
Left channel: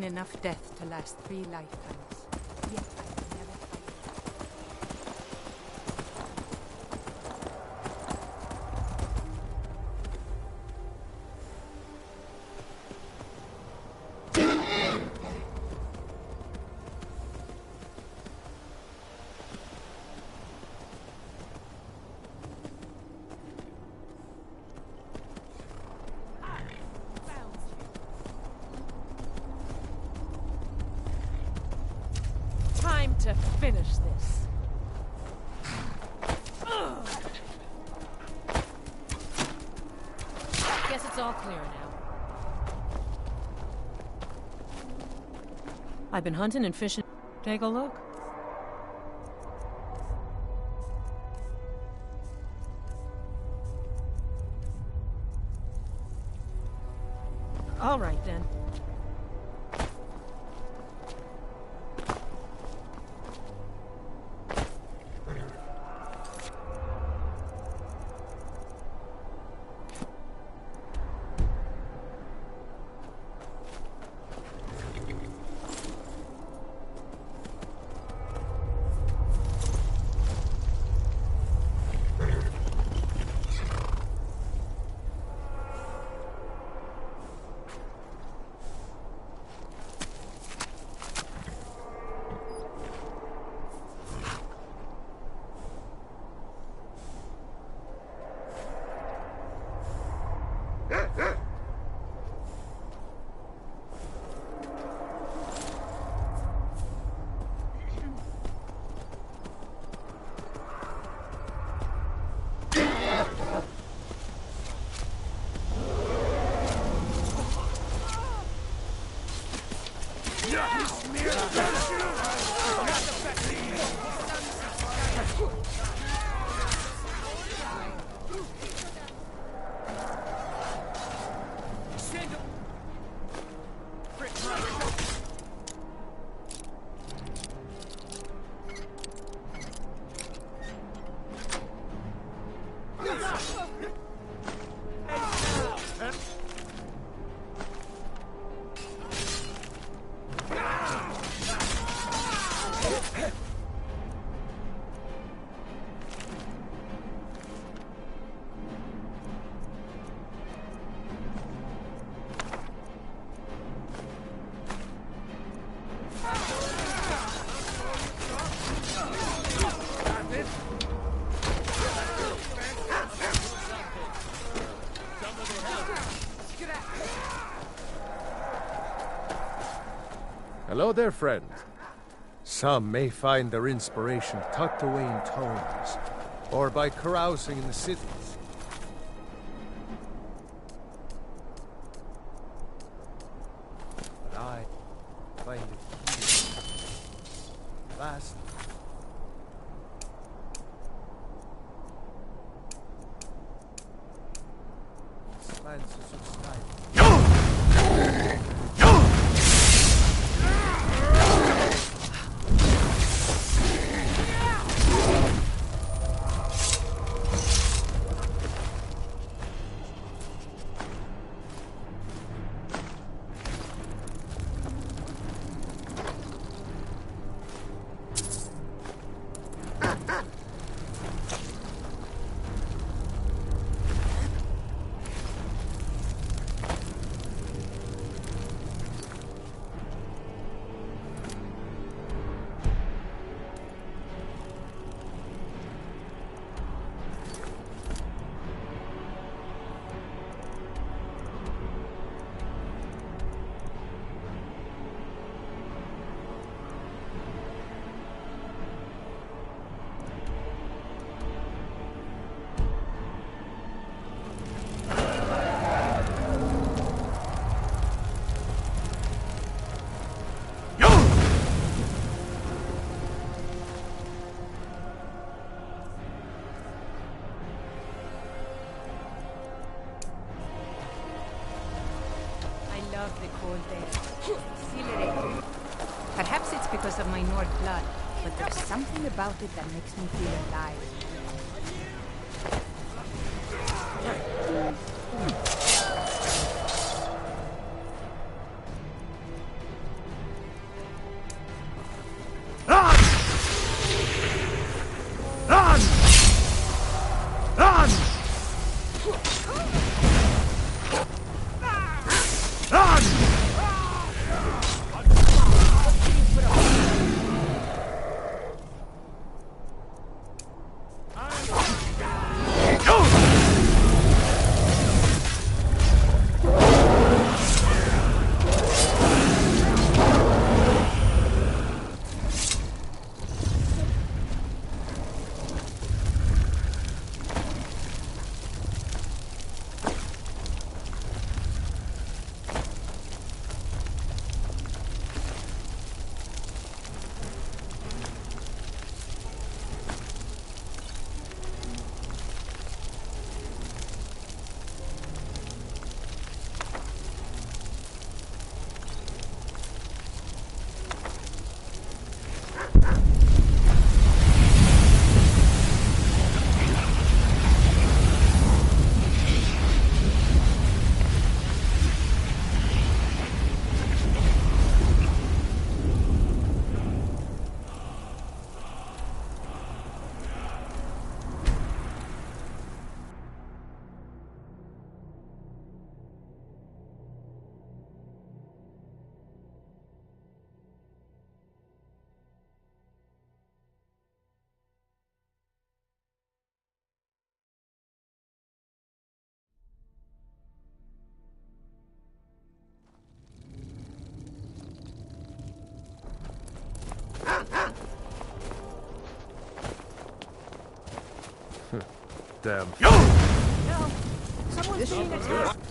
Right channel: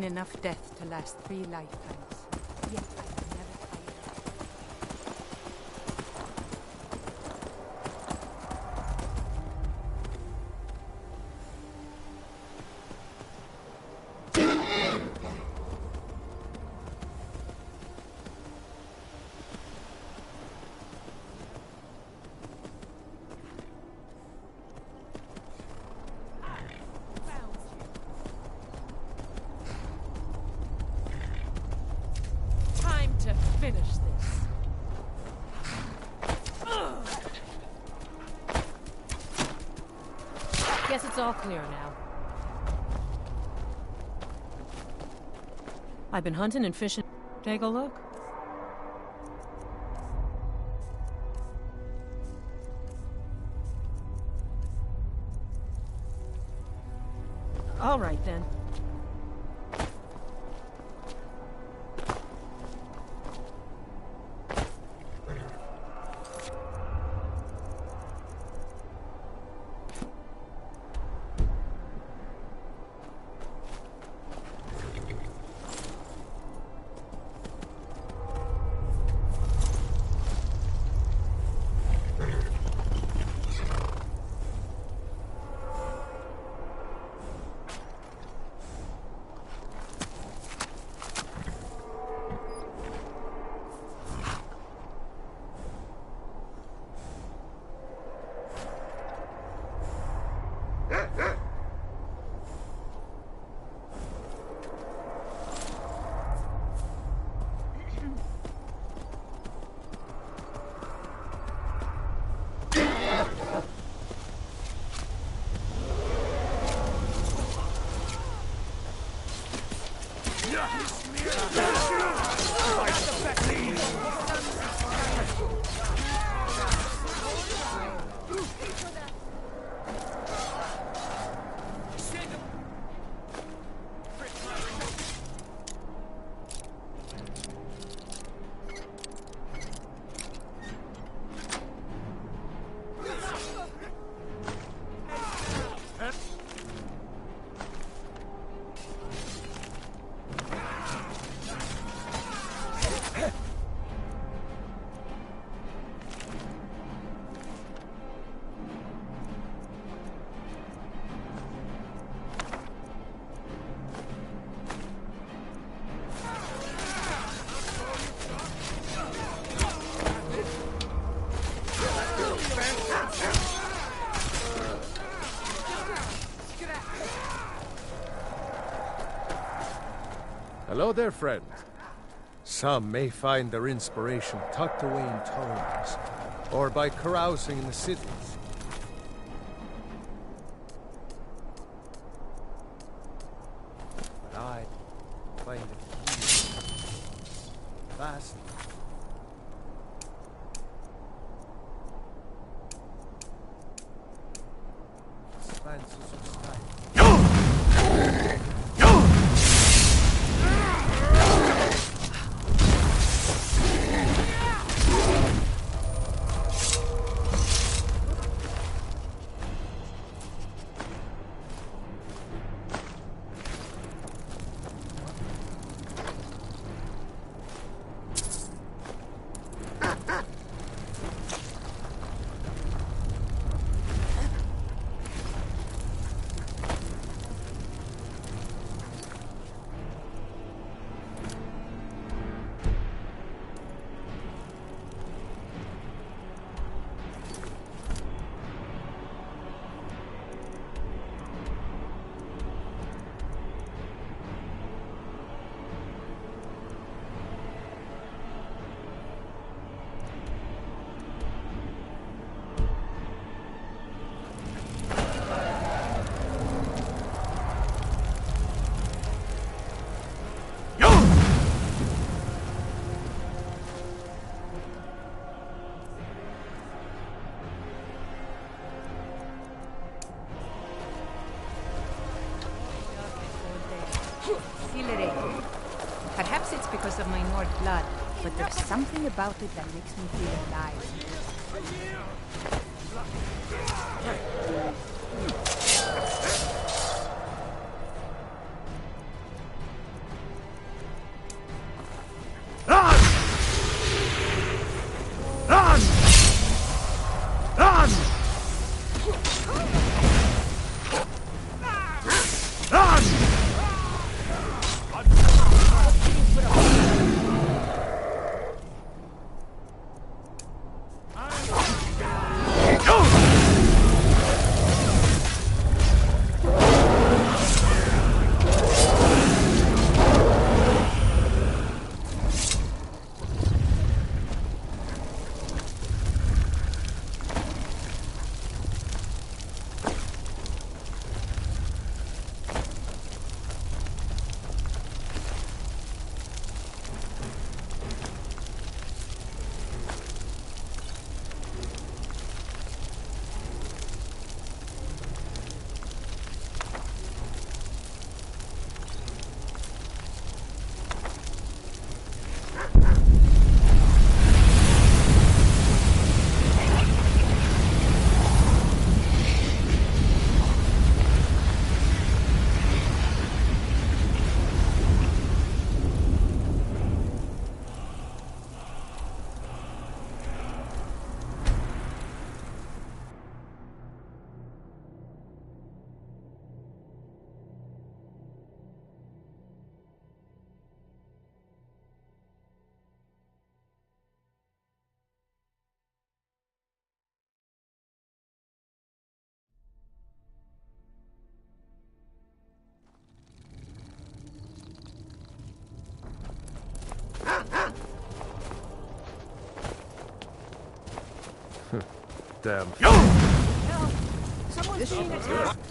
seen enough death to last 3 lifetimes. Yet I've never tired. Time to finish this. Guess it's all clear now. I've been hunting and fishing. Take a look. All right, then. Hello there, friend. Some may find their inspiration tucked away in tomes, or by carousing in the cities. But I find it here, vast. Expanses of sky. Perhaps it's because of my Nord blood, but there's something about it that makes me feel alive. damn... Help! Someone's being attacked!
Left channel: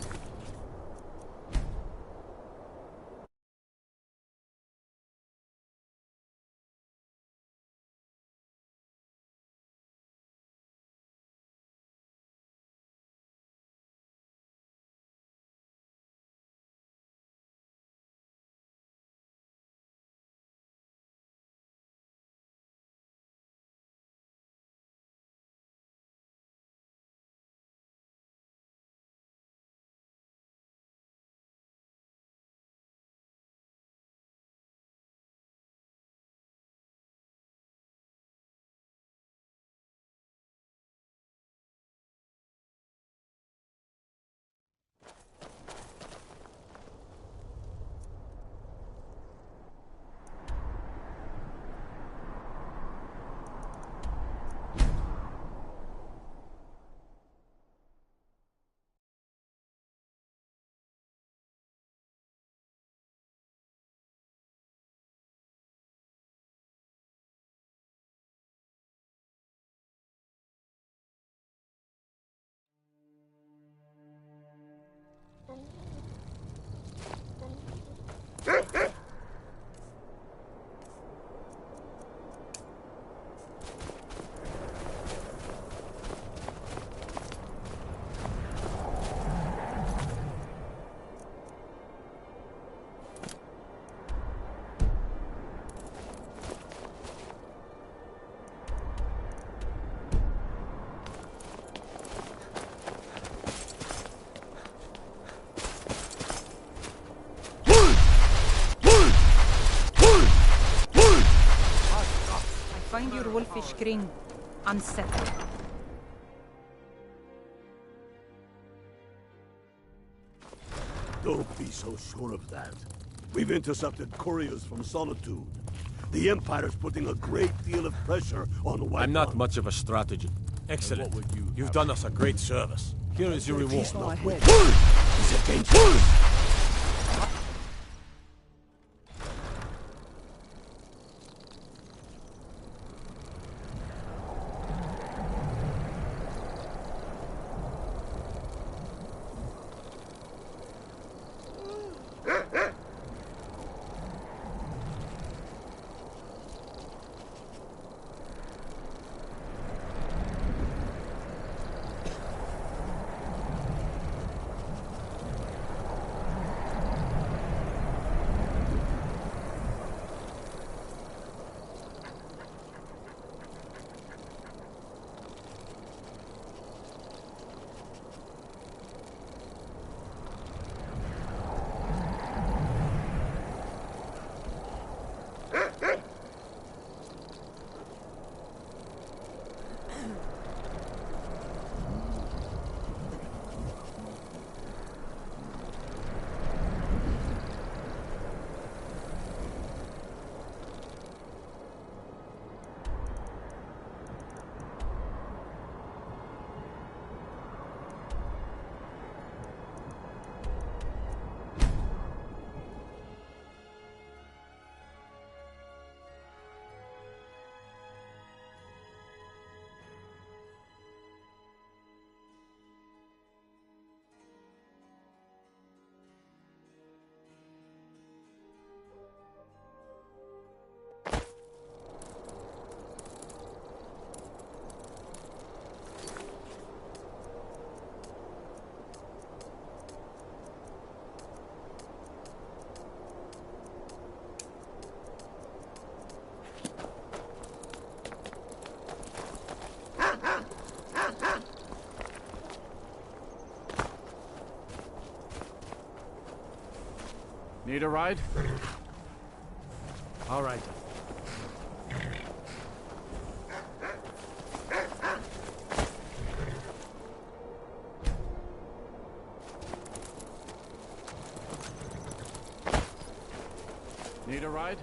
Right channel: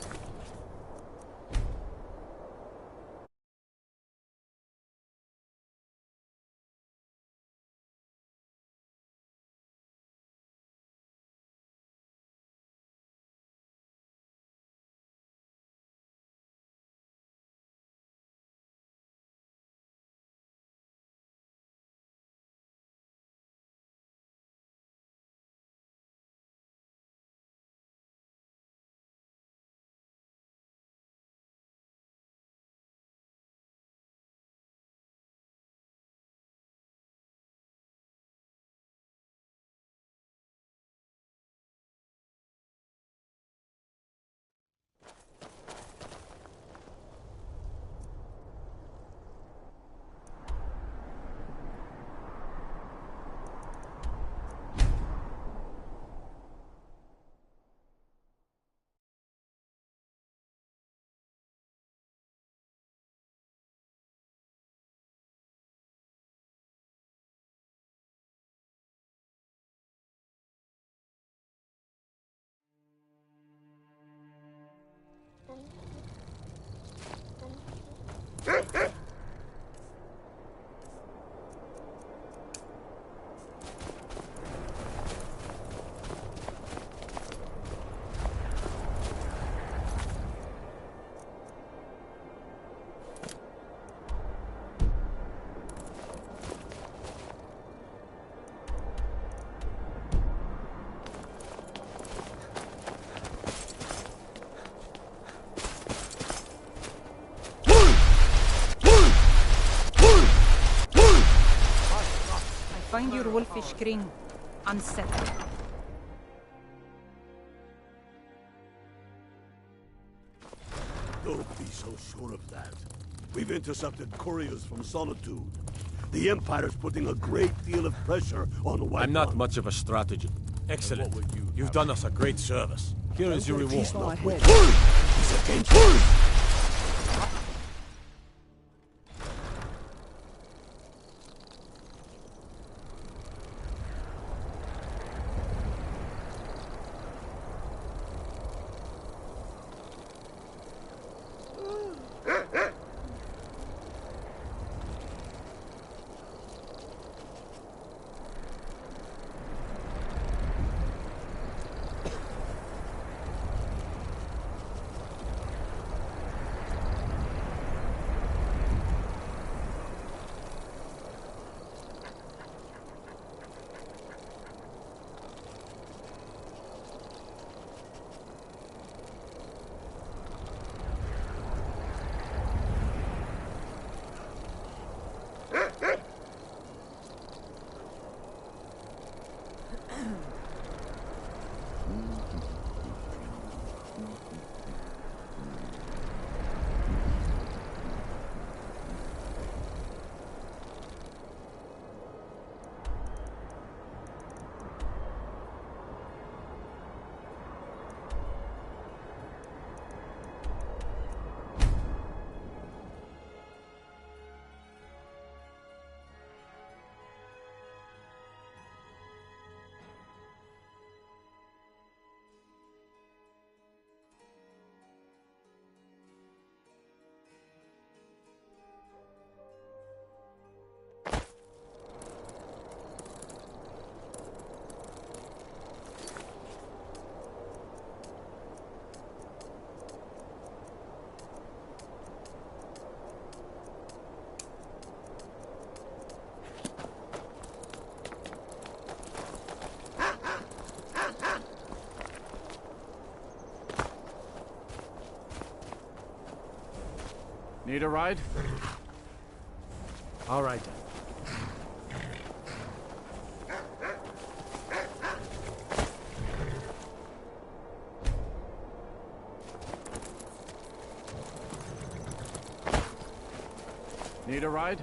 Find your wolfish ring. Unsettled. Don't be so sure of that. We've intercepted couriers from Solitude. The Empire's putting a great deal of pressure on the White I'm not Ones. much of a strategist. Excellent. You've done us a great service. Here is your reward. He's against us. Need a ride? All right. Need a ride?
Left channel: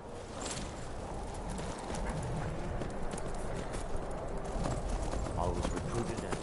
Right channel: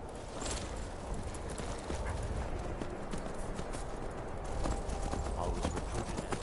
I was recruited and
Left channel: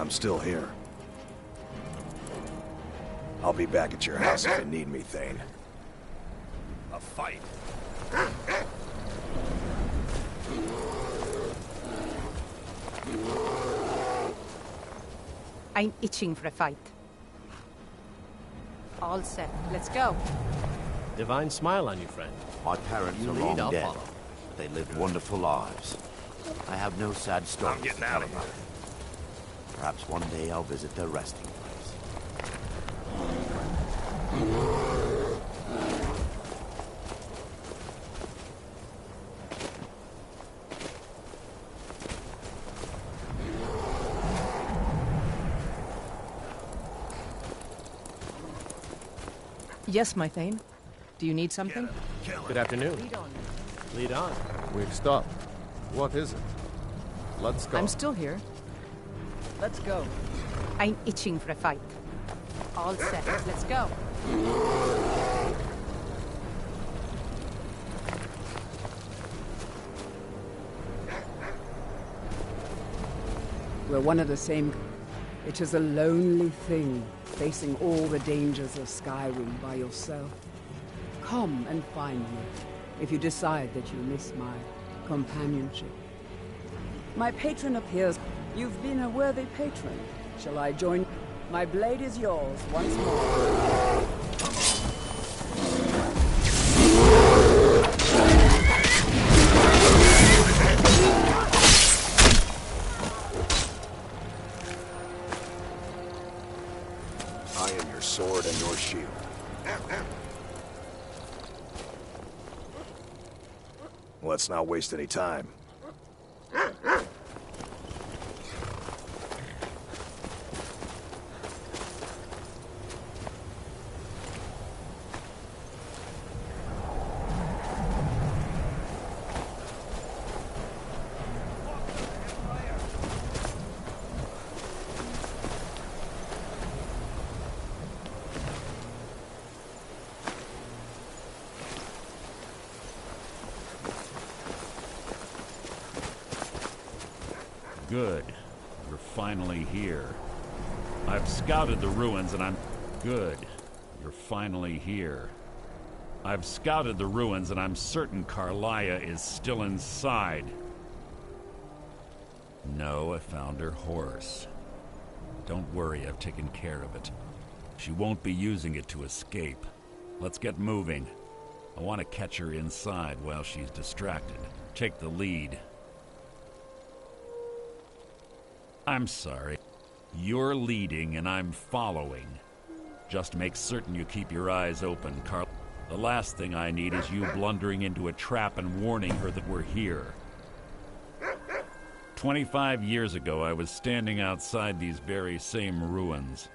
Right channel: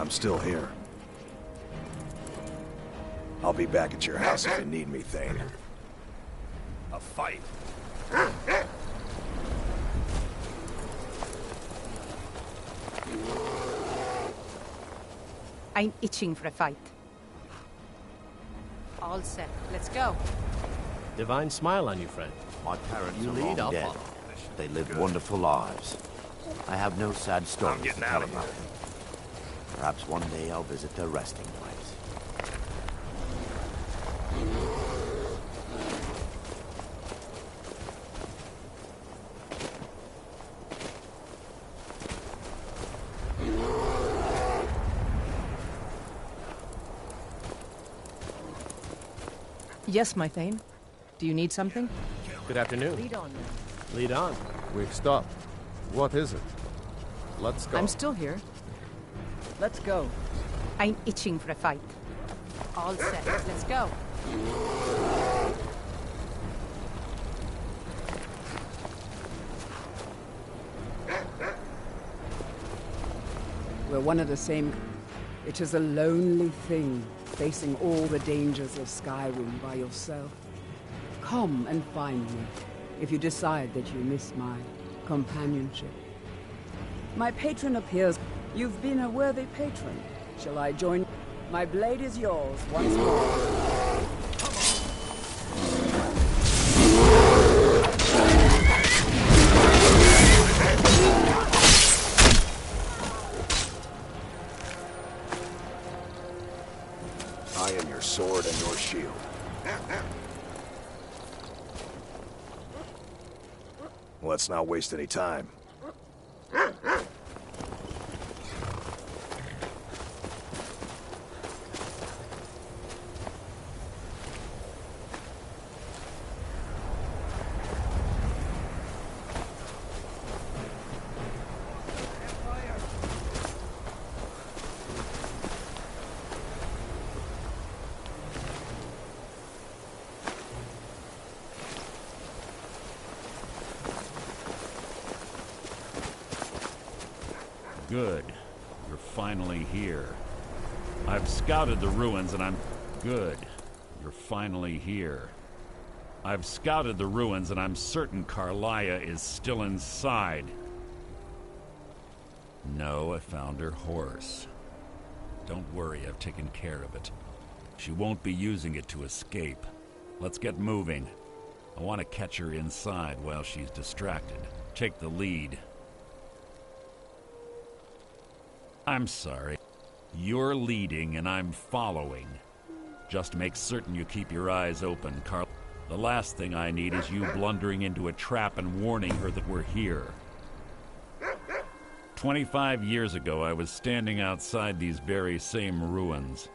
I'm still here. I'll be back at your house if you need me, Thane. A fight? I'm itching for a fight. All set. Let's go. Divine smile on you, friend. My parents You are lead, long I'll dead, follow. but they lived wonderful lives. I have no sad stories getting to out tell of about them. Perhaps one day I'll visit their resting place. Yes, my Thane. Do you need something? Good afternoon. Lead on. Lead on. We've stopped. What is it? Let's go. I'm still here. Let's go. I'm itching for a fight. All set. Let's go. We're one of the same. It is a lonely thing, facing all the dangers of Skyrim by yourself. Come and find me, if you decide that you miss my companionship. My patron appears. You've been a worthy patron. Shall I join? My blade is yours once more. I am your sword and your shield. Let's not waste any time. Good. You're finally here. I've scouted the ruins and I'm... Good. You're finally here. I've scouted the ruins and I'm certain Carlia is still inside. No, I found her horse. Don't worry, I've taken care of it. She won't be using it to escape. Let's get moving. I want to catch her inside while she's distracted. Take the lead. I'm sorry. You're leading and I'm following. Just make certain you keep your eyes open, Carl. The last thing I need is you blundering into a trap and warning her that we're here. 25 years ago, I was standing outside these very same ruins.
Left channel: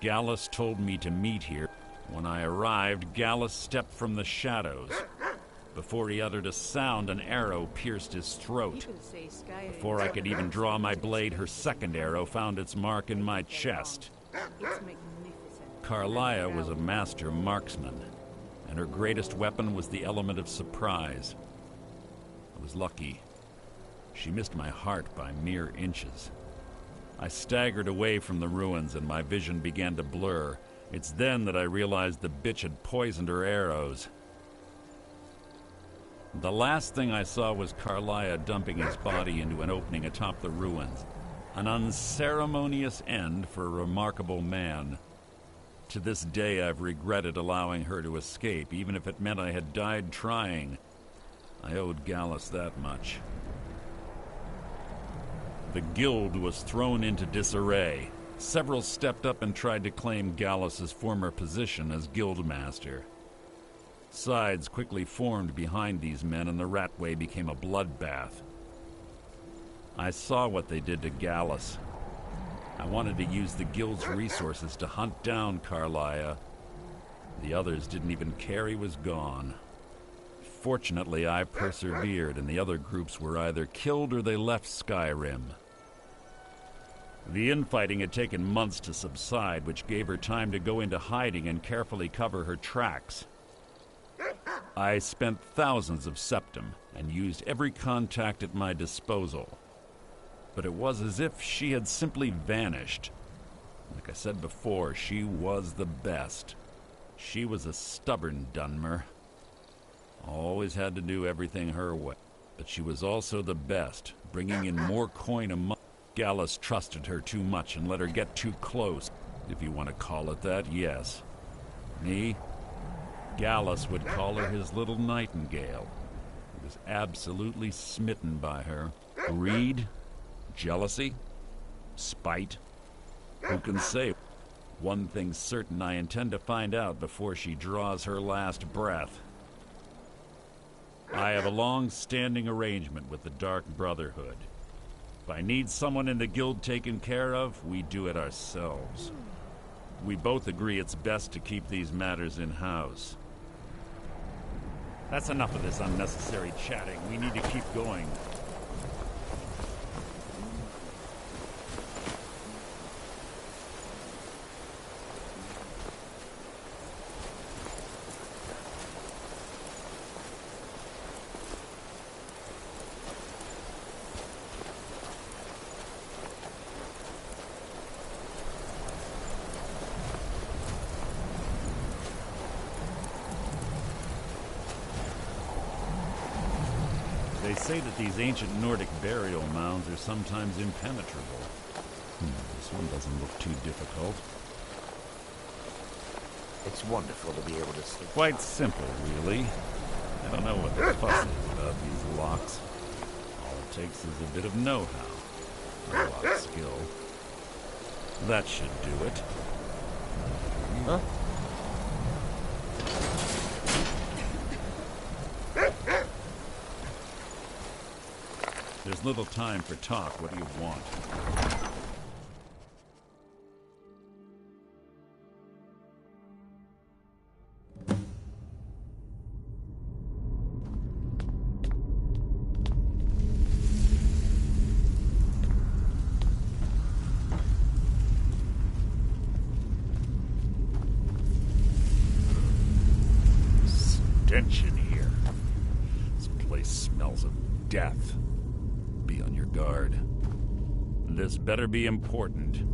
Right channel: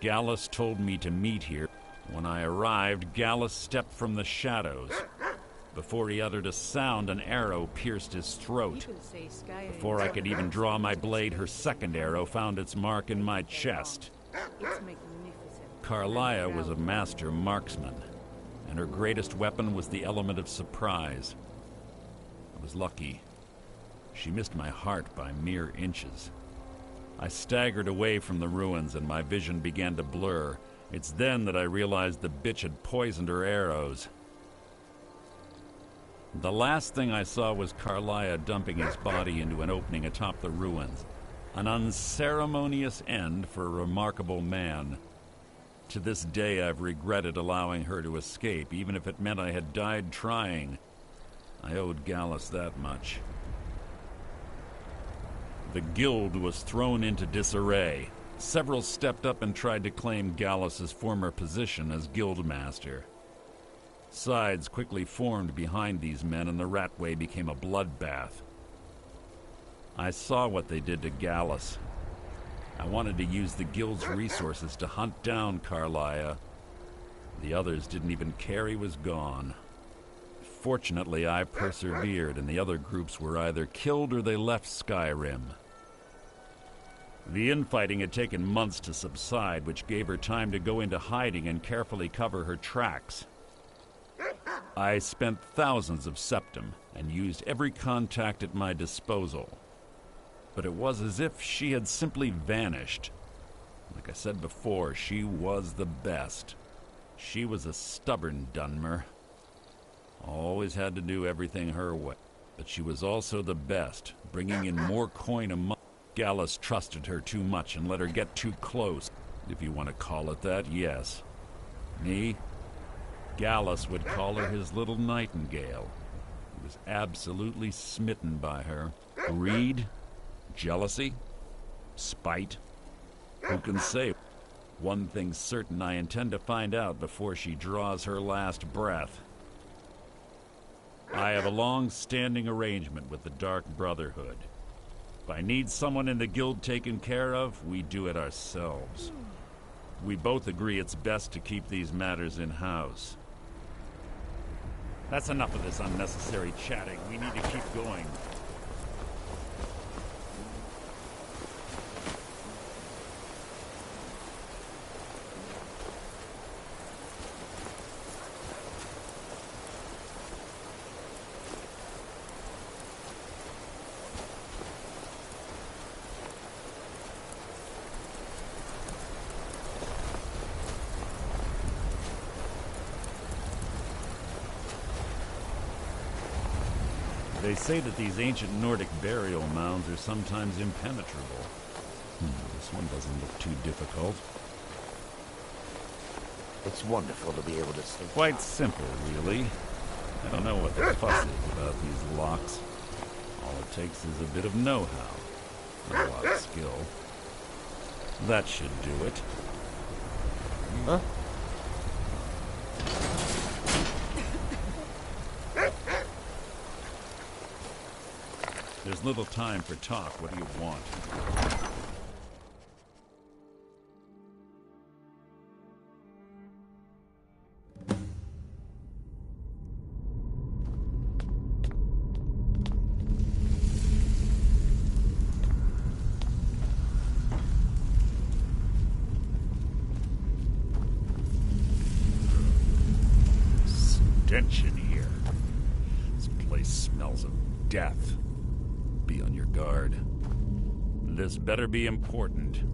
Gallus told me to meet here. When I arrived, Gallus stepped from the shadows. Before he uttered a sound, an arrow pierced his throat. Before I could even draw my blade, her second arrow found its mark in my chest. Carlia was a master marksman, and her greatest weapon was the element of surprise. I was lucky. She missed my heart by mere inches. I staggered away from the ruins, and my vision began to blur. It's then that I realized the bitch had poisoned her arrows. The last thing I saw was Carlia dumping his body into an opening atop the ruins. An unceremonious end for a remarkable man. To this day, I've regretted allowing her to escape, even if it meant I had died trying. I owed Gallus that much. The guild was thrown into disarray. Several stepped up and tried to claim Gallus's former position as guildmaster. Sides quickly formed behind these men, and the Ratway became a bloodbath. I saw what they did to Gallus. I wanted to use the guild's resources to hunt down Carlia. The others didn't even care he was gone. Fortunately, I persevered, and the other groups were either killed or they left Skyrim. The infighting had taken months to subside, which gave her time to go into hiding and carefully cover her tracks. I spent thousands of septum and used every contact at my disposal. but it was as if she had simply vanished. Like I said before, she was the best. She was a stubborn Dunmer. Always had to do everything her way. But she was also the best, bringing in more coin a month. Gallus trusted her too much and let her get too close, if you want to call it that, yes. Me? Gallus would call her his little nightingale. He was absolutely smitten by her. Greed? Jealousy? Spite? Who can say? One thing's certain, I intend to find out before she draws her last breath. I have a long-standing arrangement with the Dark Brotherhood. If I need someone in the guild taken care of, we do it ourselves. We both agree it's best to keep these matters in-house. That's enough of this unnecessary chatting. We need to keep going. They say that these ancient Nordic burial mounds are sometimes impenetrable. This one doesn't look too difficult. It's wonderful to be able to sleep. Quite simple, really. I don't know what the fuss is about these locks. All it takes is a bit of know-how. Not a lot of skill. That should do it. Huh? There's little time for talk. What do you want? Stench in here. This place smells of death. Be on your guard. This better be important.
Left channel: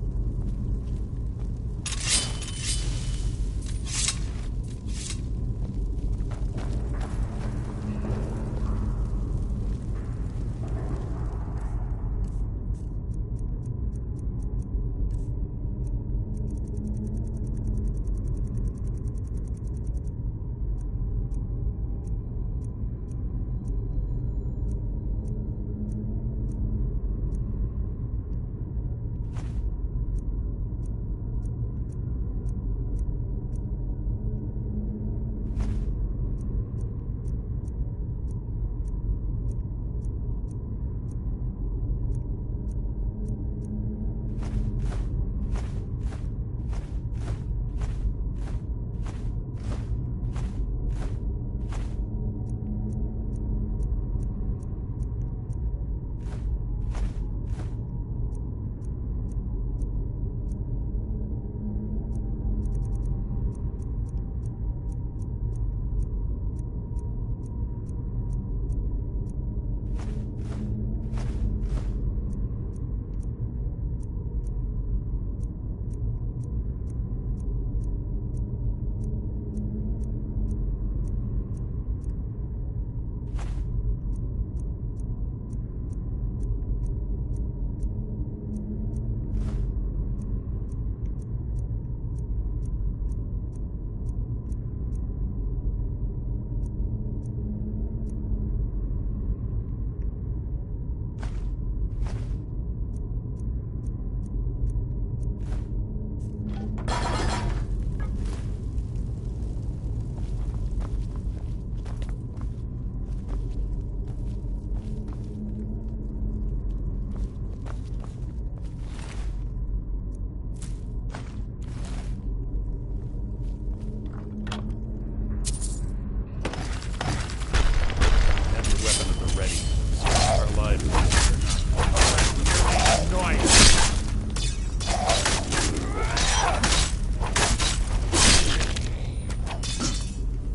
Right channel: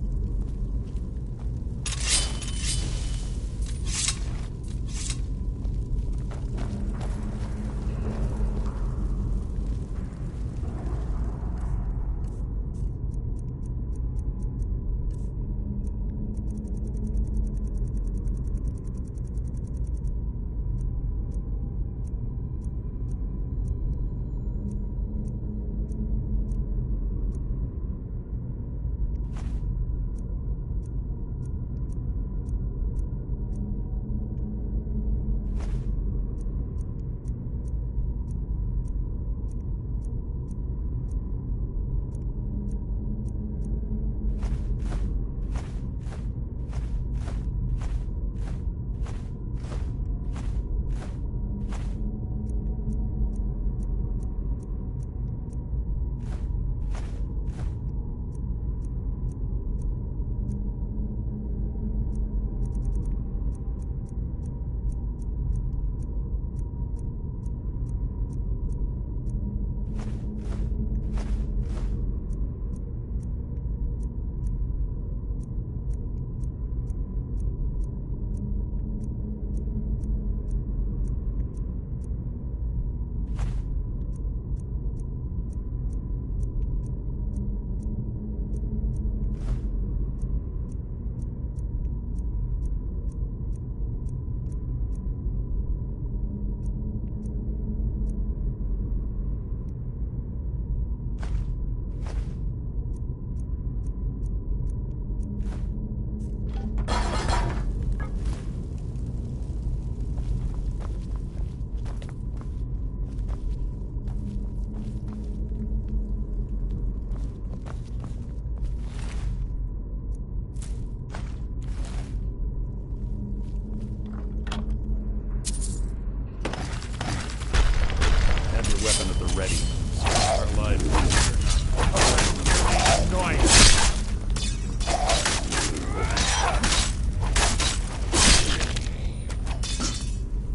Ready. Our lives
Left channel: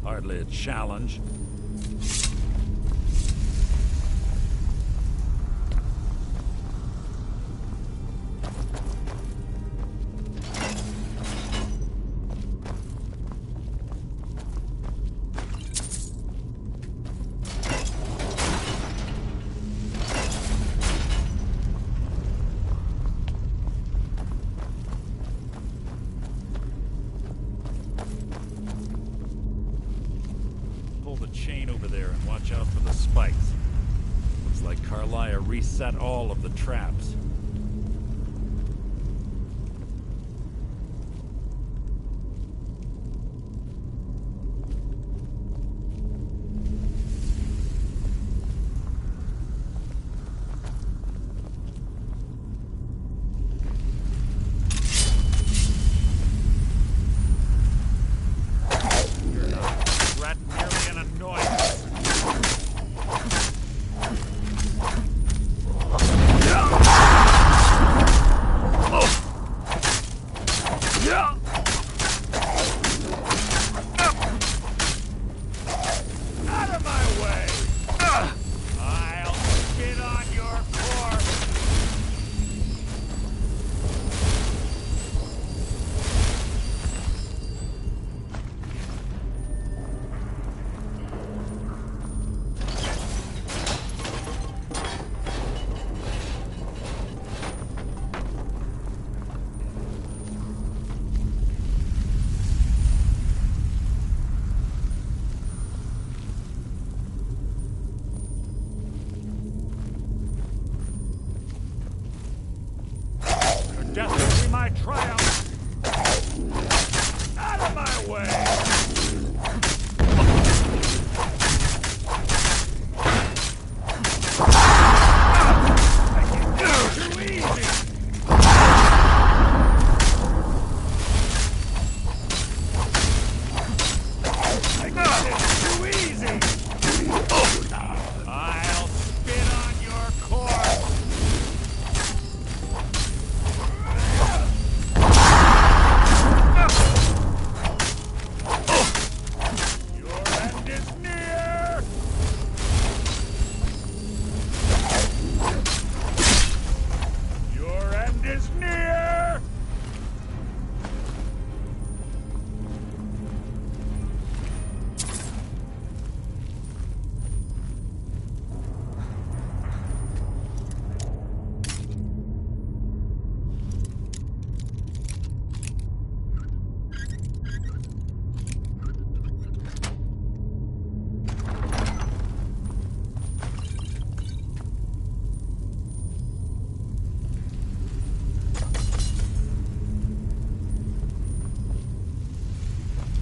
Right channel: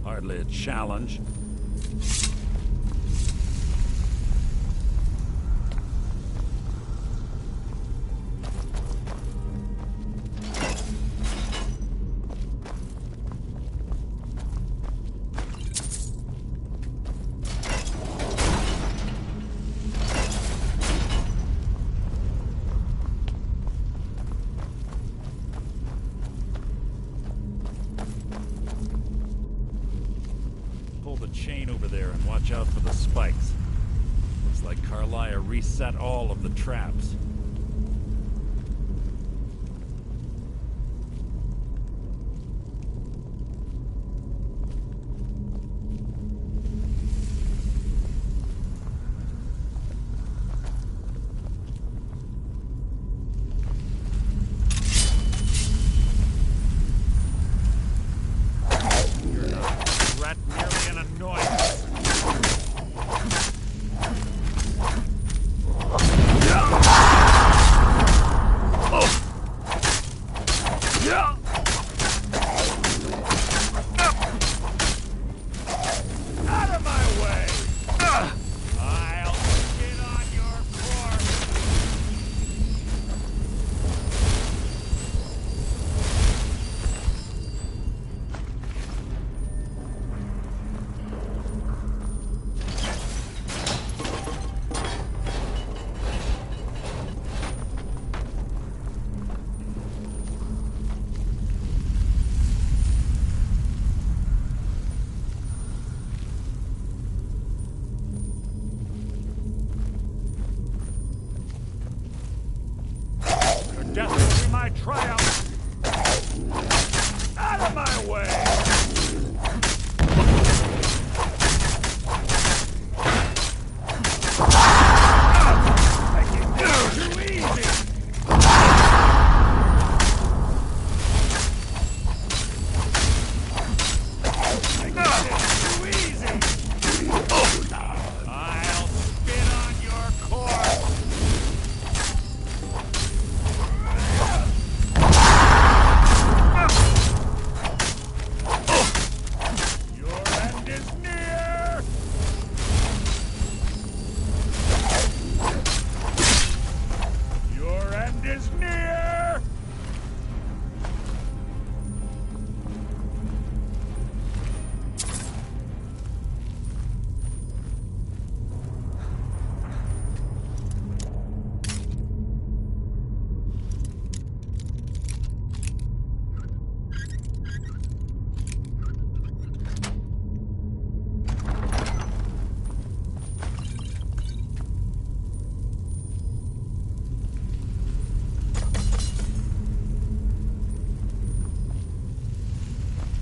hardly a challenge. chain over there and watch out for the spikes. Looks like Carlia reset all of the traps. Death will be my triumph! Out of my way! Too easy! Too easy! I'll spit on your corpse!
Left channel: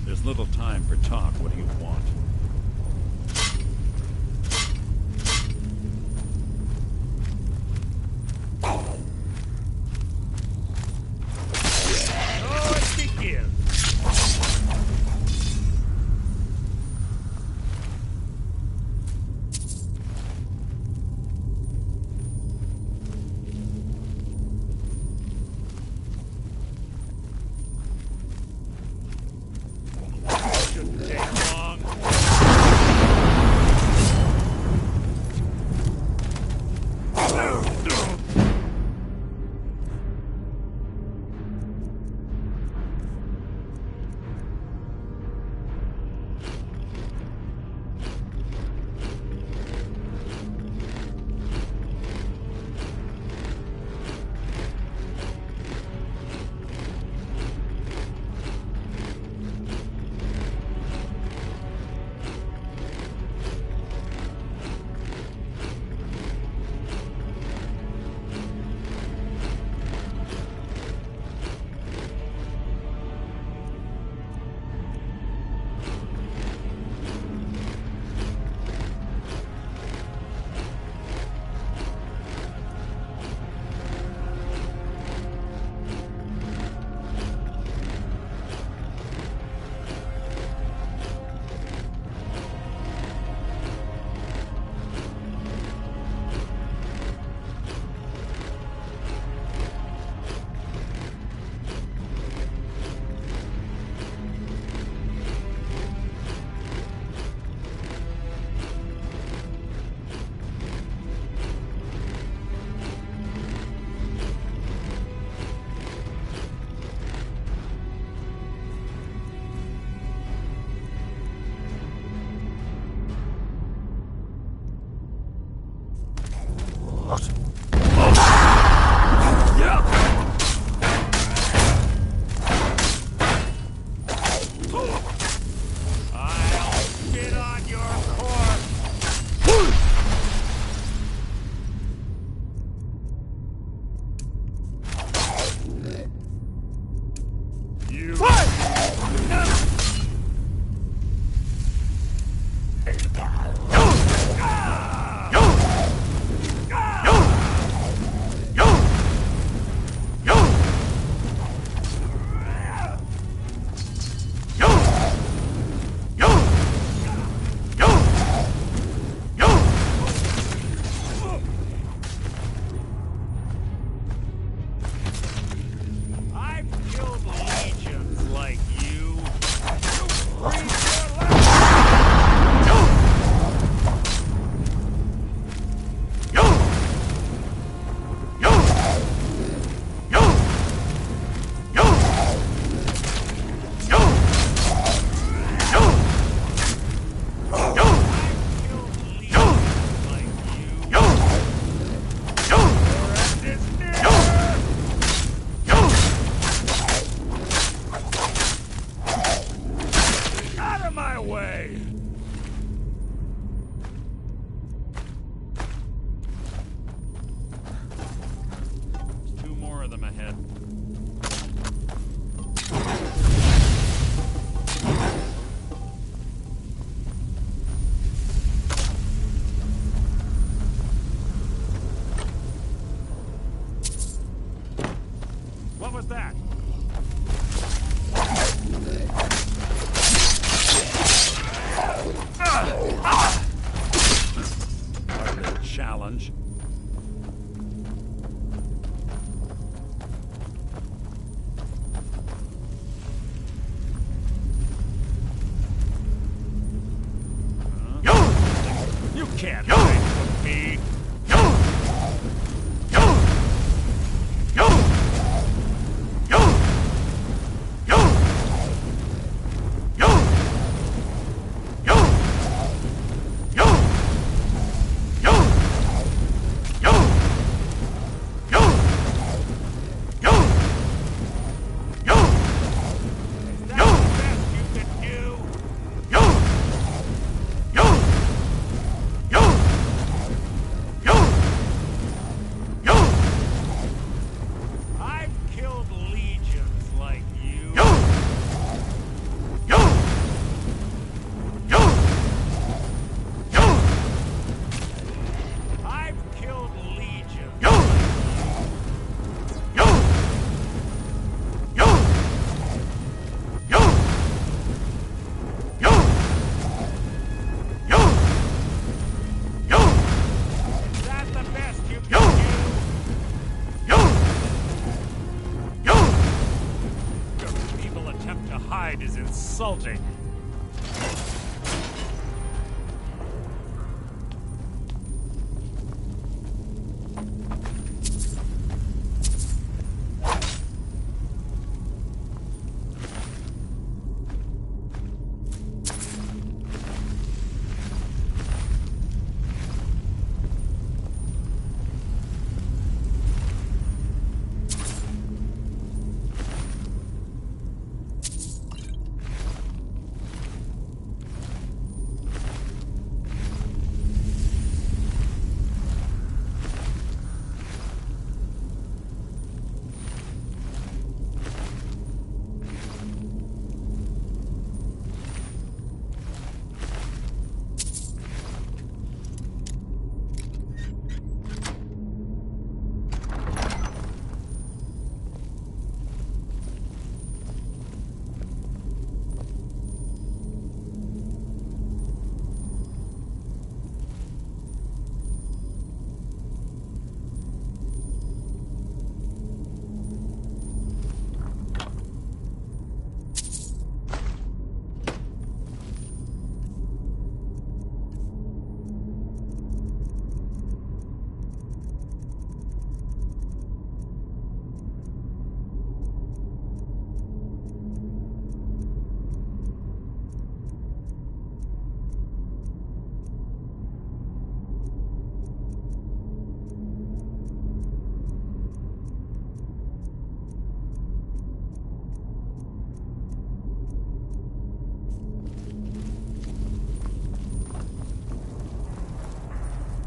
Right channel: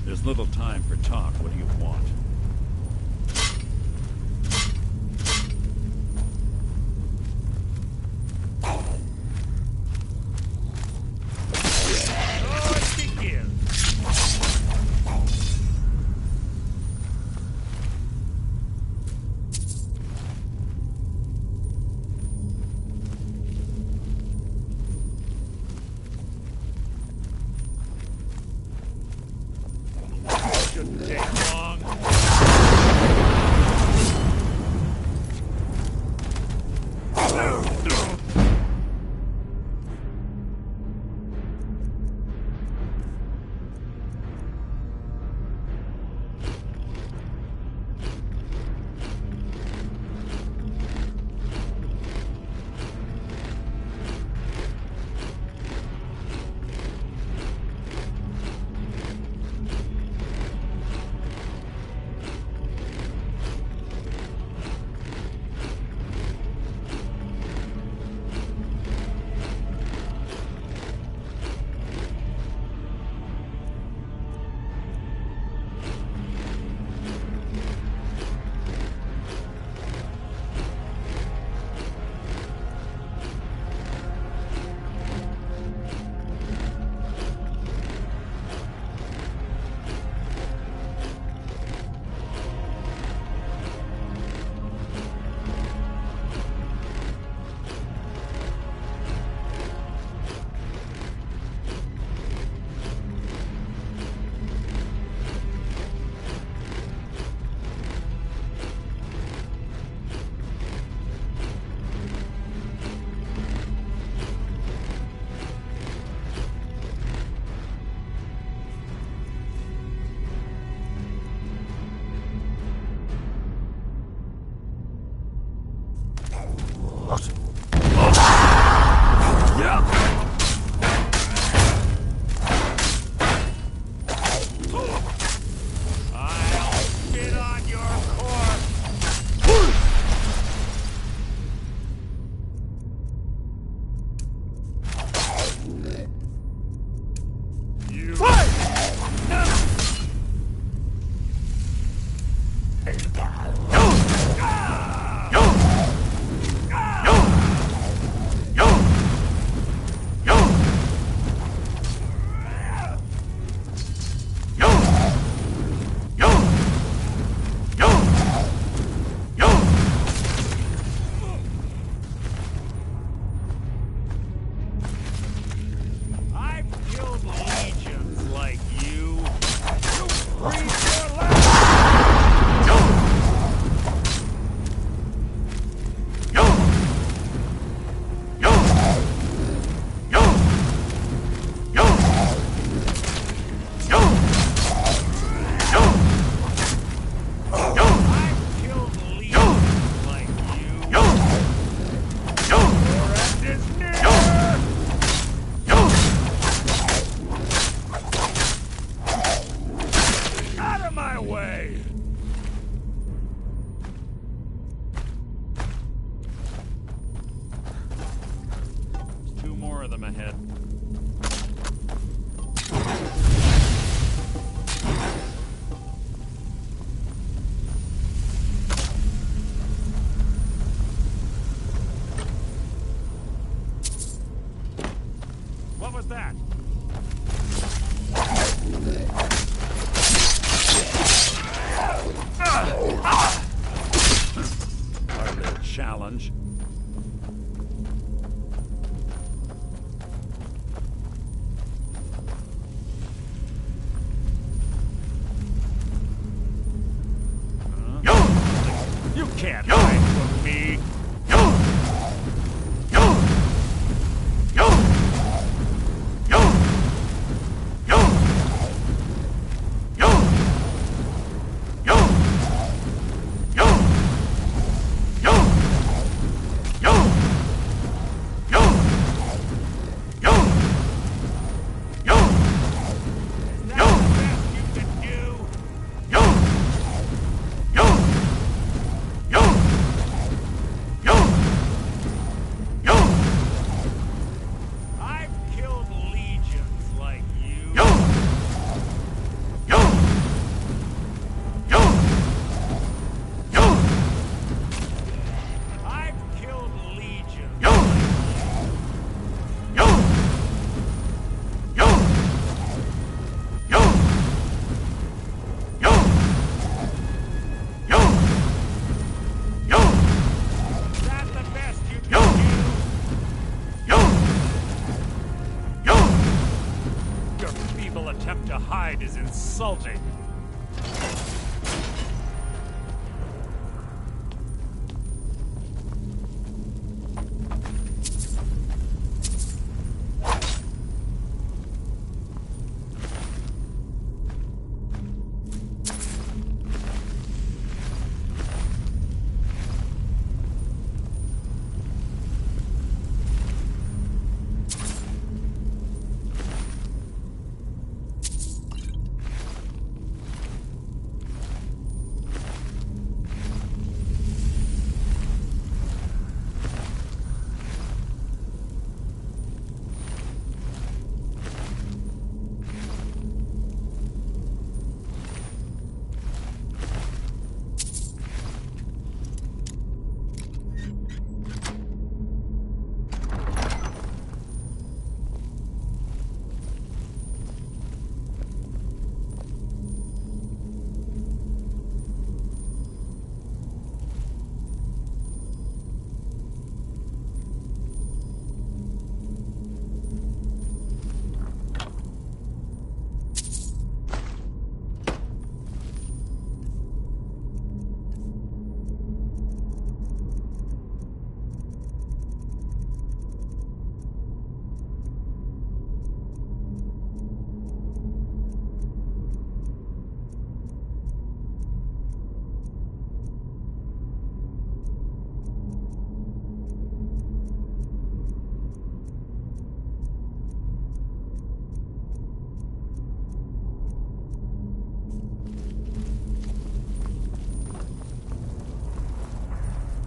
There's little time for talk. What do you want? Oh, it begins! Shouldn't take long. I'll spit on your corpse! of them ahead. What was that? Our little challenge. You can't hide from me. Attempt to hide is insulting.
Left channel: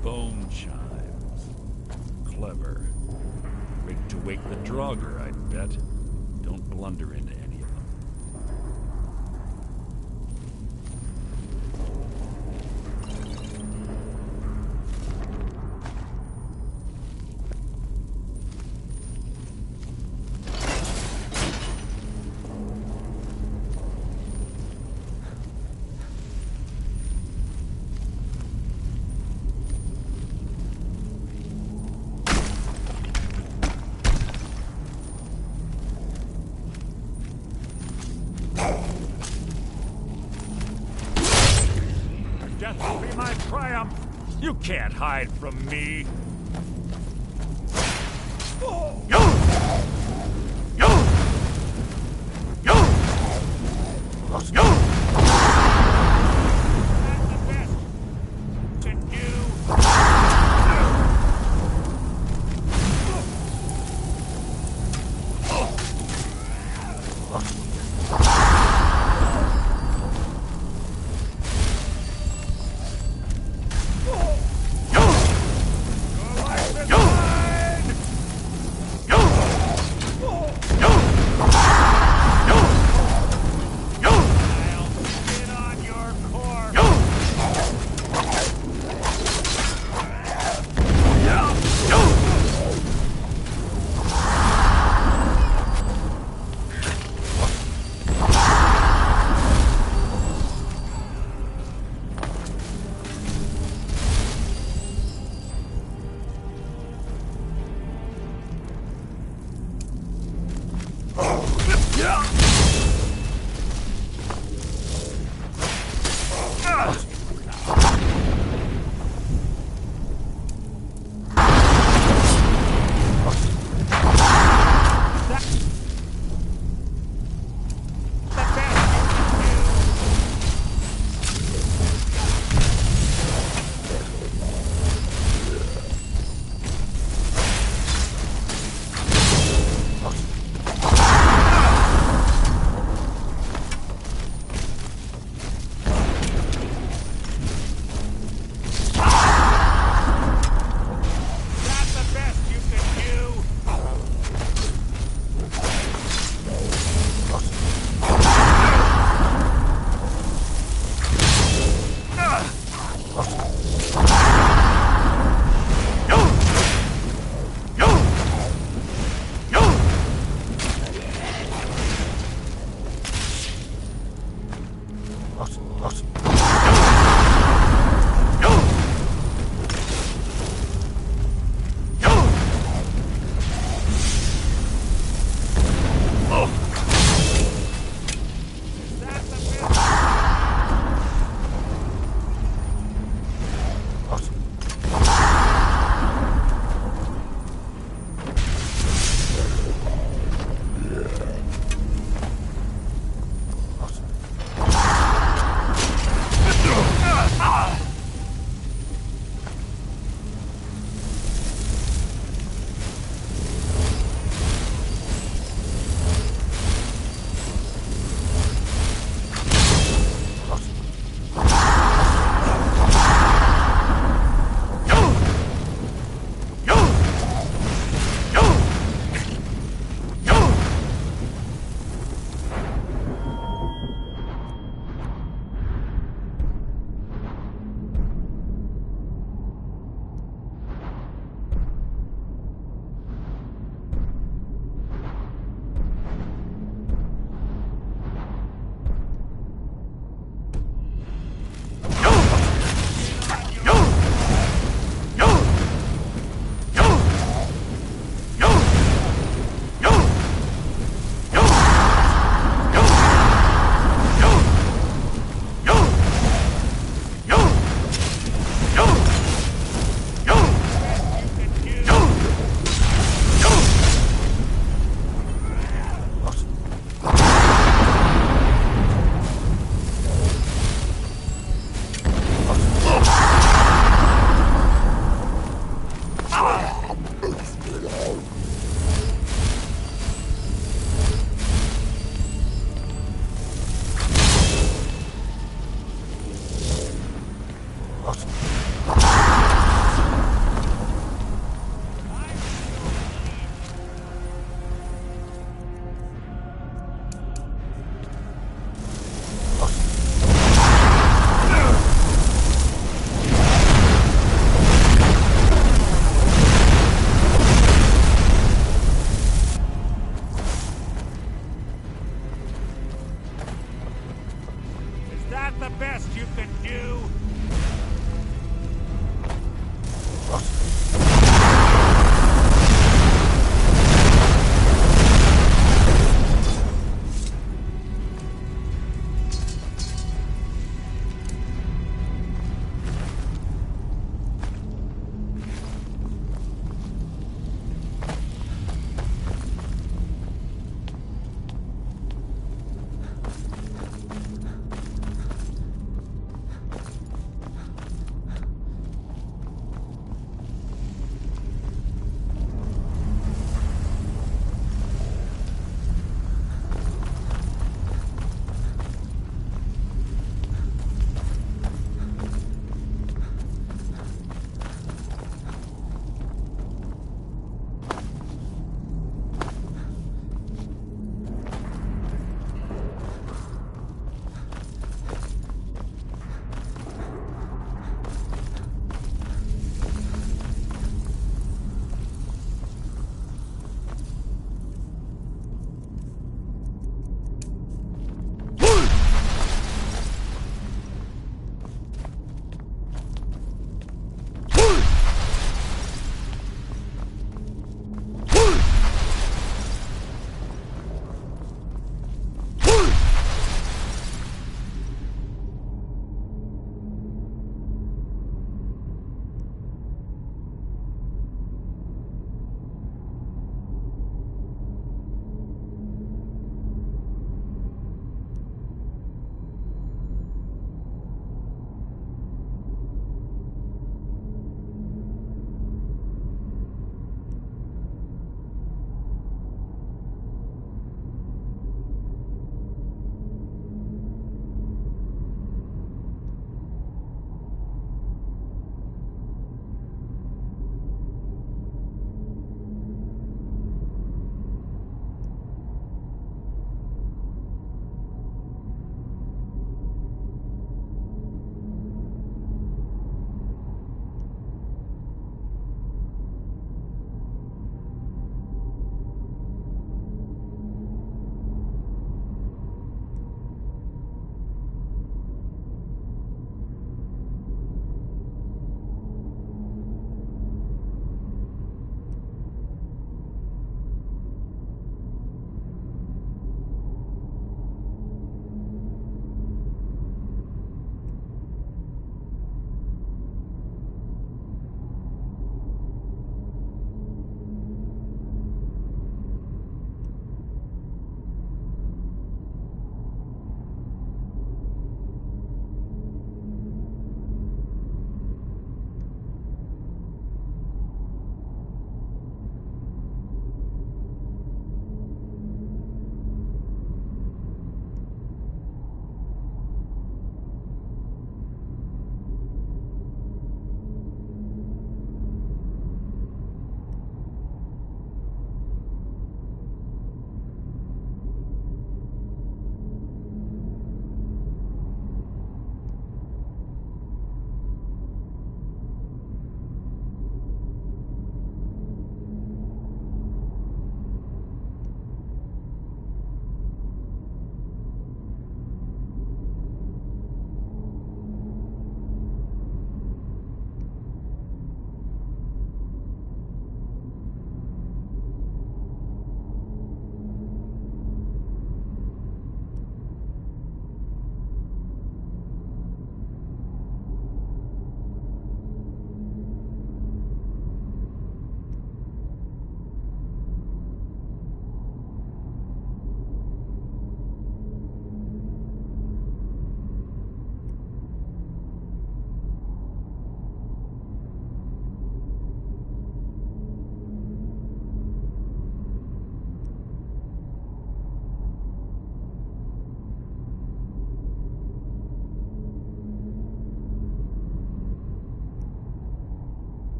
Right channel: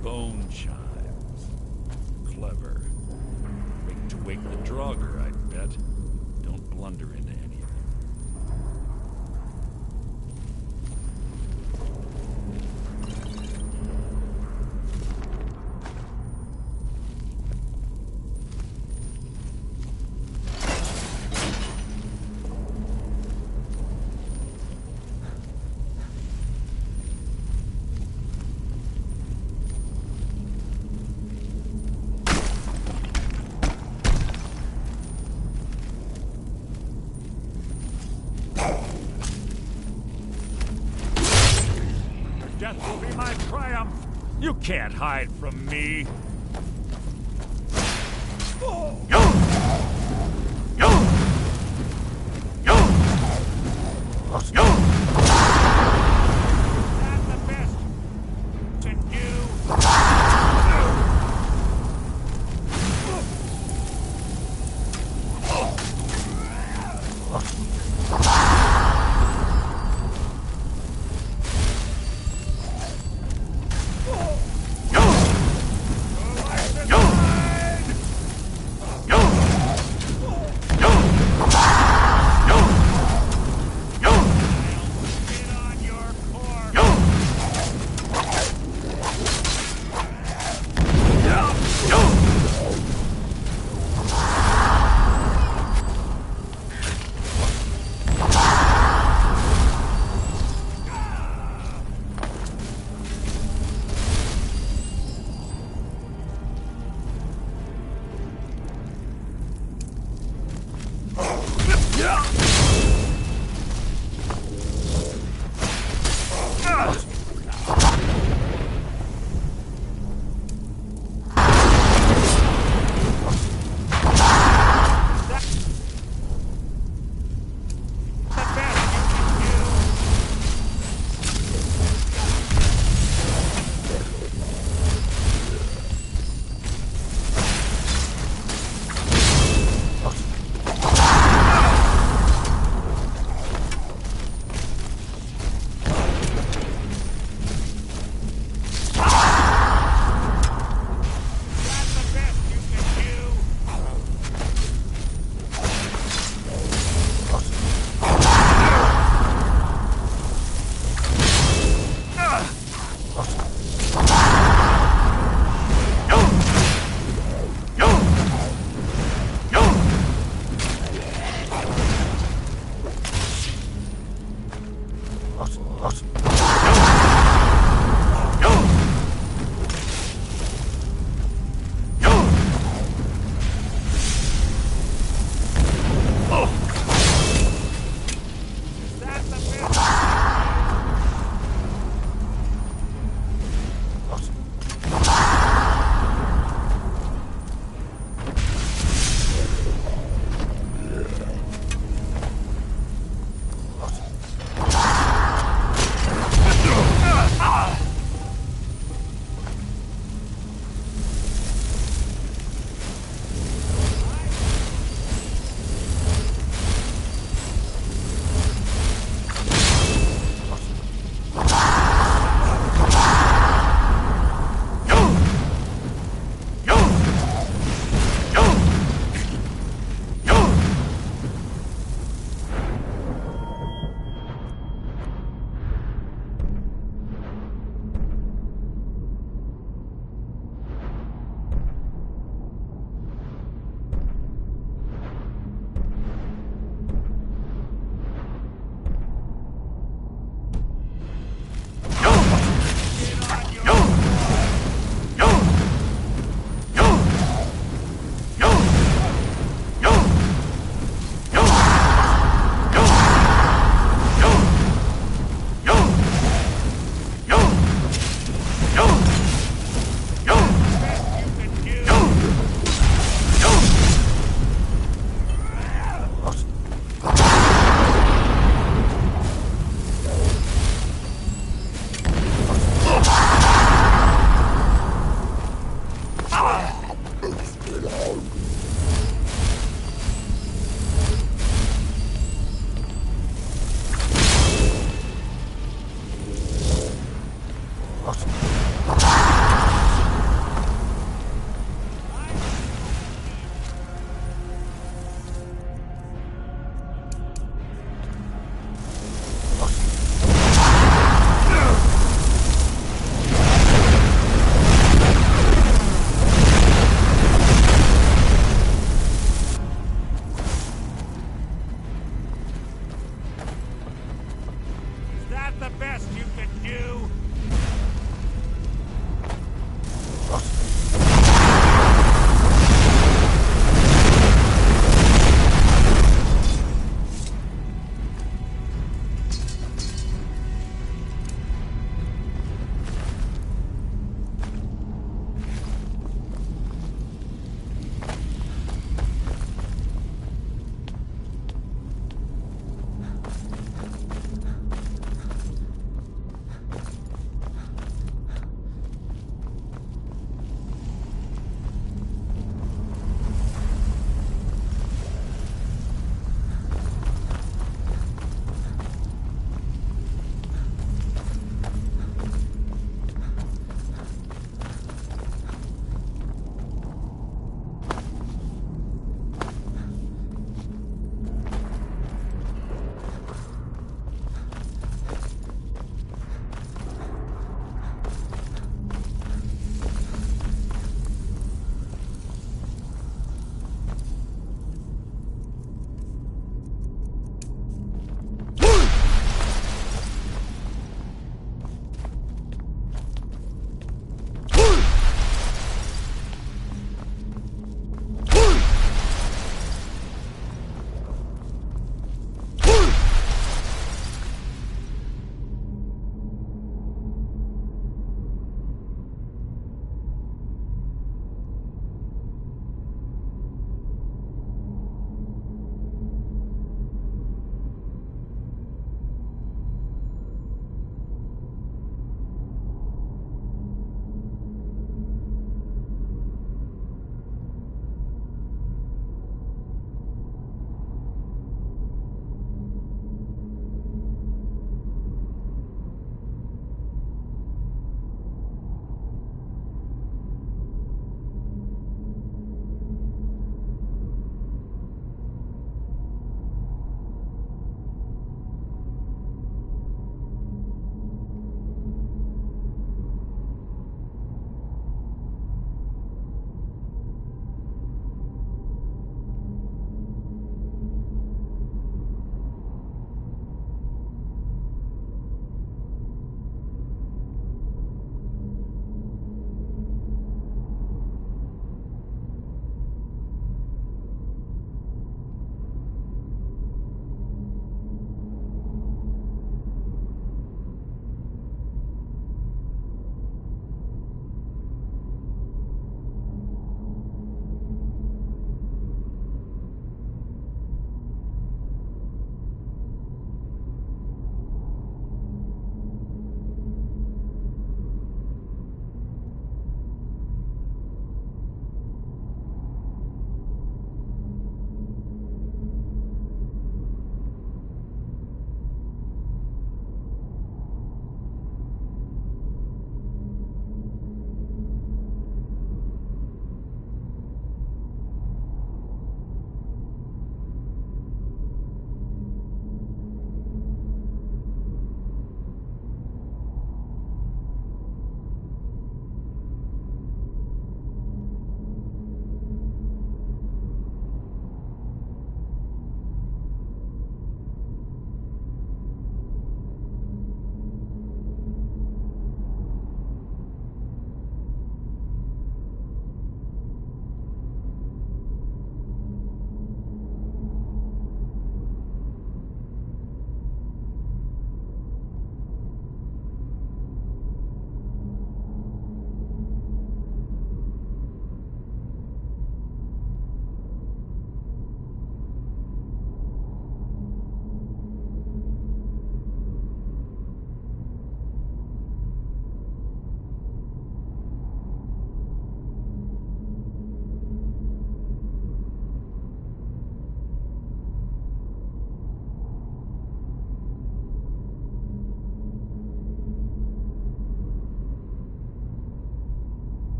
Bone chimes. Clever. Rigged to wake the Draugr, I'd bet. Don't blunder into any of them. Death will be my triumph. You can't hide from me. That's the best you can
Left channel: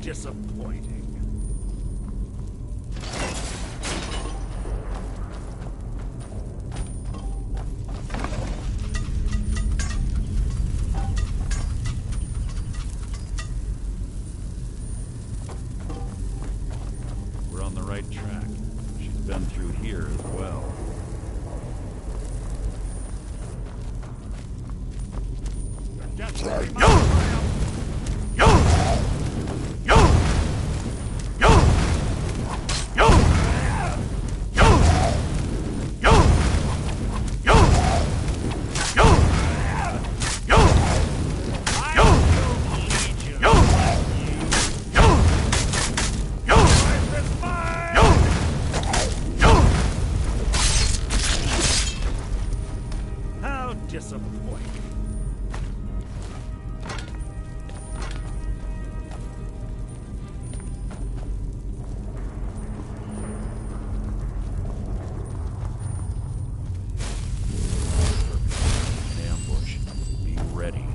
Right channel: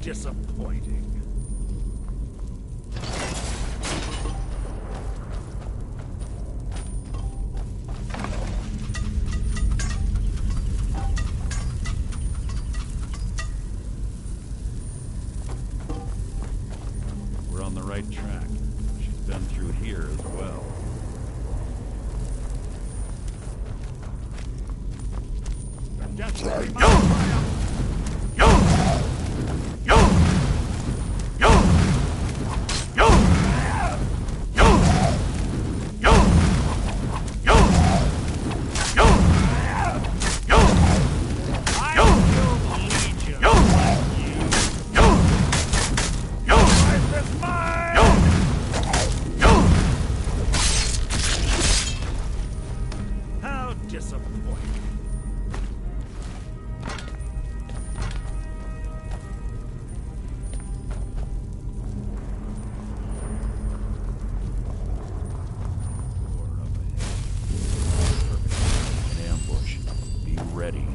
Disappointing. We're on the right track. She's been through here as well. Disappointing. An ambush. Be ready.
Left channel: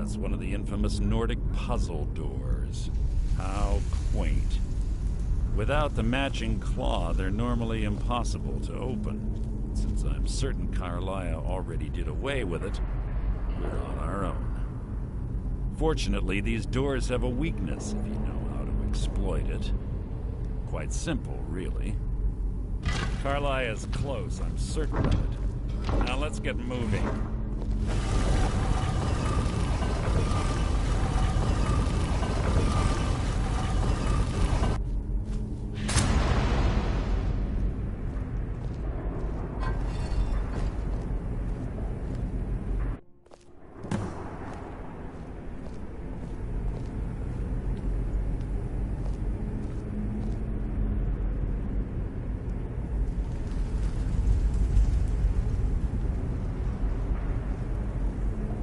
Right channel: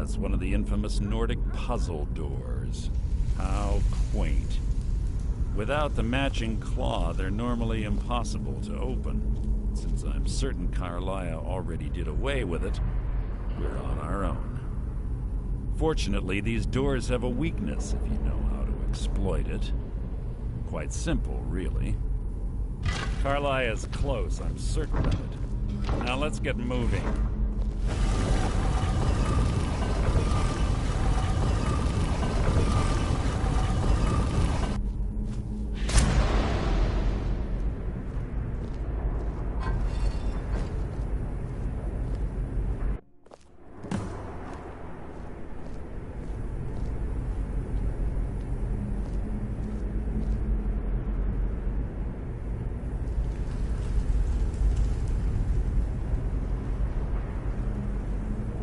it's one of the infamous Nordic puzzle doors. How quaint. Without the matching claw, they're normally impossible to open. Since I'm certain Carlia already did away with it, we're on our own. Fortunately, these doors have a weakness if you know how to exploit it. Quite simple, really. Carlia is close, I'm certain of it. Now let's get moving.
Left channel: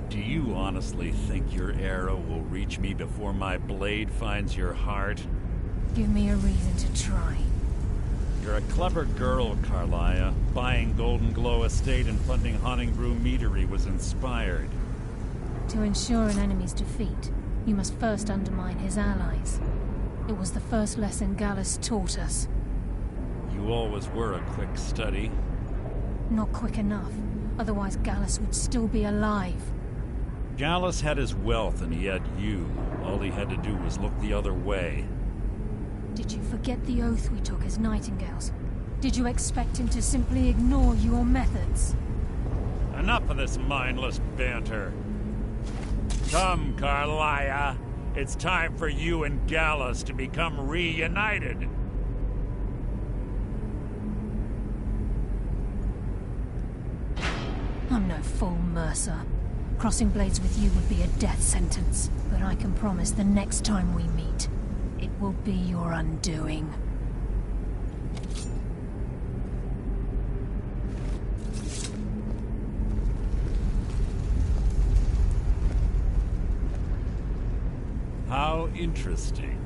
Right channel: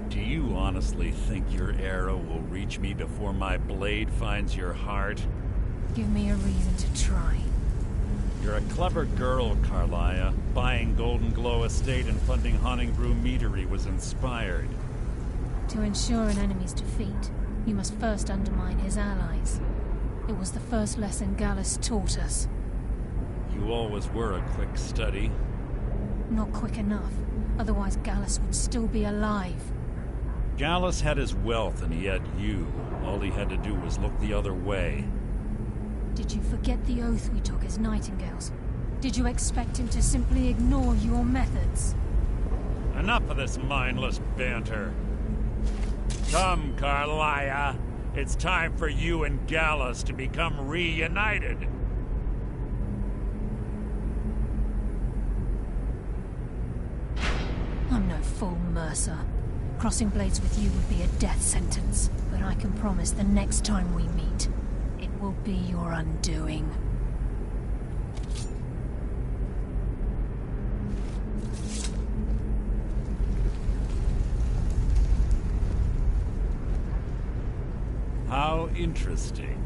Do you honestly think your arrow will reach me before my blade finds your heart? Give me a reason to try. You're a clever girl, Carlia. Buying Golden Glow Estate and funding Honningbrew Meadery was inspired. To ensure an enemy's defeat, you must first undermine his allies. It was the first lesson Gallus taught us. You always were a quick study. Not quick enough, otherwise Gallus would still be alive. Gallus had his wealth and he had you. All he had to do was look the other way. Did you forget the oath we took as Nightingales? Did you expect him to simply ignore your methods? Enough of this mindless banter. Come, Carlia. It's time for you and Gallus to become reunited. I'm no fool, Mercer. Crossing blades with you would be a death sentence, but I can promise the next time we meet, it will be your undoing. How interesting.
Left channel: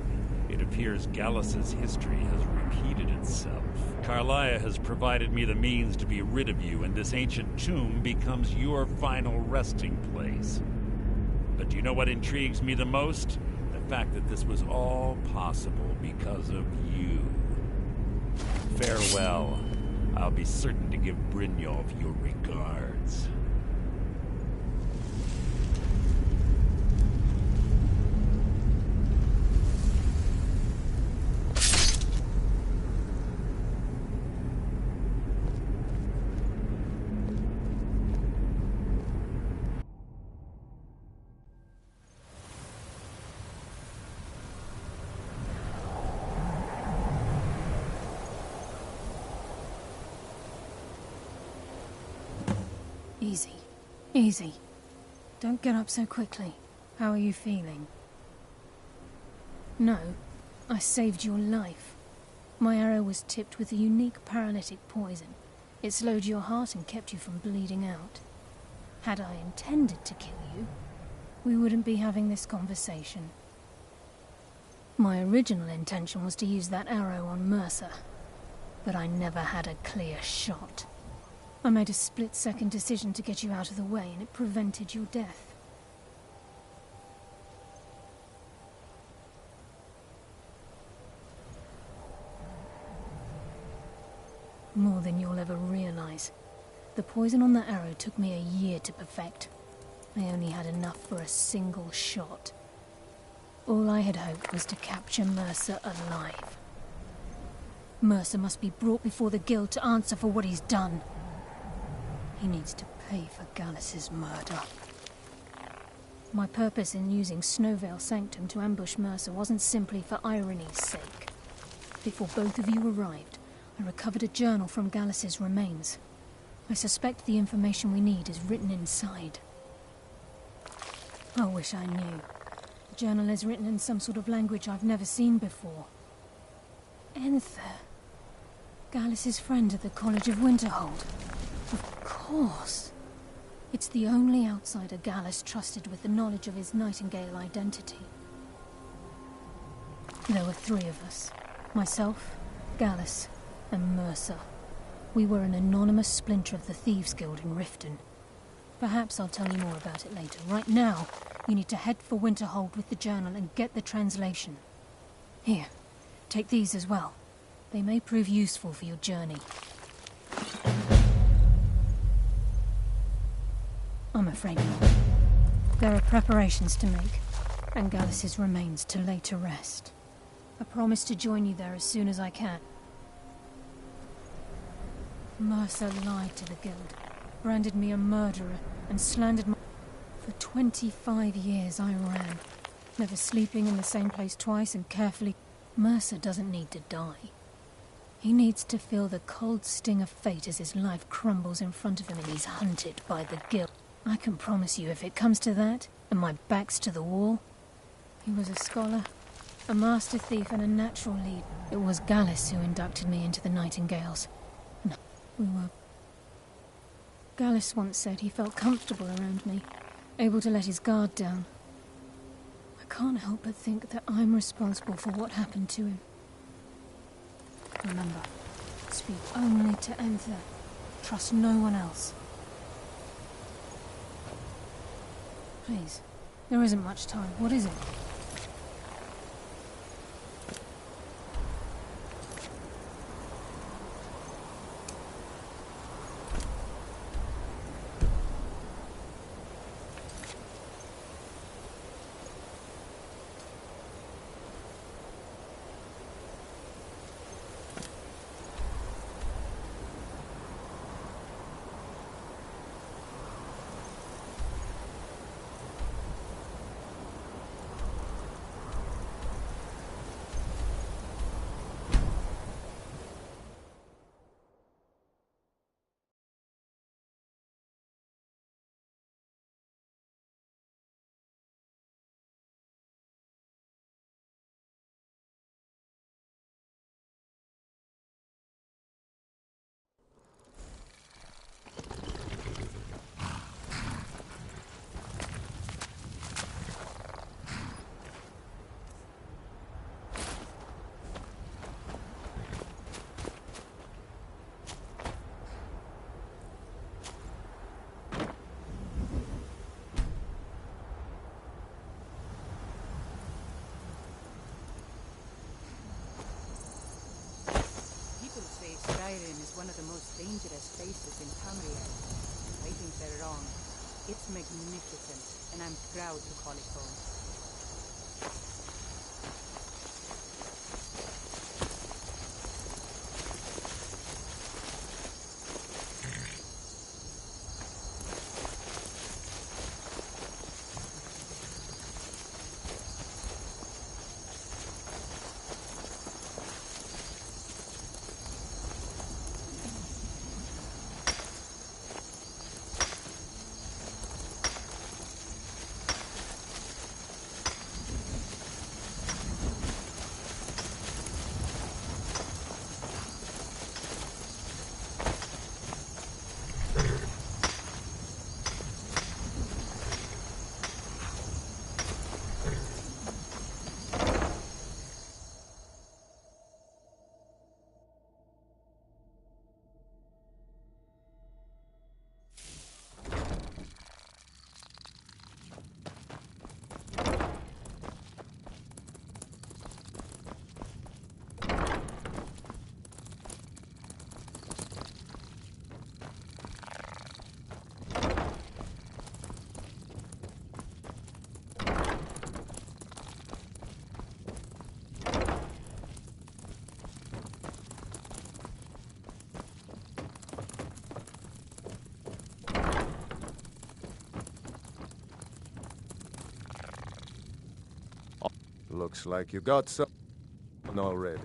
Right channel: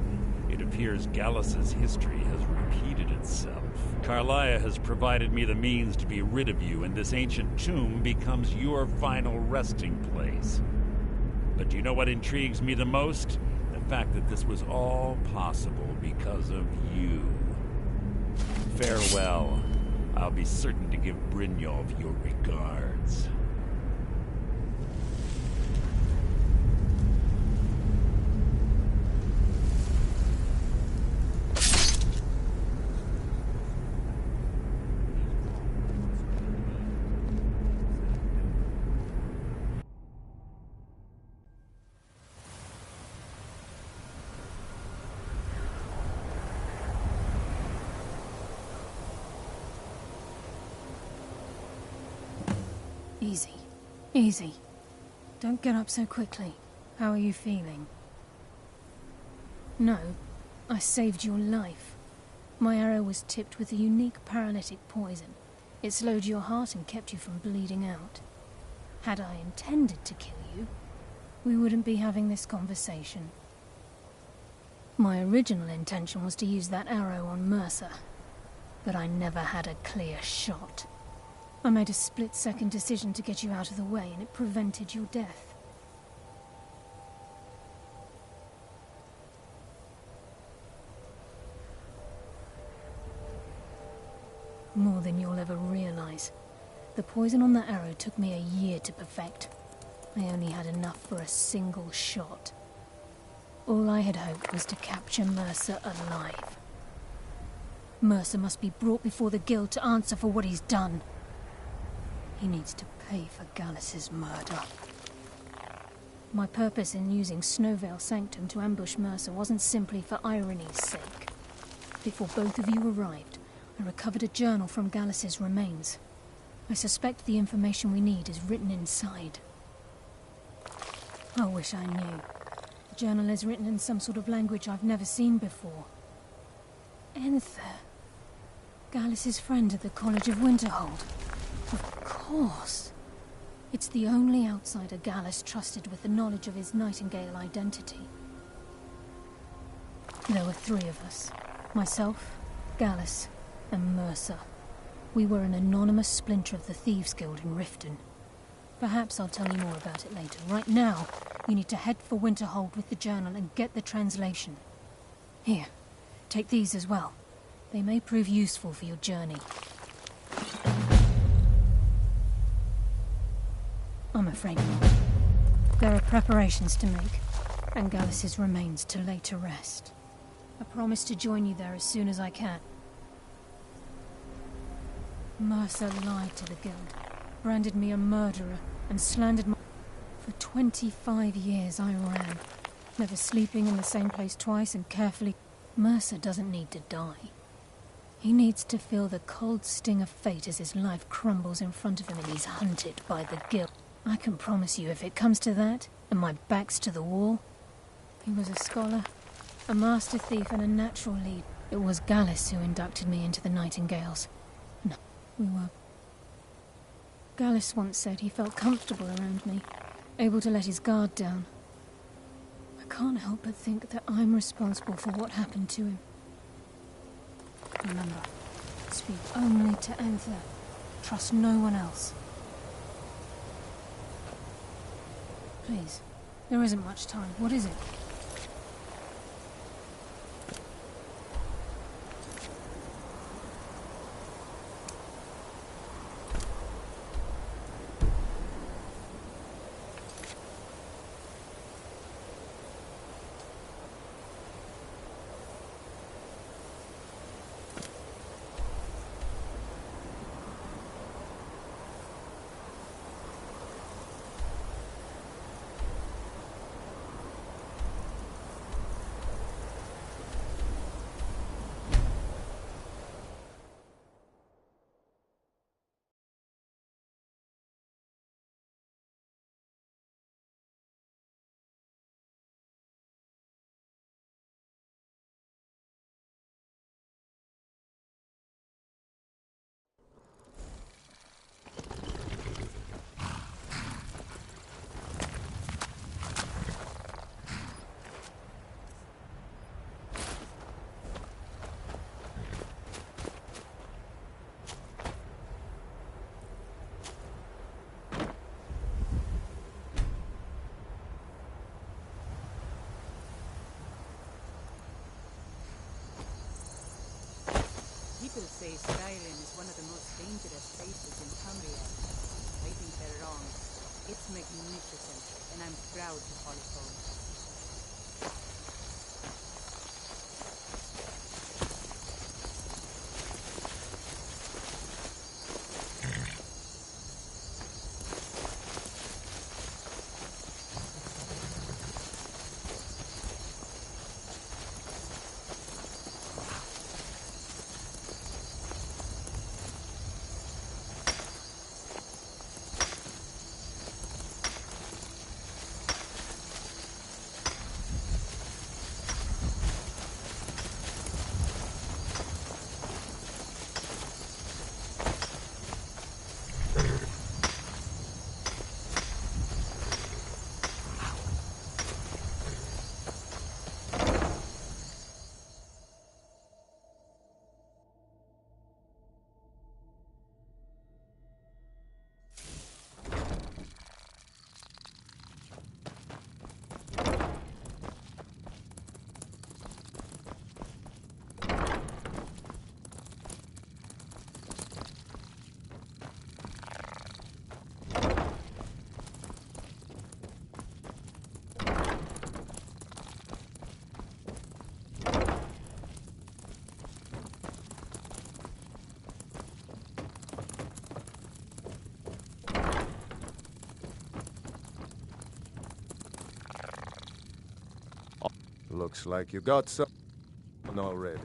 It appears Gallus's history has repeated itself. Carlia has provided me the means to be rid of you, and this ancient tomb becomes your final resting place. But do you know what intrigues me the most? The fact that this was all possible because of you. Farewell. I'll be certain to give Brynjolf your regards. Easy. Easy. Don't get up so quickly. How are you feeling? No, I saved your life. My arrow was tipped with a unique paralytic poison. It slowed your heart and kept you from bleeding out. Had I intended to kill you, we wouldn't be having this conversation. My original intention was to use that arrow on Mercer, but I never had a clear shot. I made a split-second decision to get you out of the way, and it prevented your death. More than you'll ever realize. The poison on that arrow took me a year to perfect. I only had enough for a single shot. All I had hoped was to capture Mercer alive. Mercer must be brought before the Guild to answer for what he's done. He needs to pay for Gallus's murder. My purpose in using Snowvale Sanctum to ambush Mercer wasn't simply for irony's sake. Before both of you arrived, I recovered a journal from Gallus's remains. I suspect the information we need is written inside. I wish I knew. The journal is written in some sort of language I've never seen before. Enther. Gallus's friend at the College of Winterhold. Of course. It's the only outsider Gallus trusted with the knowledge of his Nightingale identity. There were three of us. Myself, Gallus, and Mercer. We were an anonymous splinter of the Thieves' Guild in Riften. Perhaps I'll tell you more about it later. Right now, You need to head for Winterhold with the journal and get the translation. Here, take these as well. They may prove useful for your journey. I'm afraid not. There are preparations to make, and Gallus's remains to lay to rest. I promise to join you there as soon as I can. Mercer lied to the guild, branded me a murderer, and slandered my... For 25 years I ran, never sleeping in the same place twice and carefully... Mercer doesn't need to die. He needs to feel the cold sting of fate as his life crumbles in front of him and he's hunted by the guild. I can promise you, if it comes to that, and my back's to the wall... He was a scholar, a master thief, and a natural lead. It was Gallus who inducted me into the Nightingales. And we were... Gallus once said he felt comfortable around me, able to let his guard down. I can't help but think that I'm responsible for what happened to him. Remember, speak only to Anther. Trust no one else. Please, there isn't much time. What is it? People say Skyrim is one of the most dangerous places in Tamriel. I think they're wrong. It's magnificent, and I'm proud to call it home. Looks like you got some already.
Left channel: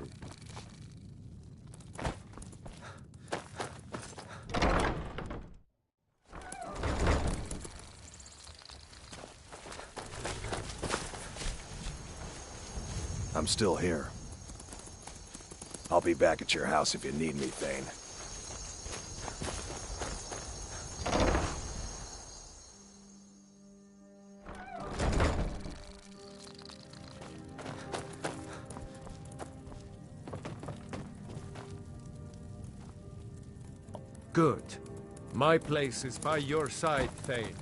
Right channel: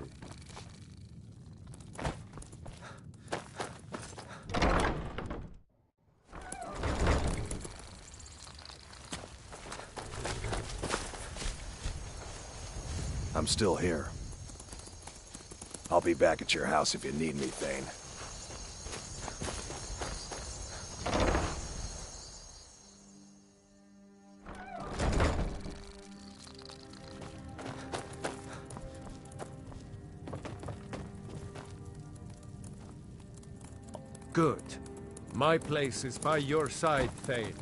I'm still here. I'll be back at your house if you need me, Thane. Good. My place is by your side, Thane.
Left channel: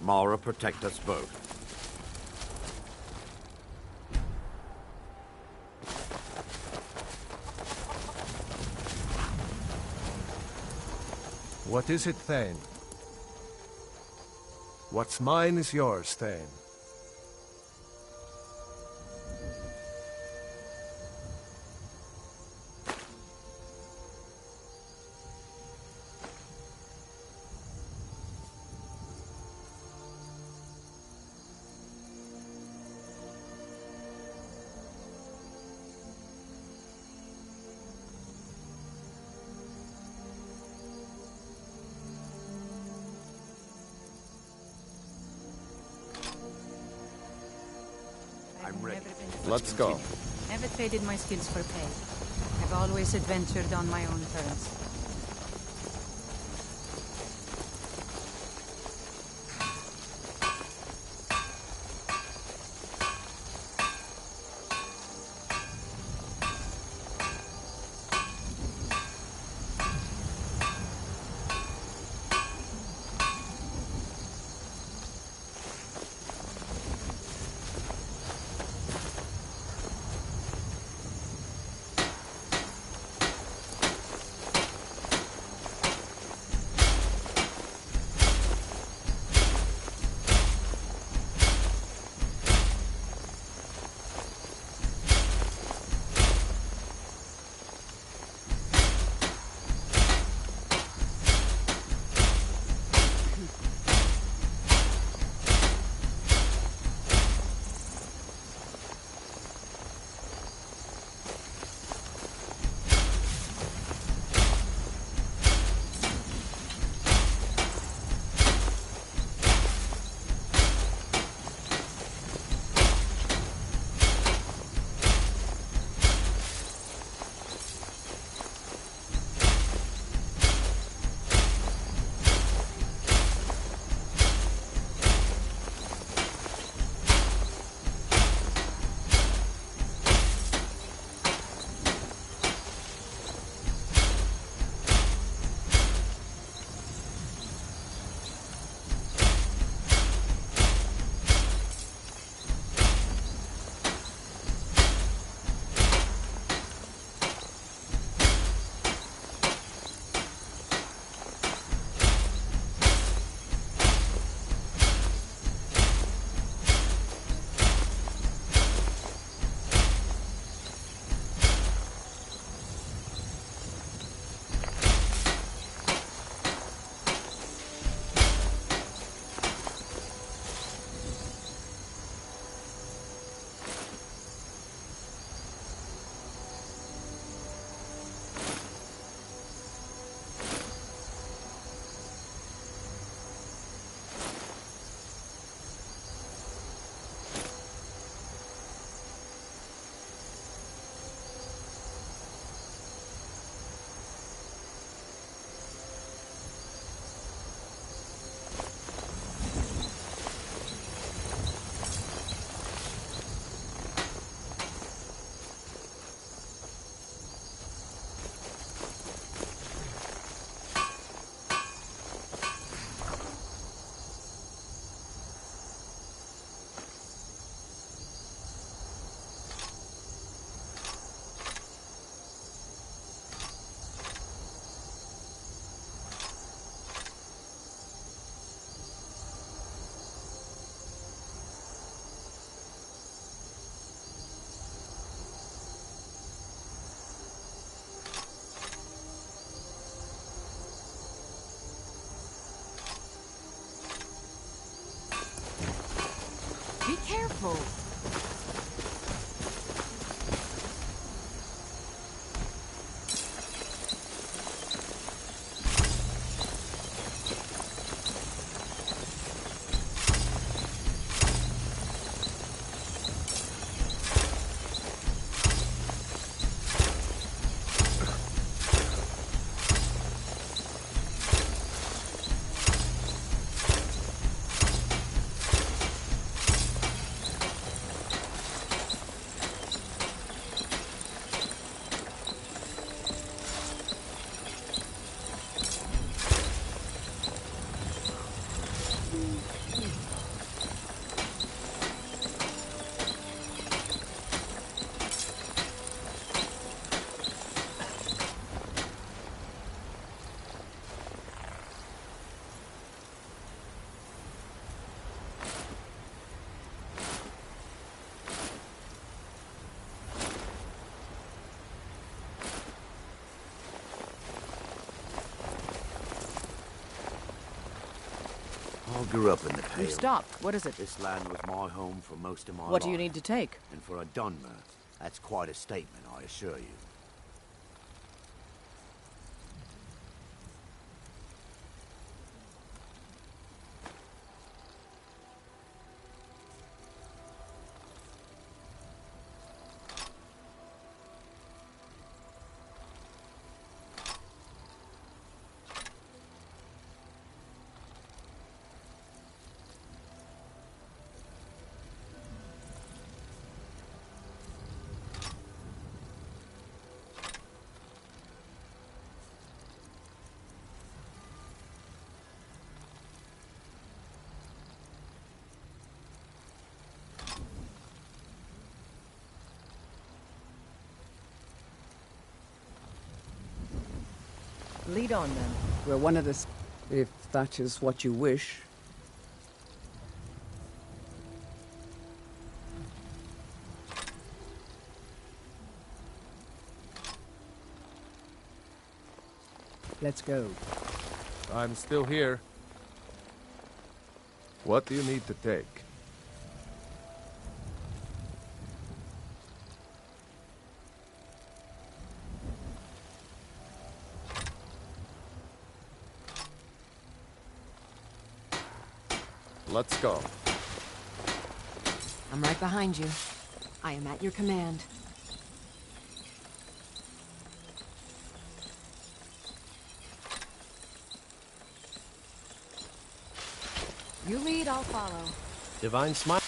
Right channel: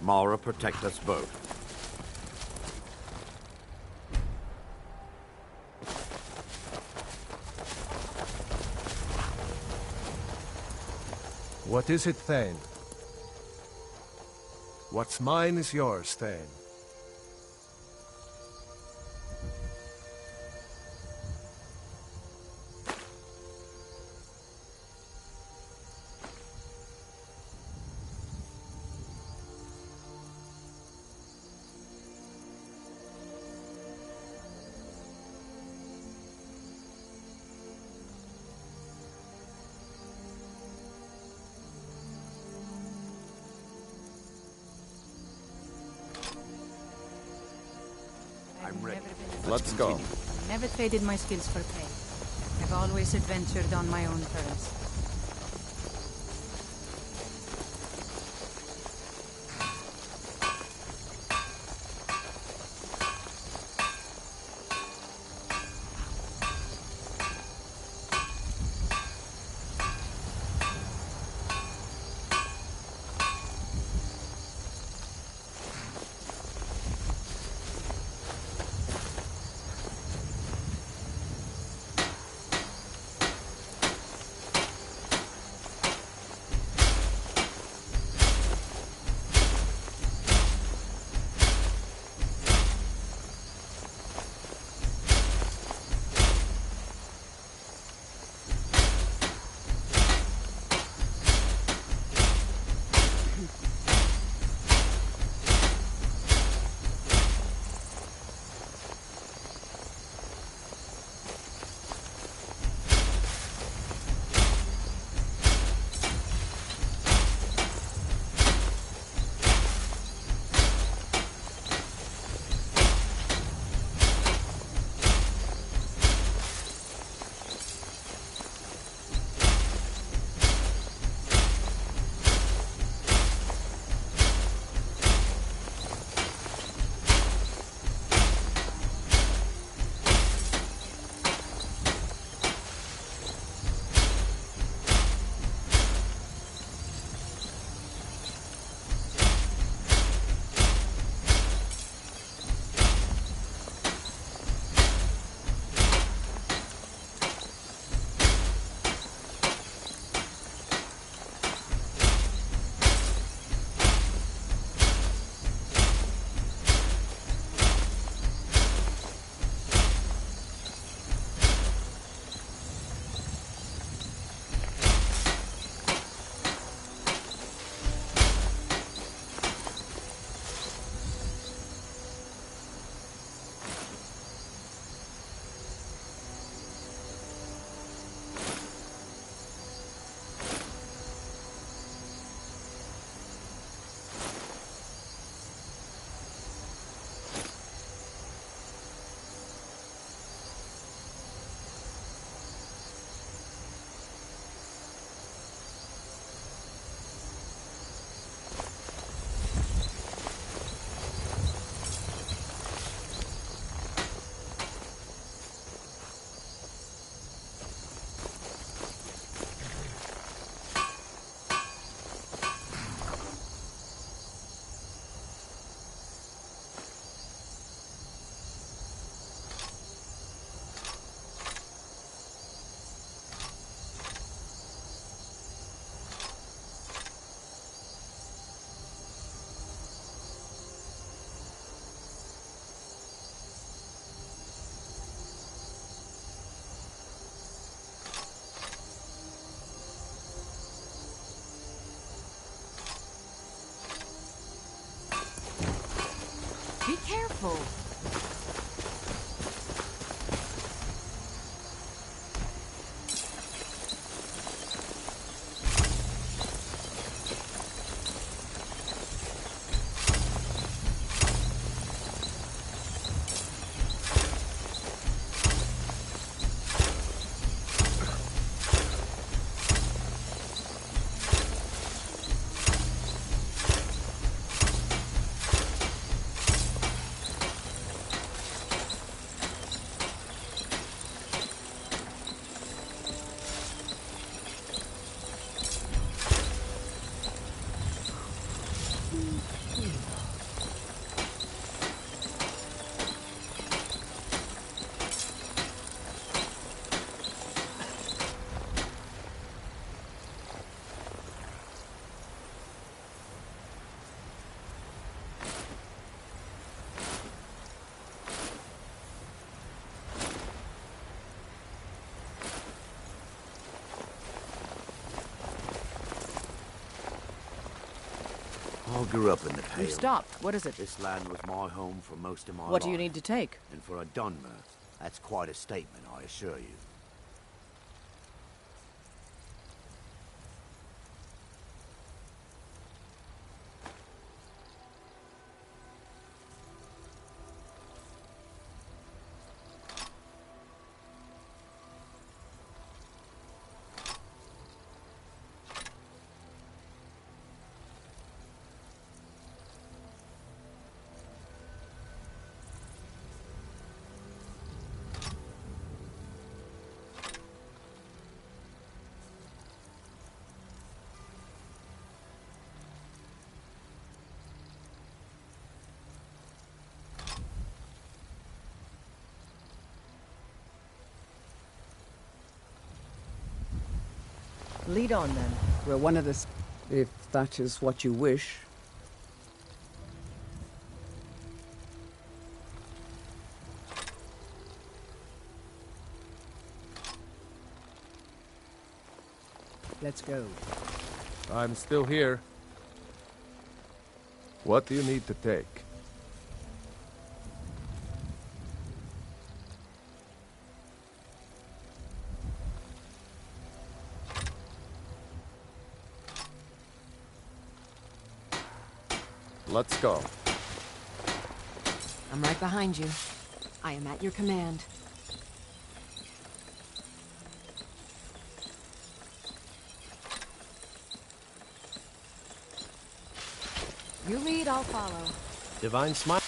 Mara, protect us both. What is it, Thane? What's mine is yours, Thane. I'm ready. Let's go. Never traded my skills for pay. I've always adventured on my own terms. Be careful. I grew up in the Pale. You've stopped. What is it? This land was my home for most of my life. What do you need to take? And for a Dunmer, that's quite a statement, I assure you. Lead on, then. We're one of the... if that is what you wish. Let's go. I'm still here. What do you need to take? Let's go. I'm right behind you. I am at your command. You lead, I'll follow. Divine Smile.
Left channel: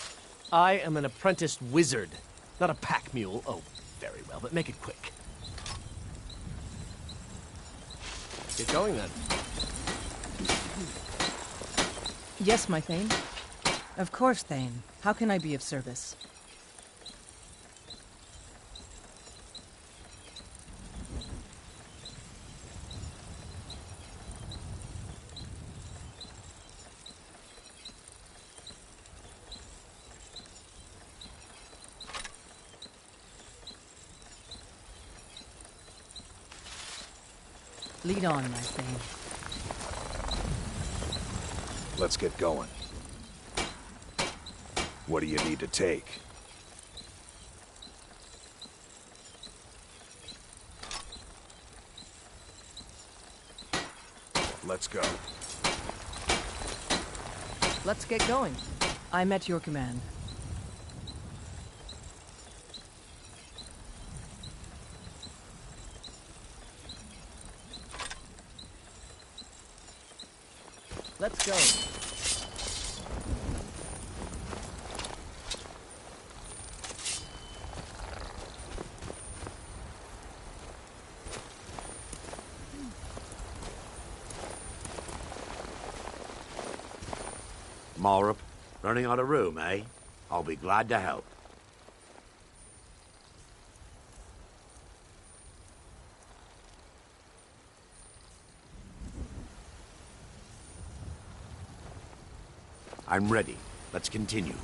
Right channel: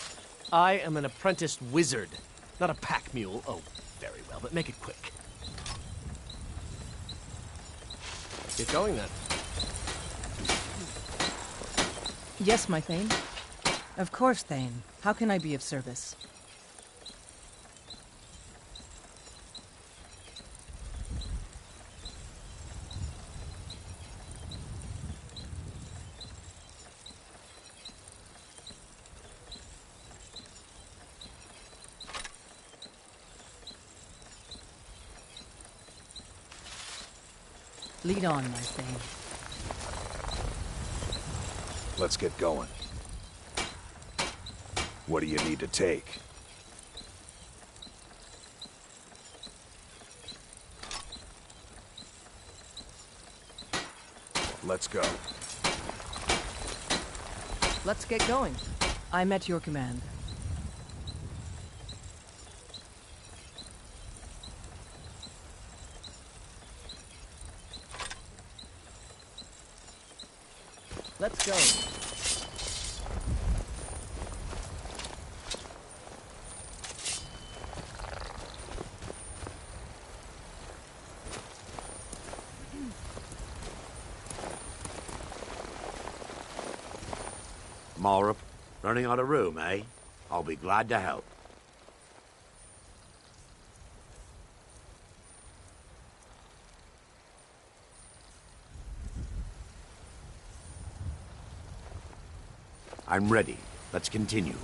I am an apprenticed wizard, not a pack mule. Oh, very well, but make it quick. Get going, then. Yes, my Thane. Of course, Thane. How can I be of service? Lead on, my Thane. Let's get going. What do you need to take? Let's go. Let's get going. I'm at your command. Let's go. Malrup, running out of room, eh? I'll be glad to help. I'm ready. Let's continue.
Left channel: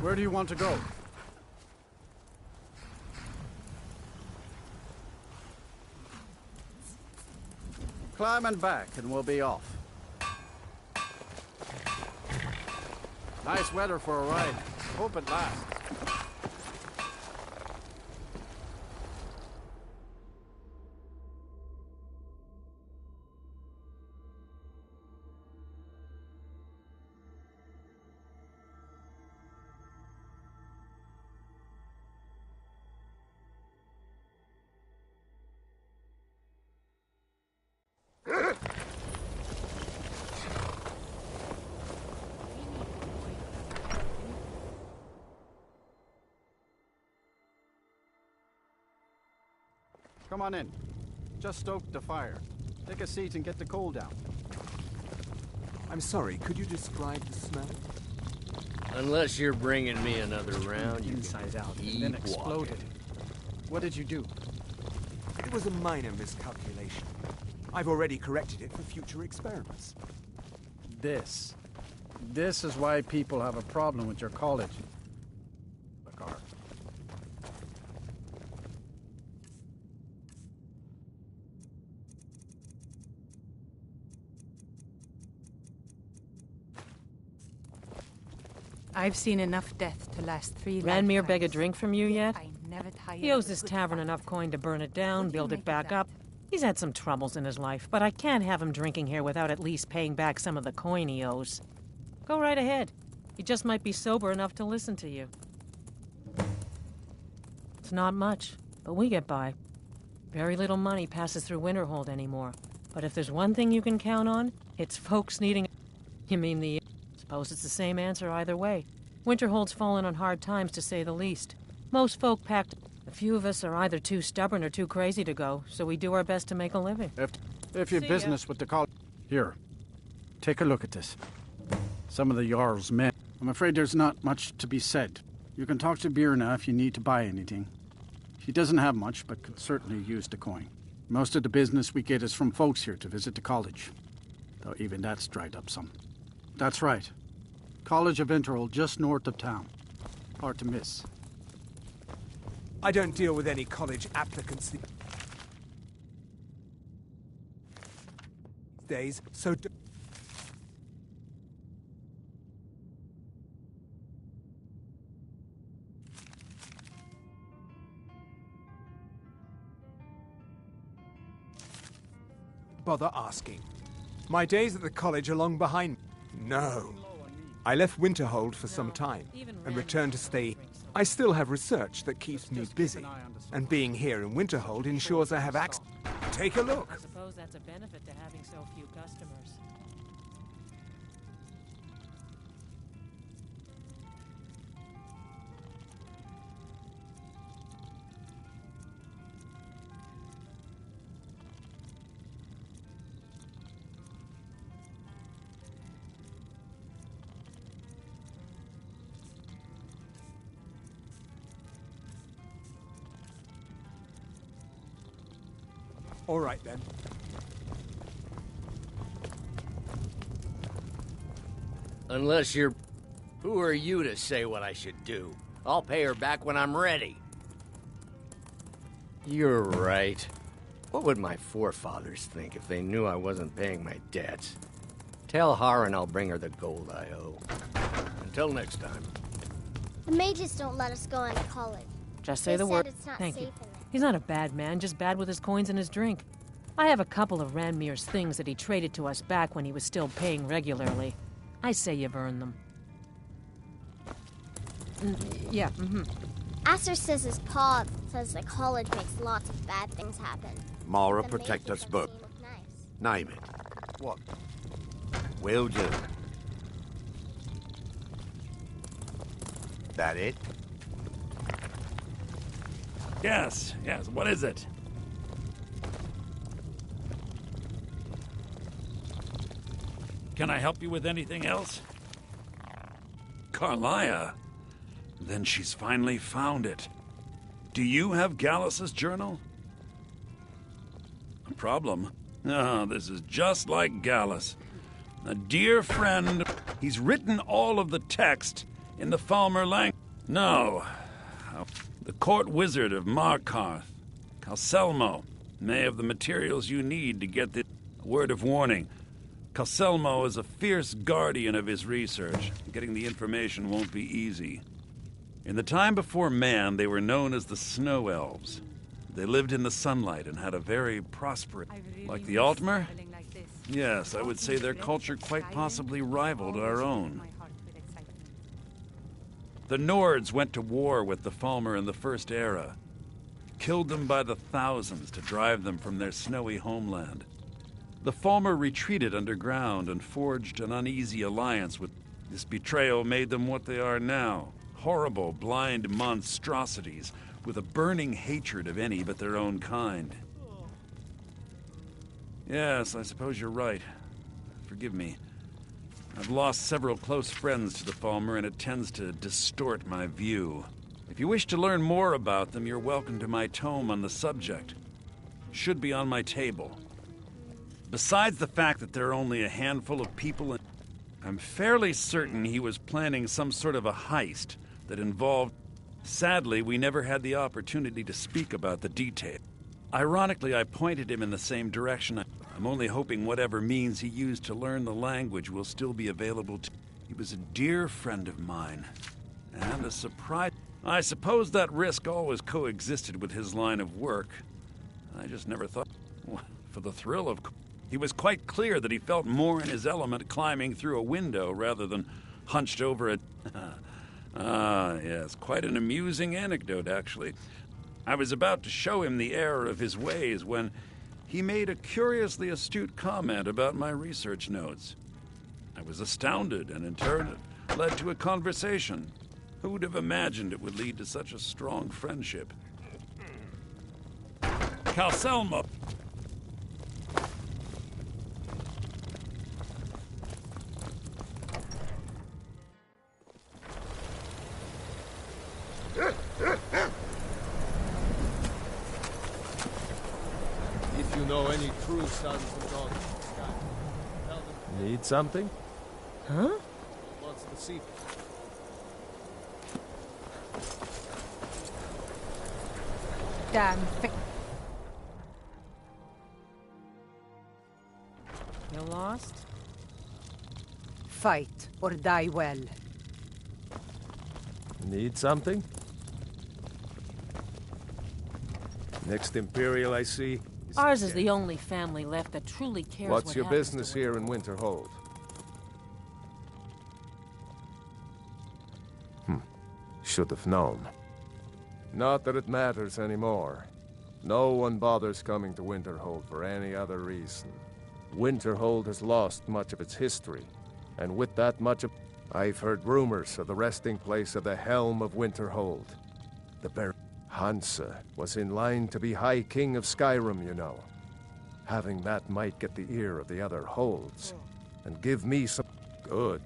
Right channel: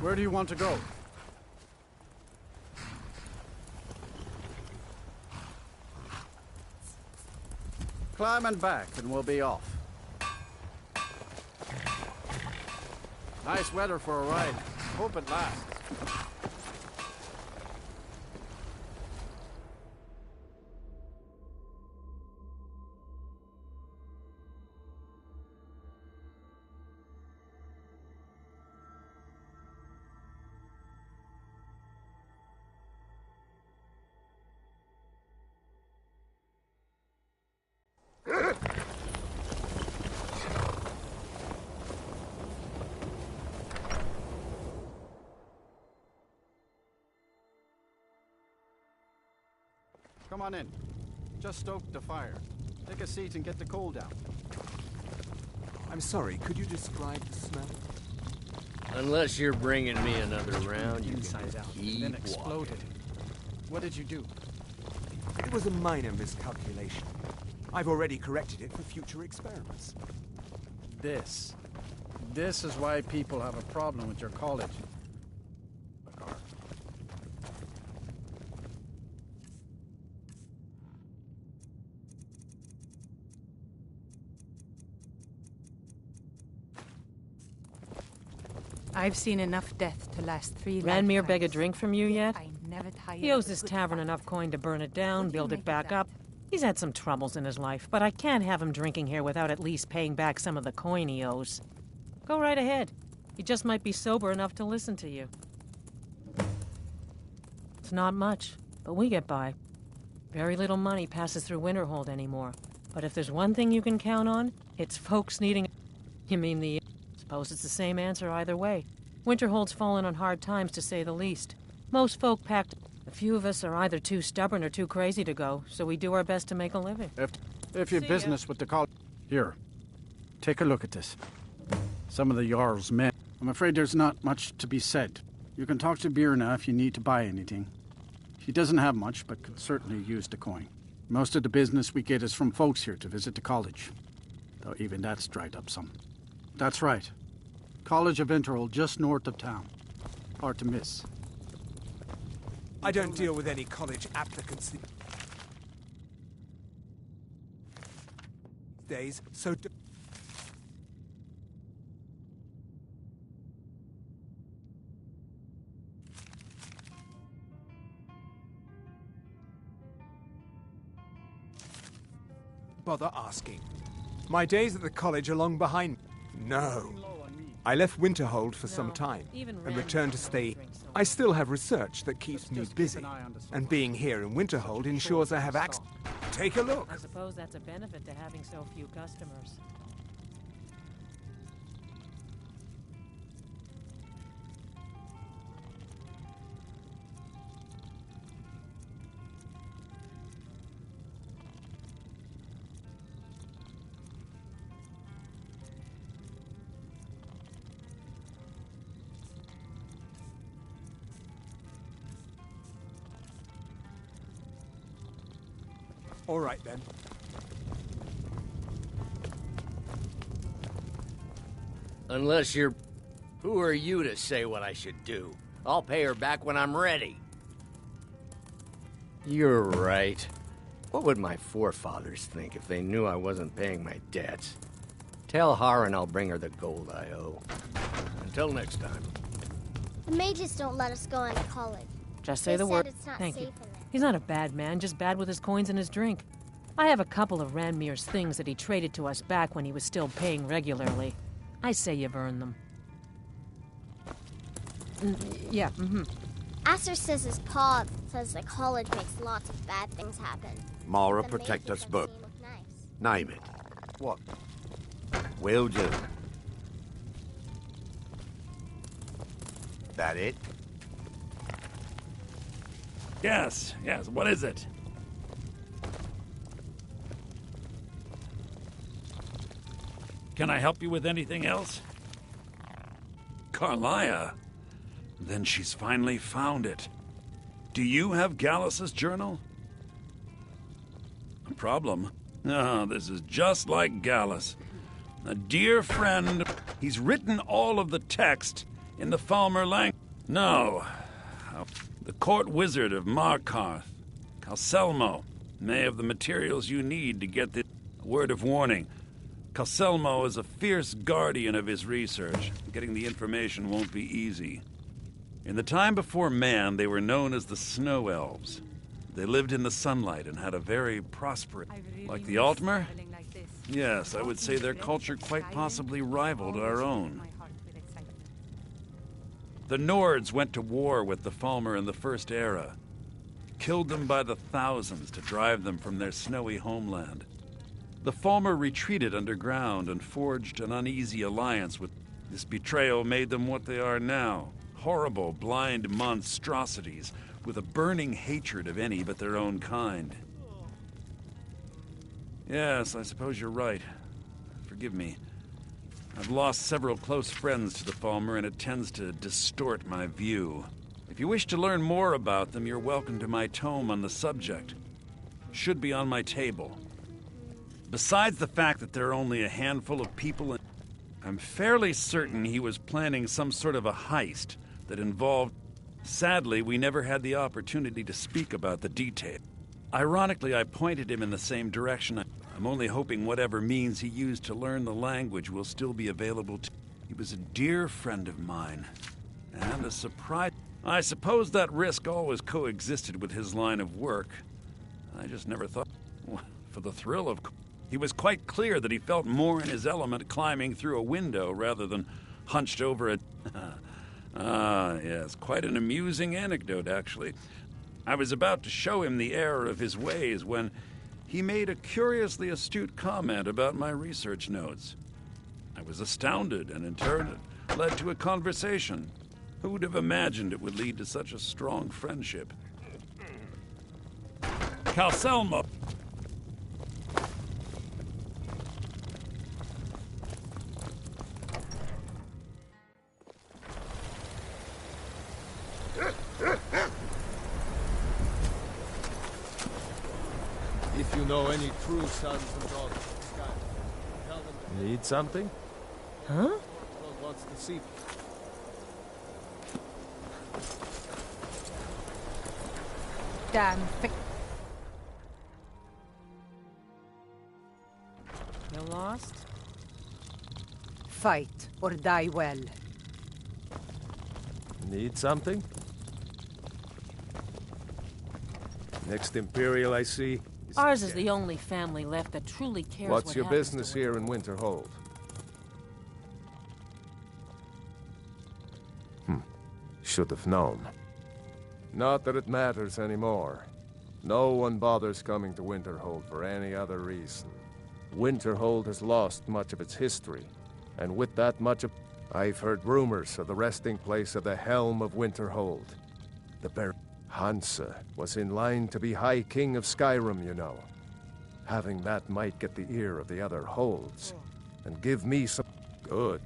Where do you want to go? Climb and back, and we'll be off. Nice weather for a ride. Hope it lasts. Come on in. Just stoked the fire. Take a seat and get the coal down. I'm sorry, could you describe the smell? Unless you're bringing me another round, you inside out, keep then exploded. What did you do? It was a minor miscalculation. I've already corrected it for future experiments. This This is why people have a problem with your college. I've seen enough death to last 3 Ranmir lifetimes. beg a drink from you yet? I'm never tired. He of owes a this good tavern fight. enough coin to burn it down, What do you build make it of back that? up. He's had some troubles in his life, but I can't have him drinking here without at least paying back some of the coin he owes. Go right ahead. He just might be sober enough to listen to you. It's not much, but we get by. Very little money passes through Winterhold anymore. But if there's one thing you can count on, it's folks needing... You mean the... Suppose it's the same answer either way. Winterhold's fallen on hard times, to say the least. Most folk packed... A few of us are either too stubborn or too crazy to go, so we do our best to make a living. If you're business with the college... Here, take a look at this. Some of the Jarl's men. I'm afraid there's not much to be said. You can talk to Birna if you need to buy anything. She doesn't have much, but could certainly use the coin. Most of the business we get is from folks here to visit the college. Though even that's dried up some. That's right. College of Winterhold, just north of town. Hard to miss. I don't deal with any college applicants these days, so... bother asking. My days at the college are long behind me. No. I left Winterhold for some time and returned to stay. I still have research that keeps me busy, and being here in Winterhold ensures I have access. Take a look. I suppose that's a benefit to having so few customers. All right, then. Unless you're... Who are you to say what I should do? I'll pay her back when I'm ready. You're right. What would my forefathers think if they knew I wasn't paying my debts? Tell Harren I'll bring her the gold I owe. Until next time. The mages don't let us go into college. Just say They the said word. it's not Thank safe you. in there. He's not a bad man, just bad with his coins and his drink. I have a couple of Ranmir's things that he traded to us back when he was still paying regularly. I say you've earned them. Yeah, Aster says his pa says the college makes lots of bad things happen. Mara, The protect mages us don't both. seem look nice. Name it. What? Will do. That it? Yes, what is it? Can I help you with anything else? Carlia? Then she's finally found it. Do you have Gallus's journal? A problem? Ah, this is just like Gallus. A dear friend. He's written all of the text in the Falmer language. No. The court wizard of Markarth, Calselmo, may have the materials you need to get this. A word of warning. Calselmo is a fierce guardian of his research. Getting the information won't be easy. In the time before man, they were known as the Snow Elves. They lived in the sunlight and had a very prosperous... Like the Altmer? Yes, I would say their culture quite possibly rivaled our own. The Nords went to war with the Falmer in the First Era. Killed them by the thousands to drive them from their snowy homeland. The Falmer retreated underground and forged an uneasy alliance with... This betrayal made them what they are now. Horrible, blind monstrosities with a burning hatred of any but their own kind. Yes, I suppose you're right. Forgive me. I've lost several close friends to the Falmer, and it tends to distort my view. If you wish to learn more about them, you're welcome to my tome on the subject. Should be on my table. Besides the fact that there are only a handful of people in... I'm fairly certain he was planning some sort of a heist that involved... Sadly, we never had the opportunity to speak about the detail. Ironically, I pointed him in the same direction. I'm only hoping whatever means he used to learn the language will still be available to... He was a dear friend of mine. And a surprise... I suppose that risk always coexisted with his line of work. I just never thought... For the thrill of... He was quite clear that he felt more in his element climbing through a window rather than hunched over a... Ah, yes, quite an amusing anecdote, actually. I was about to show him the error of his ways when he made a curiously astute comment about my research notes. I was astounded, and in turn it led to a conversation. Who would have imagined it would lead to such a strong friendship? Calselmo! If you know any true sons and daughters of Skyrim, tell them to... Need something? Huh? Wants to see... Damn You're lost? Fight or die well. Need something? Next Imperial I see... Ours is the only family left that truly cares What's what your happens business to here in Winterhold? Should have known. Not that it matters anymore. No one bothers coming to Winterhold for any other reason. Winterhold has lost much of its history, and with that much of... I've heard rumors of the resting place of the Helm of Winterhold. The Hansa was in line to be High King of Skyrim, you know. Having that might get the ear of the other holds, and give me some... Good.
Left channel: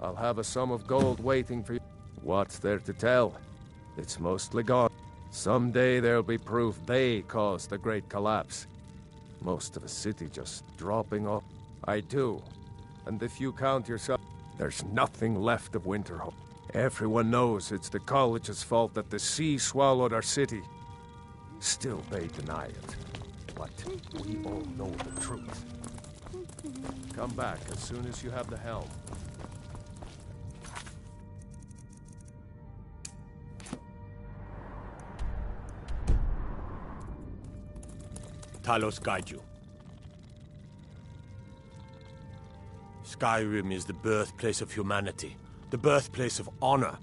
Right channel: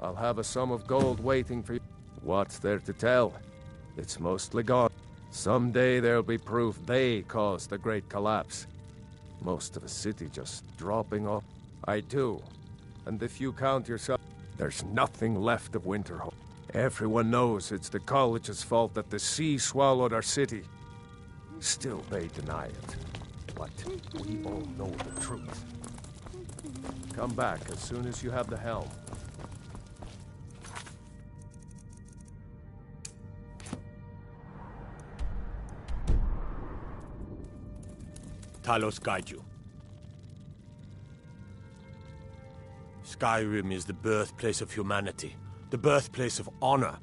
I'll have a sum of gold waiting for you. What's there to tell? It's mostly gone. Someday there'll be proof they caused the Great Collapse. Most of the city just dropping off. I do. And if you count yourself, there's nothing left of Winterhold. Everyone knows it's the college's fault that the sea swallowed our city. Still, they deny it. But we all know the truth. Come back as soon as you have the helm. Talos guide you. Skyrim is the birthplace of humanity, the birthplace of honor,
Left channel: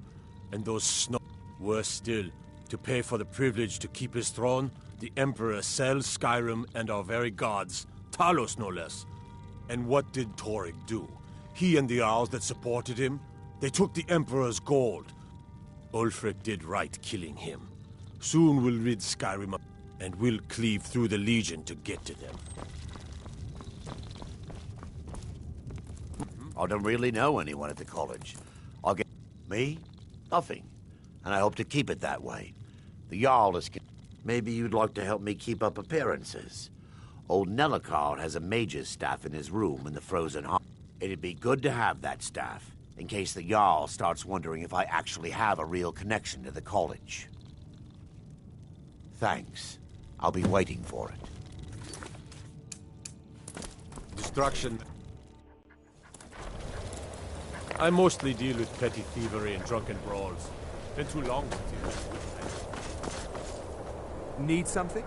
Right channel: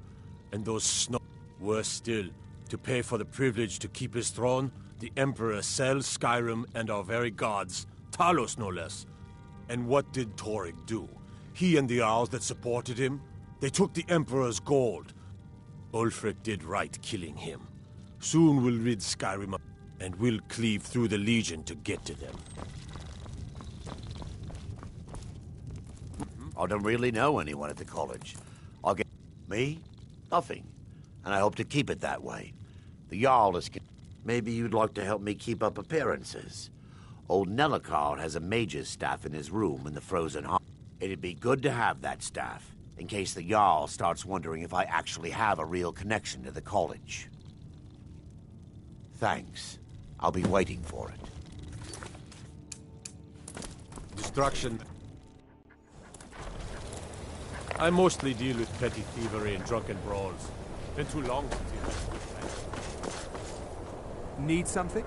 and those snow... Worse still, to pay for the privilege to keep his throne, the Emperor sells Skyrim and our very gods, Talos no less. And what did Torygg do? He and the Jarls that supported him, they took the Emperor's gold. Ulfric did right killing him. Soon we'll rid Skyrim of... and we'll cleave through the Legion to get to them. I don't really know anyone at the college. I'll get... Me? Nothing. And I hope to keep it that way. The Jarl is... Maybe you'd like to help me keep up appearances. Old Nellikard has a mage's staff in his room in the Frozen Heart. It'd be good to have that staff, in case the Jarl starts wondering if I actually have a real connection to the college. Thanks. I'll be waiting for it. Destruction. I mostly deal with petty thievery and drunken brawls. Been too long with you. Need something?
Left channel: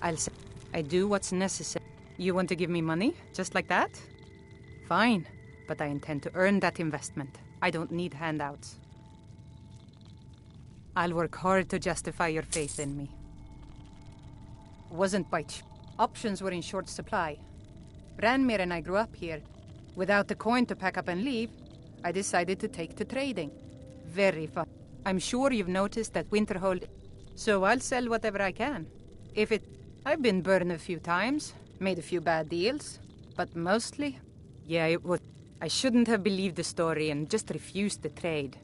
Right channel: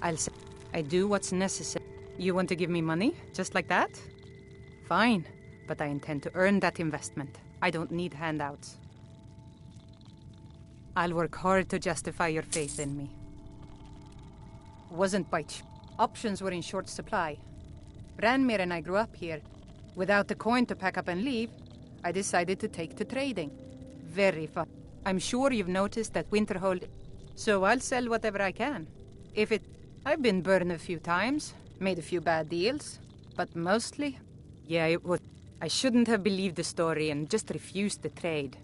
I'll say, I do what's necessary. You want to give me money? Just like that? Fine. But I intend to earn that investment. I don't need handouts. I'll work hard to justify your faith in me. Wasn't by options were in short supply. Branmir and I grew up here. Without the coin to pack up and leave, I decided to take to trading. Very fun. I'm sure you've noticed that Winterhold... So I'll sell whatever I can. If it... I've been burned a few times, made a few bad deals, but mostly... Yeah, it was... I shouldn't have believed the story and just refused the trade.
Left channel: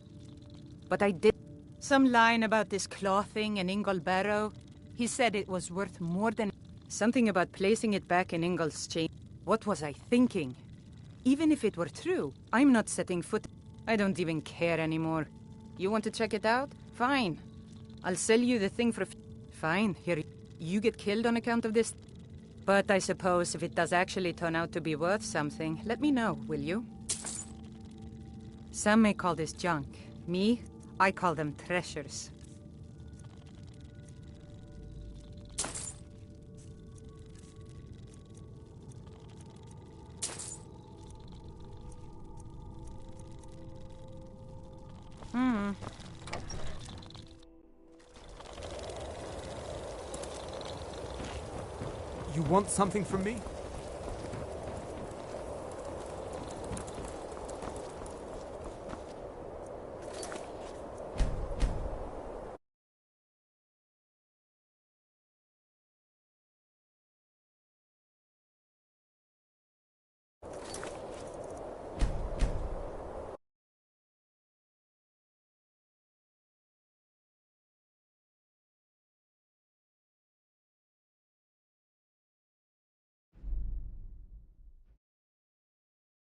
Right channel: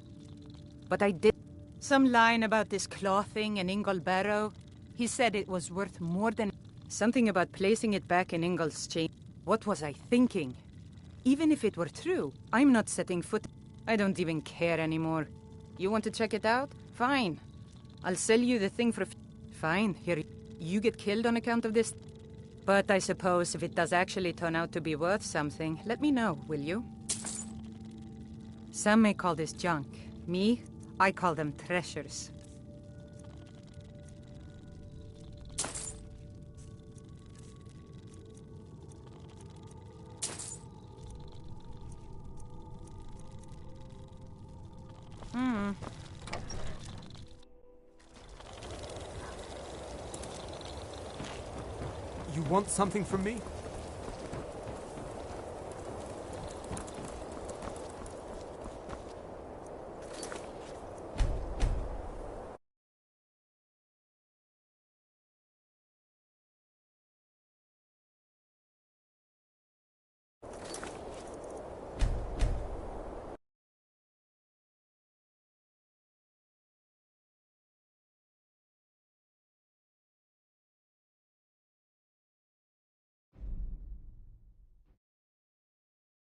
But I did. Some line about this clothing in Ingle Barrow. He said it was worth more than... Something about placing it back in Ingle's chain. What was I thinking? Even if it were true, I'm not setting foot... I don't even care anymore. You want to check it out? Fine. I'll sell you the thing for... Fine, here. You get killed on account of this? But I suppose if it does actually turn out to be worth something, let me know, will you? Some may call this junk. Me, I call them treasures. You want something from me?